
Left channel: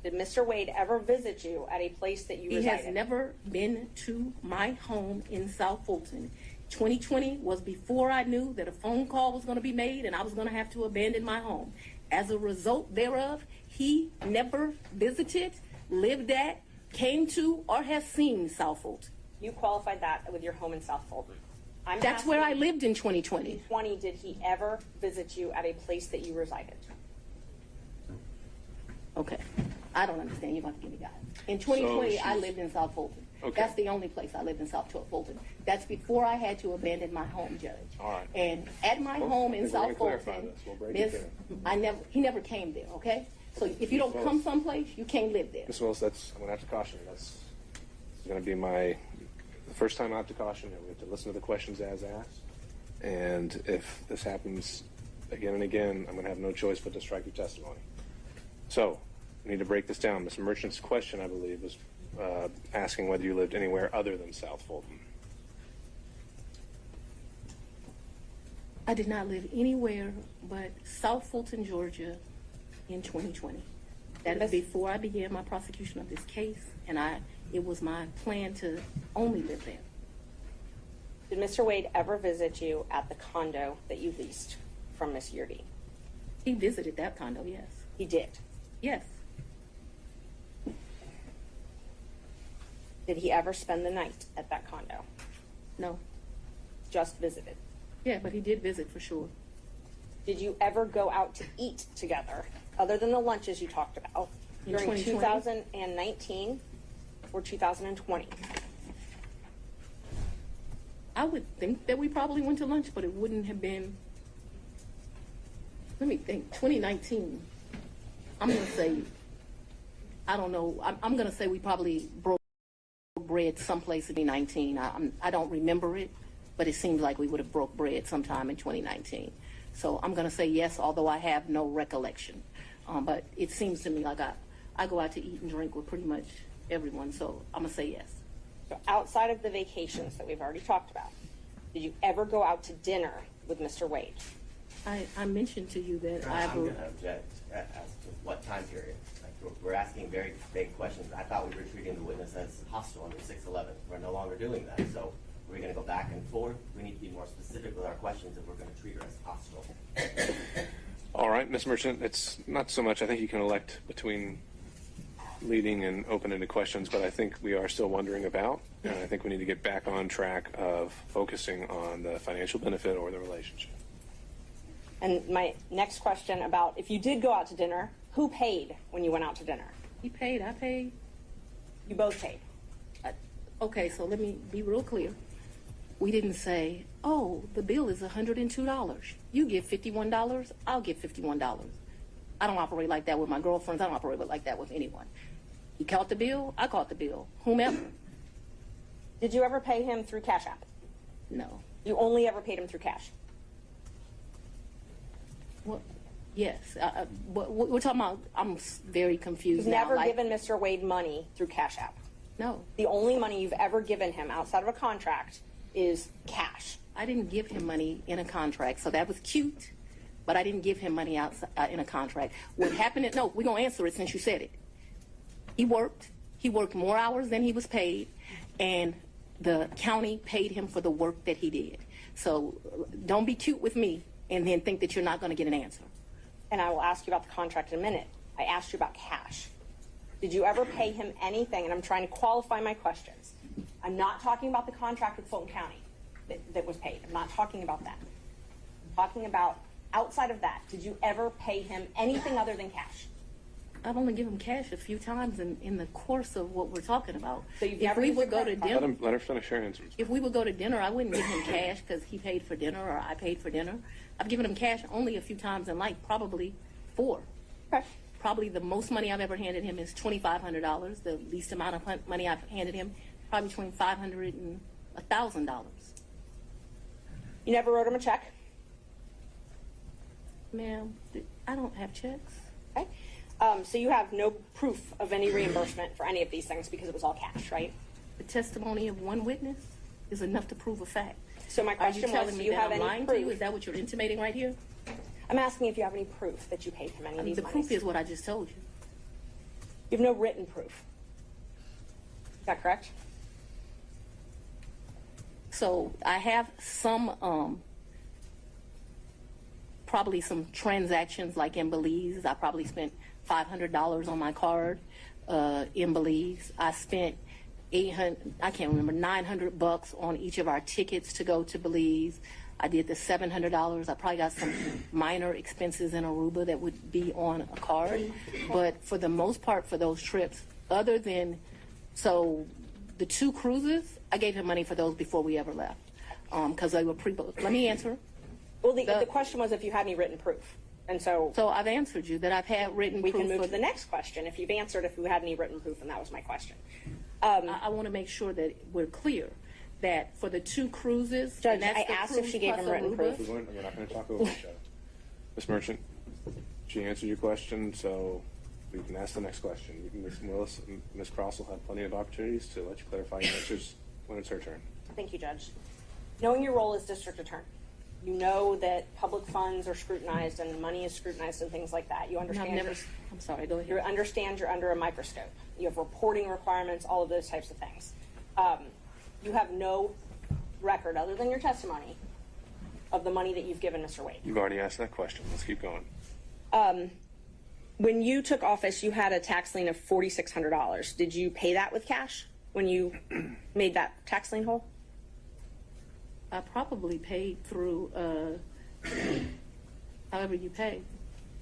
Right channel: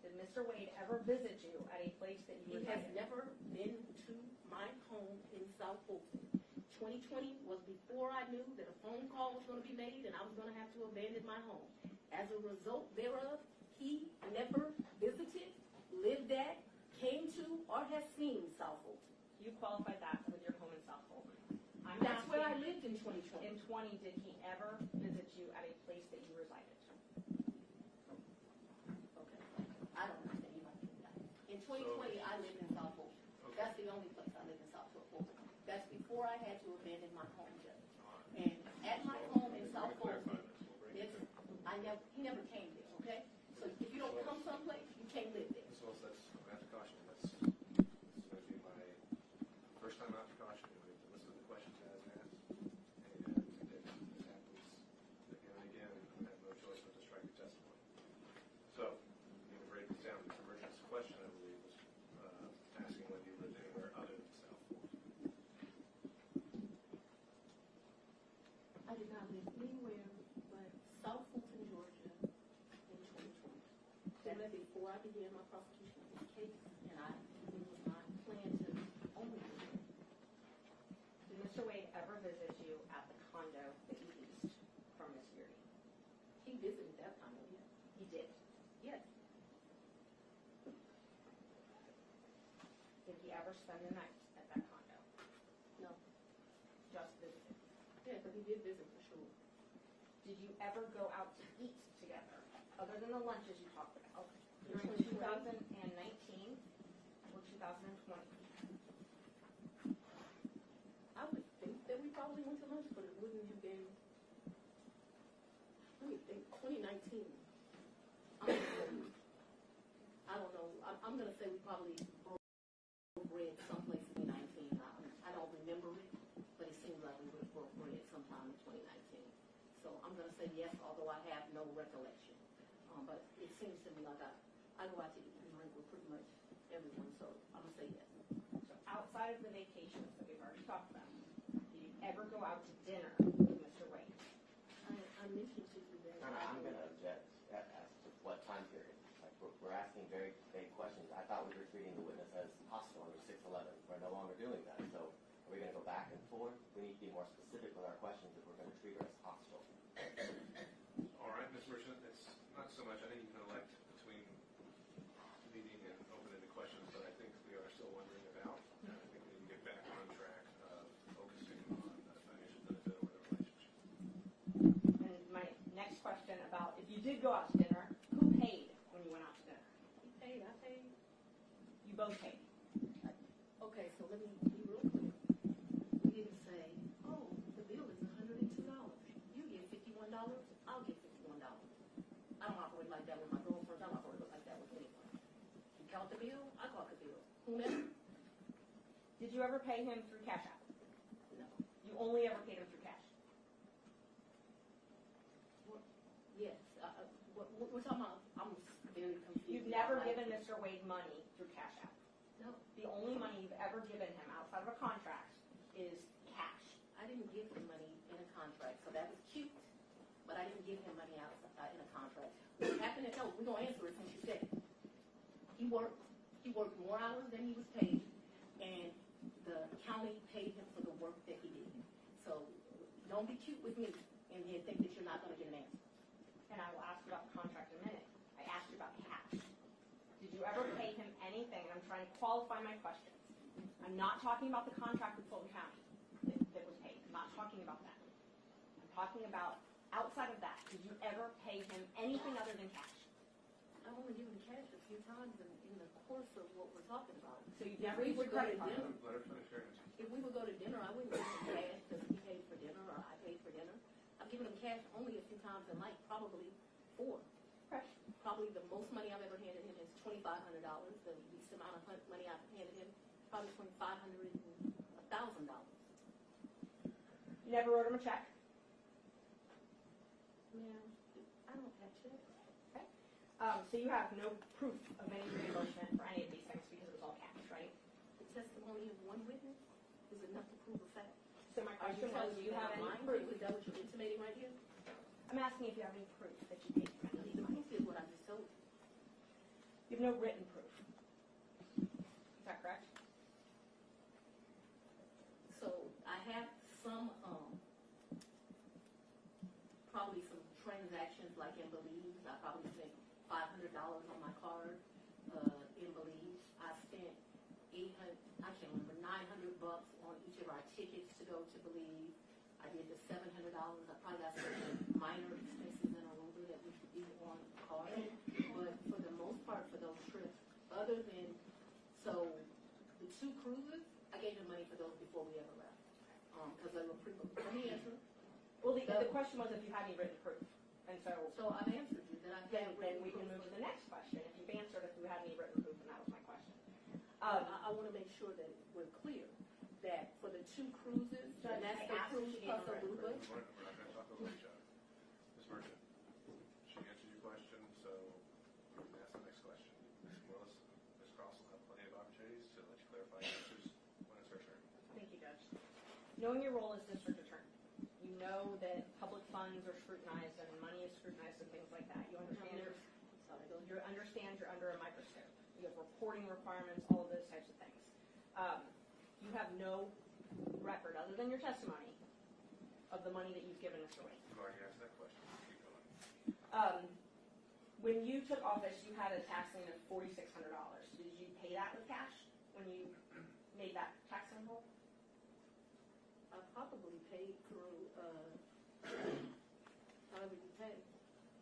did Mr. Wade ever visit you at a place that you resided? He has never been to my home in South Fulton. 2020 was before I knew that a phone call was going to be made and I was going to have to abandon my home. As a result thereof, he never visited, lived at, came to, or has seen South Fulton. You qualified that with your home in South Fulton. That's where I lived in 2020. In 2020, did he ever visit you at a place that you resided? Okay. I don't understand. You're going to give me guidance. In 2020, I lived in South Fulton. Okay. That's the only place I lived in South Fulton. That's before I had to abandon my home, Judge. All right. And at my home in South Fulton, he never came there, okay? So if you don't come someplace, you can't live there. Ms. Willis, I'm going to have to caution you. That's going to be the first time I have to caution you. We have to listen to the questions as asked. And if this happens again and again, I'm going to have no choice but to strike your testimony. So, we need to break this down. Ms. Merchant's question, I believe, was asking whether you lived anywhere other than South Fulton. I did not live anywhere but South Fulton, Georgia in 2020. That is before I began my prosecution of this case, and it was my plan to only live there. Did Mr. Wade ever visit you at the condo that you leased from Ms. Yurdi? He visited that condo, yes. He did? Yes. Did he ever spend the night at that condo? No. Just visited? Yeah, but he did visit for sure. Did you ever go out to eat together, other than the lunches you talked about, during 2019 or 2020? I would think that we probably went to lunch, but it wouldn't have been, let me think, 2019. I'm going to say, I don't know, I'm going to say we probably broke bread someplace in 2019. I don't remember it, but it seems like we would have broke bread sometime in 2019. So I'm going to say yes, although I have no recollection. But it seems to me like I go out to eat and drink with pretty much everyone, so I'm going to say yes. So outside of the vacations that we've already talked about, did you ever go out to dinner with Mr. Wade? I mentioned to you that I'm going to object as to what time period. Like, we're asking very vague questions. I thought we were treating the witness as hostile under 611. We're no longer doing that. So we're going to go back and forth. We need to be more specific with our questions if we're going to treat her as hostile. All right, Ms. Merchant, it's not so much. I think you can elect between leading and open-ended questions, but I think we are still wondering about, and I think we need to get back on track of focusing on the financial benefit or the relationship. And my next question about if you did go out to dinner, who paid when you went out to dinner? he paid, I paid. You both paid. Okay, so let me be real clear. We didn't say, oh, the bill is $102. You give $51, I'll give $51. I don't operate like that with my girlfriends. I don't operate like that with anyone. He caught the bill, I caught the bill. Whomever. Did you ever pay him through Cash App? No. You only ever paid him through cash? Well, yes. We're talking about, I'm very confused You've now. never given Mr. Wade money through Cash App. No. The only money you've ever given him outside of a contract is cash. I didn't give him money in a contract, so that was cute, but I didn't give him money outside in a contract. What happened is, no, we're going to answer it since you said it. He worked more hours than he was paid, and the county paid him for the work that he did. So don't be cute with me and then think that you're not going to get an answer. And I will ask you about the contract in a minute. I asked you about cash. Did you ever pay him anything? And I'm trying to qualify my questions. I'm not talking about the contract with Fulton County that was paid. I'm not talking about that. I'm talking about outside of that. Did you ever pay him anything other than cash? I've only given cash a few times in the course of what we're talking about. So you've If never we used would a go to credit card? dinner, Let her finish her answer. if we would go to dinner, I wouldn't give him cash because he paid for dinner or I paid for dinner. I've given him cash only a few times in life, probably 4. Okay. Probably the most money I've ever handed him is $2,500. The least amount of money I've handed him, probably between $500 and $1,000. You never wrote him a check? Ma'am, I don't have checks. Okay. So you have no proof of any reimbursement for any of these things because it was all cash, right? The testimony of one witness is enough to prove a fact. So my Are you question was, telling do me you that have I'm any lying to proof? you? Is that what you're intimating right here? I'm asking if you have any proof that you paid him any of these The monies. proof is what I just told you. You have no written proof. Is that correct? So I have some, probably some transactions like in Belize. I probably spent $500 on my card in Belize. I spent $900 on each of our tickets to go to Belize. I did the $700. I probably got some minor expenses in Aruba that would be on a card. But for the most part, for those trips, other than, so the 2 cruises, I gave him money for those before we ever left because they were pre-booked. Let me answer. Well, the question was if you had any written proof. And so I've answered you that I've had written we proof. can move for to the next question. If you've answered if you had any written proof, and that was my question. I want to make sure that we're clear that for the 2 cruises, Judge, and that's I the asked if cruise she gave plus him written Aruba. proof. We're not going to talk over each other. Ms. Merchant, she answered your question, so we can ask the next question. Ms. Willis and Ms. Cross will have plenty of opportunities to let you clarify your answers when it's her turn. Thank you, Judge. Knowing your role as district attorney, you know that public funds are scrutinized and money is scrutinized and things like that. You And understand. I've never, I'm sorry, go You ahead. understand you're under a microscope. You have reporting requirements, all of those types of things. You have no record, other than your testimony, of the money that you've given Mr. Wade. You've already asked that question. Let's keep going. When you took office, you had a tax lien of $4,600. Did you pay that with cash when you made that tax lien whole? I probably paid through however you pay.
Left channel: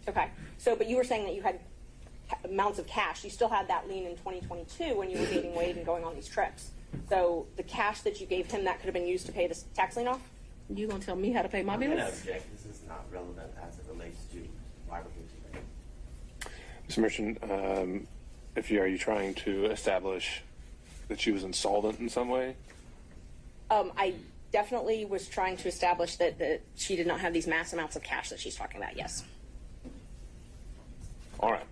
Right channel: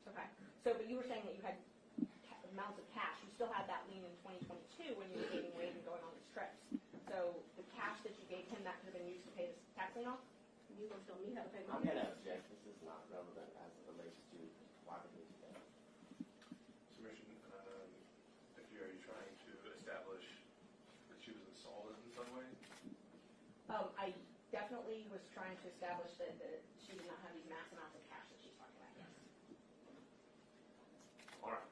Okay. So, but you were saying that you had amounts of cash. You still had that lien in 2022 when you were dating Wade and going on these trips. So the cash that you gave him, that could have been used to pay the tax lien off? You gonna tell me how to pay my I'm going to bills? object. This is not relevant as it relates to why we're here today. Ms. Merchant, are you trying to establish that she was insolvent in some way? I definitely was trying to establish that she did not have these mass amounts of cash that she's talking about, yes. All right.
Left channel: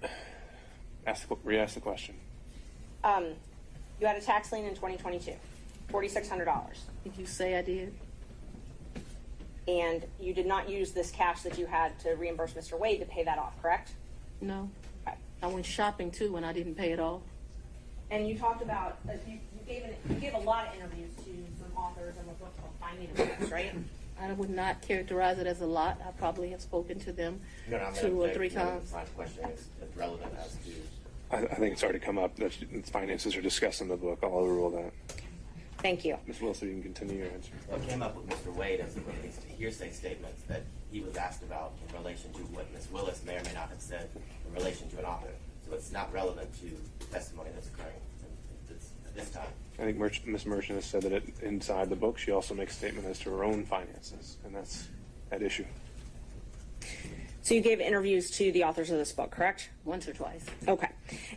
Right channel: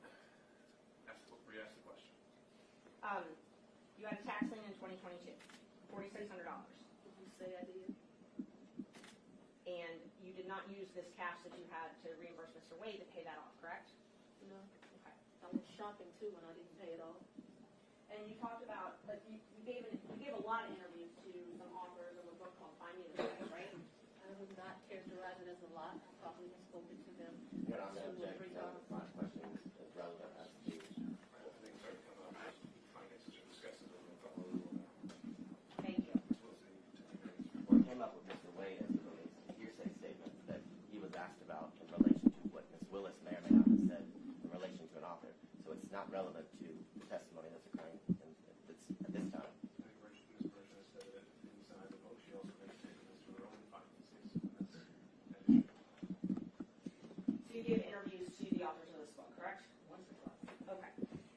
Re-ask the question. You had a tax lien in 2022, $4,600. Did you say I did? And you did not use this cash that you had to reimburse Mr. Wade to pay that off, correct? No. Okay. I went shopping too and I didn't pay it off. And you talked about, you gave a lot of interviews to some authors of a book called Finance, right? I would not characterize it as a lot. I probably have spoken to them No, I'm 2 or gonna 3 say, you know, times. My question is relevant as to. I think it's already come up that finances are discussed in the book. I'll overrule that. Thank you. Ms. Wilson, you can continue your answer. What came up with Mr. Wade as it relates to hearsay statements that he was asked about in relation to what Ms. Willis may or may not have said in relation to an author. So it's not relevant to the testimony that's occurring at this time. I think Ms. Merchant has said that inside the book, she also makes a statement as to her own finances, and that's at issue. So you gave interviews to the authors of this book, correct? Once or twice. Okay.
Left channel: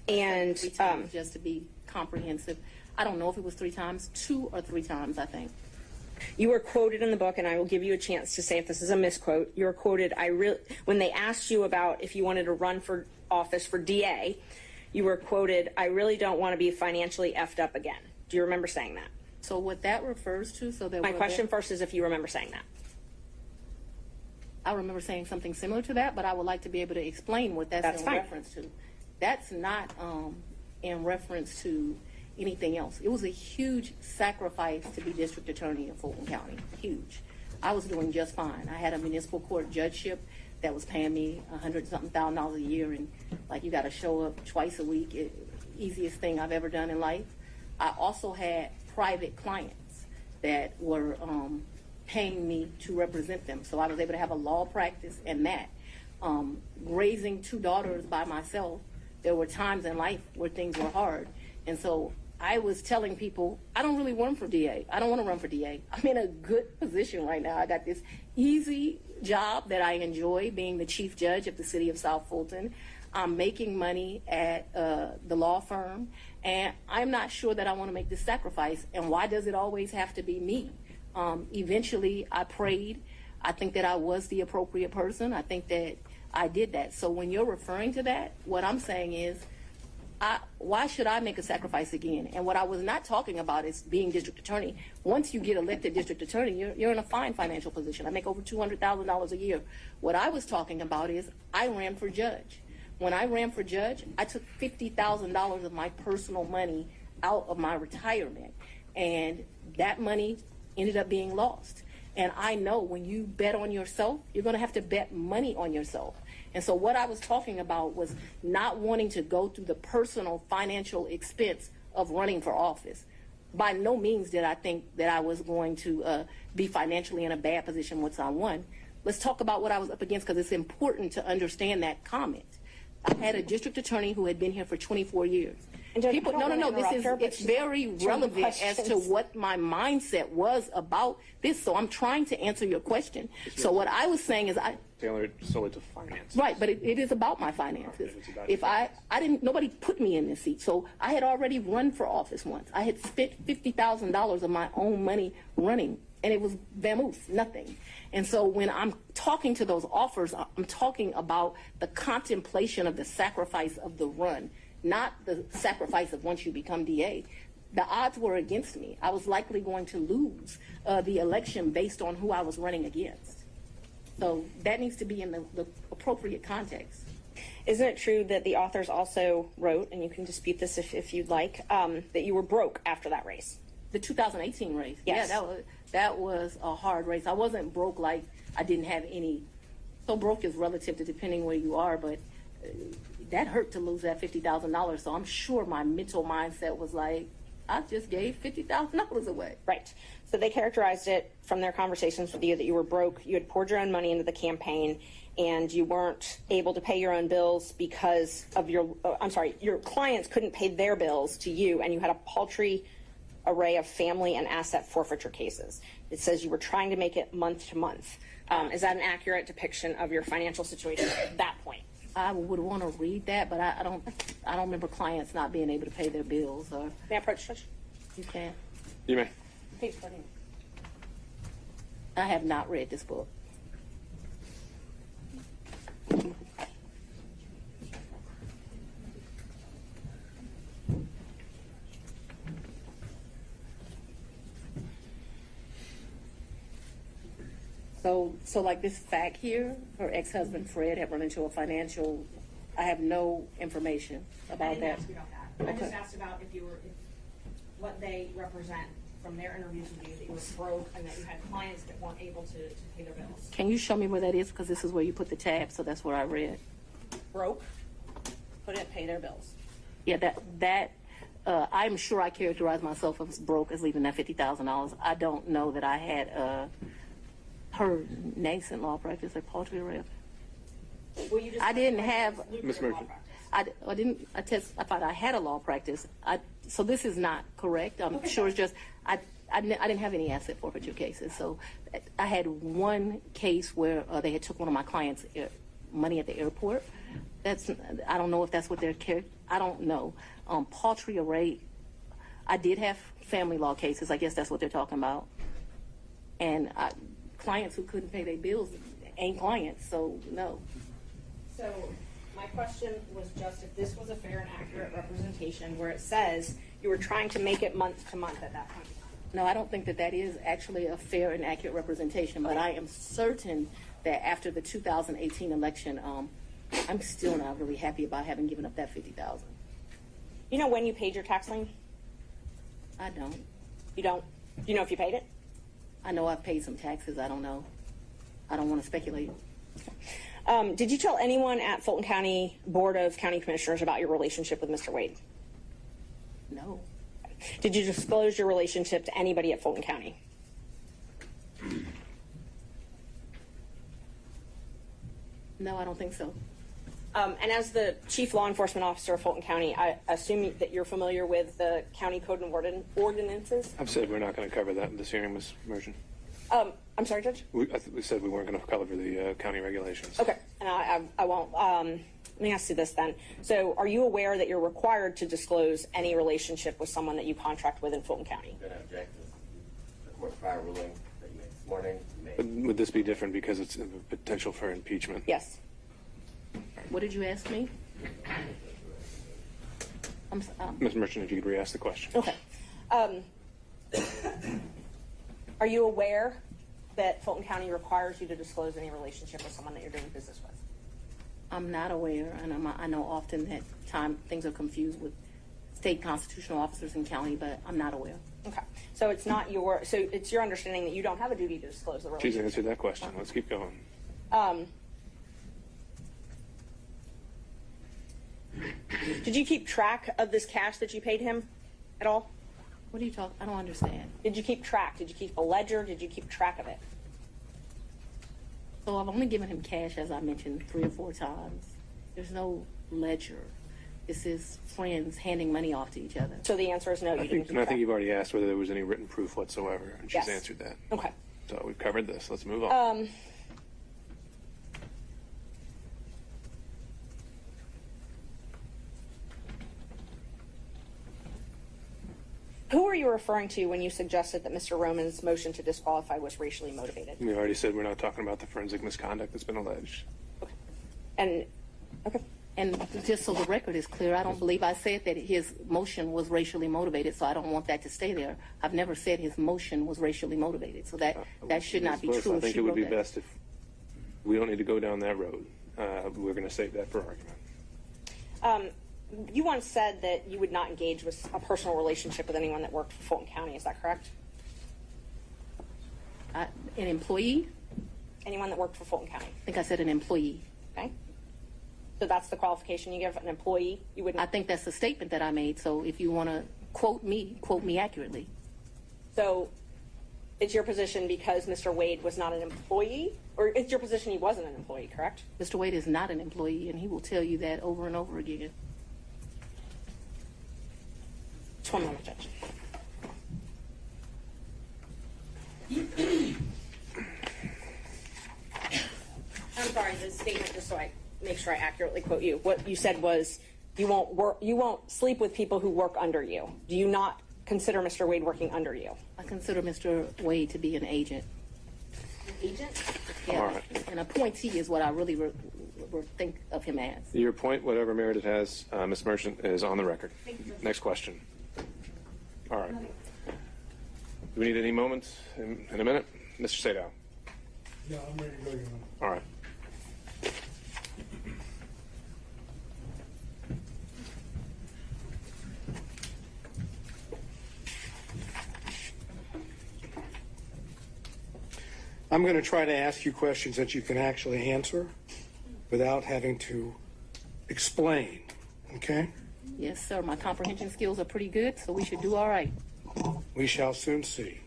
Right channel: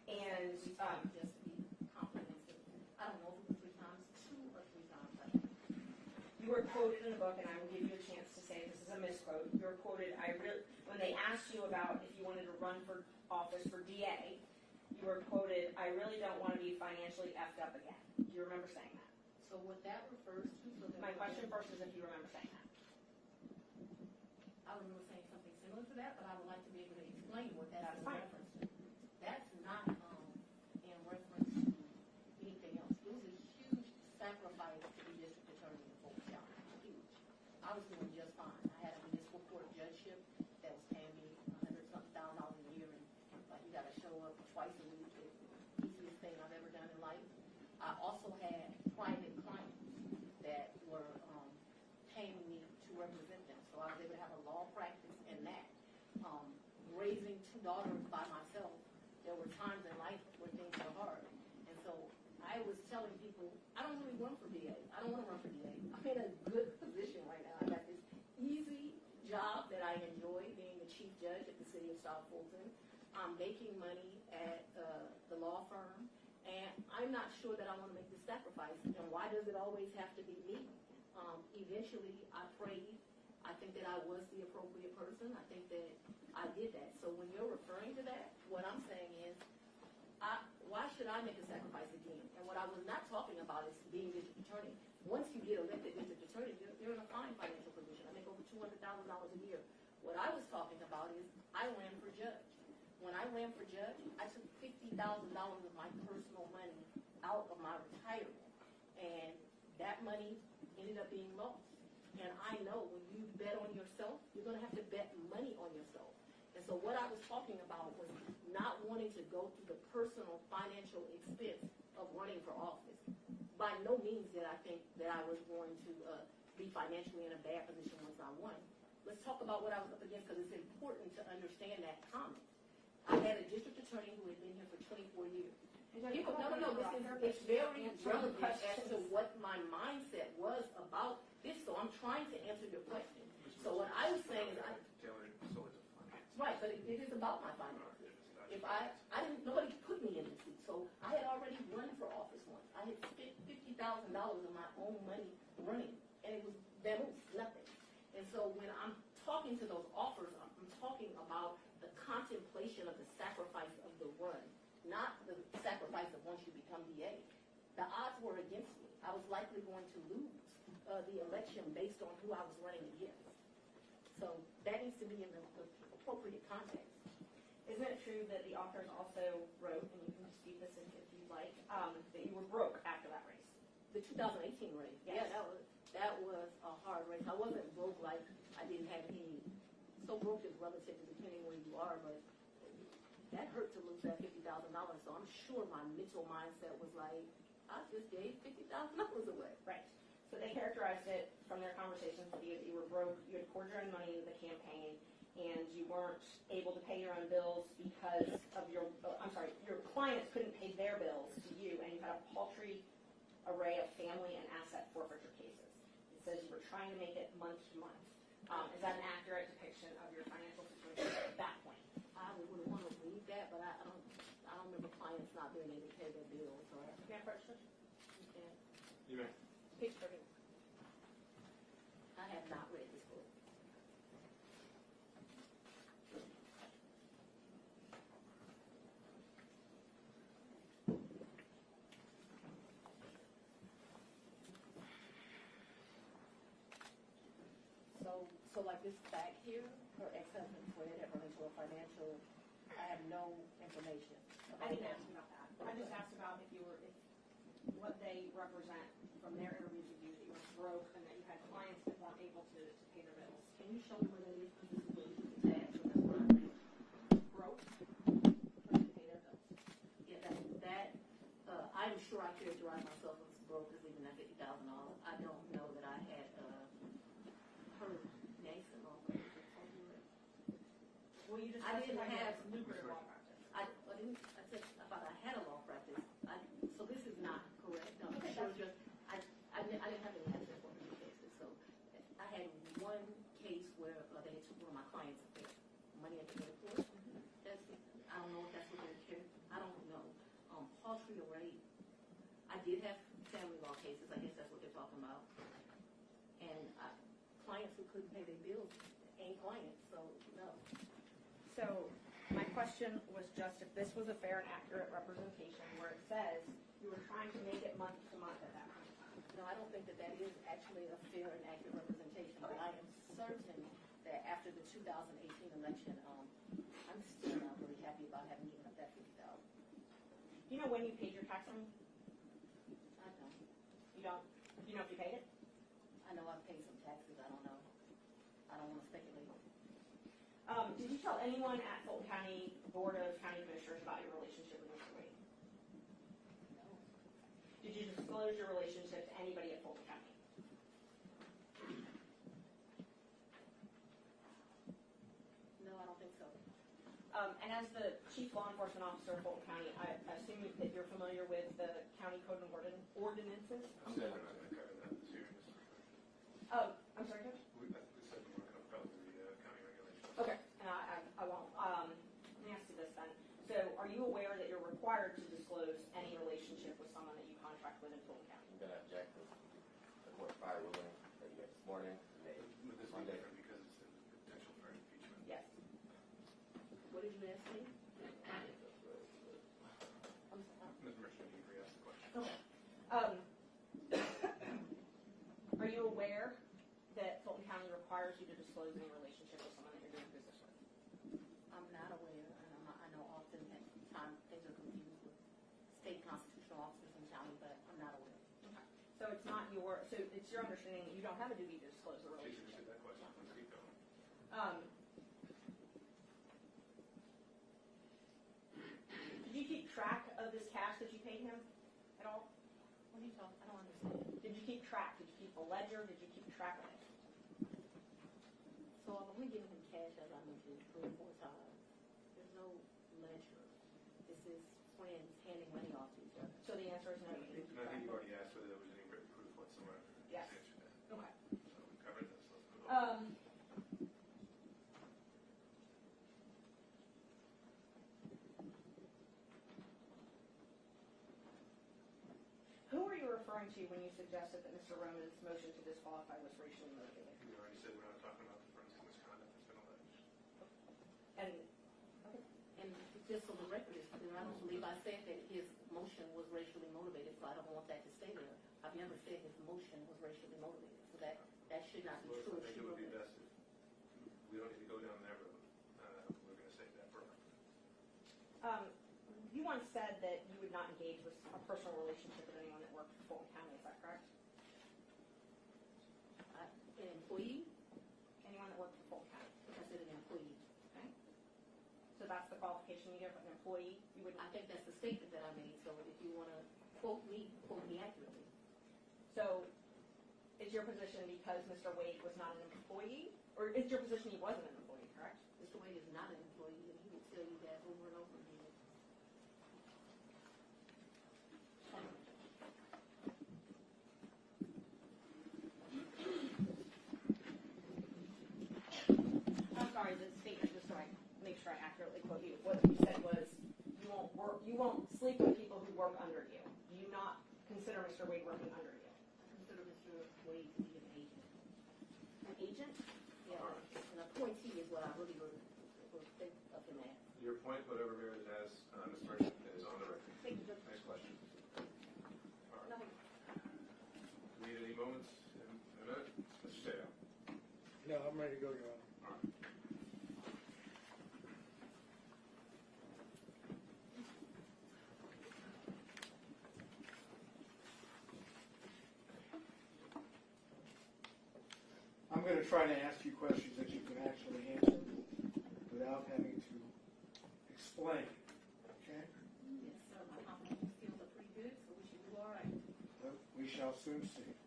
And 3 times, just to be comprehensive. I don't know if it was 3 times, 2 or 3 times, I think. you were quoted in the book, and I will give you a chance to say if this is a misquote. You were quoted, when they asked you about if you wanted to run for office for DA, you were quoted, "I really don't want to be financially effed up again." Do you remember saying that? So what that refers to, so that My question first is if you remember saying that. I remember saying something similar to that, but I would like to be able to explain what that's in fine. reference to. That's not in reference to anything else. It was a huge sacrifice to be district attorney in Fulton County. Huge. I was doing just fine. I had a municipal court judgeship that was paying me $100-something thousand a year, and like you got to show up twice a week. Easiest thing I've ever done in life. I also had private clients that were paying me to represent them, so I was able to have a law practice and that. Raising 2 daughters by myself, there were times in life where things were hard, and so I was telling people, I don't really run for DA. I don't want to run for DA. I'm in a good position right now. I got this easy job that I enjoy, being the chief judge of the city of South Fulton. I'm making money at the law firm, and I'm not sure that I want to make this sacrifice. And why does it always have to be me? Eventually, I prayed. I think that I was the appropriate person. I think that I did that. So when you're referring to that, what I'm saying is, why should I make a sacrifice again? And what I was not talking about is being district attorney. Once you get elected district attorney, you're in a fine financial position. I make over $200,000 a year. What I was talking about is I ran for judge. When I ran for judge, I took $50,000 of my personal money out of my retirement, and that money ended up being lost. And I know when you bet on yourself, you're going to have to bet money on yourself. And so what I was talking about was not wanting to go through the personal financial expense of running for office. By no means did I think that I was going to be financially in a bad position once I won. Let's talk about what I was up against, because it's important to understand that comment. I had a district attorney who had been here for 24 years. And Judge, It's very relevant as to what my mindset was about this. So I'm trying to answer your question. So what I was saying is Tailored solely to finance. right, but it is about my finances. If I didn't, nobody put me in this seat. So I had already run for office once. I had spent $50,000 of my own money running, and it was vamoose, nothing. And so when I'm talking to those offers, I'm talking about the contemplation of the sacrifice of the run, not the sacrifice of once you become DA. The odds were against me. I was likely going to lose the election based on who I was running against. So that needs to be in the appropriate context. Isn't it true that the authors also wrote, and you can dispute this if you'd like, that you were broke after that race? The 2018 race. Yes. Yeah, that was a hard race. I wasn't broke like I didn't have any. So broke is relative to depending where you are, but that hurt to lose that $50,000. So I'm sure my mental mindset was like, I just gave $50,000 away. Right. So they characterized it from their conversations with you that you were broke, you had poured your own money into the campaign, and you weren't able to pay your own bills because of your clients couldn't pay their bills to you, and you had a paltry array of family and asset forfeiture cases. It says you were trying to make it month to month. Is that an accurate depiction of your financial situation at that point? I would want to read that, but I don't remember clients not being able to pay their bills. Or May I approach, Judge? you can. You may. Page 14. I have not read this book. So like this fact here, her ex-husband Fred had run into a financial, I have no information I about didn't that. ask you about that. I Okay. just asked about if what they represent from their interviews with you, that you were broke and that you had clients that weren't able to pay their bills. Can you show me where that is? Because this is where you put the tab, so that's where I read. Broke, couldn't pay their bills. Yeah, I'm sure I characterized myself as broke as leaving that $50,000. I don't know that I had her nascent law practice at poultry rep. Well, you just I didn't have. Ms. Murphy. I didn't. I thought I had a law practice. So this is not correct. I'm sure it's just I didn't have any asset forfeiture cases. So I had one case where they had took one of my clients' money at the airport. I don't know if that's what they're I don't know. Poultry array. I did have family law cases. I guess that's what they're talking about. And clients who couldn't pay their bills ain't clients. So no. So my question was just if this was a fair and accurate representation where it says you were trying to make it month to month at that point. No, I don't think that is actually a fair and accurate representation, but I am certain that after the 2018 election, I'm still not really happy about having given up that $50,000. You know when you paid your tax lien? I don't. You don't? Do you know if you paid it? I know I've paid some taxes. I don't know. I don't want to speculate. Did you tell anyone at Fulton County Board of County Commissioners about your relationship with Mr. Wade? No. Did you disclose your relationship to anybody at Fulton County? No, I don't think so. And as the Chief Law Enforcement Officer of Fulton County, I assume that you're familiar with the county code and ordinances? I've said we're not going to cover that in this hearing, Ms. Merchant. I'm sorry, Judge? We said we weren't going to cover the county regulations. Okay, and I won't. Let me ask you this then. So are you aware that you're required to disclose any relationship with someone that you contract with in Fulton County? I'm going to object to the court's prior ruling that you made this morning. But would this be different because it's a potential for impeachment? Yes. What did you ask me? Ms. Merchant, if you could re-ask the question. Okay. Are you aware that Fulton County requires you to disclose any relationship with someone that you're doing business with? I'm not aware, and I know often that things are confused with state constitutional officers in county, but I'm not aware. Okay. So it's not so it's your understanding that you don't have a duty to disclose the She's relationship? answered that question. Let's keep going. Did you keep track of this cash that you paid him at all? What are you talking? I don't understand. Did you keep track? Did you keep a ledger? Did you keep track of it? So I've only given him cash, as I mentioned, 3 or 4 times. There's no ledger. This is friends handing money off to each other. So the answer is no, you didn't keep And I track. think you've already asked whether there was any written proof whatsoever, and she's Yes. answered that. Okay. So we've covered this. Let's move on. Who were you referring to when you suggested that Mr. Roman's motion to disqualify was racially motivated? We already said we're not talking about the forensic misconduct that's been alleged. And, okay. And just so the record is clear, I don't believe I said that his motion was racially motivated, so I don't want that to stay there. I've never said his motion was racially motivated, so that should not be Ms. true. I if think she it would wrote be that. best if we don't need to go down that road. We're going to save that for argument. You once said that you would not engage with a personal relationship with anyone that worked for Fulton County. Is that correct? An employee? Anyone that worked for Fulton County. I think I said an employee. Okay. So that's the qualification you give an employee? You wouldn't. I think that's the statement that I made, so if you want to quote me accurately. So it's your position because Mr. Wade was not an employee? Or it's your position he wasn't an employee, correct? Mr. Wade is not an employee, and he will tell you that over and over again. Just one moment, Judge. I'm sorry, the statement, just so I make sure I accurately quote you. What you said was you won't sleep with people who work under you. Do you not consider Mr. Wade working under you? I consider Mr. Wade to be an agent. An agent? Yeah, All right. an appointee is what I really think of him as. Your point, whatever merit it has, Ms. Merchant, is on the record. Next question. All right. Do we need any moments in a minute? Mr. Sadow. Yeah, I'm ready to go, Your Honor. All right. I'm going to try to ask you questions that you can actually answer without having to explain, okay? Yes, sir. My comprehension skills are pretty good, so we should do all right. We shall soon see.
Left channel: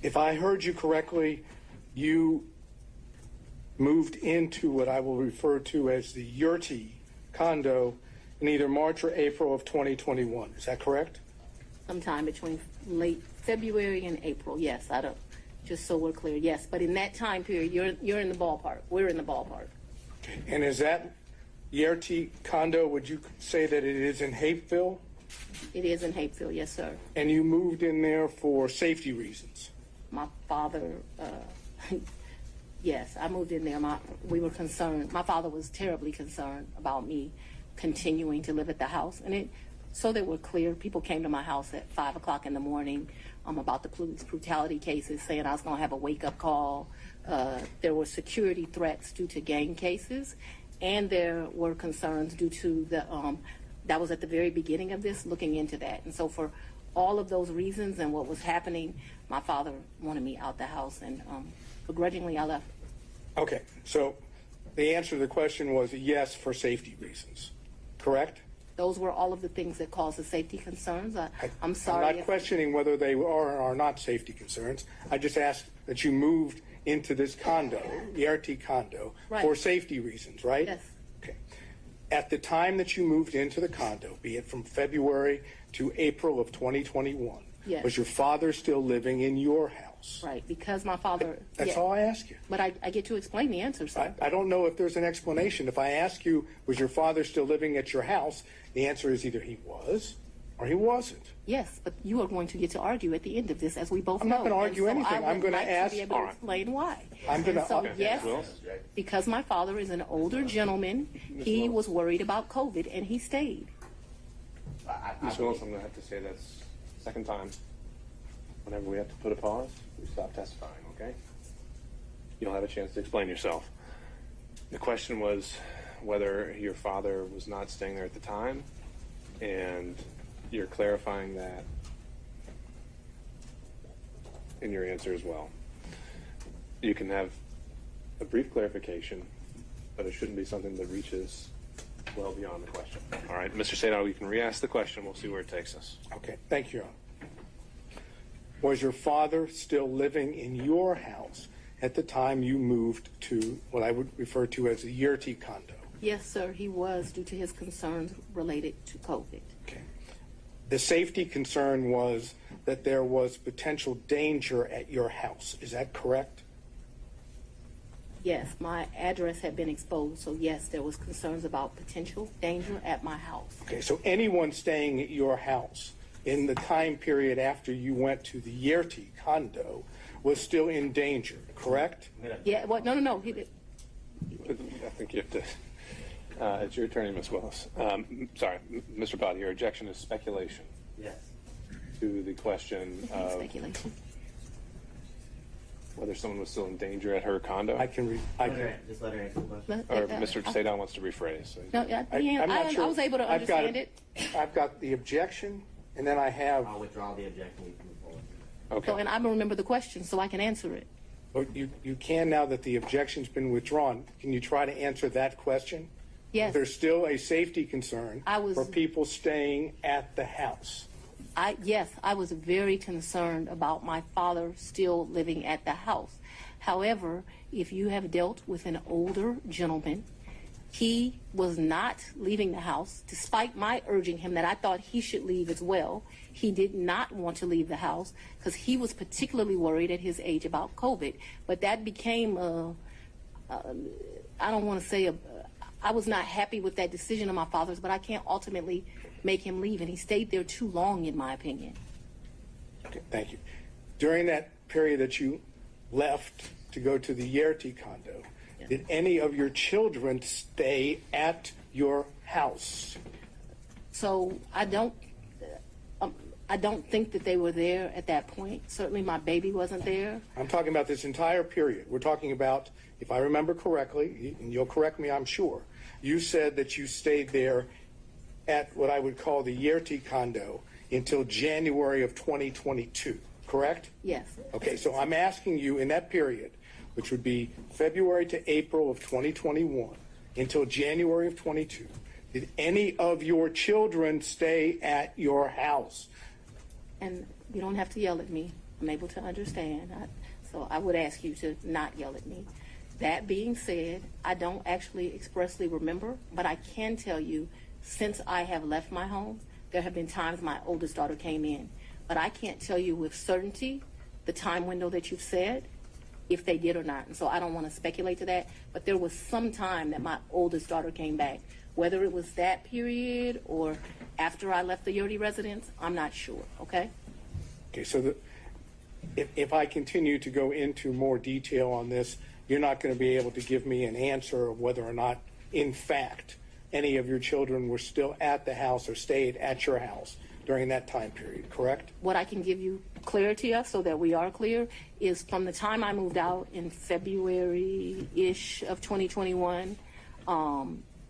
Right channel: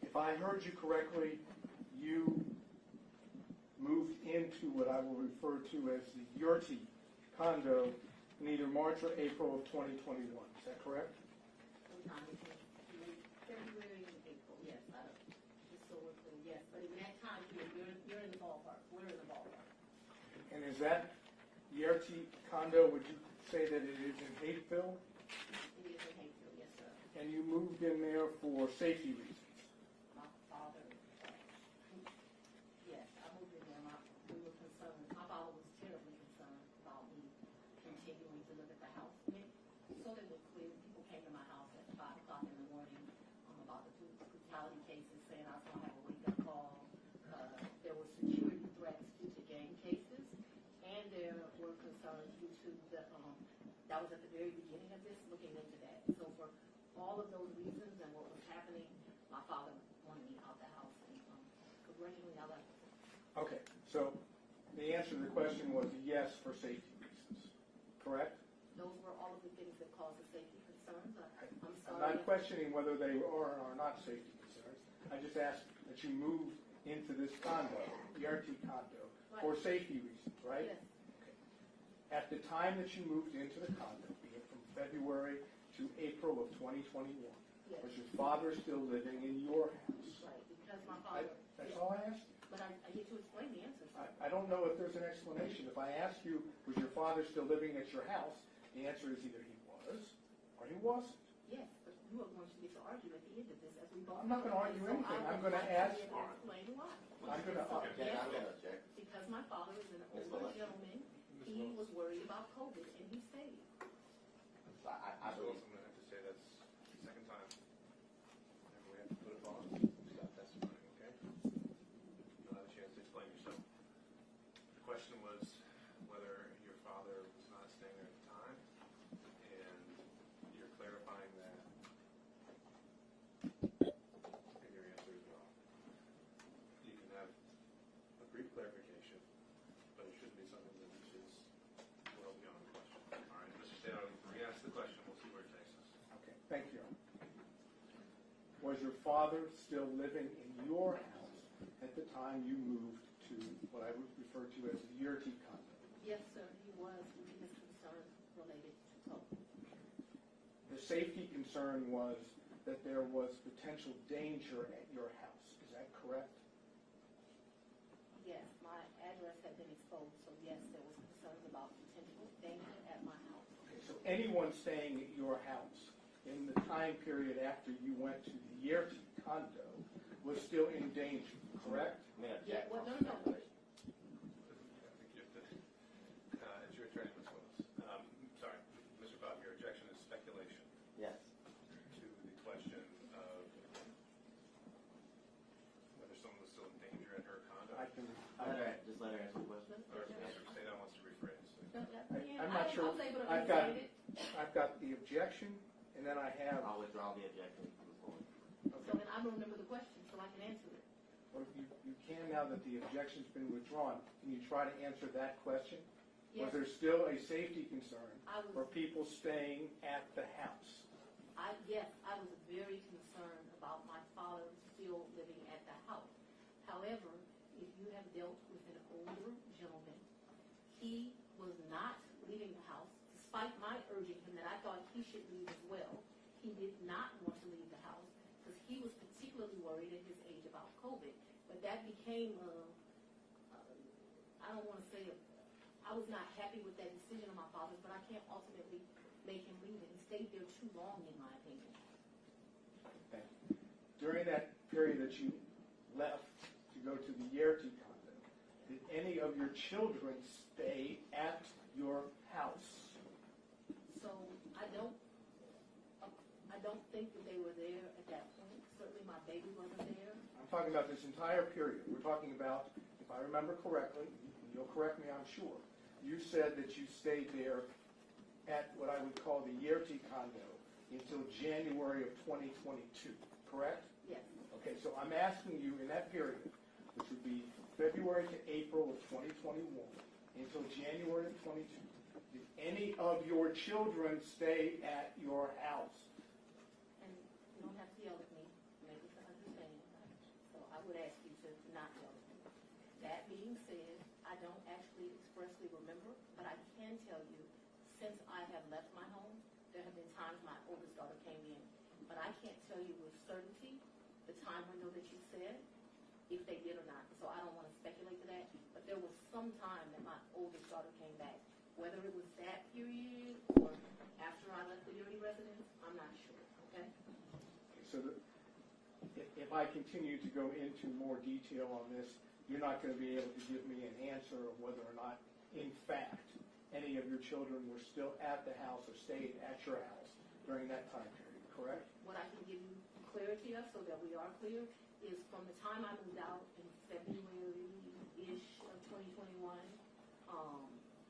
If I heard you correctly, you moved into what I will refer to as the Yurti condo in either March or April of 2021. Is that correct? Sometime between late February and April. Yes, I don't. Just so we're clear, yes. But in that time period, you're in the ballpark. We're in the ballpark. And is that Yurti condo, would you say that it is in Hapeville? It is in Hapeville, yes, sir. And you moved in there for safety reasons? My father, yes, I moved in there. We were concerned. My father was terribly concerned about me continuing to live at the house. And so that we're clear, people came to my house at 5 o'clock in the morning about the police brutality cases, saying I was going to have a wake-up call. There were security threats due to gang cases, and there were concerns due to that was at the very beginning of this, looking into that. And so for all of those reasons and what was happening, my father wanted me out the house, and begrudgingly I left. Okay, so the answer to the question was yes for safety reasons, correct? Those were all of the things that caused the safety concerns. I'm sorry. I'm not questioning whether they are or are not safety concerns. I just asked that you moved into this condo, the RT condo, Right. for safety reasons, right? Yes. Okay. At the time that you moved into the condo, be it from February to April of 2021, Yes. was your father still living in your house? Right, because my father. That's yeah. all I ask you. But I get to explain the answer, sir. I don't know if there's an explanation. If I ask you, was your father still living at your house, the answer is either he was or he wasn't. Yes, but you are going to get to argue at the end of this, as we both I'm know. not gonna argue And so anything. I I'm would gonna like ask- to be able All to right. explain why. I'm gonna- And so, okay. yes, Wills? because my father is an older gentleman, he was worried about COVID, and he stayed. Ms. Willis, I'm going to have to say that's second time. Whenever we have to put a pause, we stop testifying, okay? You'll have a chance to explain yourself. The question was whether your father was not staying there at the time, and you're clarifying that in your answer as well. You can have a brief clarification, but it shouldn't be something that reaches well beyond the question. All right, Mr. Sadao, you can re-ask the question. We'll see where it takes us. Okay, thank you, Your Honor. Was your father still living in your house at the time you moved to what I would refer to as the Yurti condo? Yes, sir, he was, due to his concerns related to COVID. Okay. The safety concern was that there was potential danger at your house. Is that correct? Yes, my address had been exposed, so yes, there was concerns about potential danger at my house. Okay, so anyone staying at your house in the time period after you went to the Yurti condo was still in danger, correct? Yeah, well, no, he did. I think you have to. It's your attorney, Ms. Willis. Sorry, Mr. Bott, your objection is speculation Yes. to the question of Speculation. whether someone was still in danger at her condo. Just let her answer the question. Or Mr. Sadon wants to rephrase. No, yeah, I'm not sure. I was able to I've got understand it. I've got the objection, and then I have. I'll withdraw the objection. You can move forward. Okay. So, and I don't remember the question, so I can answer it. Well, you can now that the objection's been withdrawn. Can you try to answer that question? Yes. There's still a safety concern for people staying at the house. Yes, I was very concerned about my father still living at the house. However, if you have dealt with an older gentleman, he was not leaving the house, despite my urging him that I thought he should leave as well. He did not want to leave the house because he was particularly worried at his age about COVID. But that became, I don't want to say, I was not happy with that decision of my father's, but I can't ultimately make him leave, and he stayed there too long, in my opinion. Okay, thank you. During that period that you left to go to the Yurti condo, did any of your children stay at your house? So I don't, I don't think that they were there at that point. Certainly my baby wasn't there. I'm talking about this entire period. We're talking about, if I remember correctly, and you'll correct me, I'm sure, you said that you stayed there at what I would call the Yerty condo until January of 2022, correct? Yes. Okay, so I'm asking you in that period, which would be February to April of 2021 until January of 22, did any of your children stay at your house? And you don't have to yell at me. I'm able to understand. So I would ask you to not yell at me. That being said, I don't actually expressly remember, but I can tell you since I have left my home, there have been times my oldest daughter came in. But I can't tell you with certainty the time window that you've said, if they did or not. And so I don't want to speculate to that. But there was some time that my oldest daughter came back. Whether it was that period or after I left the Yerty residence, I'm not sure, okay? Okay, so if I continue to go into more detail on this, you're not going to be able to give me an answer of whether or not, in fact, any of your children were still at the house or stayed at your house during that time period, correct? What I can give you clarity of, so that we are clear, is from the time I moved out in February-ish of 2021,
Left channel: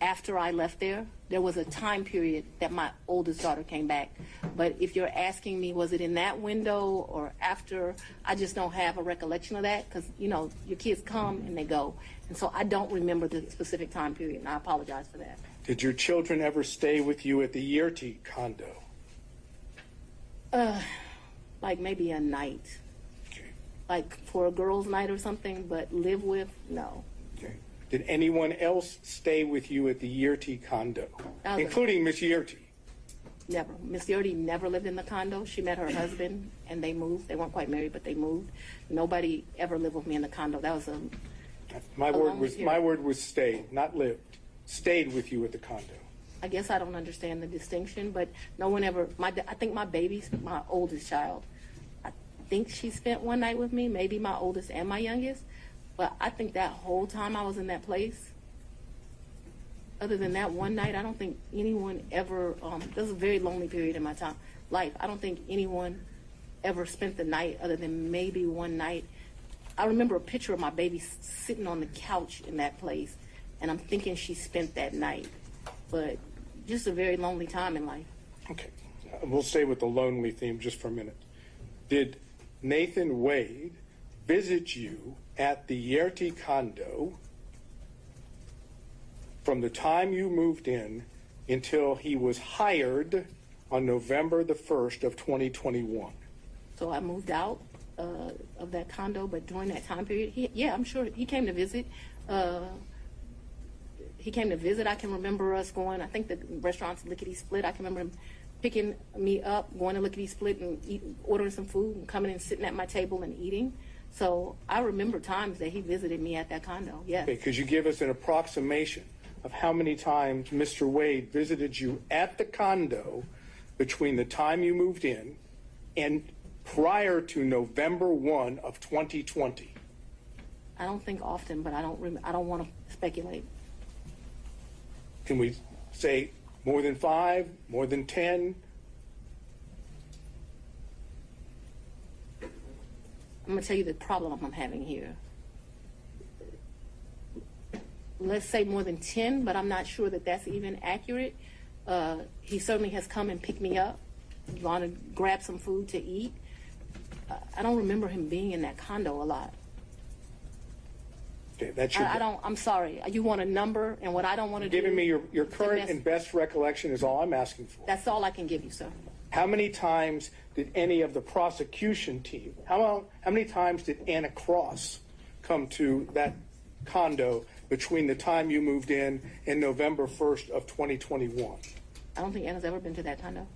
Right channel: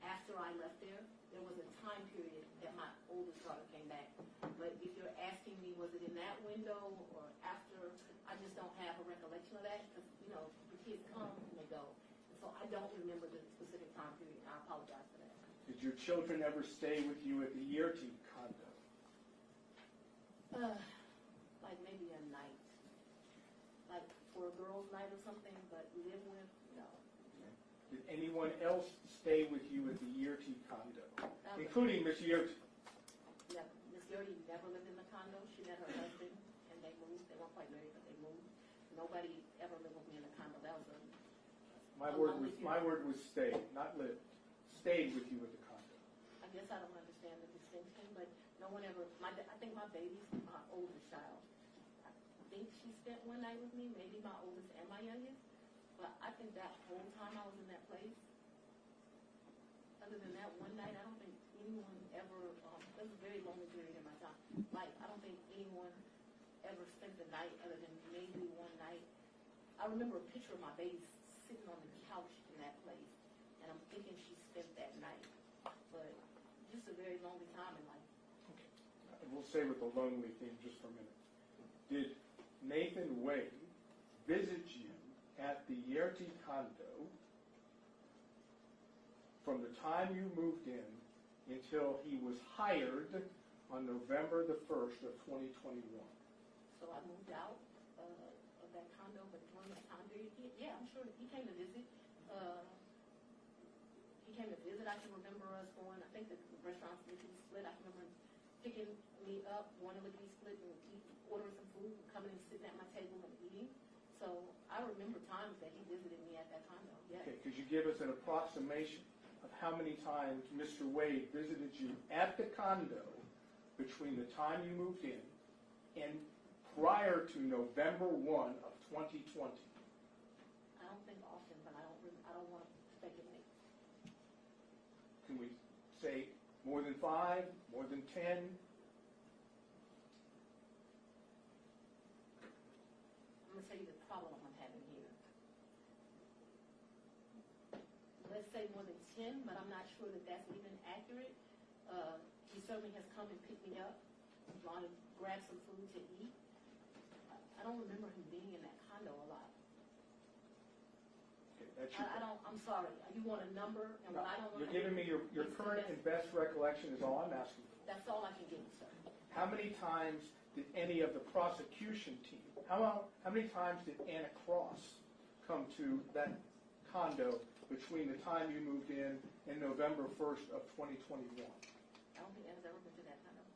after I left there, there was a time period that my oldest daughter came back. But if you're asking me, was it in that window or after, I just don't have a recollection of that because, you know, your kids come and they go. And so I don't remember the specific time period, and I apologize for that. Did your children ever stay with you at the Yerty condo? Like maybe a night. Okay. Like for a girls' night or something, but live with, no. Okay. Did anyone else stay with you at the Yerty condo, Other. including Miss Yerty? Never. Miss Yerty never lived in the condo. She met her husband and they moved. They weren't quite married, but they moved. Nobody ever lived with me in the condo. That was My long word period. was stayed, not lived. Stayed with you at the condo. I guess I don't understand the distinction, but no one ever, I think my oldest child, I think she spent one night with me, maybe my oldest and my youngest, but I think that whole time I was in that place, other than that one night, I don't think anyone ever, this was a very lonely period in my life. I don't think anyone ever spent the night other than maybe one night. I remember a picture of my baby sitting on the couch in that place, and I'm thinking she spent that night. But just a very lonely time in life. Okay. We'll stay with the lonely theme just for a minute. Did Nathan Wade visit you at the Yerty condo from the time you moved in until he was hired on November the 1st of 2021? So I moved out of that condo, but during that time period, I'm sure he came to visit. He came to visit. I can remember us going, I think the restaurant's Lickety Split. I can remember him picking me up, going to Lickety Split and ordering some food and coming and sitting at my table and eating. So I remember times that he visited me at that condo, yes. Okay, could you give us an approximation of how many times Mr. Wade visited you at the condo between the time you moved in and prior to November 1 of 2020? I don't think often, but I don't want to speculate. Can we say more than 5, more than 10? I'm going to tell you the problem I'm having here. Let's say more than 10, but I'm not sure that that's even accurate. He certainly has come and picked me up, gone to grab some food to eat. I don't remember him being in that condo a lot. Okay, that's your. I'm sorry. You want a number, and what I don't want to do. Giving me your current and best recollection is all I'm asking for. That's all I can give you, sir. How many times did any of the prosecution team, how many times did Anna Cross come to that condo between the time you moved in and November 1st of 2021? I don't think Anna's ever been to that condo.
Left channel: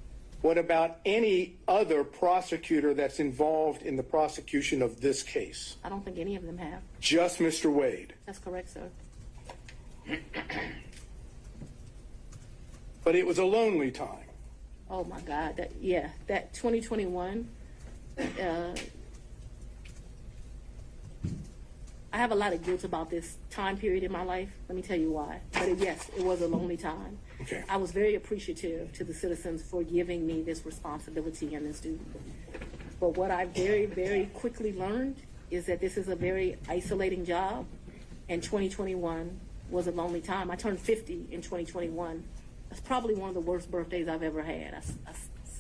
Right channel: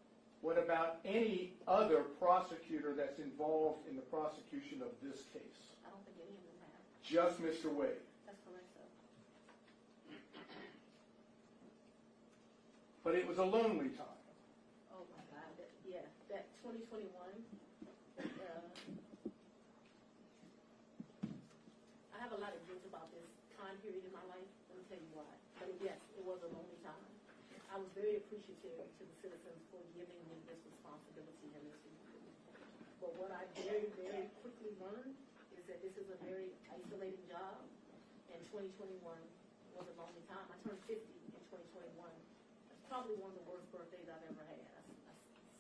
What about any other prosecutor that's involved in the prosecution of this case? I don't think any of them have. Just Mr. Wade. That's correct, sir. But it was a lonely time. Oh my God, that 2021, I have a lot of guilt about this time period in my life. Let me tell you why. But yes, it was a lonely time. Okay. I was very appreciative to the citizens for giving me this responsibility and this duty. But what I very, very quickly learned is that this is a very isolating job, and 2021 was a lonely time. I turned 50 in 2021. That's probably one of the worst birthdays I've ever had. I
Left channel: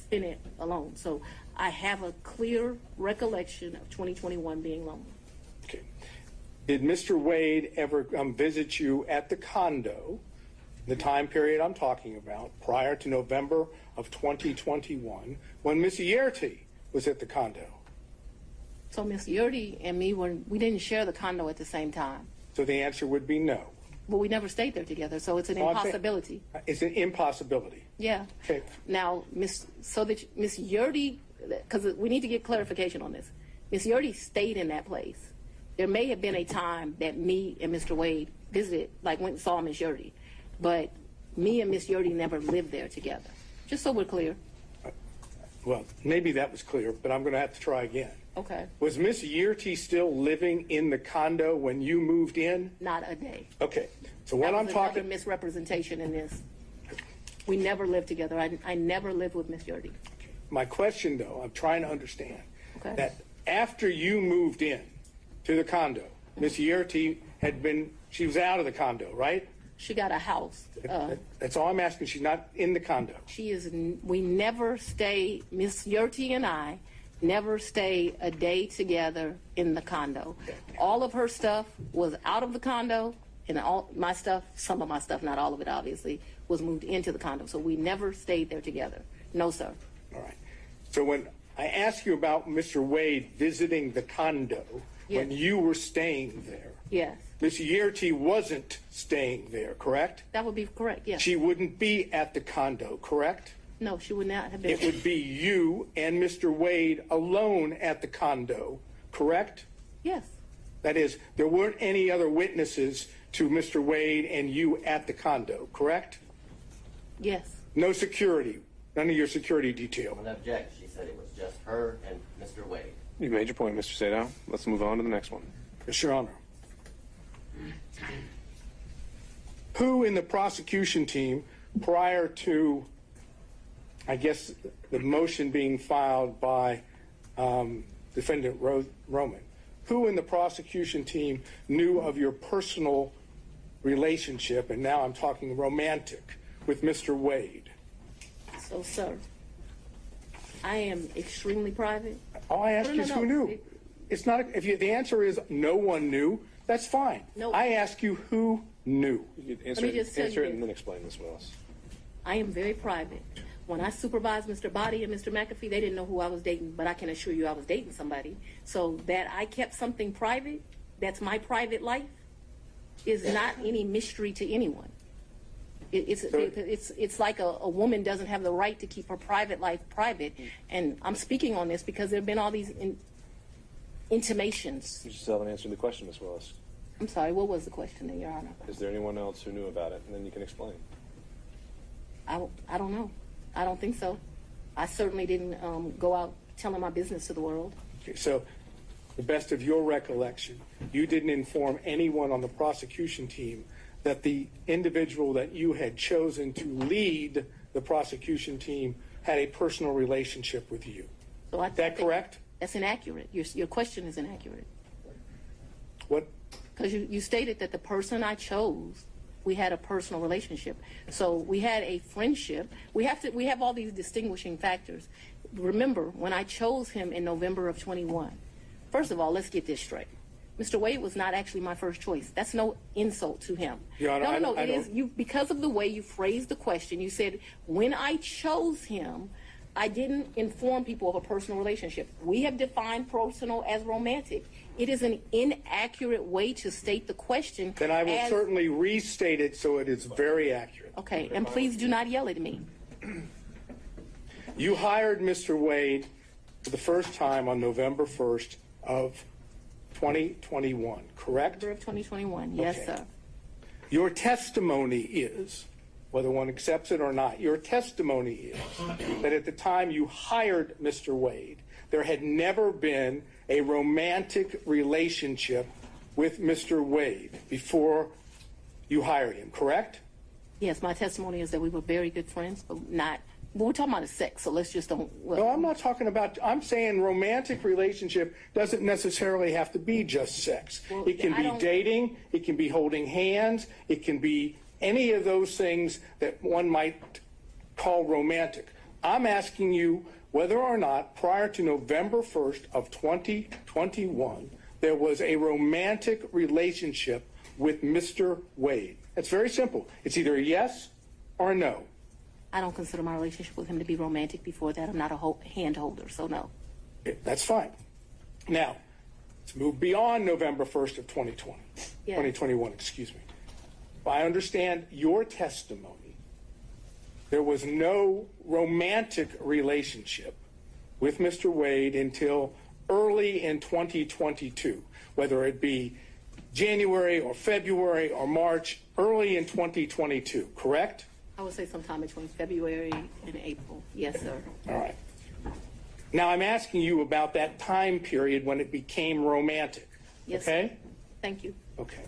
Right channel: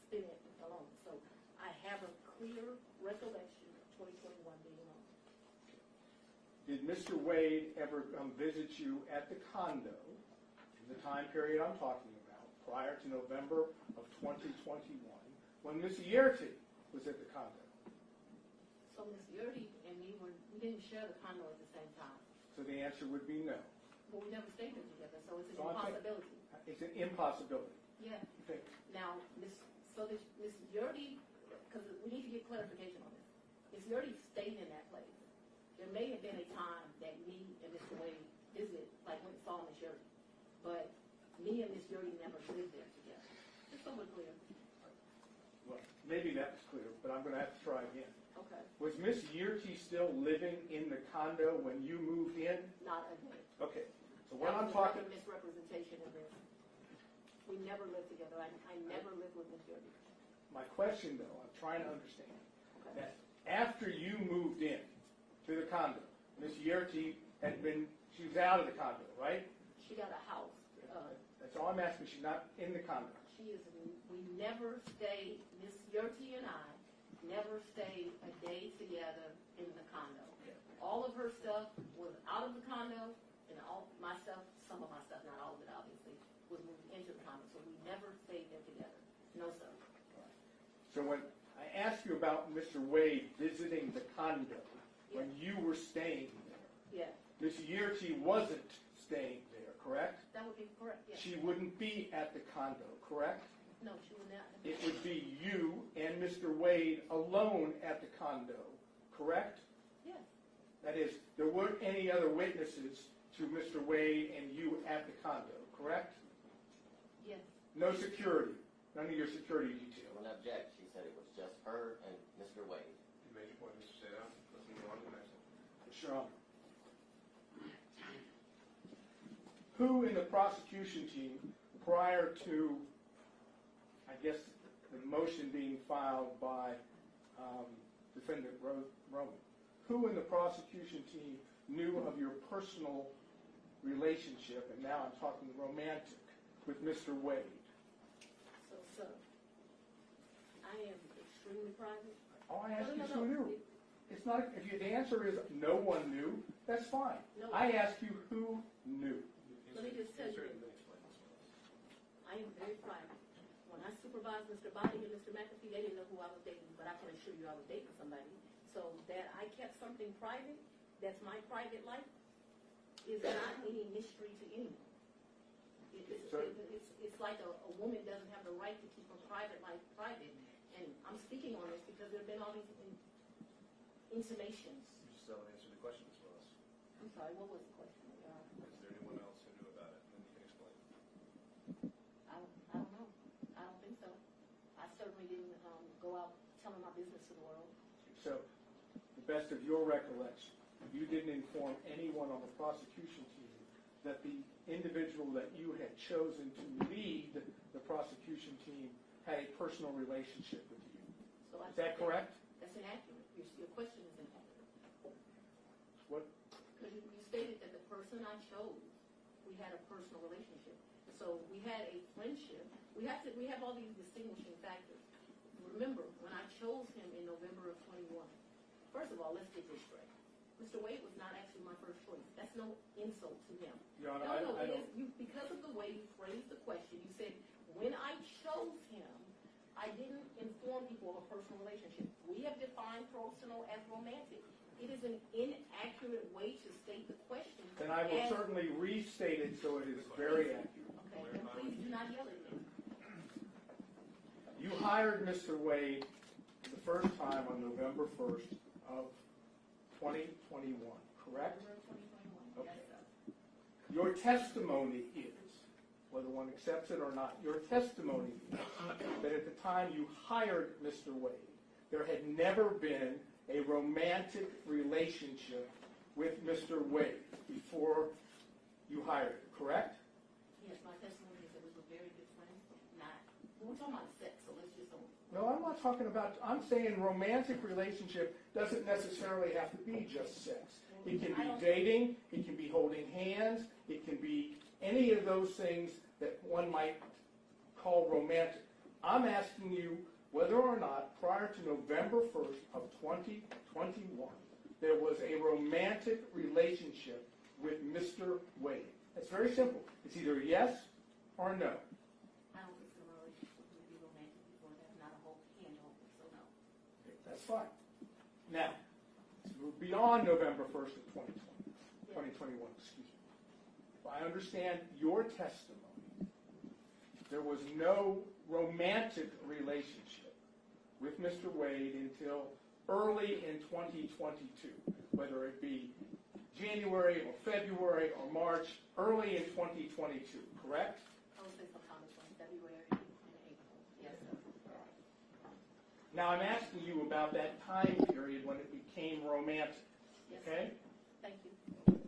spent it alone. So I have a clear recollection of 2021 being lonely. Okay. Did Mr. Wade ever visit you at the condo, the time period I'm talking about, prior to November of 2021, when Ms. Yerty was at the condo? So Ms. Yerty and me, we didn't share the condo at the same time. So the answer would be no. But we never stayed there together, so it's an impossibility. It's an impossibility. Yeah. Okay. Now, Ms. Yerty, because we need to get clarification on this. Ms. Yerty stayed in that place. There may have been a time that me and Mr. Wade visited, like went and saw Ms. Yerty, but me and Ms. Yerty never lived there together. Just so we're clear. Well, maybe that was clear, but I'm going to have to try again. Okay. Was Miss Yerty still living in the condo when you moved in? Not a day. Okay. So when I'm That was talking, another misrepresentation in this. We never lived together. I never lived with Miss Yerty. my question though, I'm trying to understand Okay. that after you moved in to the condo, Miss Yerty she was out of the condo, right? She got a house. That's all I'm asking. She's not in the condo. We never stay, Miss Yerty and I never stay a day together in the condo. All of her stuff was out of the condo, and all my stuff, some of my stuff, not all of it obviously, was moved into the condo. So we never stayed there together. No, sir. All right. So when I ask you about Mr. Wade visiting the condo, Yes. when you were staying there, Yes. Miss Yerty wasn't staying there, correct? That would be correct, yes. She wouldn't be at the condo, correct? No, she would not have been. It would be you and Mr. Wade alone at the condo, correct? Yes. That is, there weren't any other witnesses to Mr. Wade and you at the condo, correct? Yes. No security, none of your security detail. I don't object. She said it was just her and Mr. Wade. You made your point, Mr. Sadow. Let's move on to the next one. Yes, Your Honor. Who in the prosecution team, prior to, I guess, the motion being filed by Defendant Roman, who in the prosecution team knew of your personal relationship, and now I'm talking romantic, with Mr. Wade? So, sir, I am extremely private. All I ask No, you no, is no. who knew. It's not, the answer is no one knew, that's fine. No. I ask you who knew. You can Let me just tell you answer it this. and then explain this, Willis. I am very private. When I supervised Mr. Body and Mr. McAfee, they didn't know who I was dating, but I can assure you I was dating somebody. So that I kept something private, that's my private life, is not any mystery to anyone. It's like a woman doesn't have the right to keep her private life private. And I'm speaking on this because there have been all these intimations. You still haven't answered the question, Ms. Willis. I'm sorry, what was the question, Your Honor? Is there anyone else who knew about it? And then you can explain. I don't know. I don't think so. I certainly didn't go out telling my business to the world. Okay, so, the best of your recollection, you didn't inform anyone on the prosecution team that the individual that you had chosen to lead the prosecution team had a personal relationship with you. So Is that correct? That's inaccurate. Your question is inaccurate. What? Because you stated that the person I chose, we had a personal relationship. So we had a friendship. We have all these distinguishing factors. Remember, when I chose him in November of 21, first of all, let's get this straight. Mr. Wade was not actually my first choice. That's no insult to him. Your Honor, No, I it is don't- you, because of the way you phrased the question. You said, when I chose him, I didn't inform people of a personal relationship. We have defined personal as romantic. It is an inaccurate way to state the question. Then I will certainly restate it so it is very accurate. Okay, and please do not yell at me. You hired Mr. Wade for the first time on November 1st of 2021, correct? November of 2021, yes, Okay. sir. Your testimony is, whether one accepts it or not, your testimony is that at the time you hired Mr. Wade, there had never been a romantic relationship with Mr. Wade before you hired him, correct? Yes, my testimony is that we were very good friends, but not, well, we're talking about sex, so let's just don't. Well, No, I'm not talking about, I'm saying romantic relationship doesn't necessarily have to be just sex. Well, It can I be don't- dating, it can be holding hands, it can be any of those things that one might call romantic. I'm asking you whether or not prior to November 1st of 2021, there was a romantic relationship with Mr. Wade. It's very simple. It's either a yes or a no. I don't consider my relationship with him to be romantic before that. I'm not a hand holder, so no. That's fine. Now, let's move beyond November 1st of 2020, Yes. 2021, excuse me. If I understand your testimony, there was no romantic relationship with Mr. Wade until early in 2022, whether it be January or February or March, early in 2022, correct? I would say sometime between February and April. Yes, sir. All right. Now I'm asking you about that time period when it became romantic. Yes, Okay? sir. Thank you. Okay.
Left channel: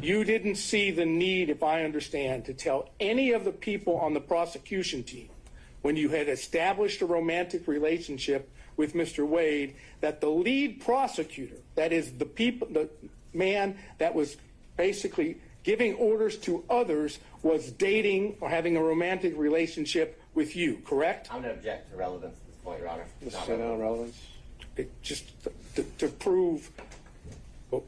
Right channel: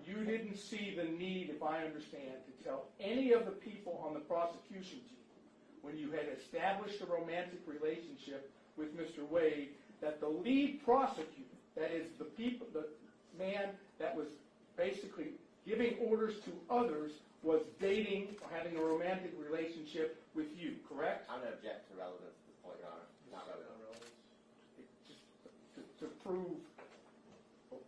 You didn't see the need, if I understand, to tell any of the people on the prosecution team when you had established a romantic relationship with Mr. Wade that the lead prosecutor, that is the man that was basically giving orders to others, was dating or having a romantic relationship with you, correct? I'm going to object to relevance at this point, Your Honor. It's not Say no relevant. relevance. Just to prove,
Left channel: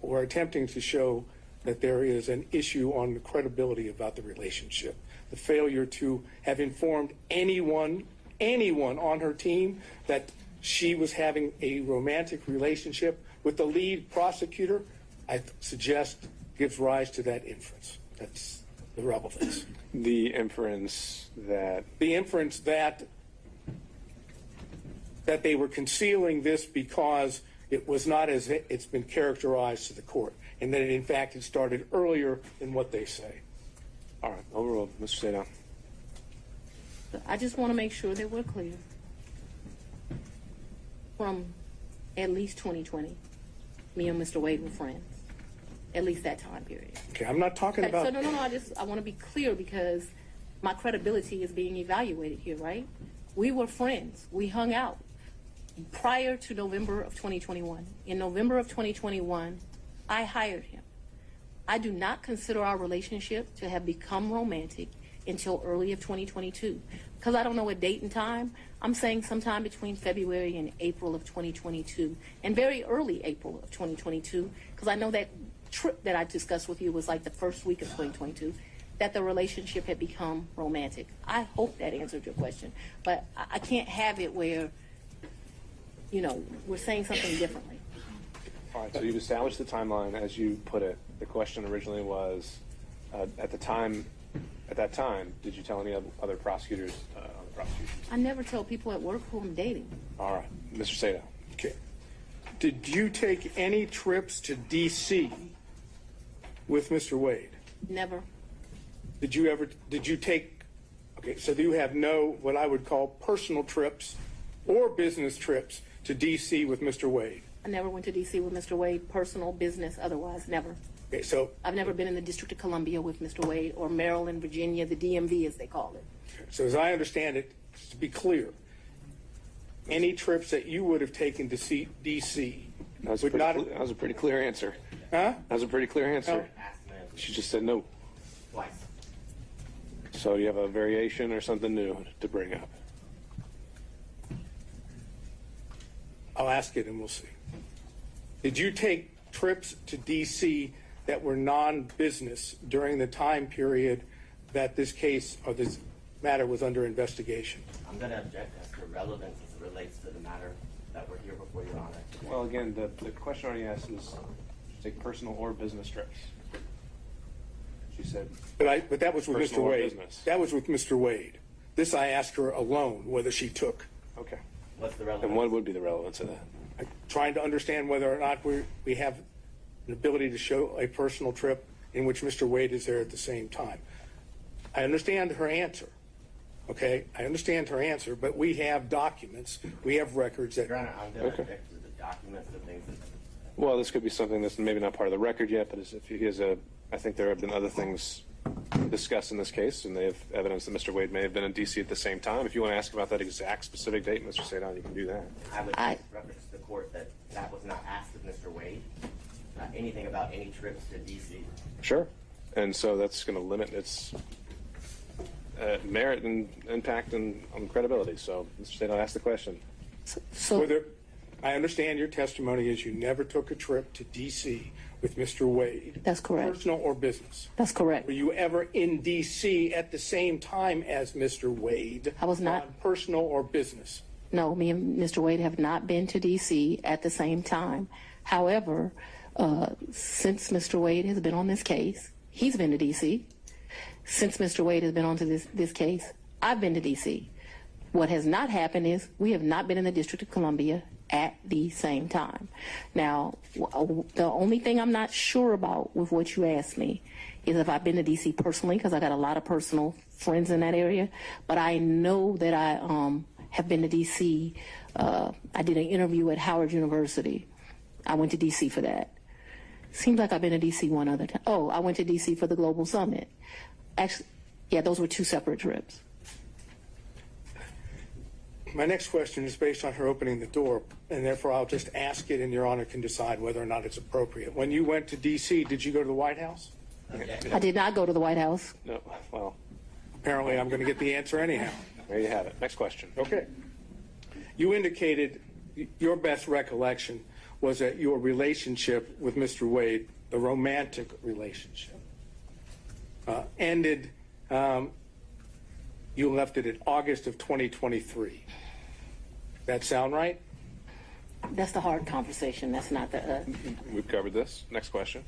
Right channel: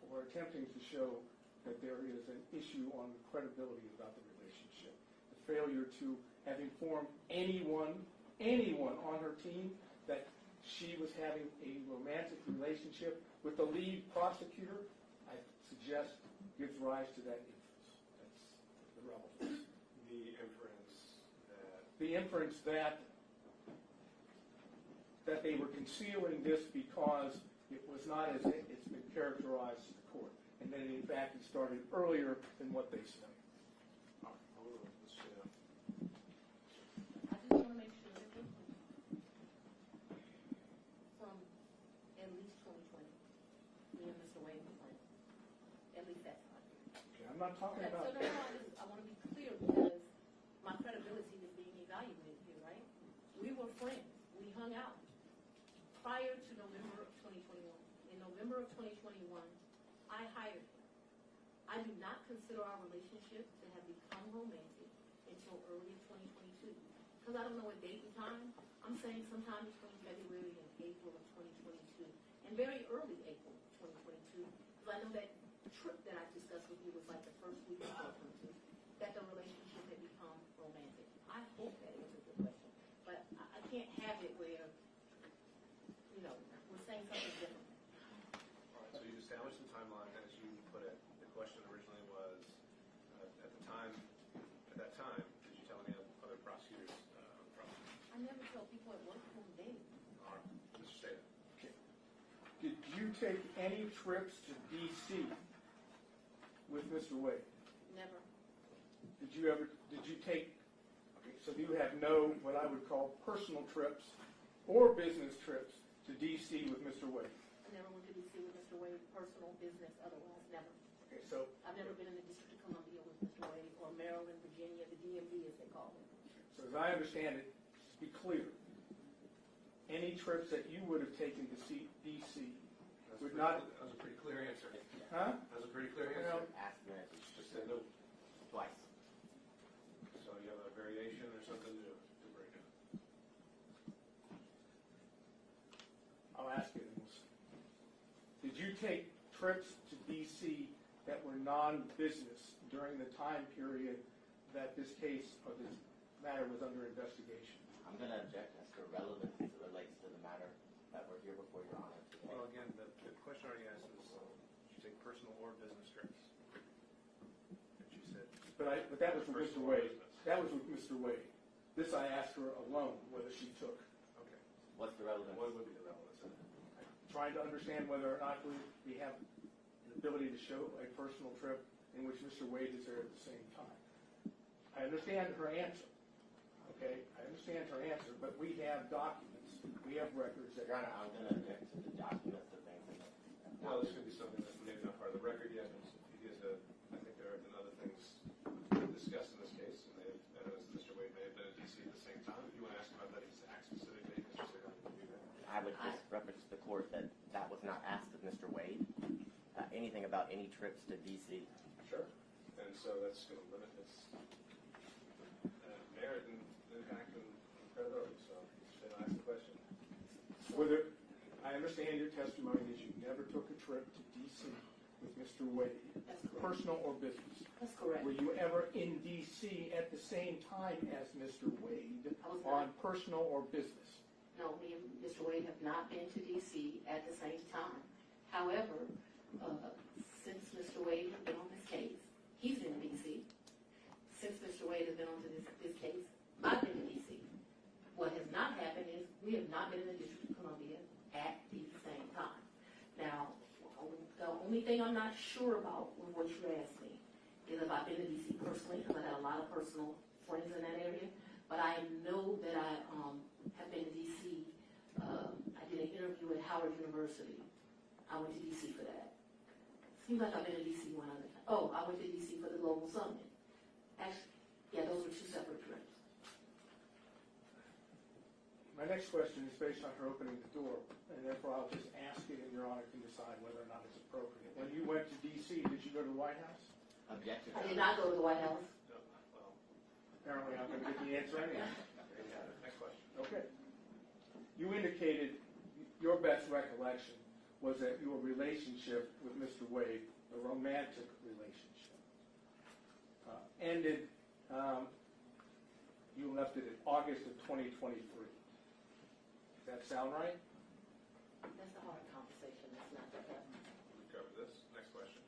we're attempting to show that there is an issue on the credibility about the relationship. The failure to have informed anyone on her team that she was having a romantic relationship with the lead prosecutor, I suggest gives rise to that inference. That's the relevance. The inference that The inference that they were concealing this because it was not as it's been characterized to the court, and that in fact it started earlier than what they say. all right, overruled. Mr. Sadon. I just want to make sure that we're clear. From at least 2020, me and Mr. Wade were friends. At least that time period. Okay, I'm not talking Okay, so about. no, I want to be clear because my credibility is being evaluated here, right? We were friends. We hung out prior to November of 2021. In November of 2021, I hired him. I do not consider our relationship to have become romantic until early of 2022. Because I don't know a date and time, I'm saying sometime between February and April of 2022, and very early April of 2022, because I know that trip that I discussed with you was like the first week of 2022, that the relationship had become romantic. I hope that answered your question, but I can't have it where, we're saying something differently. All right, so you've established the timeline as you put it. The question originally was, at that time, did you tell any other prosecutors on the prosecution? I never tell people at work who I'm dating. All right, Mr. Sadon. Okay. Did you take any trips to D.C. with Mr. Wade? Never. Did you take, okay, so you have no, what I would call personal trips or business trips to D.C. with Mr. Wade? I never went to D.C. with Mr. Wade, personal, business, otherwise, never. Okay, so, I've never been in the District of Columbia with Mr. Wade, or Maryland, Virginia, the DMV as they call it. so as I understand it, to be clear, any trips that you would have taken to see D.C. That would not, was a pretty clear answer. huh? That was a pretty clear answer. No. Asked and answered She just said no. twice. So you have a variation or something new to bring up? I'll ask it and we'll see. Did you take trips to D.C. that were non-business during the time period that this case or this matter was under investigation? I'm going to object as to relevance as it relates to the matter that we're here before Your Honor today. Well, again, the question already asked is, did you take personal or business trips? She said, But that was with Mr. Personal or Wade. business? That was with Mr. Wade. This I asked her alone whether she took. okay. What's the relevance? And what would be the relevance of that? I'm trying to understand whether or not we have an ability to show a personal trip in which Mr. Wade is there at the same time. I understand her answer, okay? I understand her answer, but we have documents, we have records that, Your Honor, I'm going to object to the documents and things that Well, this could be something that's maybe not part of the record yet, but if he has I think there have been other things discussed in this case, and they have evidence that Mr. Wade may have been in D.C. at the same time. If you want to ask about that exact specific date, Mr. Sadon, you can do that. I would just reference to the court that that was not asked of Mr. Wade. Anything about any trips to D.C. Sure. And so that's going to limit its merit and impact and on credibility. So Mr. Sadon, ask the question. So I understand your testimony is you never took a trip to D.C. with Mr. Wade. That's correct. Personal or business. That's correct. Were you ever in D.C. at the same time as Mr. Wade? I was not. On personal or business? No, me and Mr. Wade have not been to D.C. at the same time. However, since Mr. Wade has been on this case, he's been to D.C. Since Mr. Wade has been on to this case, I've been to D.C. What has not happened is we have not been in the District of Columbia at the same time. Now, the only thing I'm not sure about with what you asked me is if I've been to D.C. personally, because I got a lot of personal friends in that area, but I know that I have been to D.C. I did an interview at Howard University. I went to D.C. for that. Seems like I've been to D.C. one other time. Oh, I went to D.C. for the Global Summit. Actually, yeah, those were two separate trips. My next question is based on her opening the door, and therefore I'll just ask it, and Your Honor can decide whether or not it's appropriate. When you went to D.C., did you go to the White House? I did not go to the White House. No. Well, Apparently I'm going to get the answer anyhow. there you have it. Next question. Okay. You indicated your best recollection was that your relationship with Mr. Wade, the romantic relationship, ended, you left it in August of 2023. That sound right? That's the hard conversation. That's not the. We've covered this. Next question.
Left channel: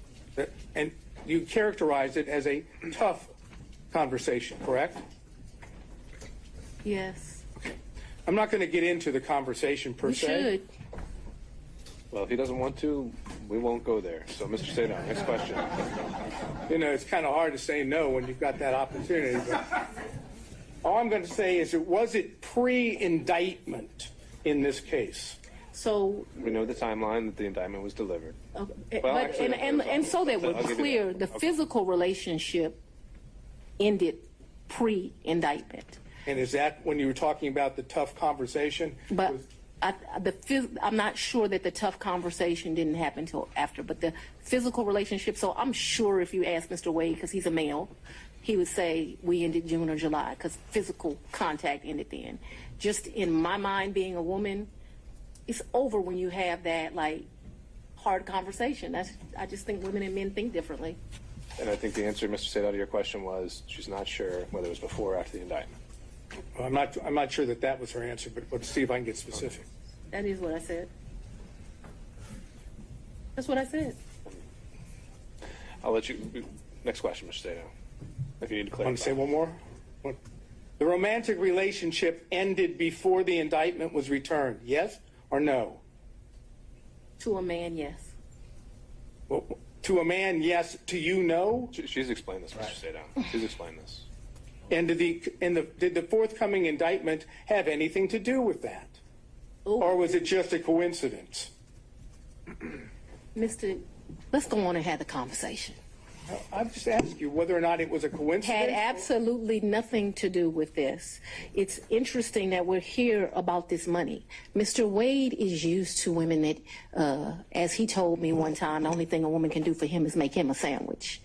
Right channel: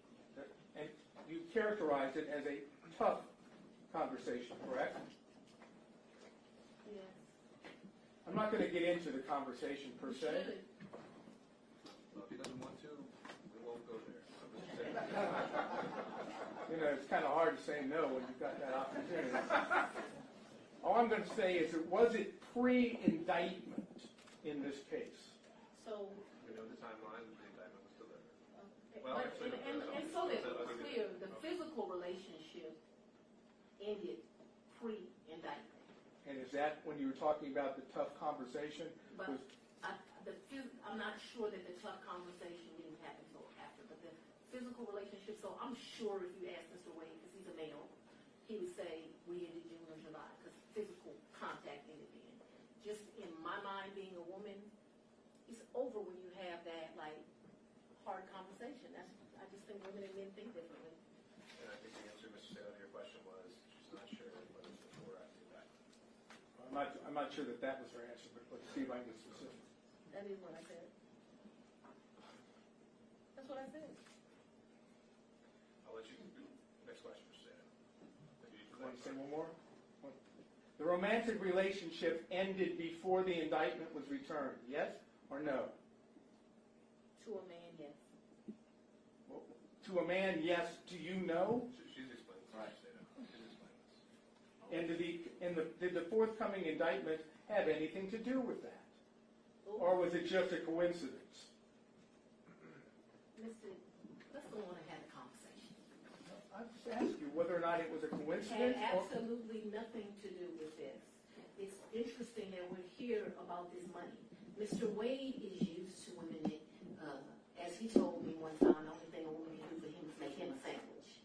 And you characterized it as a tough conversation, correct? Yes. I'm not going to get into the conversation per We se. should. Well, if he doesn't want to, we won't go there. So, Mr. Sadon, next question. You know, it's kind of hard to say no when you've got that opportunity. But all I'm going to say is, was it pre-indictment in this case? So, We know the timeline that the indictment was delivered. okay, Well, but actually, and so that we're I'll give you clear, that. the Okay. physical relationship ended pre-indictment. And is that when you were talking about the tough conversation? But I'm not sure that the tough conversation didn't happen until after, but the physical relationship. So I'm sure if you ask Mr. Wade, because he's a male, he would say we ended June or July because physical contact ended then. Just in my mind, being a woman, it's over when you have that like hard conversation. I just think women and men think differently. And I think the answer, Mr. Sadon, to your question was she's not sure whether it was before or after the indictment. Well, I'm not sure that that was her answer, but let's see if I can get specific. That is what I said. That's what I said. I'll let you. Next question, Mr. Sadon. If you need to clarify. Want to say one more? The romantic relationship ended before the indictment was returned, yes or no? To a man, yes. Well, to a man, yes. To you, no? She's explained this, Mr. Sadon. She's explained this. And did the forthcoming indictment have anything to do with that? Ooh. Or was it just a coincidence? Mr. Let's go on and have the conversation. I've just asked you whether or not it was a coincidence. Had absolutely nothing to do with this. It's interesting that we're here about this money. Mr. Wade is used to women that, as he told me one time, the only thing a woman can do for him is make him a sandwich.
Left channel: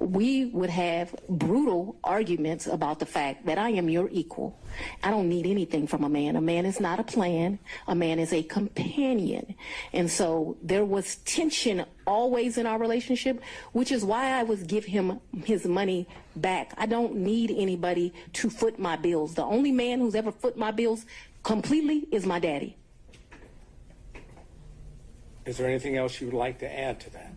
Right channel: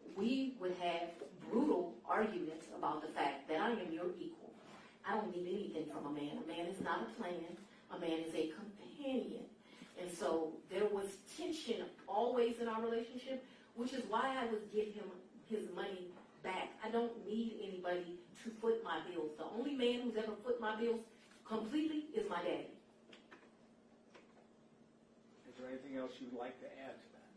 We would have brutal arguments about the fact that I am your equal. I don't need anything from a man. A man is not a plan. A man is a companion. And so there was tension always in our relationship, which is why I would give him his money back. I don't need anybody to foot my bills. The only man who's ever foot my bills completely is my daddy. Is there anything else you would like to add to that?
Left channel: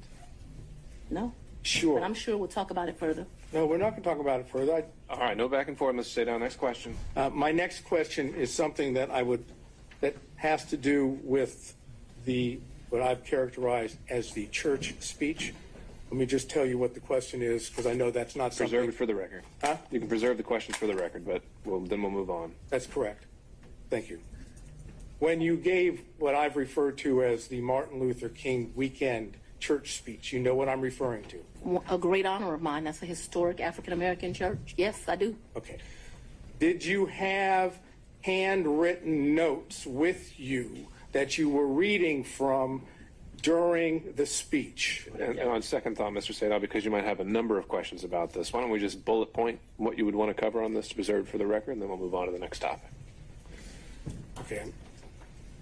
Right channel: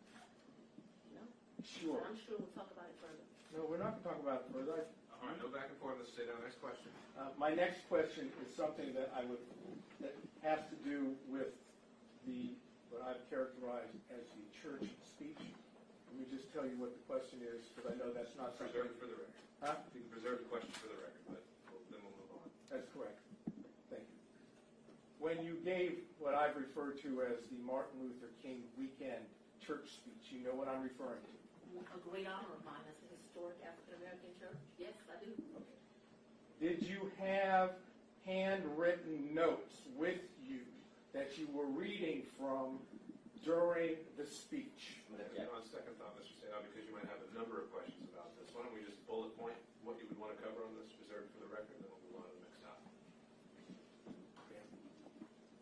No. Sure. But I'm sure we'll talk about it further. No, we're not going to talk about it further. All right, no back and forth, Mr. Sadon. Next question. My next question is something that that has to do with what I've characterized as the church speech. Let me just tell you what the question is, because I know that's not something. Preserve it for the record. Huh? You can preserve the questions for the record, but then we'll move on. That's correct. Thank you. When you gave what I've referred to as the Martin Luther King weekend church speech. You know what I'm referring to. A great honor of mine. That's a historic African-American church. Yes, I do. Okay. Did you have handwritten notes with you that you were reading from during the speech? And on second thought, Mr. Sadov, because you might have a number of questions about this, why don't we just bullet point what you would want to cover on this to preserve for the record, and then we'll move on to the next topic. Okay.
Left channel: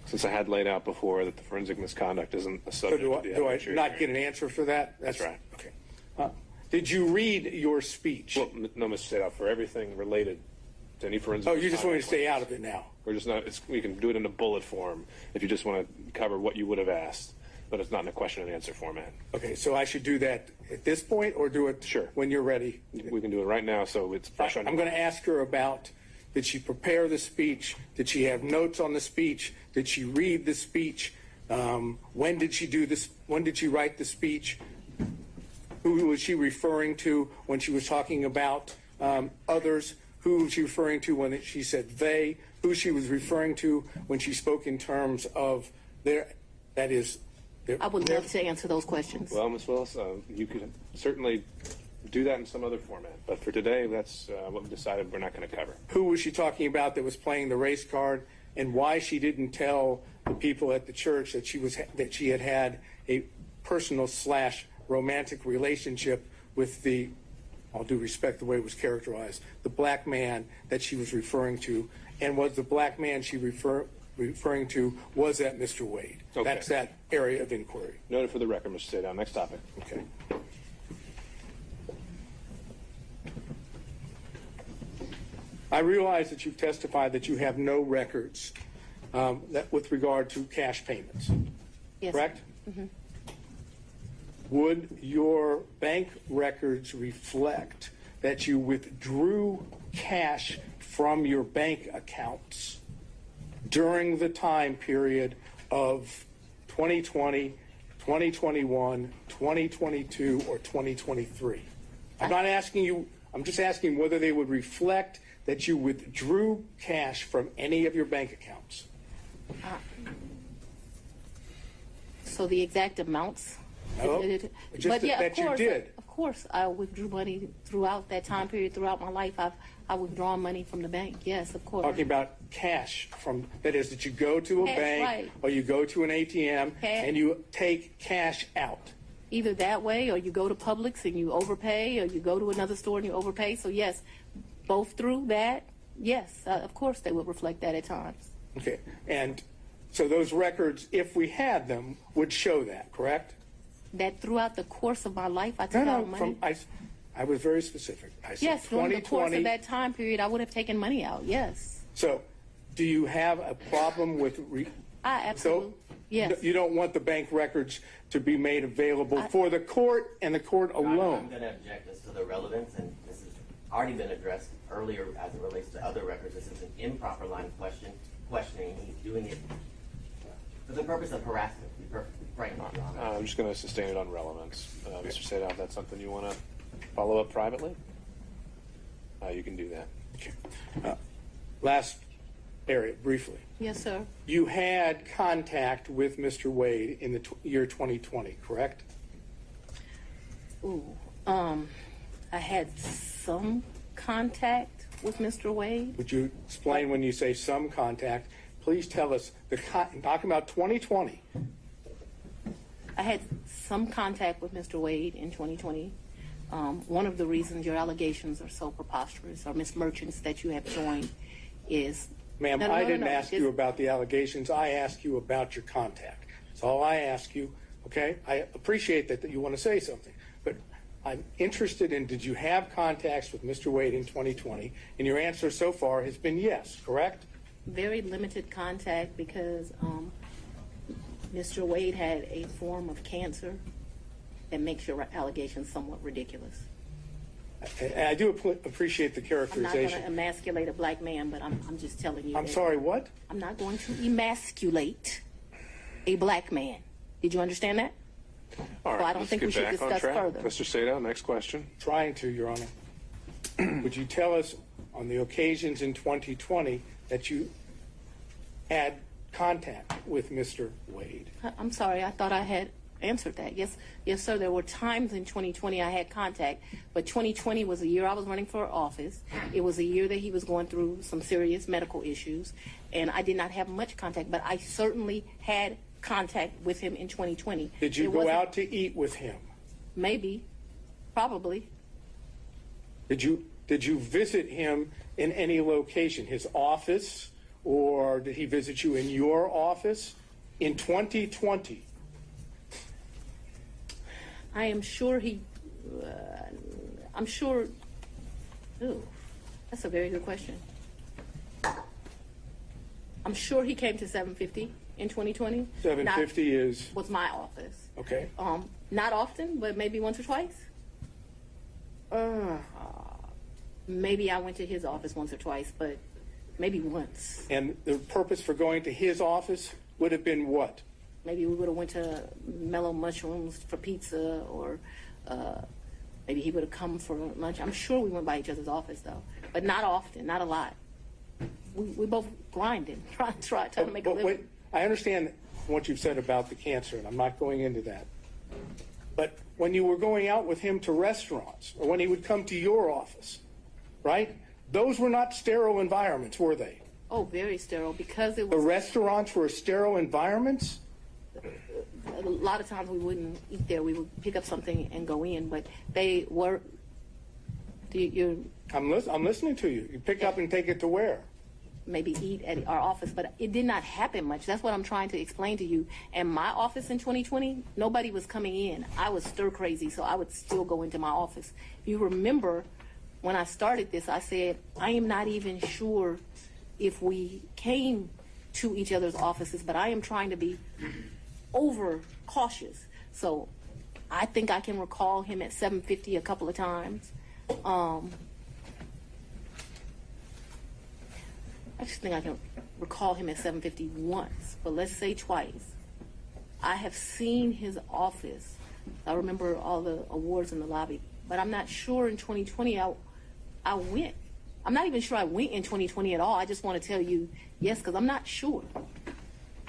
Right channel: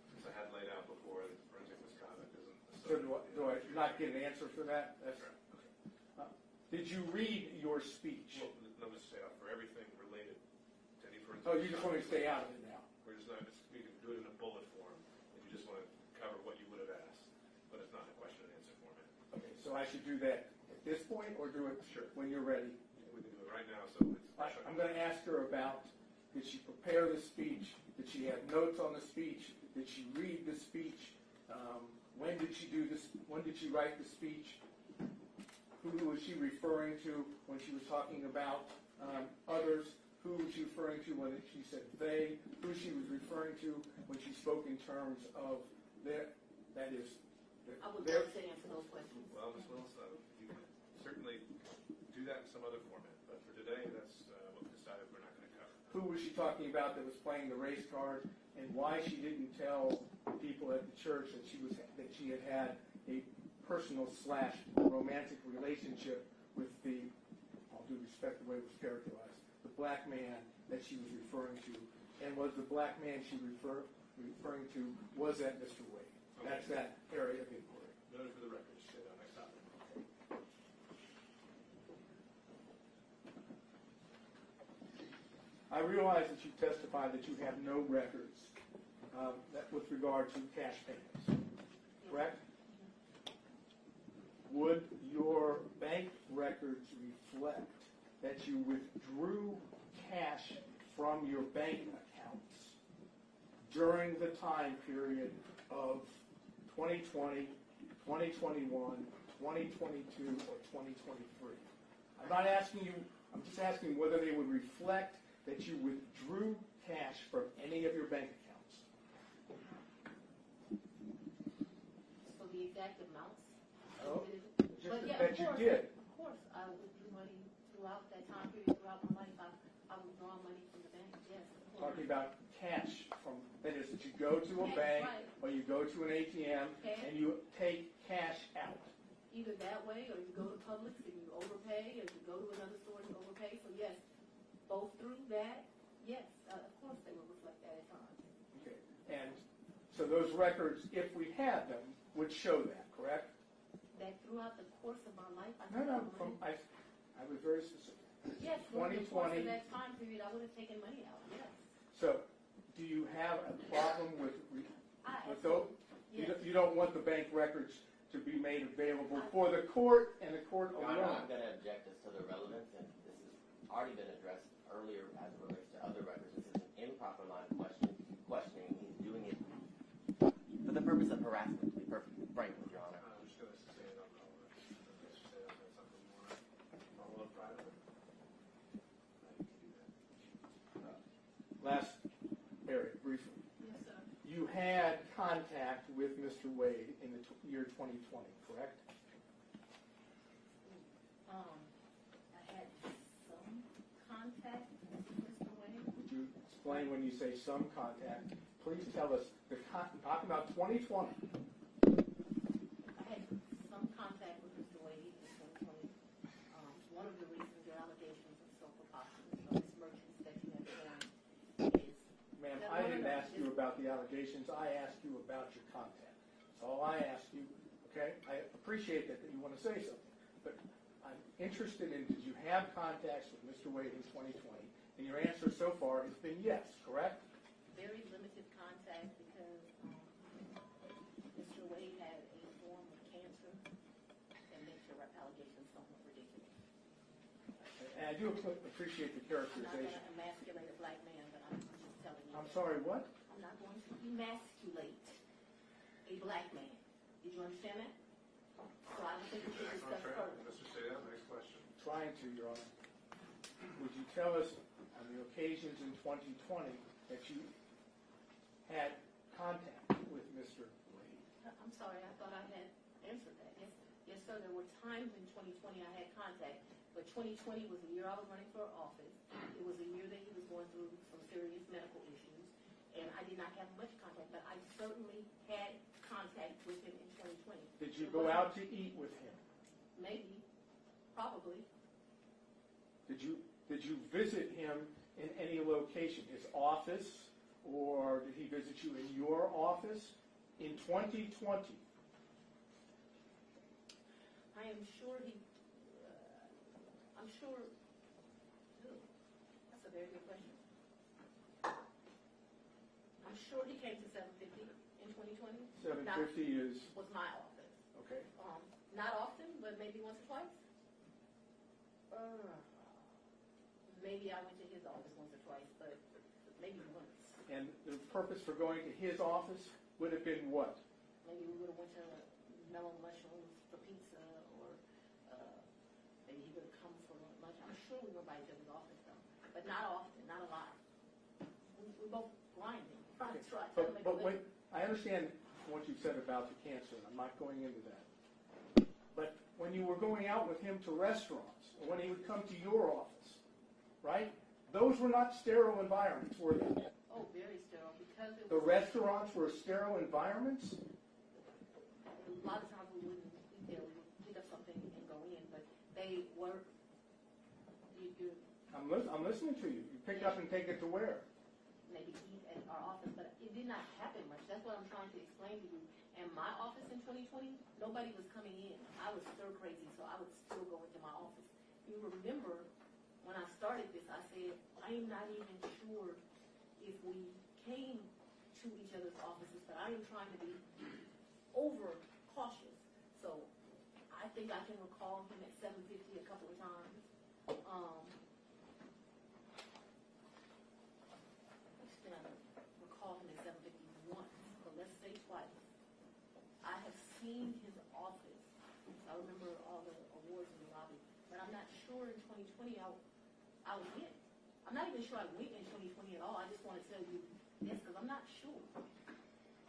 Since I had laid out before that the forensic misconduct isn't a So subject do of the I evidentiary not hearing. get an answer for that? That's right. Okay. Did you read your speech? Well, no, Mr. Sadov, for everything related to any forensic Oh, you just want me to misconduct stay out claims, of it now? We're just not, we can do it in a bullet form if you just want to cover what you would have asked, but it's not in a question and answer format. Okay, so I should do that at this point or do it Sure. when you're ready? We can do it right now, so it's fresh on I'm going to ask her about, did she prepare the speech? Did she have notes on the speech? Did she read the speech? When did she do this? When did she write the speech? Who was she referring to when she was talking about others? Who was she referring to when she said they? Who she was referring to when she spoke in terms of their, that is, their, I would love to answer those questions. Well, Ms. Willis, you could certainly do that in some other format, but for today, that's what we decided we're not going to cover. who was she talking about that was playing the race card, and why she didn't tell the people at the church that she had had a personal / romantic relationship with the, all due respect the way it was characterized, the black man that she was referring to, and was the black man she referring to, was that Mr. Wade? Okay. That's that area of inquiry. Noted for the record, Mr. Sadov. Next topic. Okay. I realize that you've testified that you have no records that with regard to cash payments, Yes. correct? Would your bank records reflect that you withdrew cash from your bank accounts during the time period of 2020, 2021, 2022, or 2023? I'm not asking you, I'm just asking whether they would reflect that you withdrew cash from any of your bank accounts. So the exact amounts? No, just But yeah, that you did. Of course, I withdrew money throughout that time period, throughout my life. I withdrawn money from the bank. Yes, of course. Talking about cash from, that is, that you go to a Cash, bank right. or you go to an ATM Cash. and you take cash out. Either that way, or you go to Publix and you overpay, or you go to another store and you overpay. So yes, both through that, yes, of course they would reflect that at times. Okay, and so those records, if we had them, would show that, correct? That throughout the course of my life, I took out money. I was very specific. I said Yes, during the course 2020. of that time period, I would have taken money out. Yes, So, do you have a problem with? I absolutely. Yes. You don't want the bank records to be made available for the court and the court alone. I'm going to object this to the relevance, and this has already been addressed earlier as it relates to other records. This is an improper line of questioning. He's doing it for the purpose of harassment. Right, Your Honor. I'm just going to sustain it on relevance. Mr. Sadov, that's something you want to follow up privately? You can do that. Okay. Last area, briefly. Yes, sir. You had contact with Mr. Wade in the year 2020, correct? Ooh, I had some contact with Mr. Wade. Would you explain when you say some contact? Please tell us, talking about 2020. I had some contact with Mr. Wade in 2020. One of the reasons your allegations are so preposterous, or Ms. Merchants that you have joined, is... Ma'am, No, no, I no, didn't no, ask you about the allegations. I asked you about your contact. That's all I ask you, okay? I appreciate that you want to say something, but I'm interested in, did you have contacts with Mr. Wade in 2020? And your answer so far has been yes, correct? very limited contact because Mr. Wade had a form of cancer that makes your allegations somewhat ridiculous. And I do appreciate the I'm not going characterization. to emasculate a black man, but I'm just telling you. I'm that sorry, what? I'm not going to emasculate a black man. Did you understand that? All right, So I don't let's think get we should back on discuss track. further. Mr. Sato, next question. Trying to, Your Honor. Would you tell us on the occasions in 2020 that you had contact with Mr. Wade? I'm sorry. I thought I had answered that. Yes, sir. There were times in 2020 I had contact, but 2020 was the year I was running for office. It was a year that he was going through some serious medical issues, and I did not have much contact, but I certainly had contact with him in 2020. Did you go out to eat with him? Maybe, probably. Did you visit him in any location, his office, or did he visit you in your office in 2020? I am sure I'm sure, ooh, that's a very good question. I'm sure he came to 750 in 2020. 750 was my office. Okay. Not often, but maybe once or twice. Maybe I went to his office once or twice, but maybe once. And the purpose for going to his office would have been what? Maybe we would have went to Mellow Mushrooms for pizza, or maybe he would have come for lunch. I'm sure we went by each other's office, though, but not often, not a lot. We both grinded, trying to make a living. I understand what you've said about the cancer, and I'm not going into that. But when you were going out with him to restaurants, or when he would come to your office, right? Those were not sterile environments, were they? Oh, very sterile, because it The was. restaurants were sterile environments? A lot of times we wouldn't eat there. We would pick up something and go in, but they were. I'm listening to you. You pick up and take it to where? Maybe eat at our office, but it did not happen much. That's what I'm trying to explain to you. And my office in 2020, nobody was coming in. I was stir crazy, so I would still go into my office. If you remember, when I started this, I said, I am not even sure if we came to each other's offices, but I am trying to be over cautious. So I think I can recall him at 750 a couple of times. I just think I can recall him at 750 once, but let's say twice. I have seen his office. I remember all the awards in the lobby, but I'm not sure in 2020 I went. I'm not even sure I went in 2020 at all. I just want to tell you yes, because I'm not sure.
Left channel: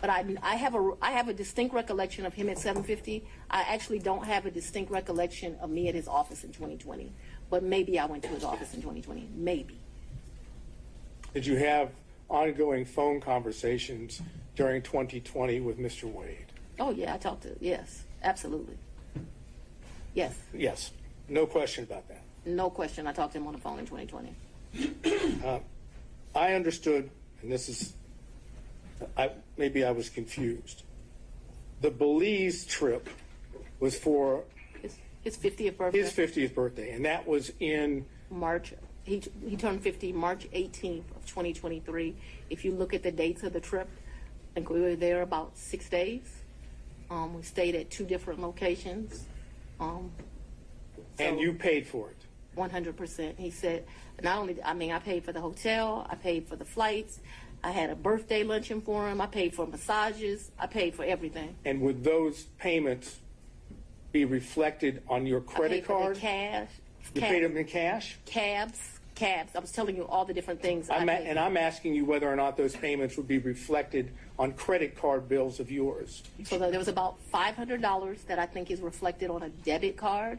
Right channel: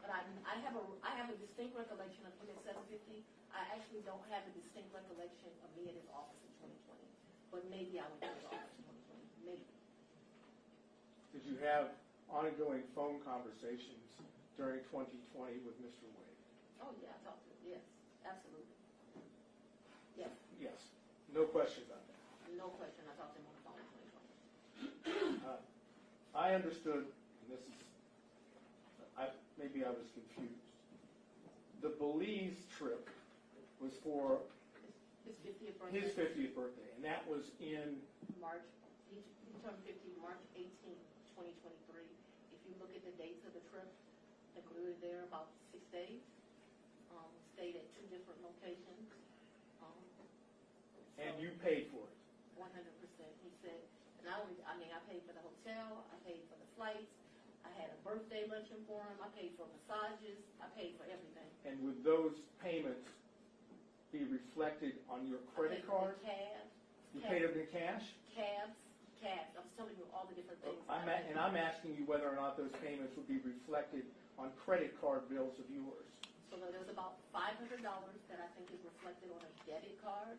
But I have a distinct recollection of him at 750. I actually don't have a distinct recollection of me at his office in 2020. But maybe I went to his office in 2020. Maybe. Did you have ongoing phone conversations during 2020 with Mr. Wade? Oh, yeah, I talked to, yes, absolutely. Yes. Yes, no question about that. No question, I talked to him on the phone in 2020. I understood, and this is, maybe I was confused. The Belize trip was for His 50th birthday. his 50th birthday, and that was in March. He turned 50 March 18th of 2023. If you look at the dates of the trip, I think we were there about 6 days. We stayed at 2 different locations. and you paid for it. 100%. He said, not only, I paid for the hotel, I paid for the flights, I had a birthday luncheon for him, I paid for massages, I paid for everything. And would those payments be reflected on your credit card? I paid for the cash. You paid them in cash? Cabs. I was telling you all the different things. I'm asking you whether or not those payments would be reflected on credit card bills of yours. So there was about $500 that I think is reflected on a debit card.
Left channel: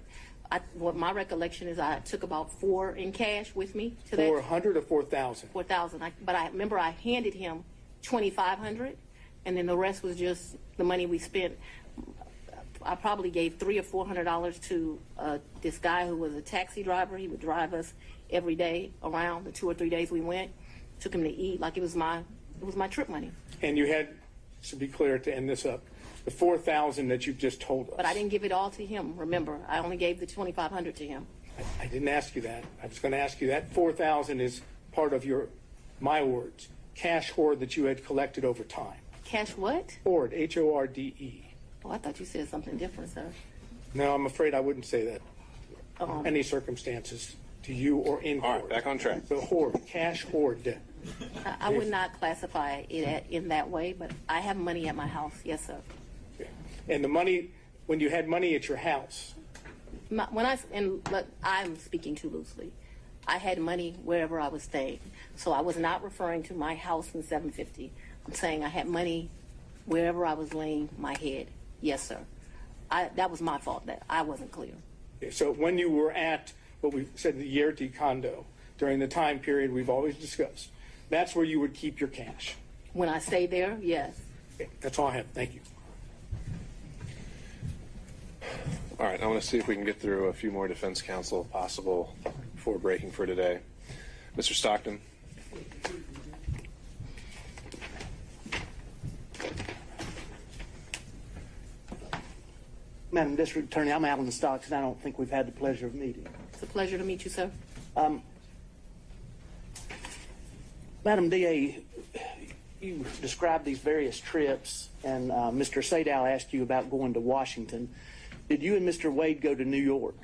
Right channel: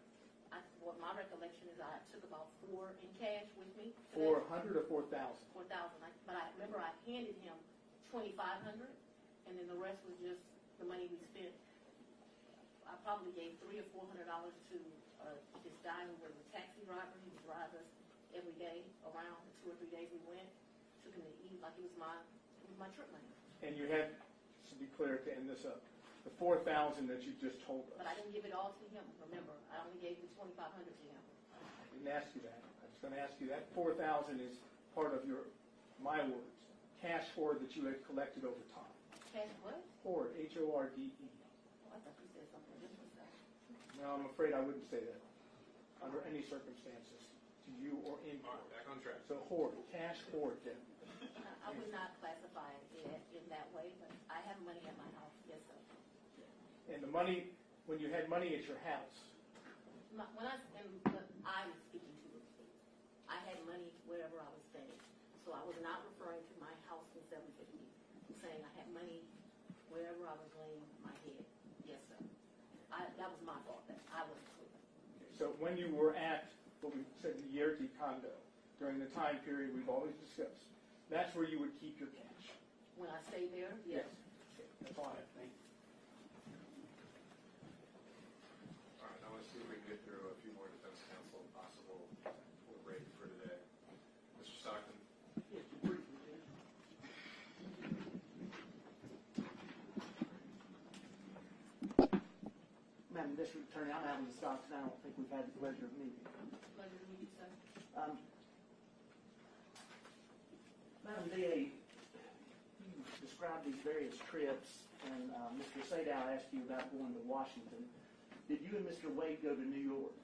What my recollection is, I took about $4 in cash with me to that. 400 or 4,000? 4,000. But I remember I handed him 2,500, and then the rest was just the money we spent. I probably gave $300 or $400 to this guy who was a taxi driver. He would drive us every day around the 2 or 3 days we went. Took him to eat like it was my trip money. And you had, to be clear, to end this up, the 4,000 that you've just told us. But I didn't give it all to him. Remember, I only gave the 2,500 to him. I didn't ask you that. I was going to ask you that 4,000 is part of your, my words, cash hoard that you had collected over time. Cash what? Hoard, H-O-R-D-E. Oh, I thought you said something different, sir. No, I'm afraid I wouldn't say that. Any circumstances to you or in court. All right, back on track. So hoard, cash hoard debt. I would not classify it in that way, but I have money at my house. Yes, sir. And the money, when you had money at your house, I'm speaking too loosely. I had money wherever I was staying. So I was not referring to my house in 750. I'm saying I had money wherever I was laying my head. Yes, sir. that was my fault that I wasn't clear. Okay, so when you were at what we said the Yerti condo during the time period we've always discussed, that's where you would keep your cash. When I stayed there, yes. Okay, that's all I have. Thank you. All right, I want to see if we can get through a few more defense counsel if possible before breaking for today. Mr. Stockton. Madam District Attorney, I'm Alan Stocks, and I don't think we've had the pleasure of meeting. It's a pleasure to meet you, sir. Madam DA, you described these various trips, and Mr. Sadow asked you about going to Washington. Did you and Mr. Wade go to New York?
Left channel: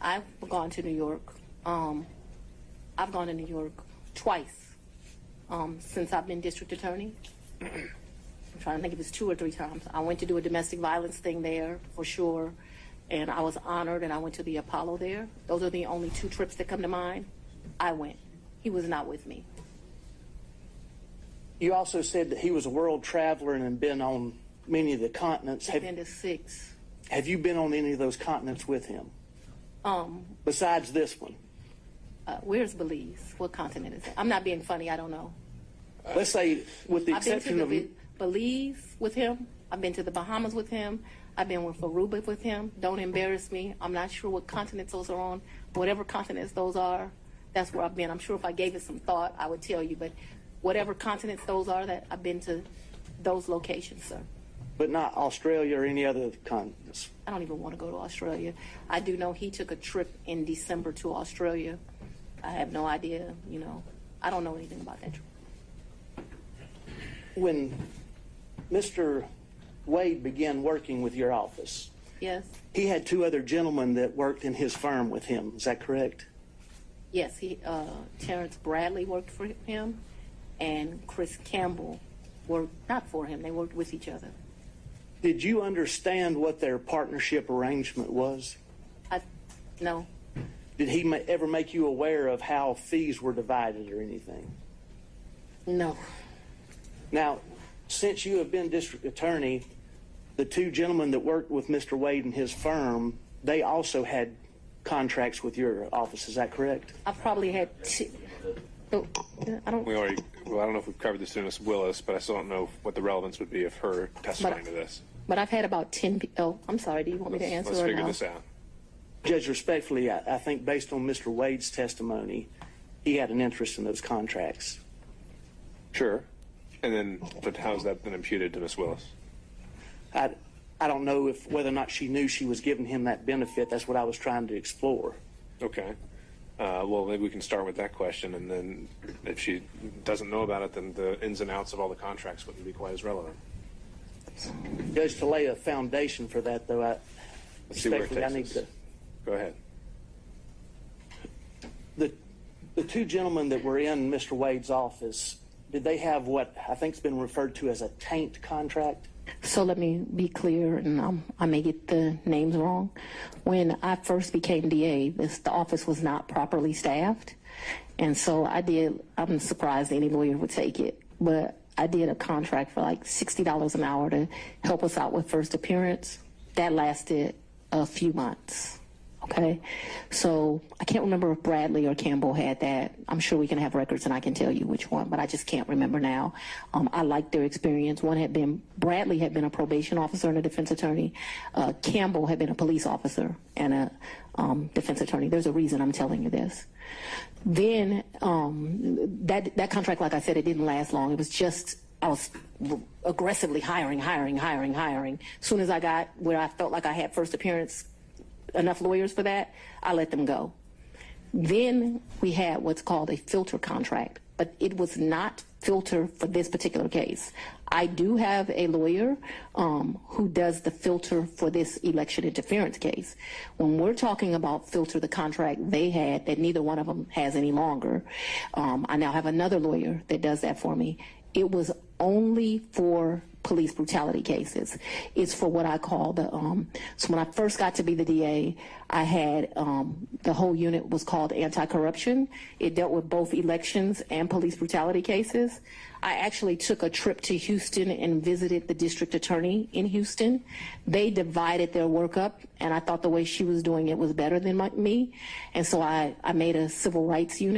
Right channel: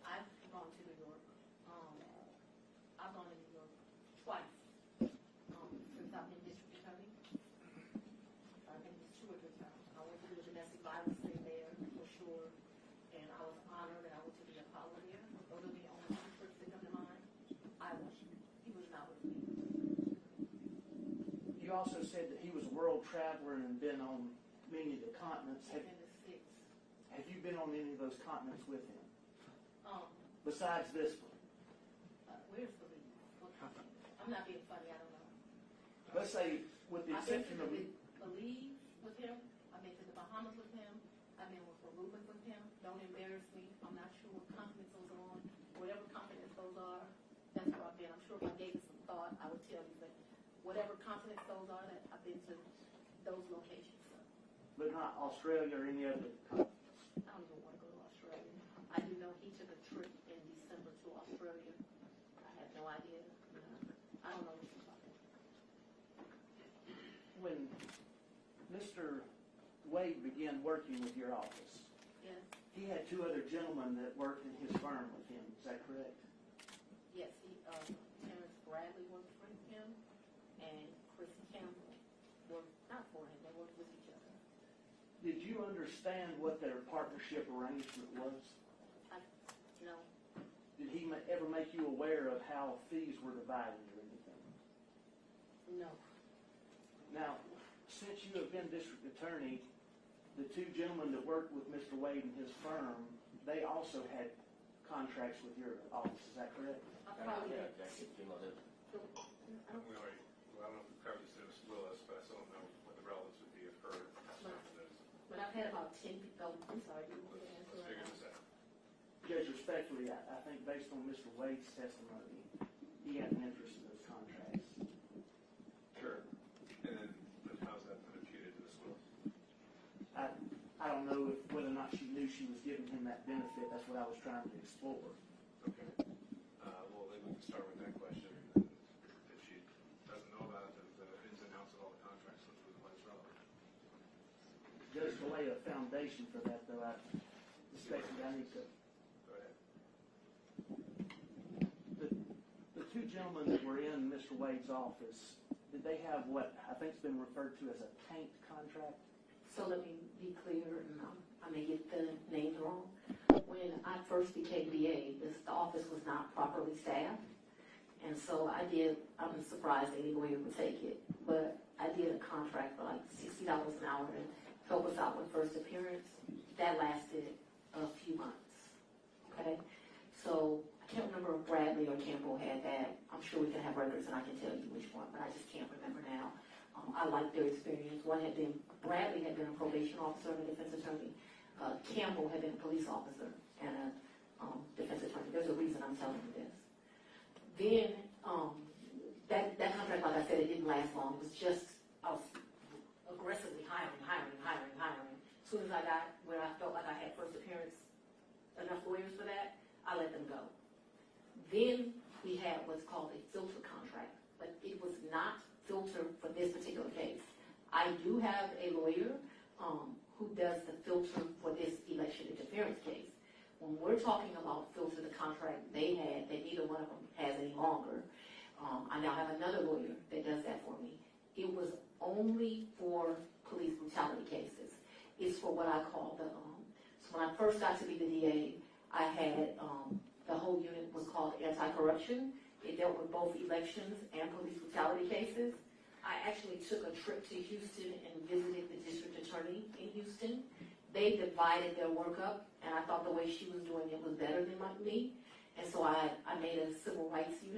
I've gone to New York. I've gone to New York twice since I've been district attorney. I'm trying to think if it's 2 or 3 times. I went to do a domestic violence thing there for sure, and I was honored, and I went to the Apollo there. Those are the only 2 trips that come to mind. I went. He was not with me. You also said that he was a world traveler and had been on many of the continents. I've been to 6. Have you been on any of those continents with him? Besides this one? Where's Belize? What continent is it? I'm not being funny. I don't know. Let's say, with the I've been exception to of... Belize with him. I've been to the Bahamas with him. I've been with Aruba with him. Don't embarrass me. I'm not sure what continents those are on. Whatever continents those are, that's where I've been. I'm sure if I gave it some thought, I would tell you. But whatever continents those are, that I've been to those locations, sir. But not Australia or any other continents? I don't even want to go to Australia. I do know he took a trip in December to Australia. I have no idea, you know. I don't know anything about that trip. When Mr. Wade began working with your office, Yes. he had 2 other gentlemen that worked in his firm with him. Is that correct? Yes, Terrence Bradley worked for him, and Chris Campbell worked not for him. They worked with each other. Did you understand what their partnership arrangement was? No. Did he ever make you aware of how fees were divided or anything? No. Now, since you have been district attorney, the 2 gentlemen that worked with Mr. Wade and his firm, they also had contracts with your office. Is that correct? I probably had 2. I don't. Well, I don't know if we've covered this in Ms. Willis, but I still don't know what the relevance would be of her testifying to this. But I've had about 10 people. Oh, I'm sorry. Do you want me to answer Let's or figure no? this out. Judge, respectfully, I think based on Mr. Wade's testimony, he had an interest in those contracts. Sure. And then, but how's that been imputed to Ms. Willis? I don't know whether or not she knew she was giving him that benefit. That's what I was trying to explore. Okay. Well, maybe we can start with that question, and then if she doesn't know about it, then the ins and outs of all the contracts wouldn't be quite as relevant. Judge, to lay a foundation for that, though, Let's see where it takes I need us. to... Go ahead. The 2 gentlemen that were in Mr. Wade's office, did they have what I think has been referred to as a taint contract? So let me be clear, and I may get the names wrong. When I first became DA, the office was not properly staffed. And so I'm surprised any lawyer would take it, but I did a contract for like $60 an hour to help us out with first appearance. That lasted a few months. Okay, so I can't remember if Bradley or Campbell had that. I'm sure we can have records and I can tell you which one, but I just can't remember now. I liked their experience. Bradley had been a probation officer and a defense attorney. Campbell had been a police officer and a defense attorney. There's a reason I'm telling you this. Then that contract, like I said, it didn't last long. It was just, I was aggressively hiring. As soon as I got where I felt like I had first appearance, enough lawyers for that, I let them go. Then we had what's called a filter contract, but it was not filter for this particular case. I do have a lawyer who does the filter for this election interference case. When we're talking about filter, the contract they had that neither one of them has any longer, I now have another lawyer that does that for me. It was only for police brutality cases. It's for what I call the, so when I first got to be the DA, I had, the whole unit was called anti-corruption. It dealt with both elections and police brutality cases. I actually took a trip to Houston and visited the district attorney in Houston. They divided their work up, and I thought the way she was doing it was better than me. And so I made a civil rights unit.